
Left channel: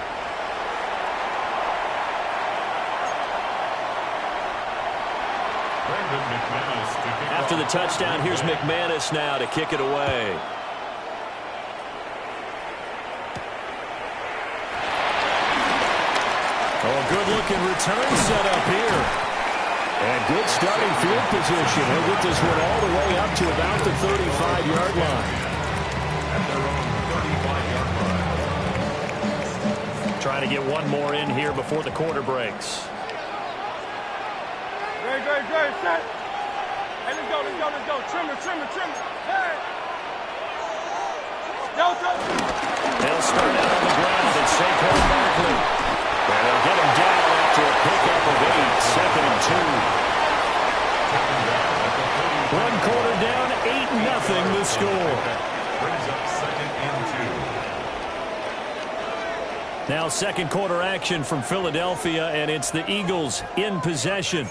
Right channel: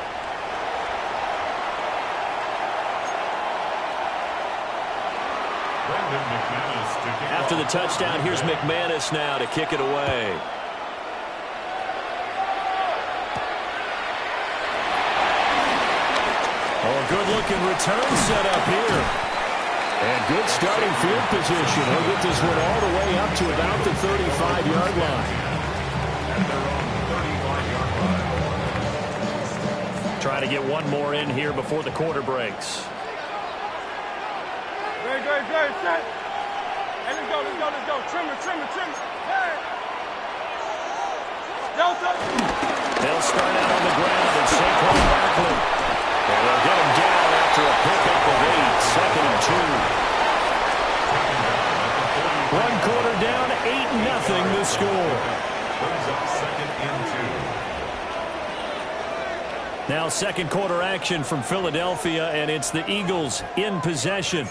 After the touchdown, here's McManus now to kick it away. Oh, a good-looking return set up here. And good starting field position. He'll get this one all the way up to about the 35-yard line. At their own 35-yard line. Trying to get one more in here before the quarter breaks. Dre, set. Hey, let's go. Trim it. Hey. They'll start out on the ground and Saquon Barkley. And they'll get him down after a pickup of 8, 2nd and 2. 1 quarter down, 8-0 the score. Brings up 2nd and 2. Now second quarter action from Philadelphia, and it's the Eagles in possession,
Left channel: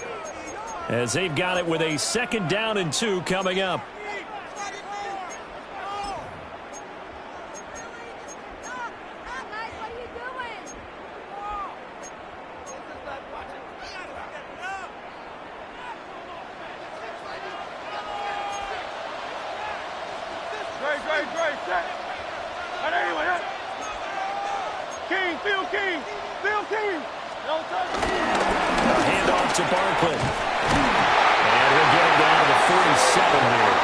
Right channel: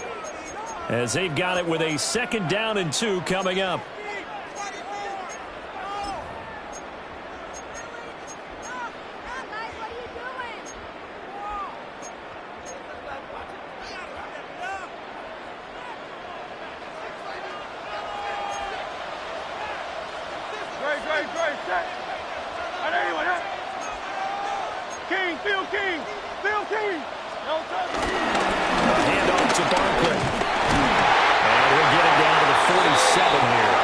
as they've got it with a 2nd down and 2 coming up. Dre, set. Phil King. No touch. Hand off to Barkley. And he'll get him down to the 47 here.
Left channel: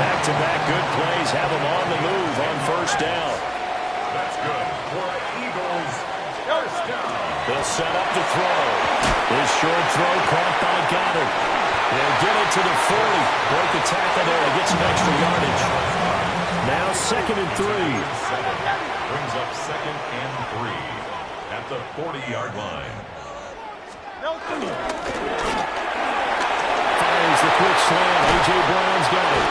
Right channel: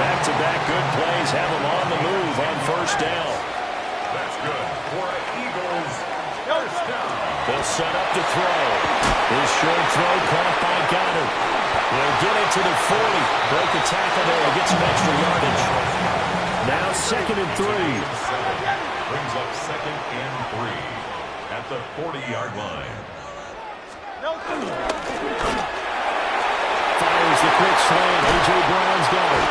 Back-to-back good plays have him on the move on 1st down. That's good for Eagles. 1st down. They'll set up to throw. His short throw caught by Goddard. He'll get it to the 40. Break a tackle there to get some extra yardage. Now 2nd and 3. Brings up 2nd and 3 at the 40-yard line. Fires the quick slant. A.J. Brown's got it.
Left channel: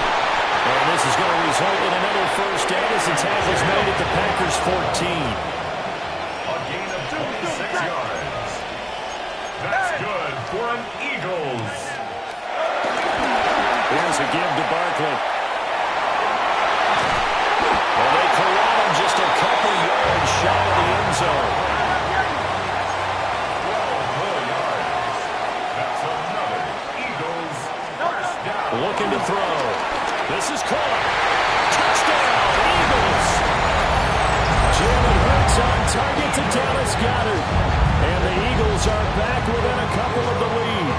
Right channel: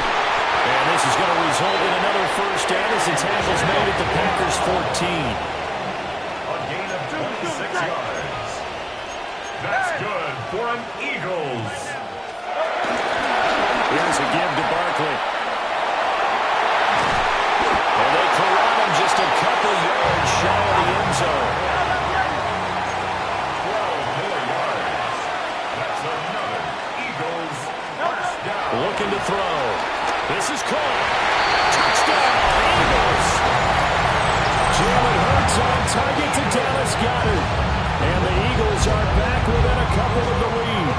And this is going to result in another 1st down as the tackle's made at the Packers' 14. A gain of 26 yards. That's good for an Eagles. Here's a give to Barkley. And they corral him just a couple yards shy of the end zone. 12 more yards. That's another Eagles 1st down. Looking to throw. This is caught. Touchdown, Eagles. Jalen Hurts on target to Dallas Goedert. And the Eagles are back within a couple of the lead.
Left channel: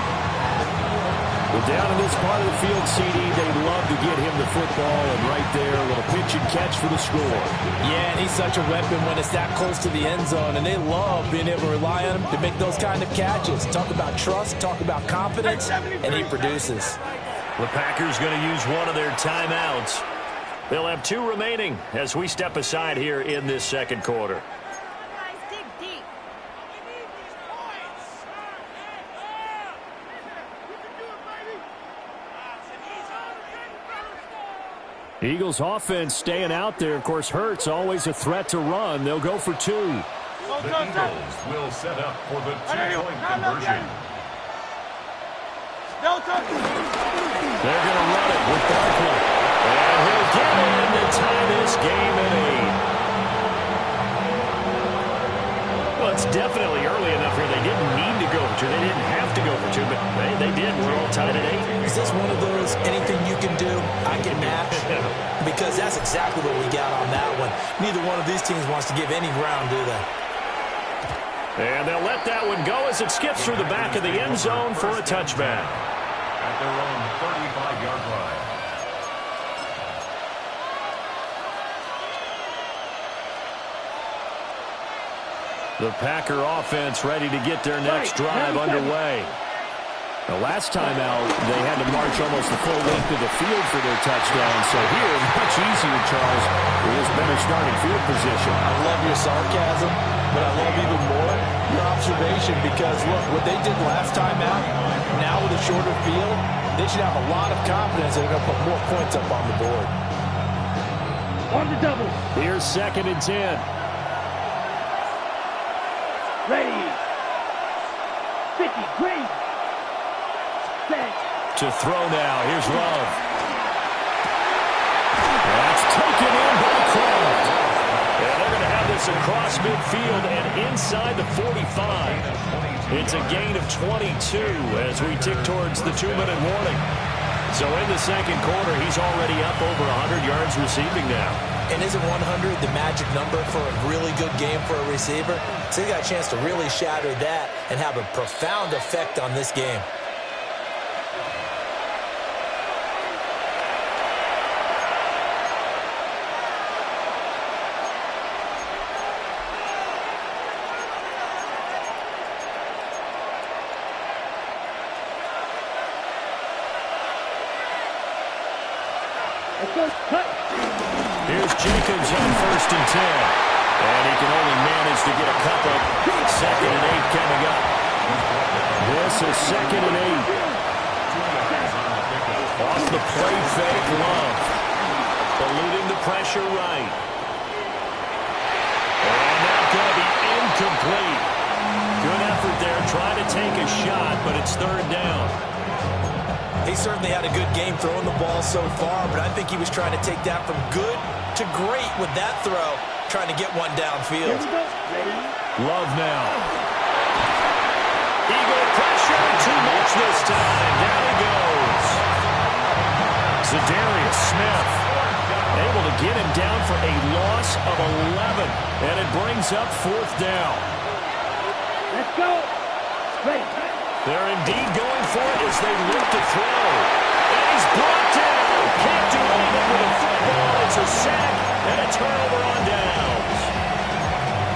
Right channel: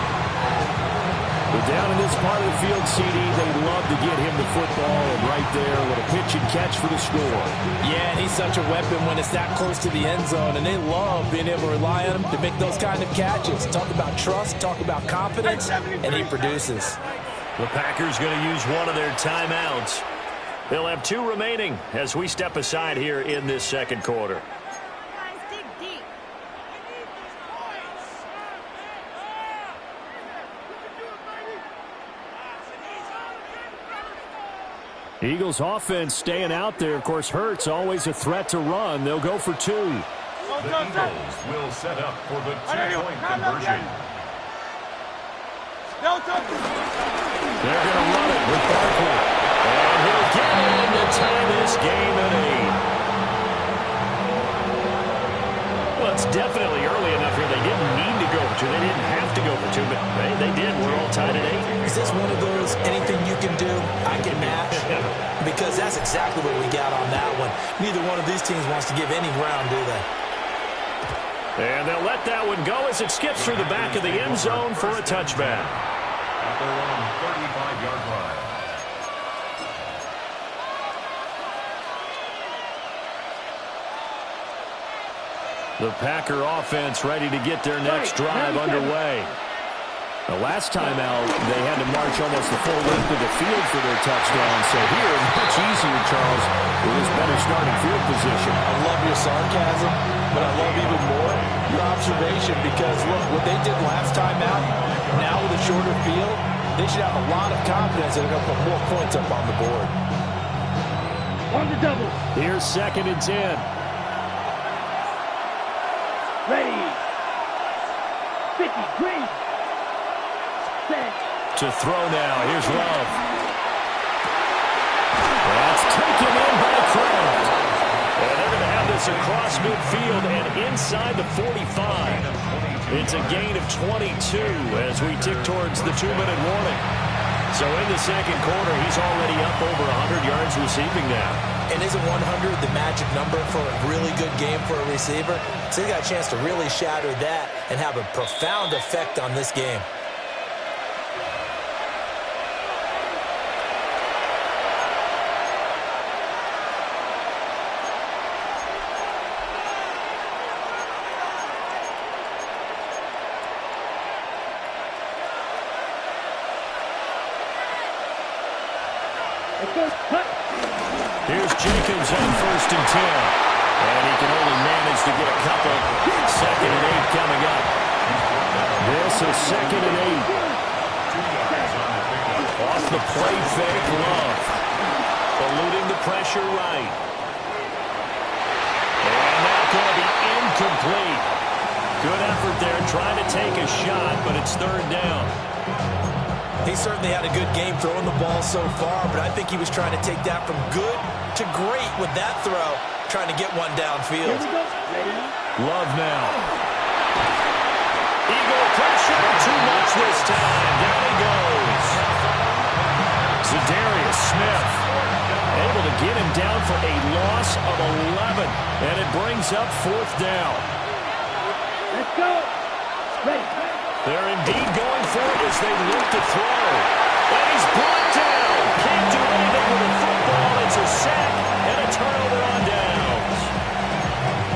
Well, down in this part of the field, CD, they love to get him the football, and right there, a little pitch and catch for the score. Yeah, and he's such a weapon when it's that close to the end zone, and they love being able to rely on him to make those kind of catches. Talk about trust, talk about confidence, and he produces. The Packers going to use one of their timeouts. They'll have 2 remaining as we step aside here in this 2nd quarter. Eagles offense staying out there. Of course, Hurts always a threat to run. They'll go for 2. The Eagles will set up for the 2-point conversion. They're going to run it with Barkley. And he'll get in to tie this game at 8. Well, it's definitely early enough here. They didn't need to go for 2. They didn't have to go for 2, but they did. We're all tied at 8. Is this one of those anything you can do, I can match? Because that's exactly what we got on that one. Neither one of these teams wants to give any ground, do they? And they'll let that one go as it skips through the back of the end zone for a touchback. At their own 35-yard line. The Packer offense ready to get their next drive underway. The last time out, they had to march almost the full length of the field for their touchdown. So here, much easier, Charles, with this better starting field position. I love your sarcasm, but I love even more your observation because, look, what they did last time out, now with a shorter field, they should have a lot of confidence that they're going to put more points up on the board. On the double. Here's 2nd and 10. Ready. 50. Green. Set. To throw now. Here's Love. That's taken in by Kraft. And they're going to have this across midfield and inside the 45. It's a gain of 22 as we tick towards the 2-minute warning. So in the second quarter, he's already up over 100 yards receiving now. And isn't 100 the magic number for a really good game for a receiver? So he got a chance to really shatter that and have a profound effect on this game. Here's Jacobs on 1st and 10. And he can only manage to get a couple. 2nd and 8 coming up. This is 2nd and 8. Off the play fake, Love. Eluding the pressure right. And that's going to be incomplete. Good effort there trying to take a shot, but it's 3rd down. He certainly had a good game throwing the ball so far, but I think he was trying to take that from good to great with that throw, trying to get one downfield. Love now. Eagle pressure, too much this time. Down he goes. Zadarius Smith able to get him down for a loss of 11, and it brings up 4th down. Let's go. Ready. They're indeed going for it as they look to throw. And he's brought down. Can't do anything with a football. It's a sack and a turnover on downs.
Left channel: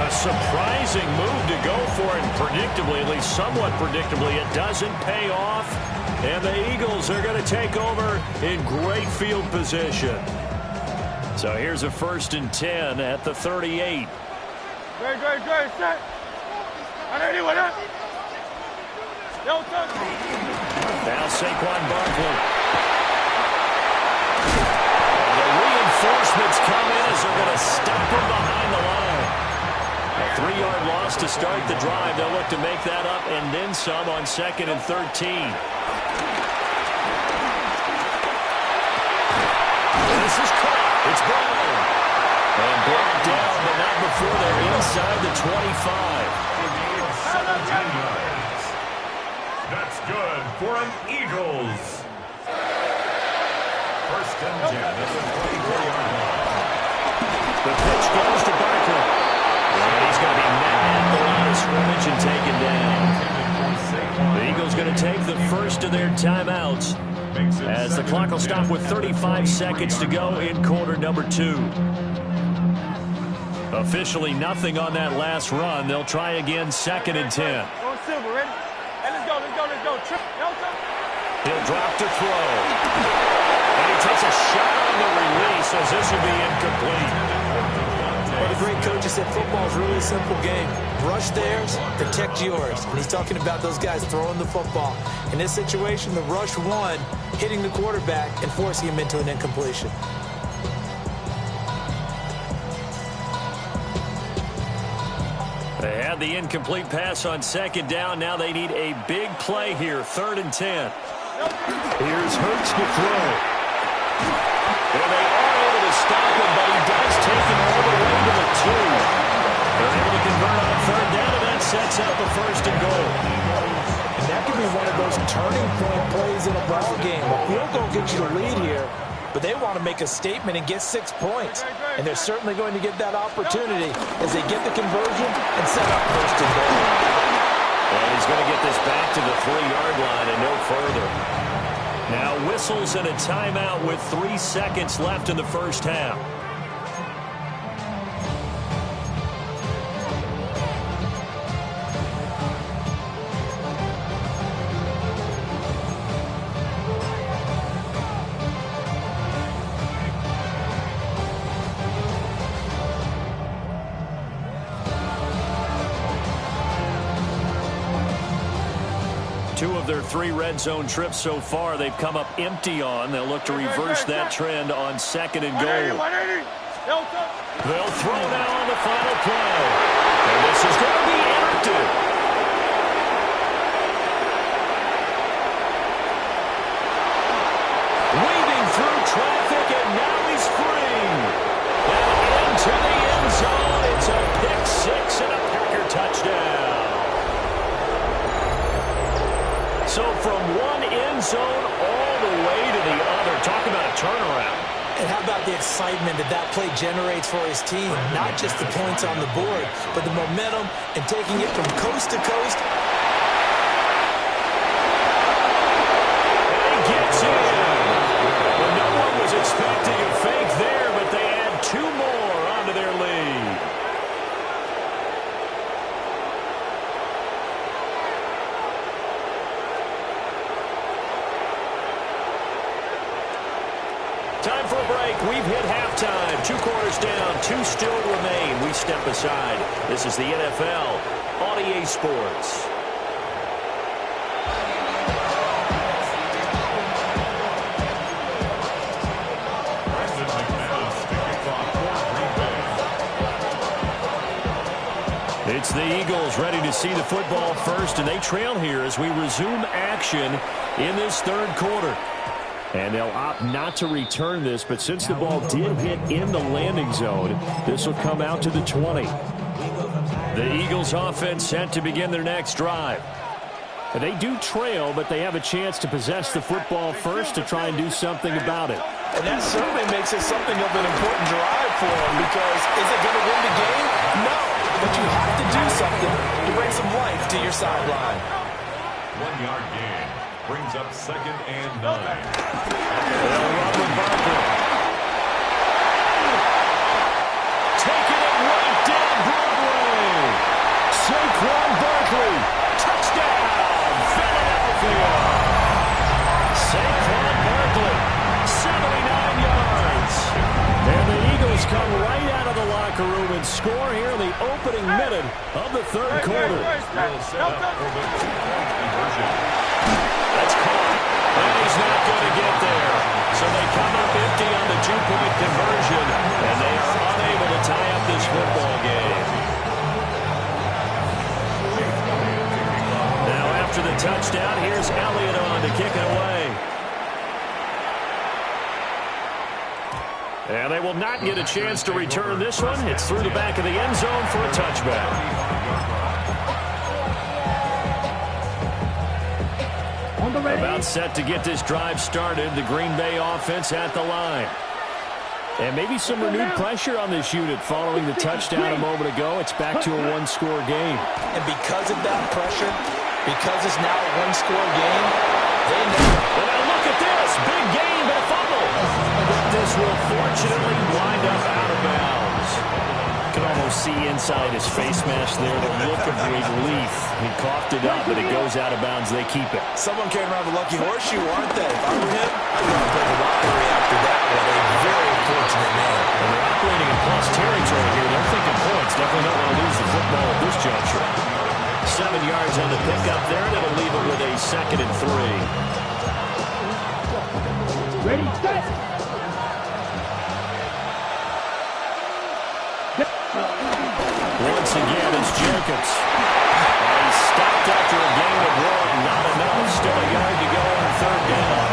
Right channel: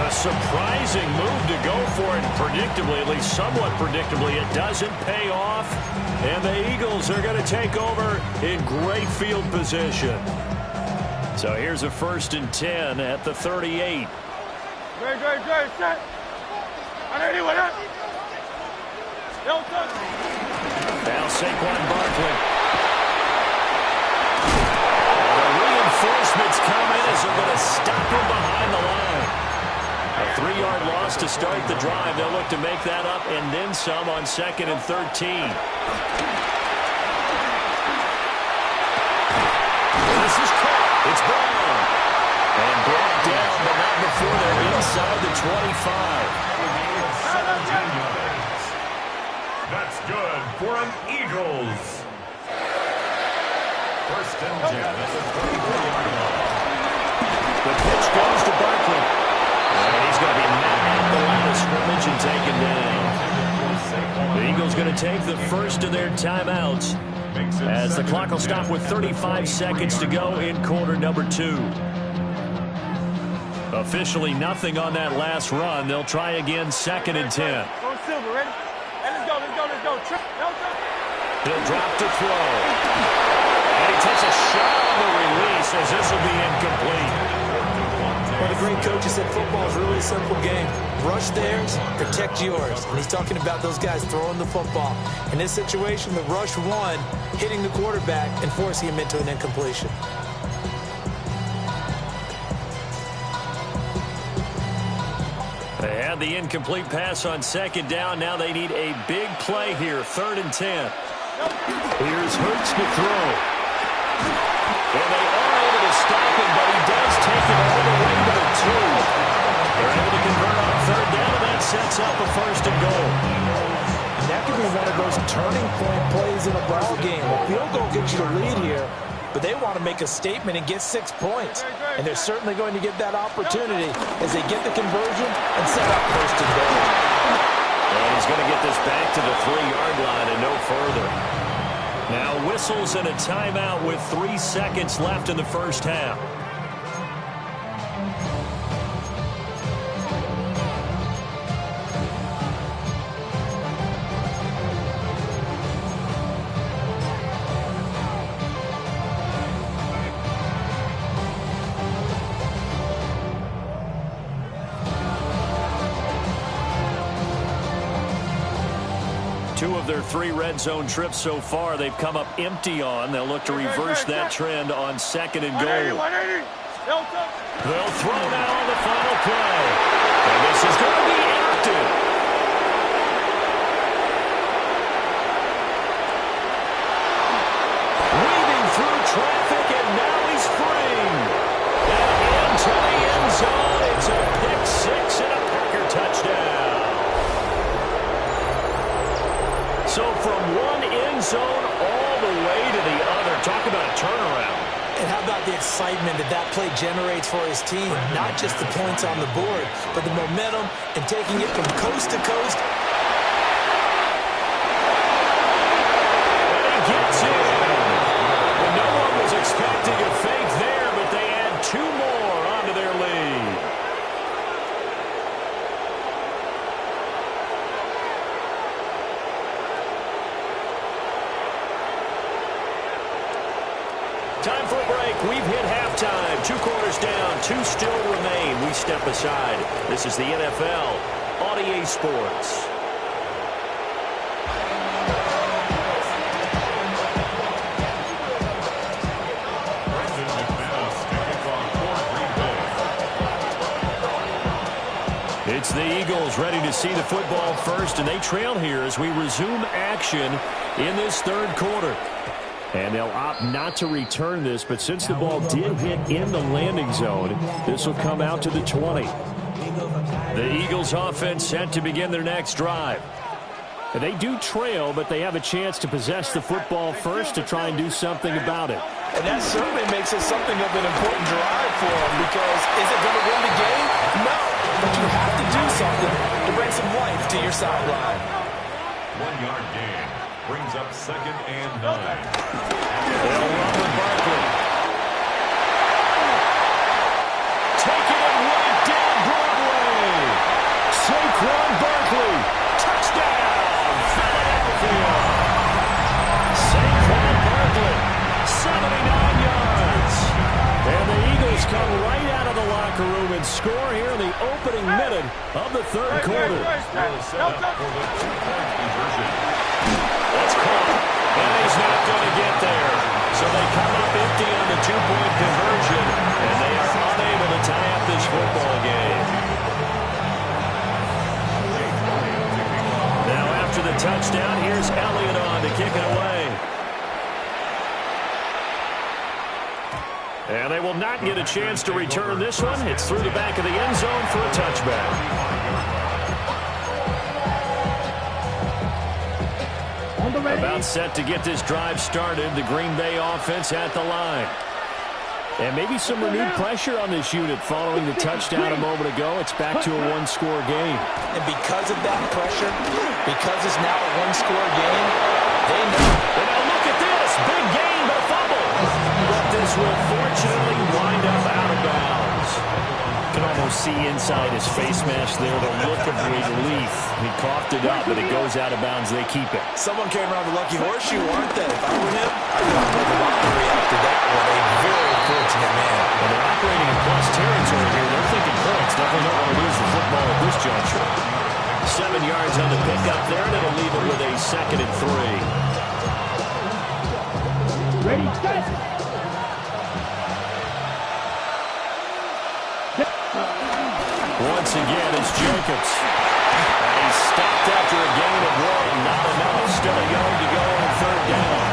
A surprising move to go for it. Predictably, at least somewhat predictably, it doesn't pay off. And the Eagles are going to take over in great field position. So here's a 1st and 10 at the 38. Great, set. Anyone up? Now Saquon Barkley. And the reinforcements come in as they're going to stop him behind the line. A 3-yard loss to start the drive. They'll look to make that up and then some on 2nd and 13. This is caught. It's Brown. And brought down, but not before they're inside the 25. 17 yards. That's good for an Eagles. 1st and 10 at the 24-yard line. The pitch goes to Barkley. And he's going to be met at the line of scrimmage and taken down. The Eagles going to take the first of their timeouts as the clock will stop with 35 seconds to go in quarter number 2. Officially nothing on that last run. They'll try again 2nd and 10. Go Silver, ready? Hey, let's go. He'll drop to throw. And he takes a shot on the release as this will be incomplete. Well, the great coach has said football is really a simple game. Rush theirs, protect yours. And he's talking about those guys throwing the football. In this situation, the rush won, hitting the quarterback and forcing him into an incompletion. They had the incomplete pass on 2nd down. Now they need a big play here, 3rd and 10. Here's Hurts to throw. And they are able to stop him, but he does take it all the way to the 2. They're able to convert on 3rd down, and that sets up a 1st and goal. And that could be one of those turning point plays in a ball game. A field goal gets you the lead here, but they want to make a statement and get 6 points. And they're certainly going to get that opportunity as they get the conversion and set up 1st and goal. And he's going to get this back to the 3-yard line and no further. Now whistles and a timeout with 3 seconds left in the first half. Two of their 3 red zone trips so far, they've come up empty on. They'll look to reverse that trend on 2nd and goal. 180. They'll throw now on the final play. And this is going to be interrupted. Weaving through traffic, and now he's free. And into the end zone. It's a pick six and a Packer touchdown. So from one end zone all the way to the other. Talk about a turnaround. And how about the excitement that play generates for his team? Not just the points on the board, but the momentum and taking it from coast to coast. And he gets in. Well, no one was expecting a fake there, but they add two more onto their lead. Time for a break. We've hit halftime. 2 quarters down. 2 still remain. We step aside. This is the NFL on EA Sports. It's the Eagles ready to see the football first, and they trail here as we resume action in this third quarter. And they'll opt not to return this, but since the ball did hit in the landing zone, this will come out to the 20. The Eagles offense set to begin their next drive. And they do trail, but they have a chance to possess the football first to try and do something about it. And that certainly makes it something of an important drive for them, because is it going to win the game? No, but you have to do something to bring some life to your sideline. 1-yard gain. Brings up 2nd and 9. They'll run with Barkley. Taking it right down Broadway. Saquon Barkley. Touchdown, Philadelphia. Saquon Barkley, 79 yards. And the Eagles come right out of the locker room and score here in the opening minute of the third quarter. That's caught, and he's not going to get there. So they come up empty on the 2-point conversion, and they are unable to tie up this football game. Now after the touchdown, here's Elliott on to kick it away. And they will not get a chance to return this one. It's through the back of the end zone for a touchback. About set to get this drive started. The Green Bay offense at the line. And maybe some renewed pressure on this unit following the touchdown a moment ago. It's back to a 1-score game. And because of that pressure, because it's now a 1-score game, they know. And now look at this. Big gain, but a fumble. But this will fortunately wind up out of bounds. You can almost see inside his face mask there the look of relief. He coughed it up, but it goes out of bounds. They keep it. Someone carrying around the lucky horseshoe, aren't they? If I were him, I'd go and play the lottery after that one. A very fortunate man. Well, they're operating in plus territory here. They're thinking points. Definitely don't want to lose the football at this juncture. 7 yards on the pickup there, and it'll leave it with a 2nd and 3. Ready, set. Once again is Jacobs. And he's stopped after a gain of 1. Not enough. Still a yard to go on 3rd down.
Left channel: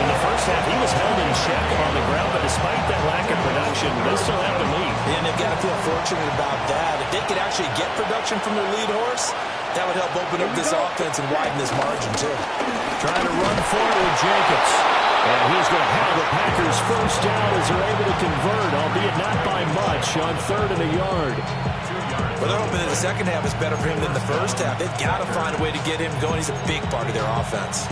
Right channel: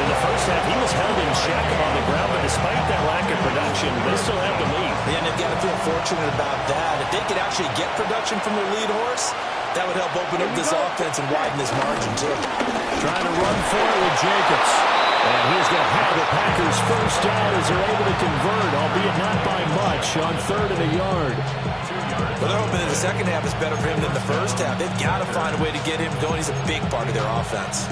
In the first half, he was held in check on the ground, but despite that lack of production, they still have the lead. Yeah, and they've got to feel fortunate about that. If they could actually get production from their lead horse, that would help open up this offense and widen this margin, too. Trying to run for it with Jacobs. And he's going to have the Packers first down as they're able to convert, albeit not by much, on 3rd and a yard. Well, they're hoping that the second half is better for him than the first half. They've got to find a way to get him going. He's a big part of their offense.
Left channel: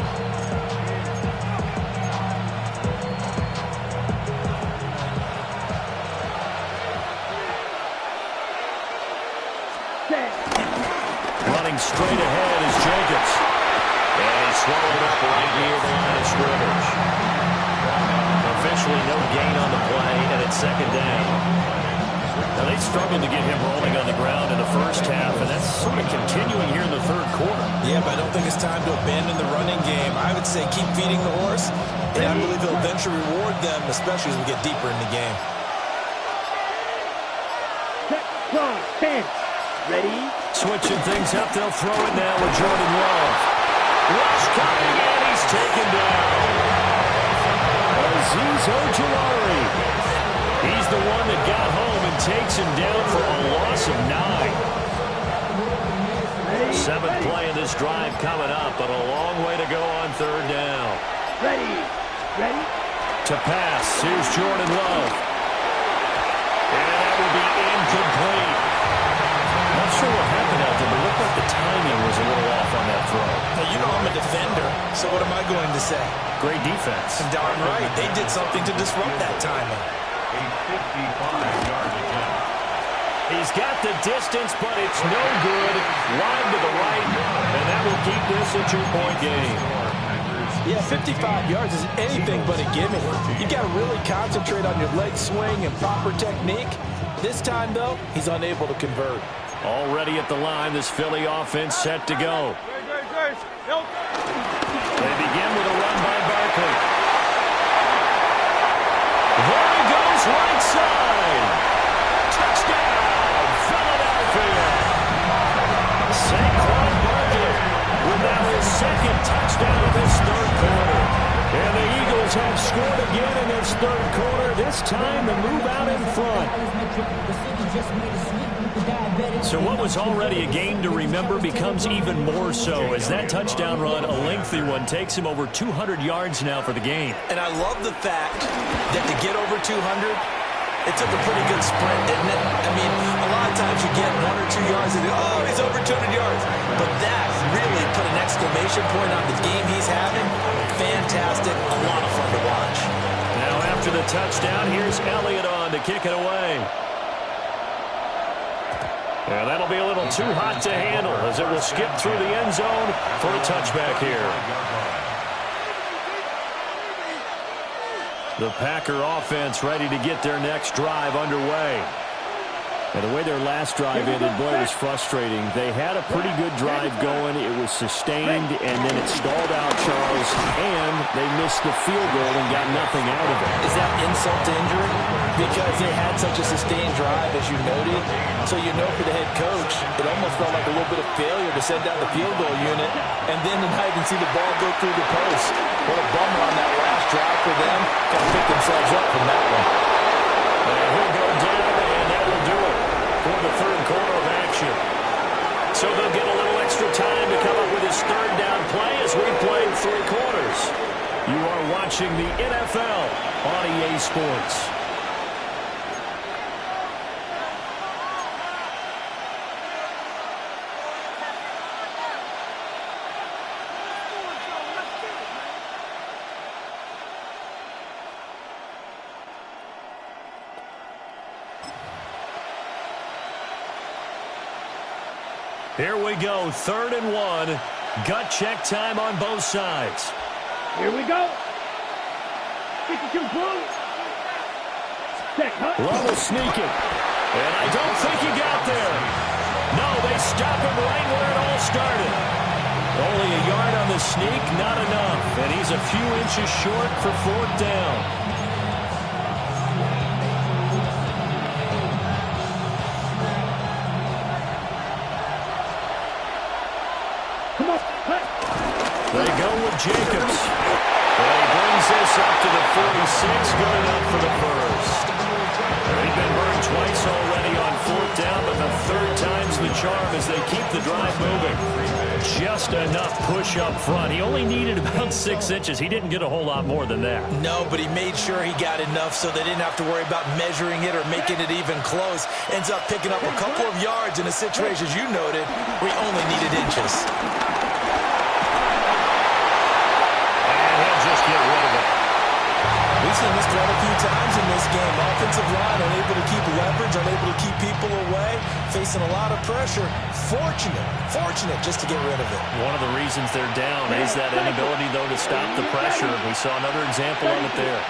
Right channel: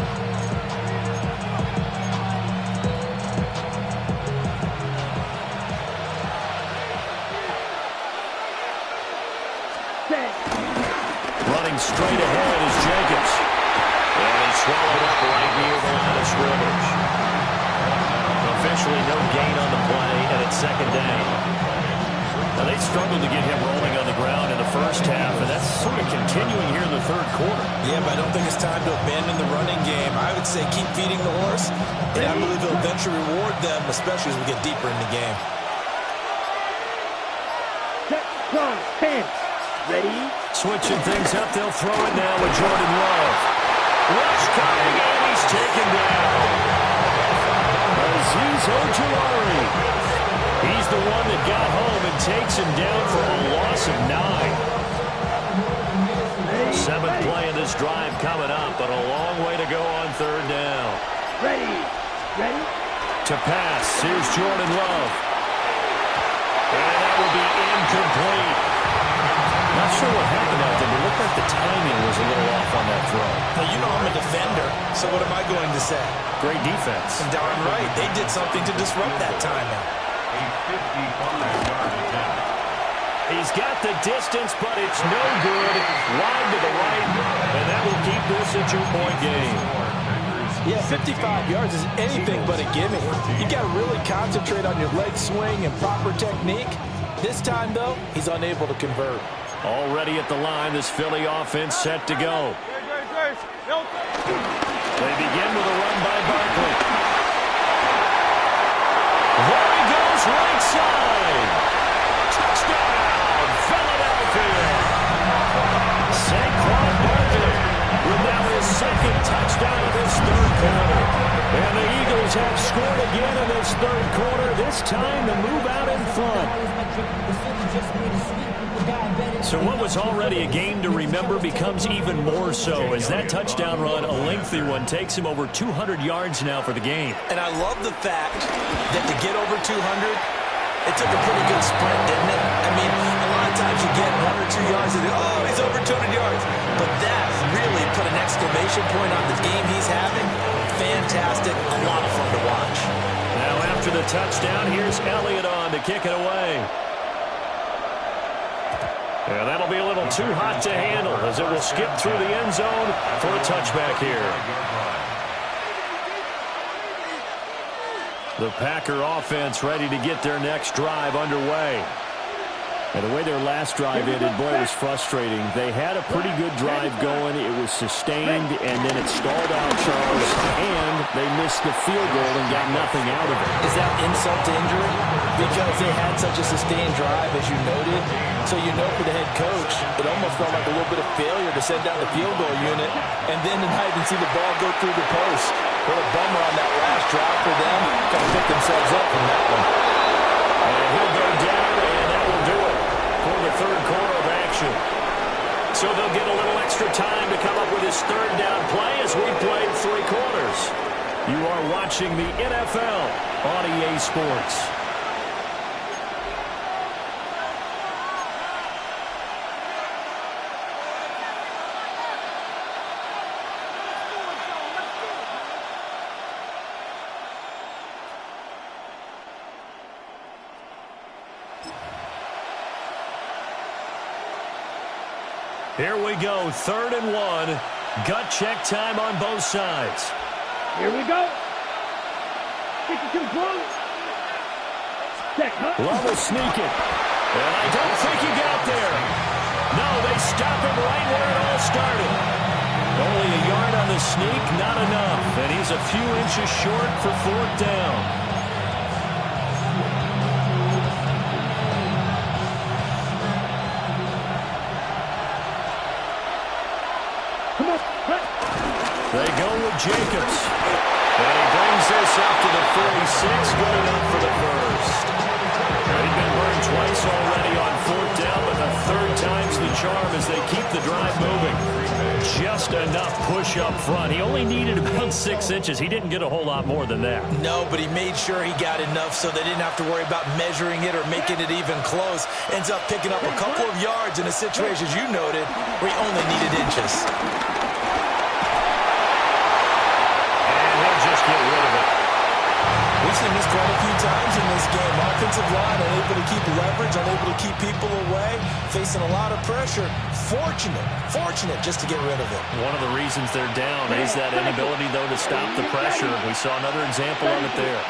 Running straight ahead is Jacobs. And he's swallowed up right near the line of scrimmage. Officially no gain on the play, and it's 2nd down. Now, they struggled to get him rolling on the ground in the first half, and that's sort of continuing here in the third quarter. Yeah, but I don't think it's time to abandon the running game. I would say keep feeding the horse, and I believe he'll eventually reward them, especially as we get deeper in the game. 10. Ready? Switching things up, they'll throw it now with Jordan Love. Rush coming, and he's taken down. Azeez Ojulari. He's the one that got home and takes him down for a loss of 9. Seventh play in this drive coming up, but a long way to go on third down. Ready? Ready? To pass, here's Jordan Love. And that will be incomplete. Not sure what happened out there, but it looked like the timing was a little off on that throw. Now, you know I'm a defender, so what am I going to say? Great defense. Darn right. They did something to disrupt that timing. A 55-yard attempt. He's got the distance, but it's no good. Wide to the right, and that will keep this a 2-point game. Yeah, 55 yards is anything but a gimme. You got to really concentrate on your leg swing and proper technique. This time, though, he's unable to convert. Already at the line, this Philly offense set to go. They begin with a run by Barkley. There he goes, right side. Touchdown, Philadelphia. Saquon Barkley with now his second touchdown of this third quarter. And the Eagles have scored again in this third quarter, this time to move out in front. So what was already a game to remember becomes even more so as that touchdown run, a lengthy one, takes him over 200 yards now for the game. And I love the fact that to get over 200, it took a pretty good sprint, didn't it? I mean, a lot of times you get 1 or 2 yards and oh, he's over 200 yards. But that really put an exclamation point on the game he's having. Fantastic, a lot of fun to watch. Now after the touchdown, here's Elliott on to kick it away. Yeah, that'll be a little too hot to handle as it will skip through the end zone for a touchback here. The Packer offense ready to get their next drive underway. And the way their last drive ended, boy, it was frustrating. They had a pretty good drive going. It was sustained, and then it stalled out, Charles, and they missed the field goal and got nothing out of it. Is that insult to injury? Because they had such a sustained drive, as you noted. So you know for the head coach, it almost felt like a little bit of failure to send out the field goal unit and then to not even see the ball go through the post. What a bummer on that last drive for them. Got to pick themselves up from that one. And he'll go down, and that will do it for the third quarter of action. So they'll get a little extra time to come up with his third down play as we played 3 quarters. You are watching the NFL on EA Sports. Here we go, 3rd and 1. Gut check time on both sides. Here we go. 52 blue. Love will sneak it. And I don't think he got there. No, they stop him right where it all started. Only a yard on the sneak, not enough. And he's a few inches short for 4th down. They go with Jacobs. And he brings this up to the 46. Good enough for the first. They've been burned twice already on 4th down, but the 3rd time's the charm as they keep the drive moving. Just enough push up front. He only needed about 6 inches. He didn't get a whole lot more than that. No, but he made sure he got enough so they didn't have to worry about measuring it or making it even close. Ends up picking up a couple of yards in a situation, as you noted, where he only needed inches. Just get rid of it. We've seen this quite a few times in this game. Offensive line unable to keep leverage, unable to keep people away, facing a lot of pressure. Fortunate just to get rid of it. One of the reasons they're down is that inability, though, to stop the pressure. We saw another example of it there.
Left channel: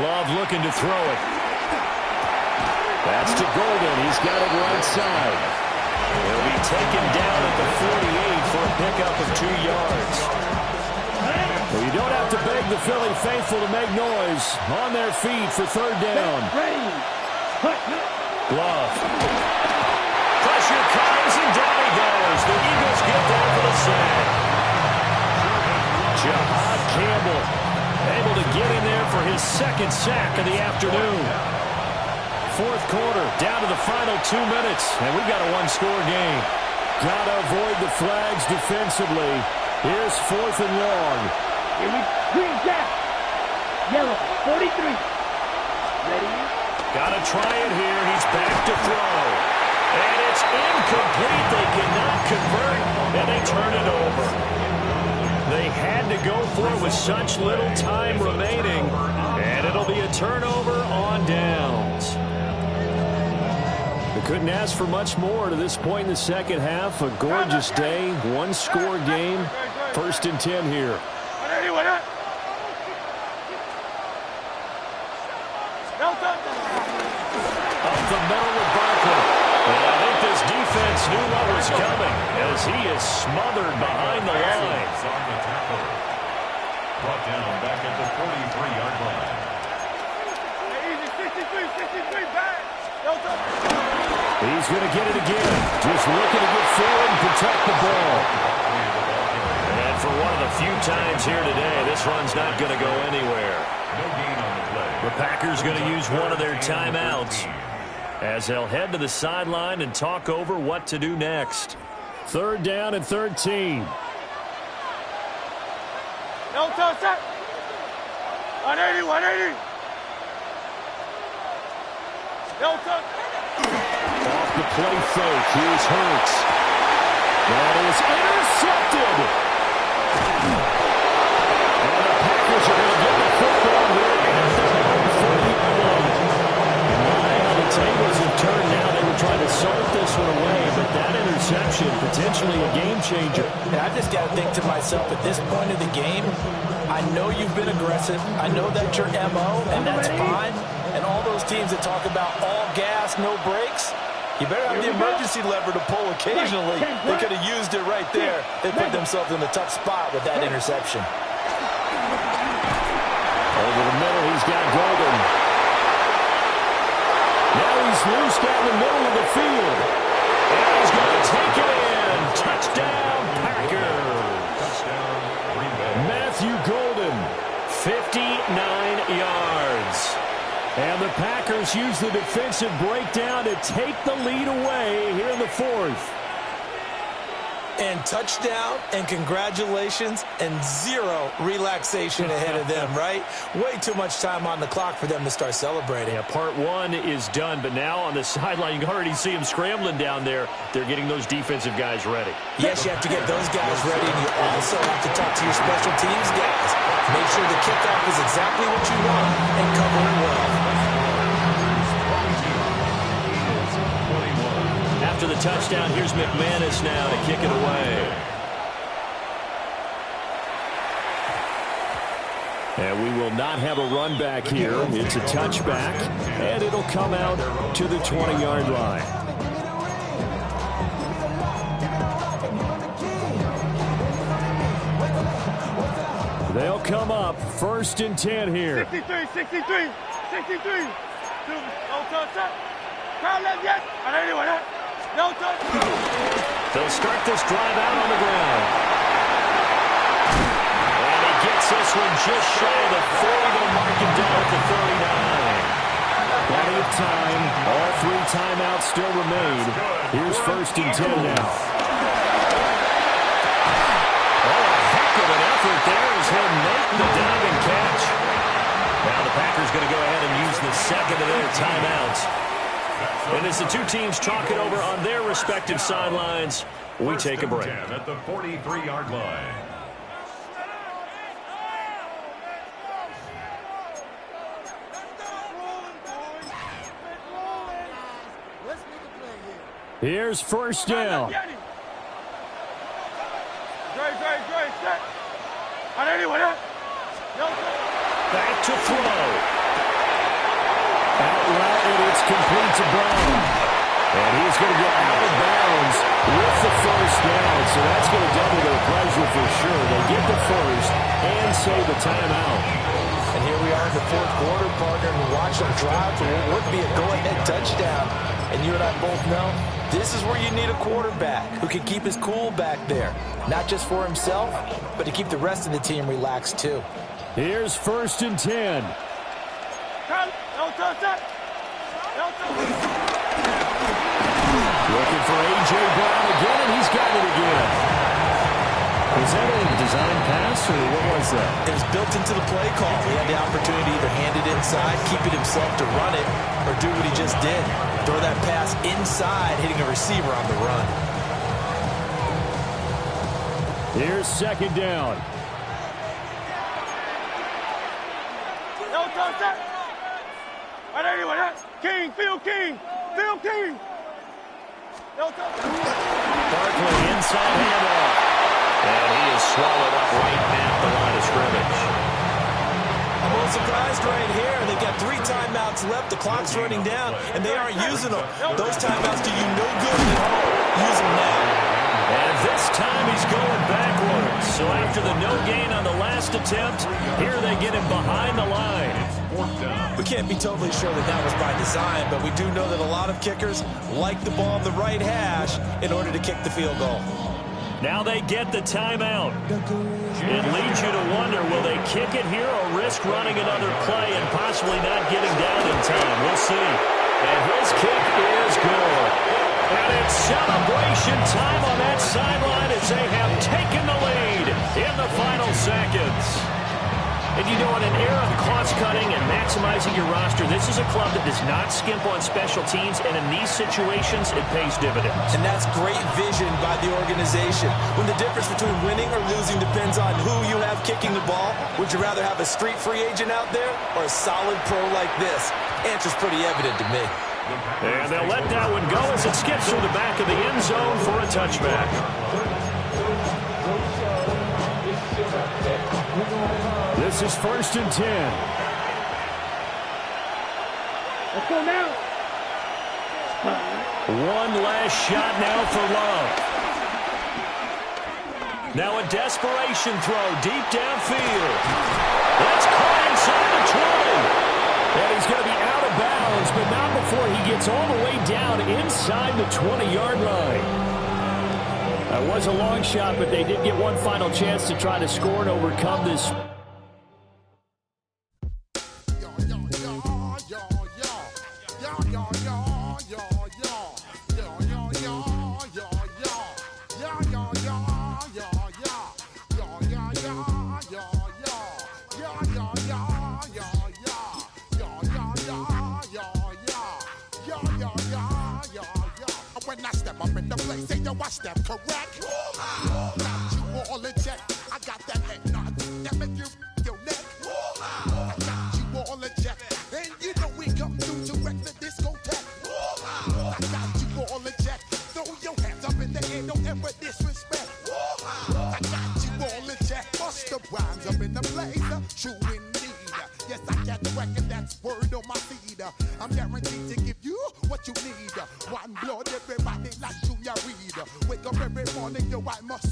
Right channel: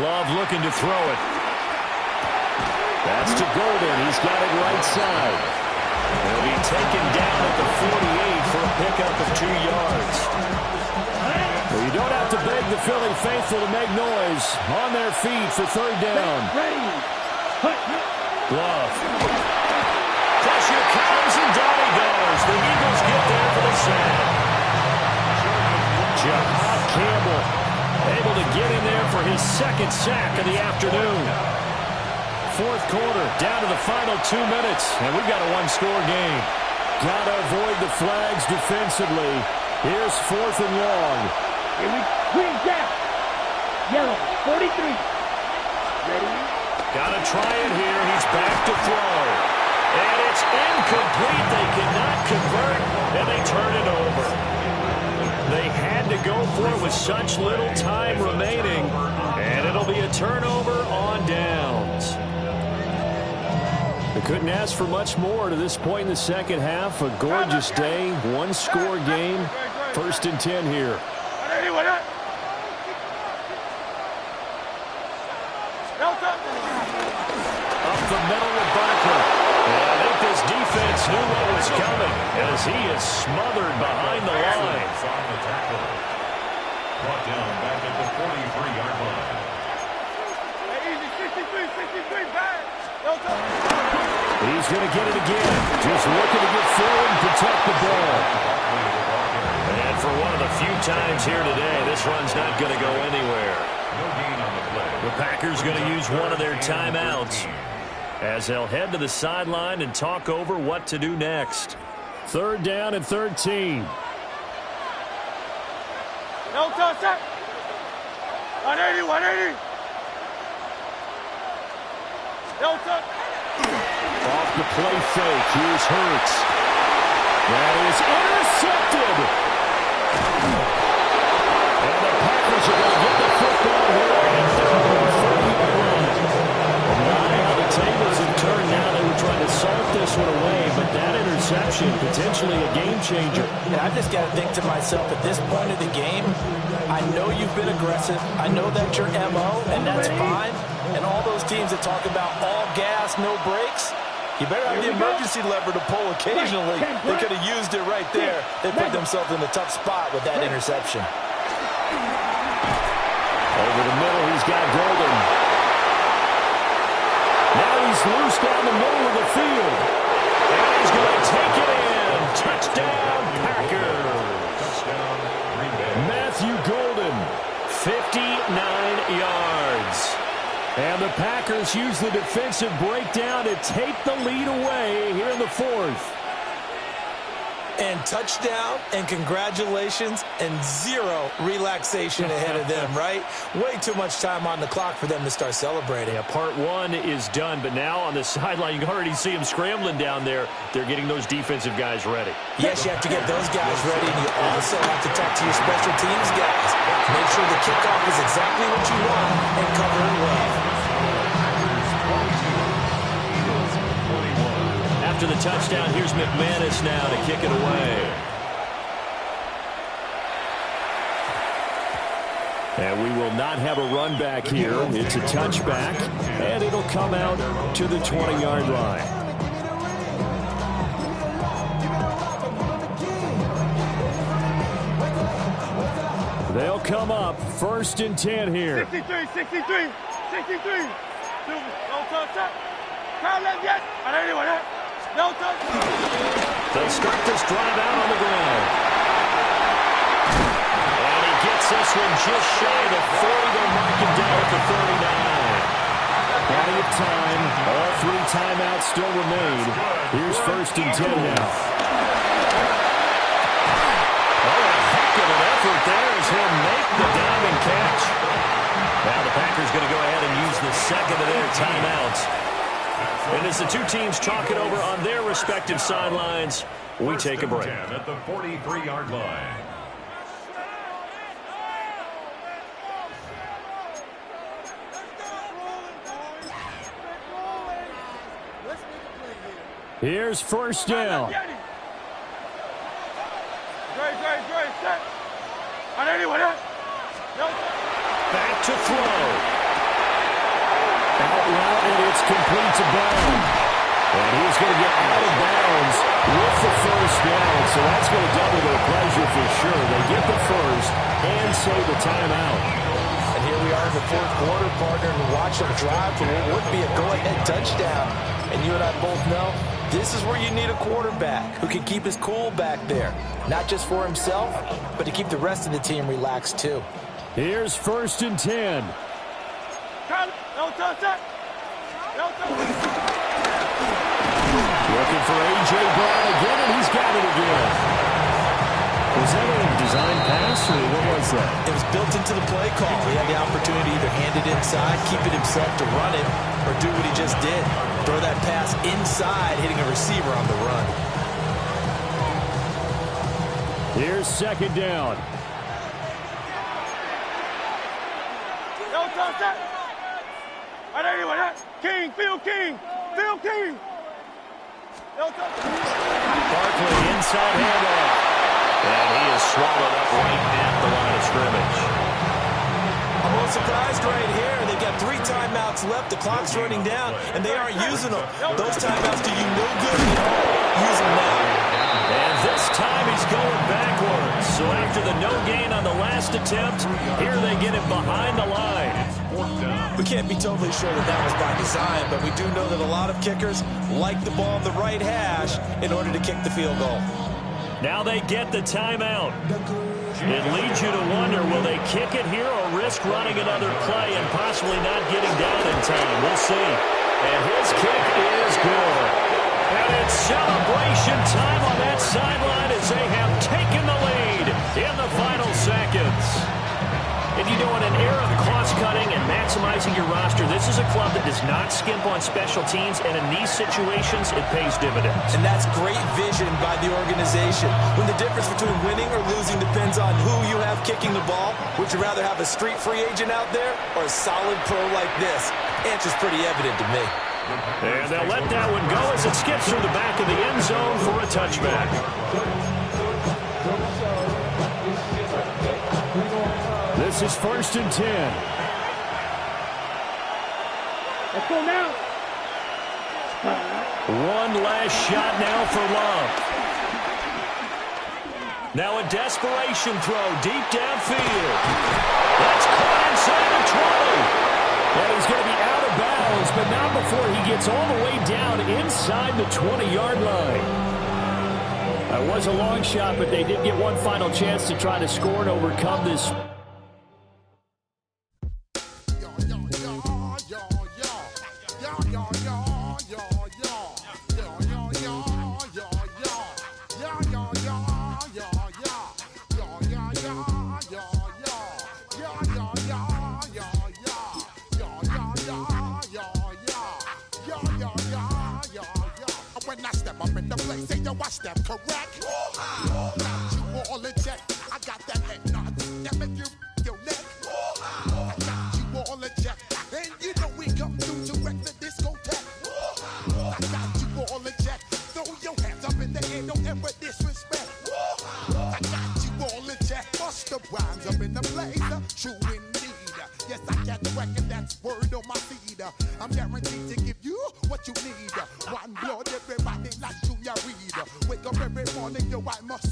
Love looking to throw it. That's to Golden. He's got it right side. He'll be taken down at the 48 for a pickup of 2 yards. Well, you don't have have to beg the Philly faithful to make noise on their feet for third down. Ready. Hut. Glove. Pressure comes, and down he goes. The Eagles get there for the sack. Jahad Campbell able to get in there for his second sack of the afternoon. Fourth quarter, down to the final 2 minutes, and we've got a one-score game. Got to avoid the flags defensively. Here's 4th and long. Here we green jack. Yellow, 43. Ready? Got to try it here. He's back to throw. And it's incomplete. They cannot convert, and they turn it over. They had to go for it with such little time remaining, and it'll be a turnover on downs. They couldn't ask for much more to this point in the second half. A gorgeous day, one-score game. 1st and 10 here. Up the middle with Barkley. And I think this defense knew what was coming as he is smothered behind the line. On the tackle. Brought down back at the 43-yard line. Easy, 63, back. He's going to get it again. Just looking to get forward and protect the ball. And for one of the few times here today, this run's not going to go anywhere. No gain on the play. The Packers going to use one of their timeouts as they'll head to the sideline and talk over what to do next. 3rd down and 13. No touch, 180. No touch. Off the play fake, here's Hurts. That is intercepted. And the Packers are going to get the football here at their own 40-yard line. My, how the tables have turned now. They were trying to salt this one away, but that interception, potentially a game changer. And I just got to think to myself, at this point of the game, I know you've been aggressive. I know that's your MO, and that's fine. And all those teams that talk about all gas, no brakes, you better have the emergency lever to pull occasionally. They could have used it right there. They put themselves in a tough spot with that interception. Over the middle, he's got Golden. Now he's loose down the middle of the field. And he's going to take it in. Touchdown, Packers. Touchdown, Green Bay. Matthew Golden, 59 yards. And the Packers use the defensive breakdown to take the lead away here in the 4th. And touchdown, and congratulations, and zero relaxation ahead of them, right? Way too much time on the clock for them to start celebrating. Yeah, part 1 is done, but now on the sideline, you can already see them scrambling down there. They're getting those defensive guys ready. Yes, you have to get those guys ready, and you also have to talk to your special teams guys. Make sure the kickoff is exactly what you want and cover it well. After the touchdown, here's McManus now to kick it away. And we will not have a run back here. It's a touchback, and it'll come out to the 20-yard line. They'll come up 1st and 10 here. 63. No touch. Crowd left yet. 181. No touch. They'll start this drive out on the ground. And he gets this one just shy of the 40. They'll mark him down at the 39. Plenty of time. All 3 timeouts still remain. Here's 1st and 10 now. Oh, a heck of an effort there as he'll make the diving catch. Now the Packers going to go ahead and use the second of their timeouts. And as the two teams talk it over on their respective sidelines, we take a break. At the 43-yard line. Here's 1st down. Great. Set. 181. No touch. Back to throw. Out route, and it's complete to Brown. And he's going to get out of bounds with the first down. So that's going to double their pleasure for sure. They get the first and save the timeout. And here we are in the fourth quarter, partner, and watch them drive for what would be a go-ahead touchdown. And you and I both know this is where you need a quarterback who can keep his cool back there. Not just for himself, but to keep the rest of the team relaxed too. Here's 1st and 10. Looking for A.J. Brown again, and he's got it again. Was that a design pass, or what was that? It was built into the play call. He had the opportunity to either hand it inside, keep it himself to run it, or do what he just did. Throw that pass inside, hitting a receiver on the run. Here's 2nd down. King, Phil King, Phil King. Barkley inside handoff. And he is swallowed up right at the line of scrimmage. I'm a little surprised right here. They've got 3 timeouts left. The clock's running down, and they aren't using them. Those timeouts do you no good at home. Use them now. And this time he's going backwards. So after the no gain on the last attempt, here they get him behind the line. We can't be totally sure that that was by design, but we do know that a lot of kickers like the ball on the right hash in order to kick the field goal. Now they get the timeout. It leads you to wonder, will they kick it here or risk running another play and possibly not getting down in time? We'll see. And his kick is good. And it's celebration time on that sideline as they have taken the lead in the final seconds. And you know, in an era of cost-cutting and maximizing your roster, this is a club that does not skimp on special teams, and in these situations, it pays dividends. And that's great vision by the organization. When the difference between winning or losing depends on who you have kicking the ball, would you rather have a street free agent out there or a solid pro like this? Answer's pretty evident to me. And they'll let that one go as it skips through the back of the end zone for a touchback. This is 1st and 10. Let's go now. One last shot now for Love. Now a desperation throw deep downfield. That's caught inside the 20. And he's going to be out of bounds, but not before he gets all the way down inside the 20-yard line. That was a long shot, but they did get one final chance to try to score and overcome this. I step correct. Got you all in check. I got that head nod that make you your neck. I got you all in check. And you know we come through to wreck the discotheque. I got you all in check. Throw your hands up in the air, don't ever disrespect. I got you all in check. Bust the rhymes up in the place. True indeed. Yes, I got the record, that's word on my feed. I'm guaranteed to give you what you need. One blood, everybody like Junior Reed. Wake up every morning, yo, I must